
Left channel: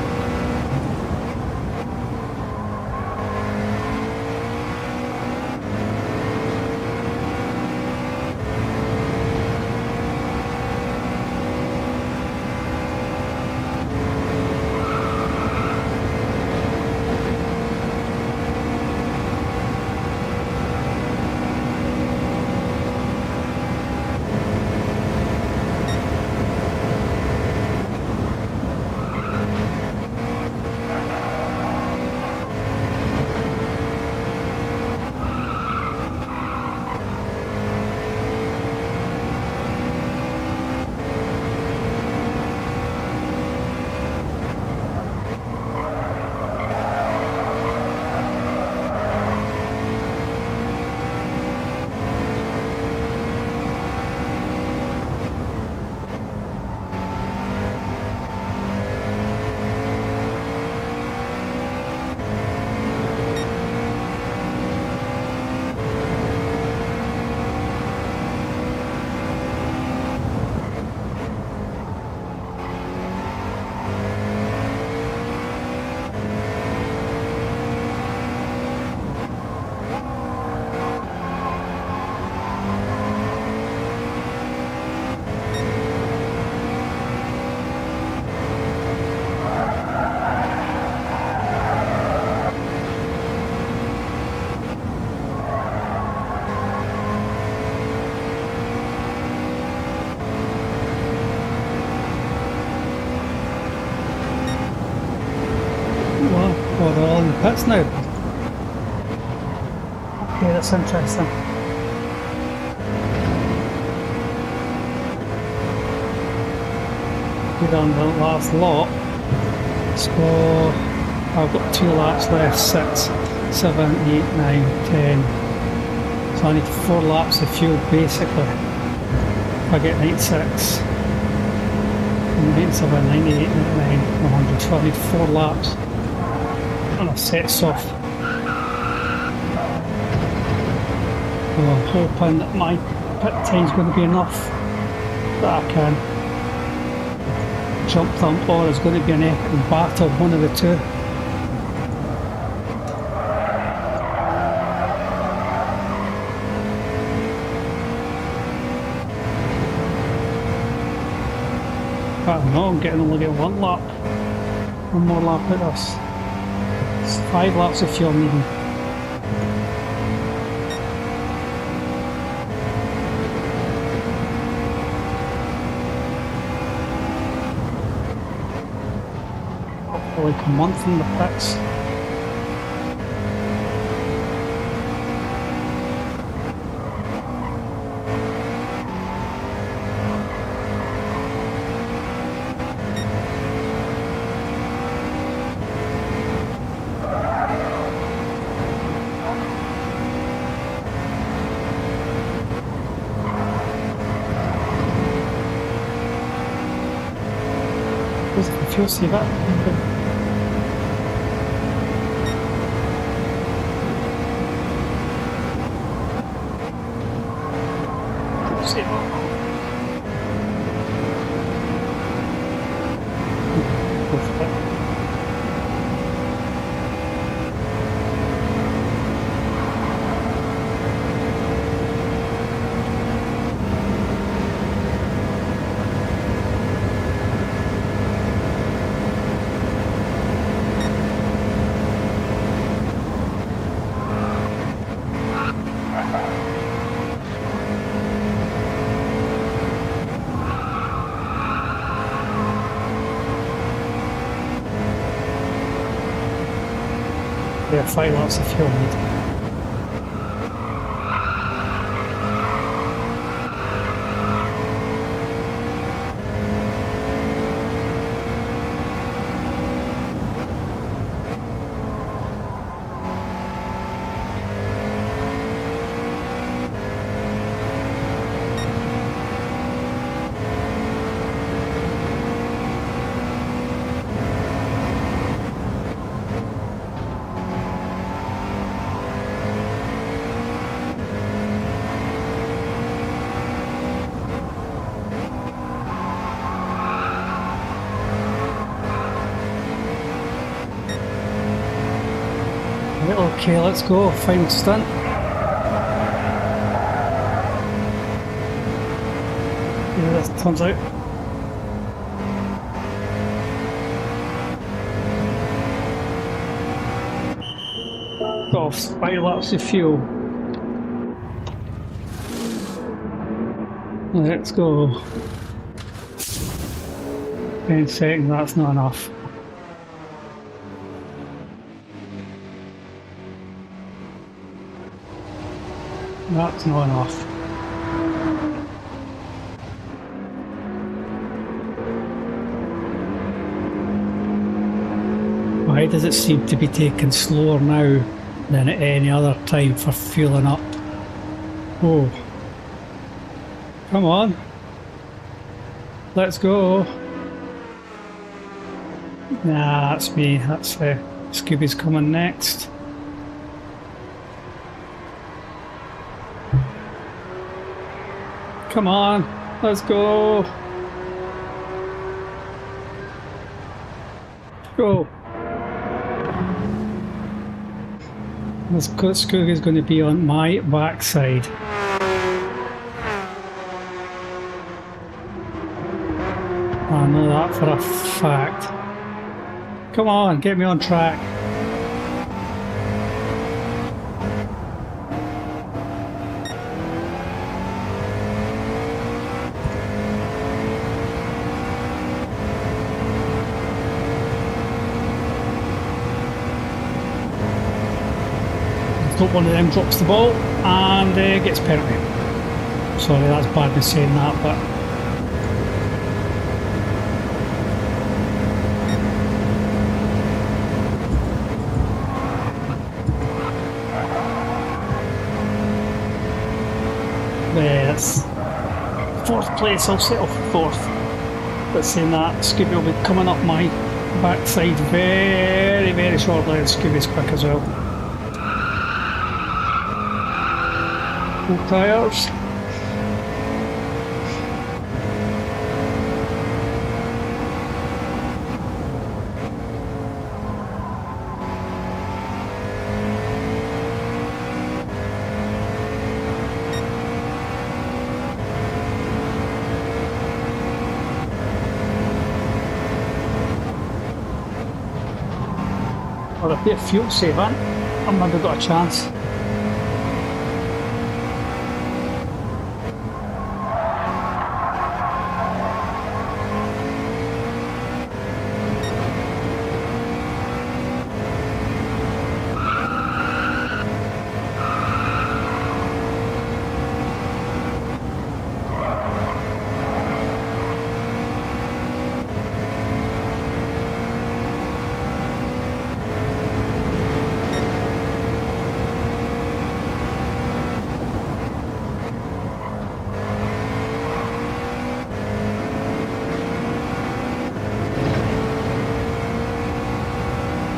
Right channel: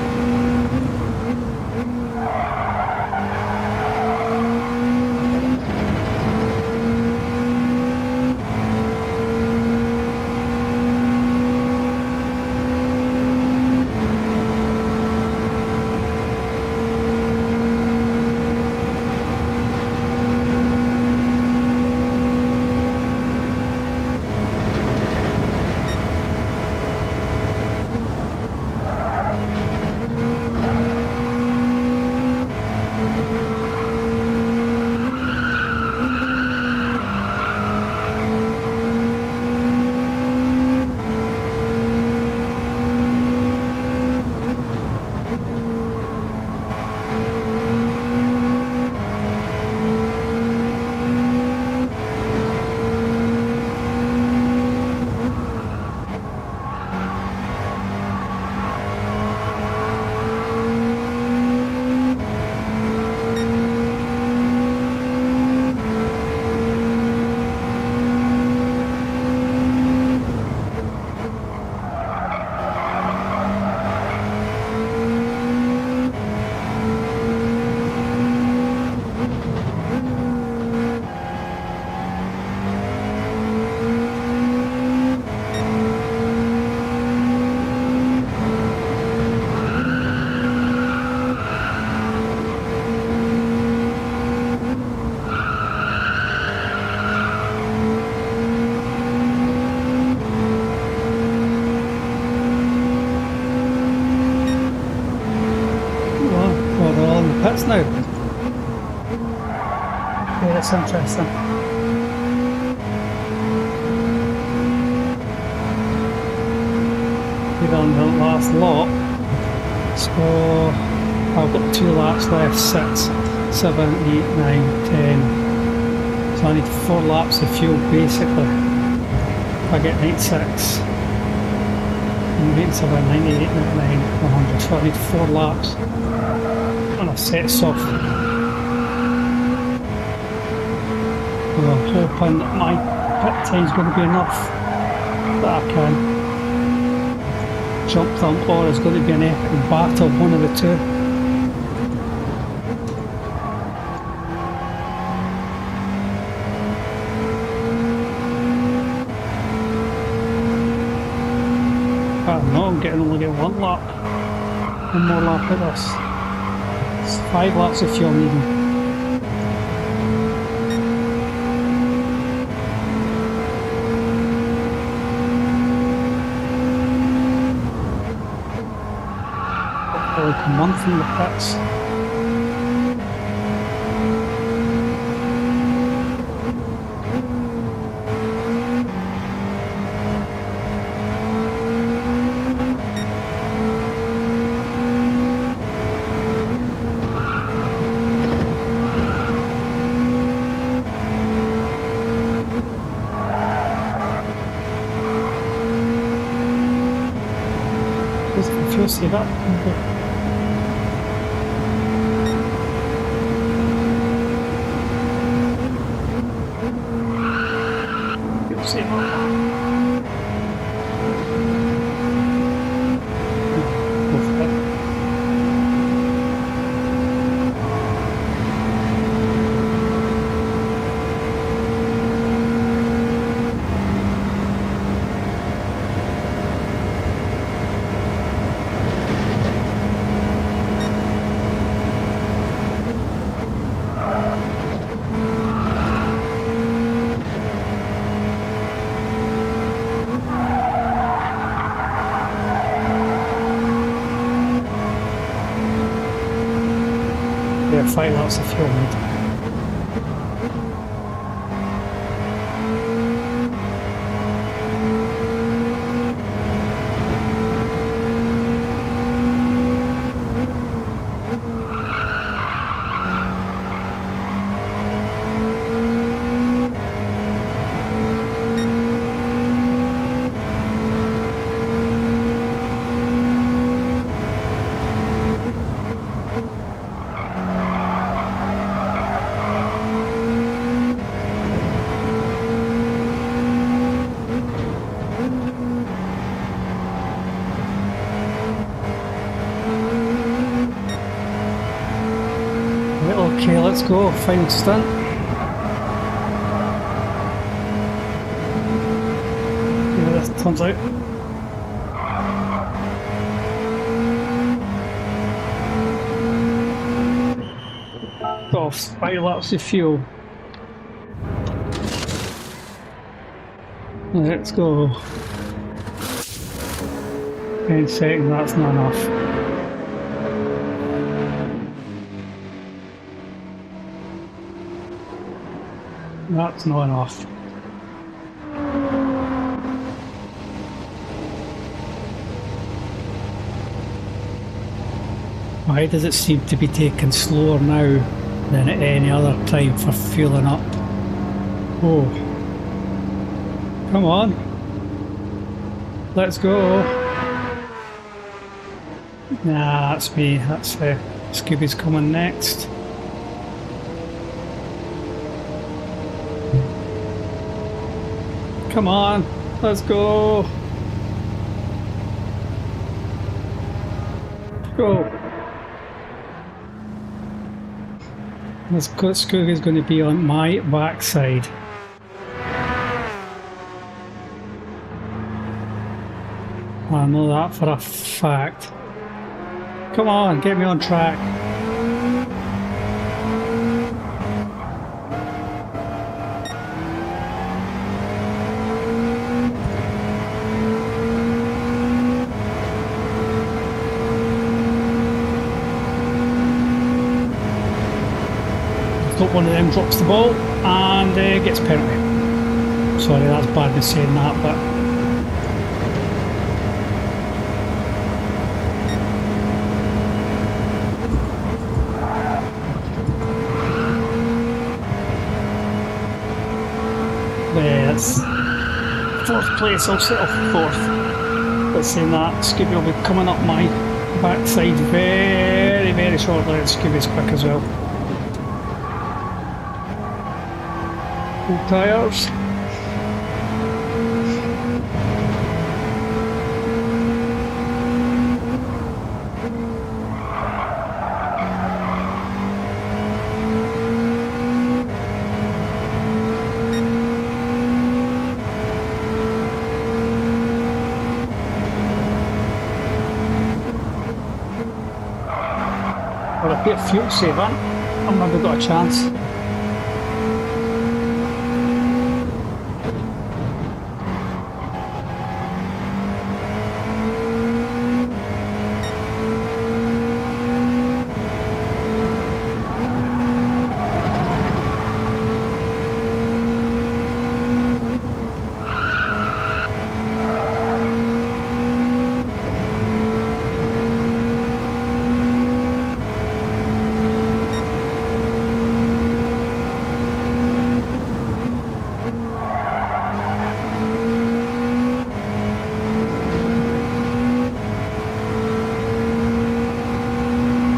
they're all in the pits now. Okay, that's interesting. We're on the last lap, so I've got 2 laps left, 6, 7, 8, 9, 10. So I need 4 laps of fuel basically. If I get 96, 97, 98, 99, 100, so I need 4 laps. And I've set off. So I'm hoping that my pit time's going to be enough that I can jump them, or it's going to be an epic battle, one of the two. I don't know, I'm only getting 1 lap. 1 more lap at this. It's 5 laps of fuel needing. Like a month in the pits. Does the fuel see that? Okay. See about that. Go for it. There are 5 laps of fuel needed. Okay, let's go. Final stunt. Yeah, this turns out. Off 5 laps of fuel. Let's go. 10 seconds, that's not enough. That's not enough. Why does it seem to be taking slower now than at any other time for fueling up? Oh. Come on. Let's go. Nah, that's me. That's Scooby's coming next. Come on, let's go. Go. This Scooby is going to be on my backside. I know that for a fact. Come on, get me on track. hope one of them drops the ball and gets penalty. Sorry, that's bad me saying that, but that's 4th place. I'll settle for 4th. But saying that, Scooby will be coming up my backside very, very shortly, and Scooby's quick as well. Full tyres. Or a bit of fuel saving, I've maybe got a chance.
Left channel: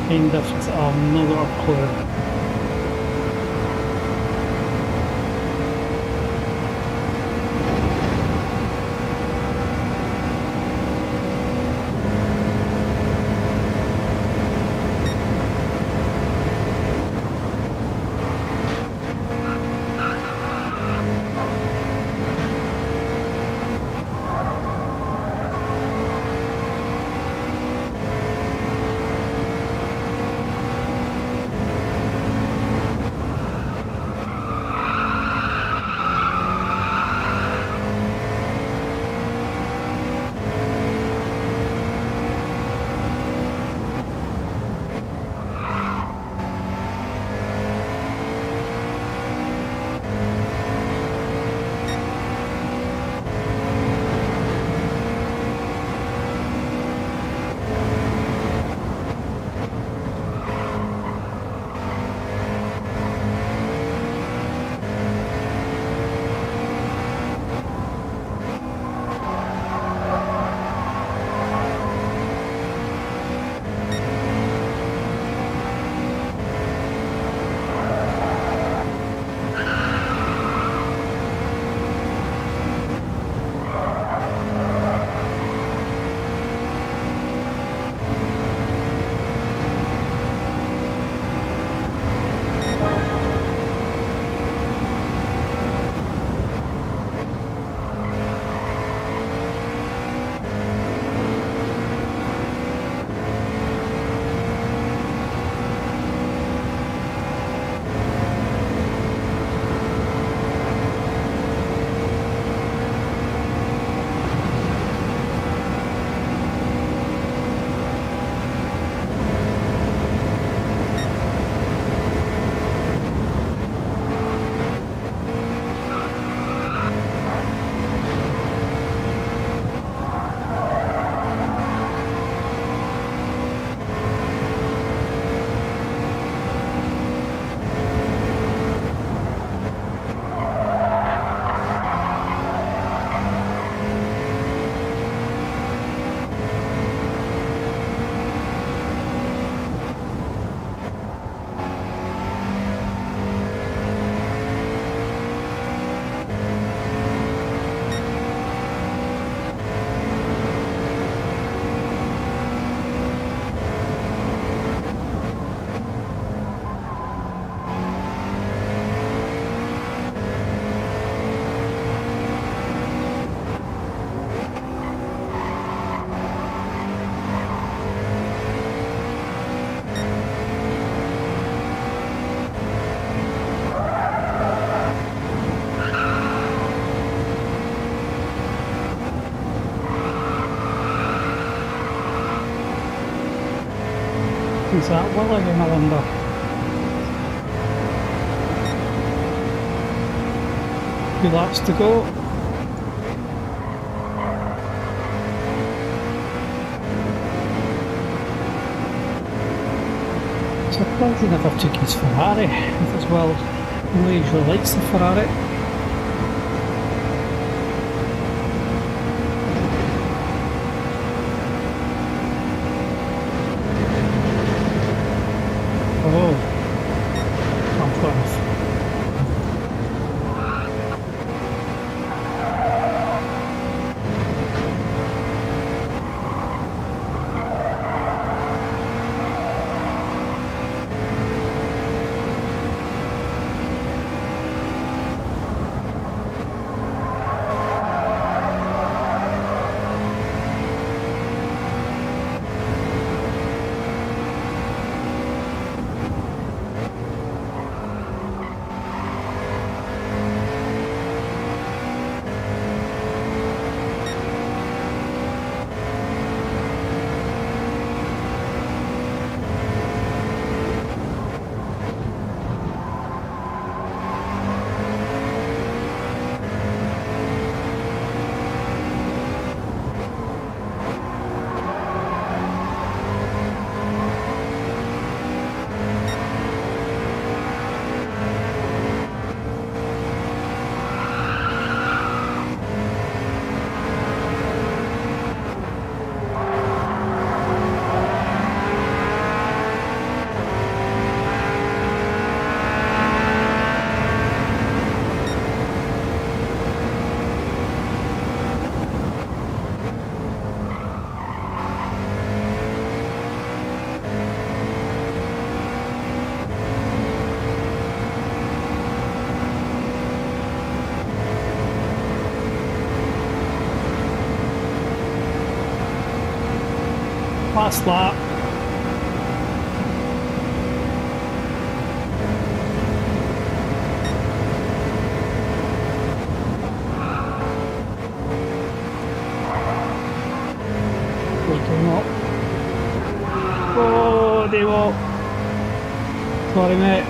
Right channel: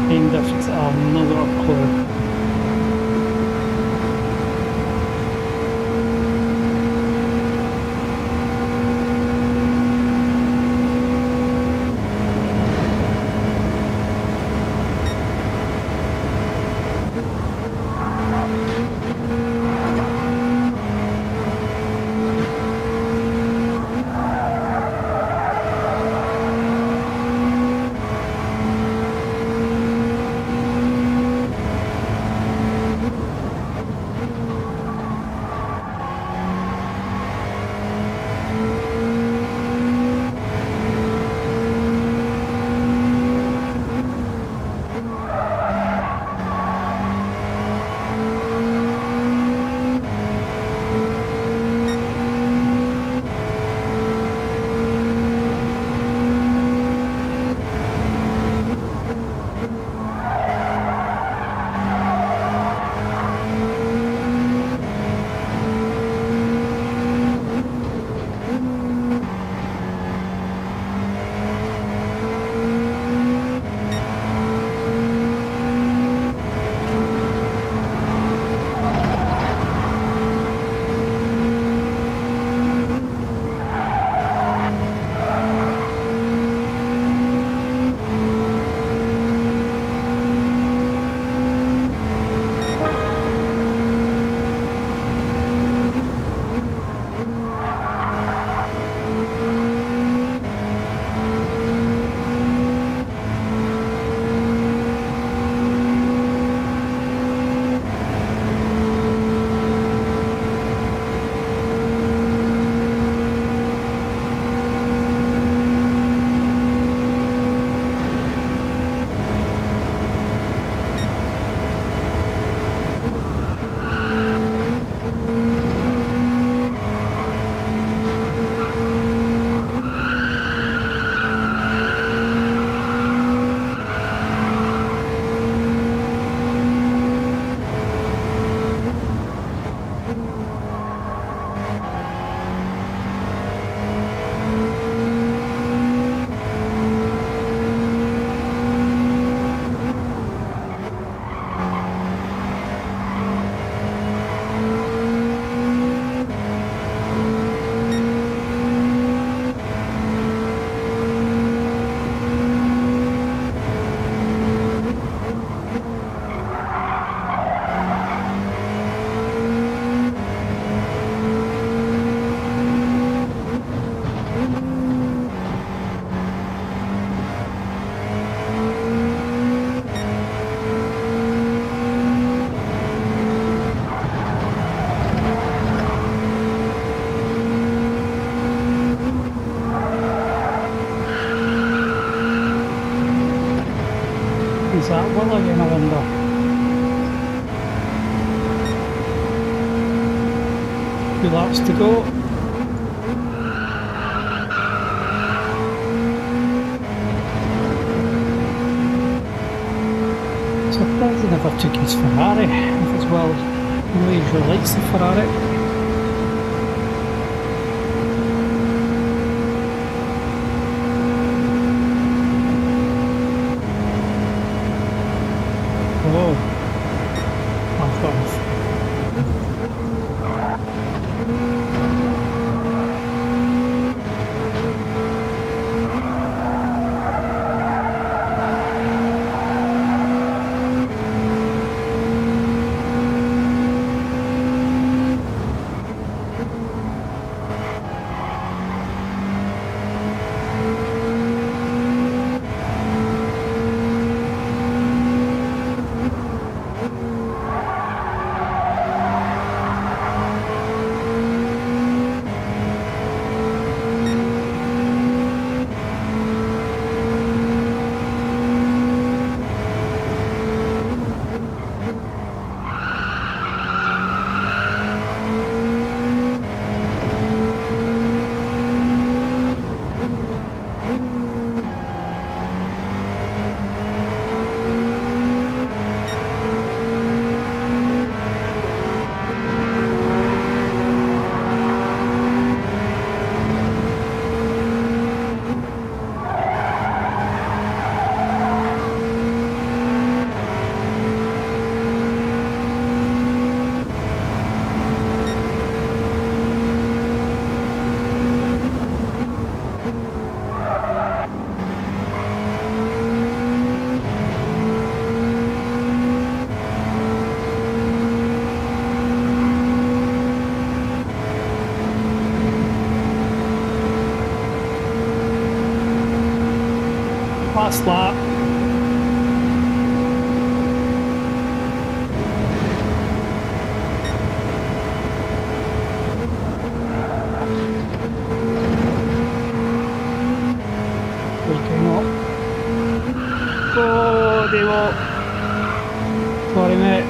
Time difference, I've no got a clue. Is that well again, I wonder? 2 laps to go. Surprised he never took his Ferrari, as well. I know he usually likes the Ferrari. Oh, I've got enough. Last lap. Oh, they will. Sorry, mate.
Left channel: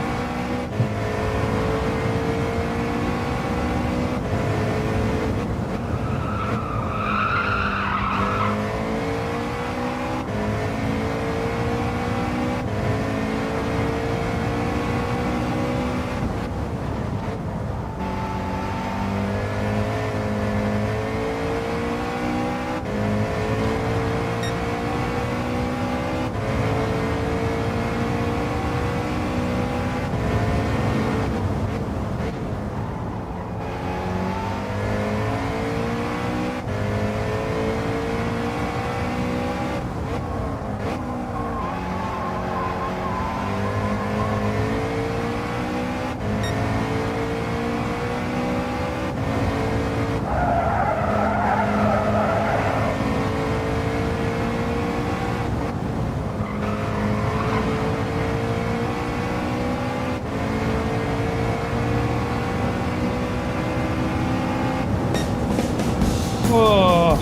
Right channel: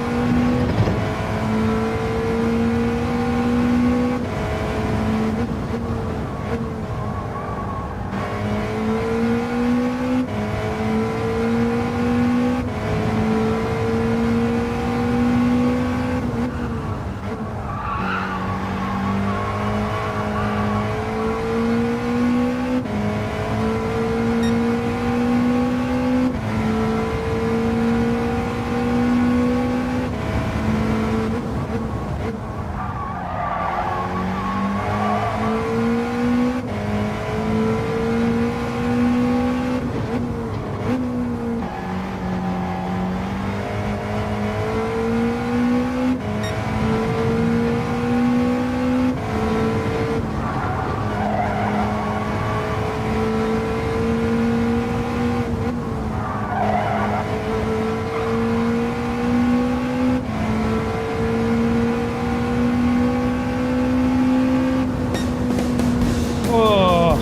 Oh,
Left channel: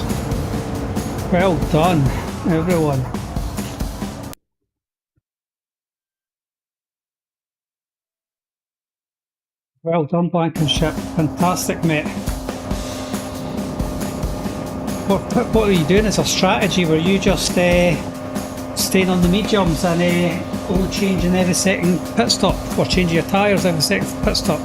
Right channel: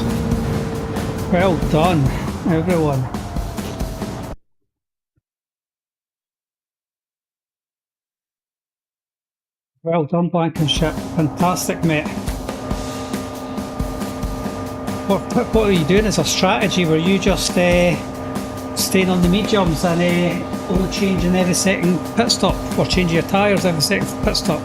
well done, everyone. Well done, Blankenship. Fantastic, mate. What are you doing? It's a strategy where you just staying on the mediums and only changing every second pit stop, or changing your tyres every second pit stop.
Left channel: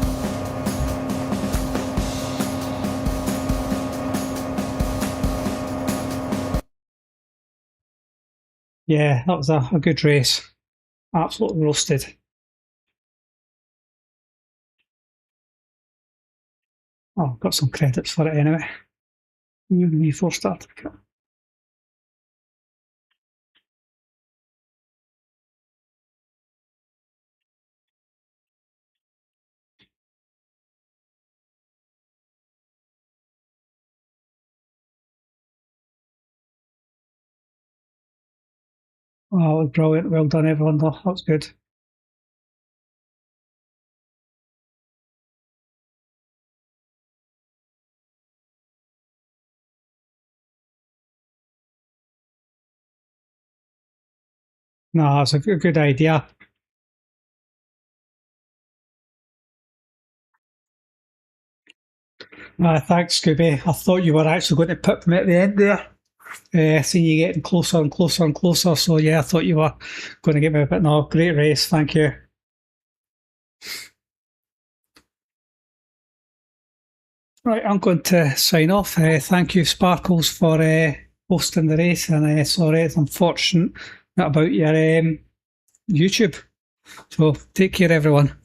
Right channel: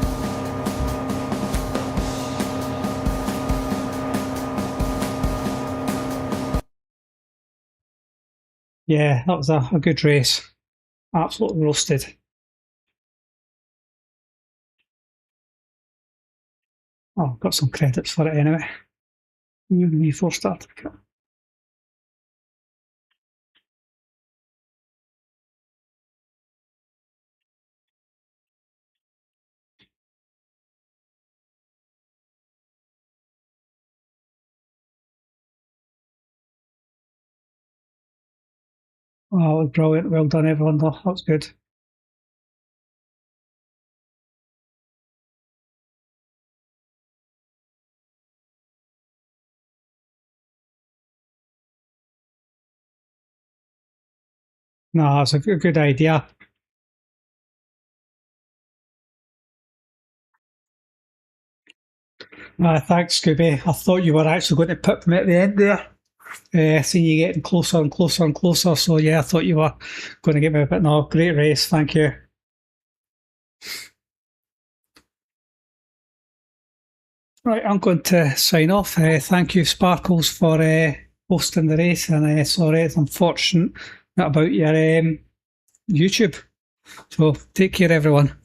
Yeah, that was a good race. Absolutely roasted. Oh, got some credits for it anyway. New 4 starter kit. Oh, brilliant. Well done, everyone, though. That was good. No, it's a good idea. Thanks, Scooby. I thought you were actually going to put me at the end there. Seeing you getting closer and closer and closer. So yeah, I thought you were going to get me a bit. No, great race. Thank you. Right, I'm going to sign off. Thank you, Sparkles, for hosting the race. And sorry, it's unfortunate about your YouTube. So take care, everyone.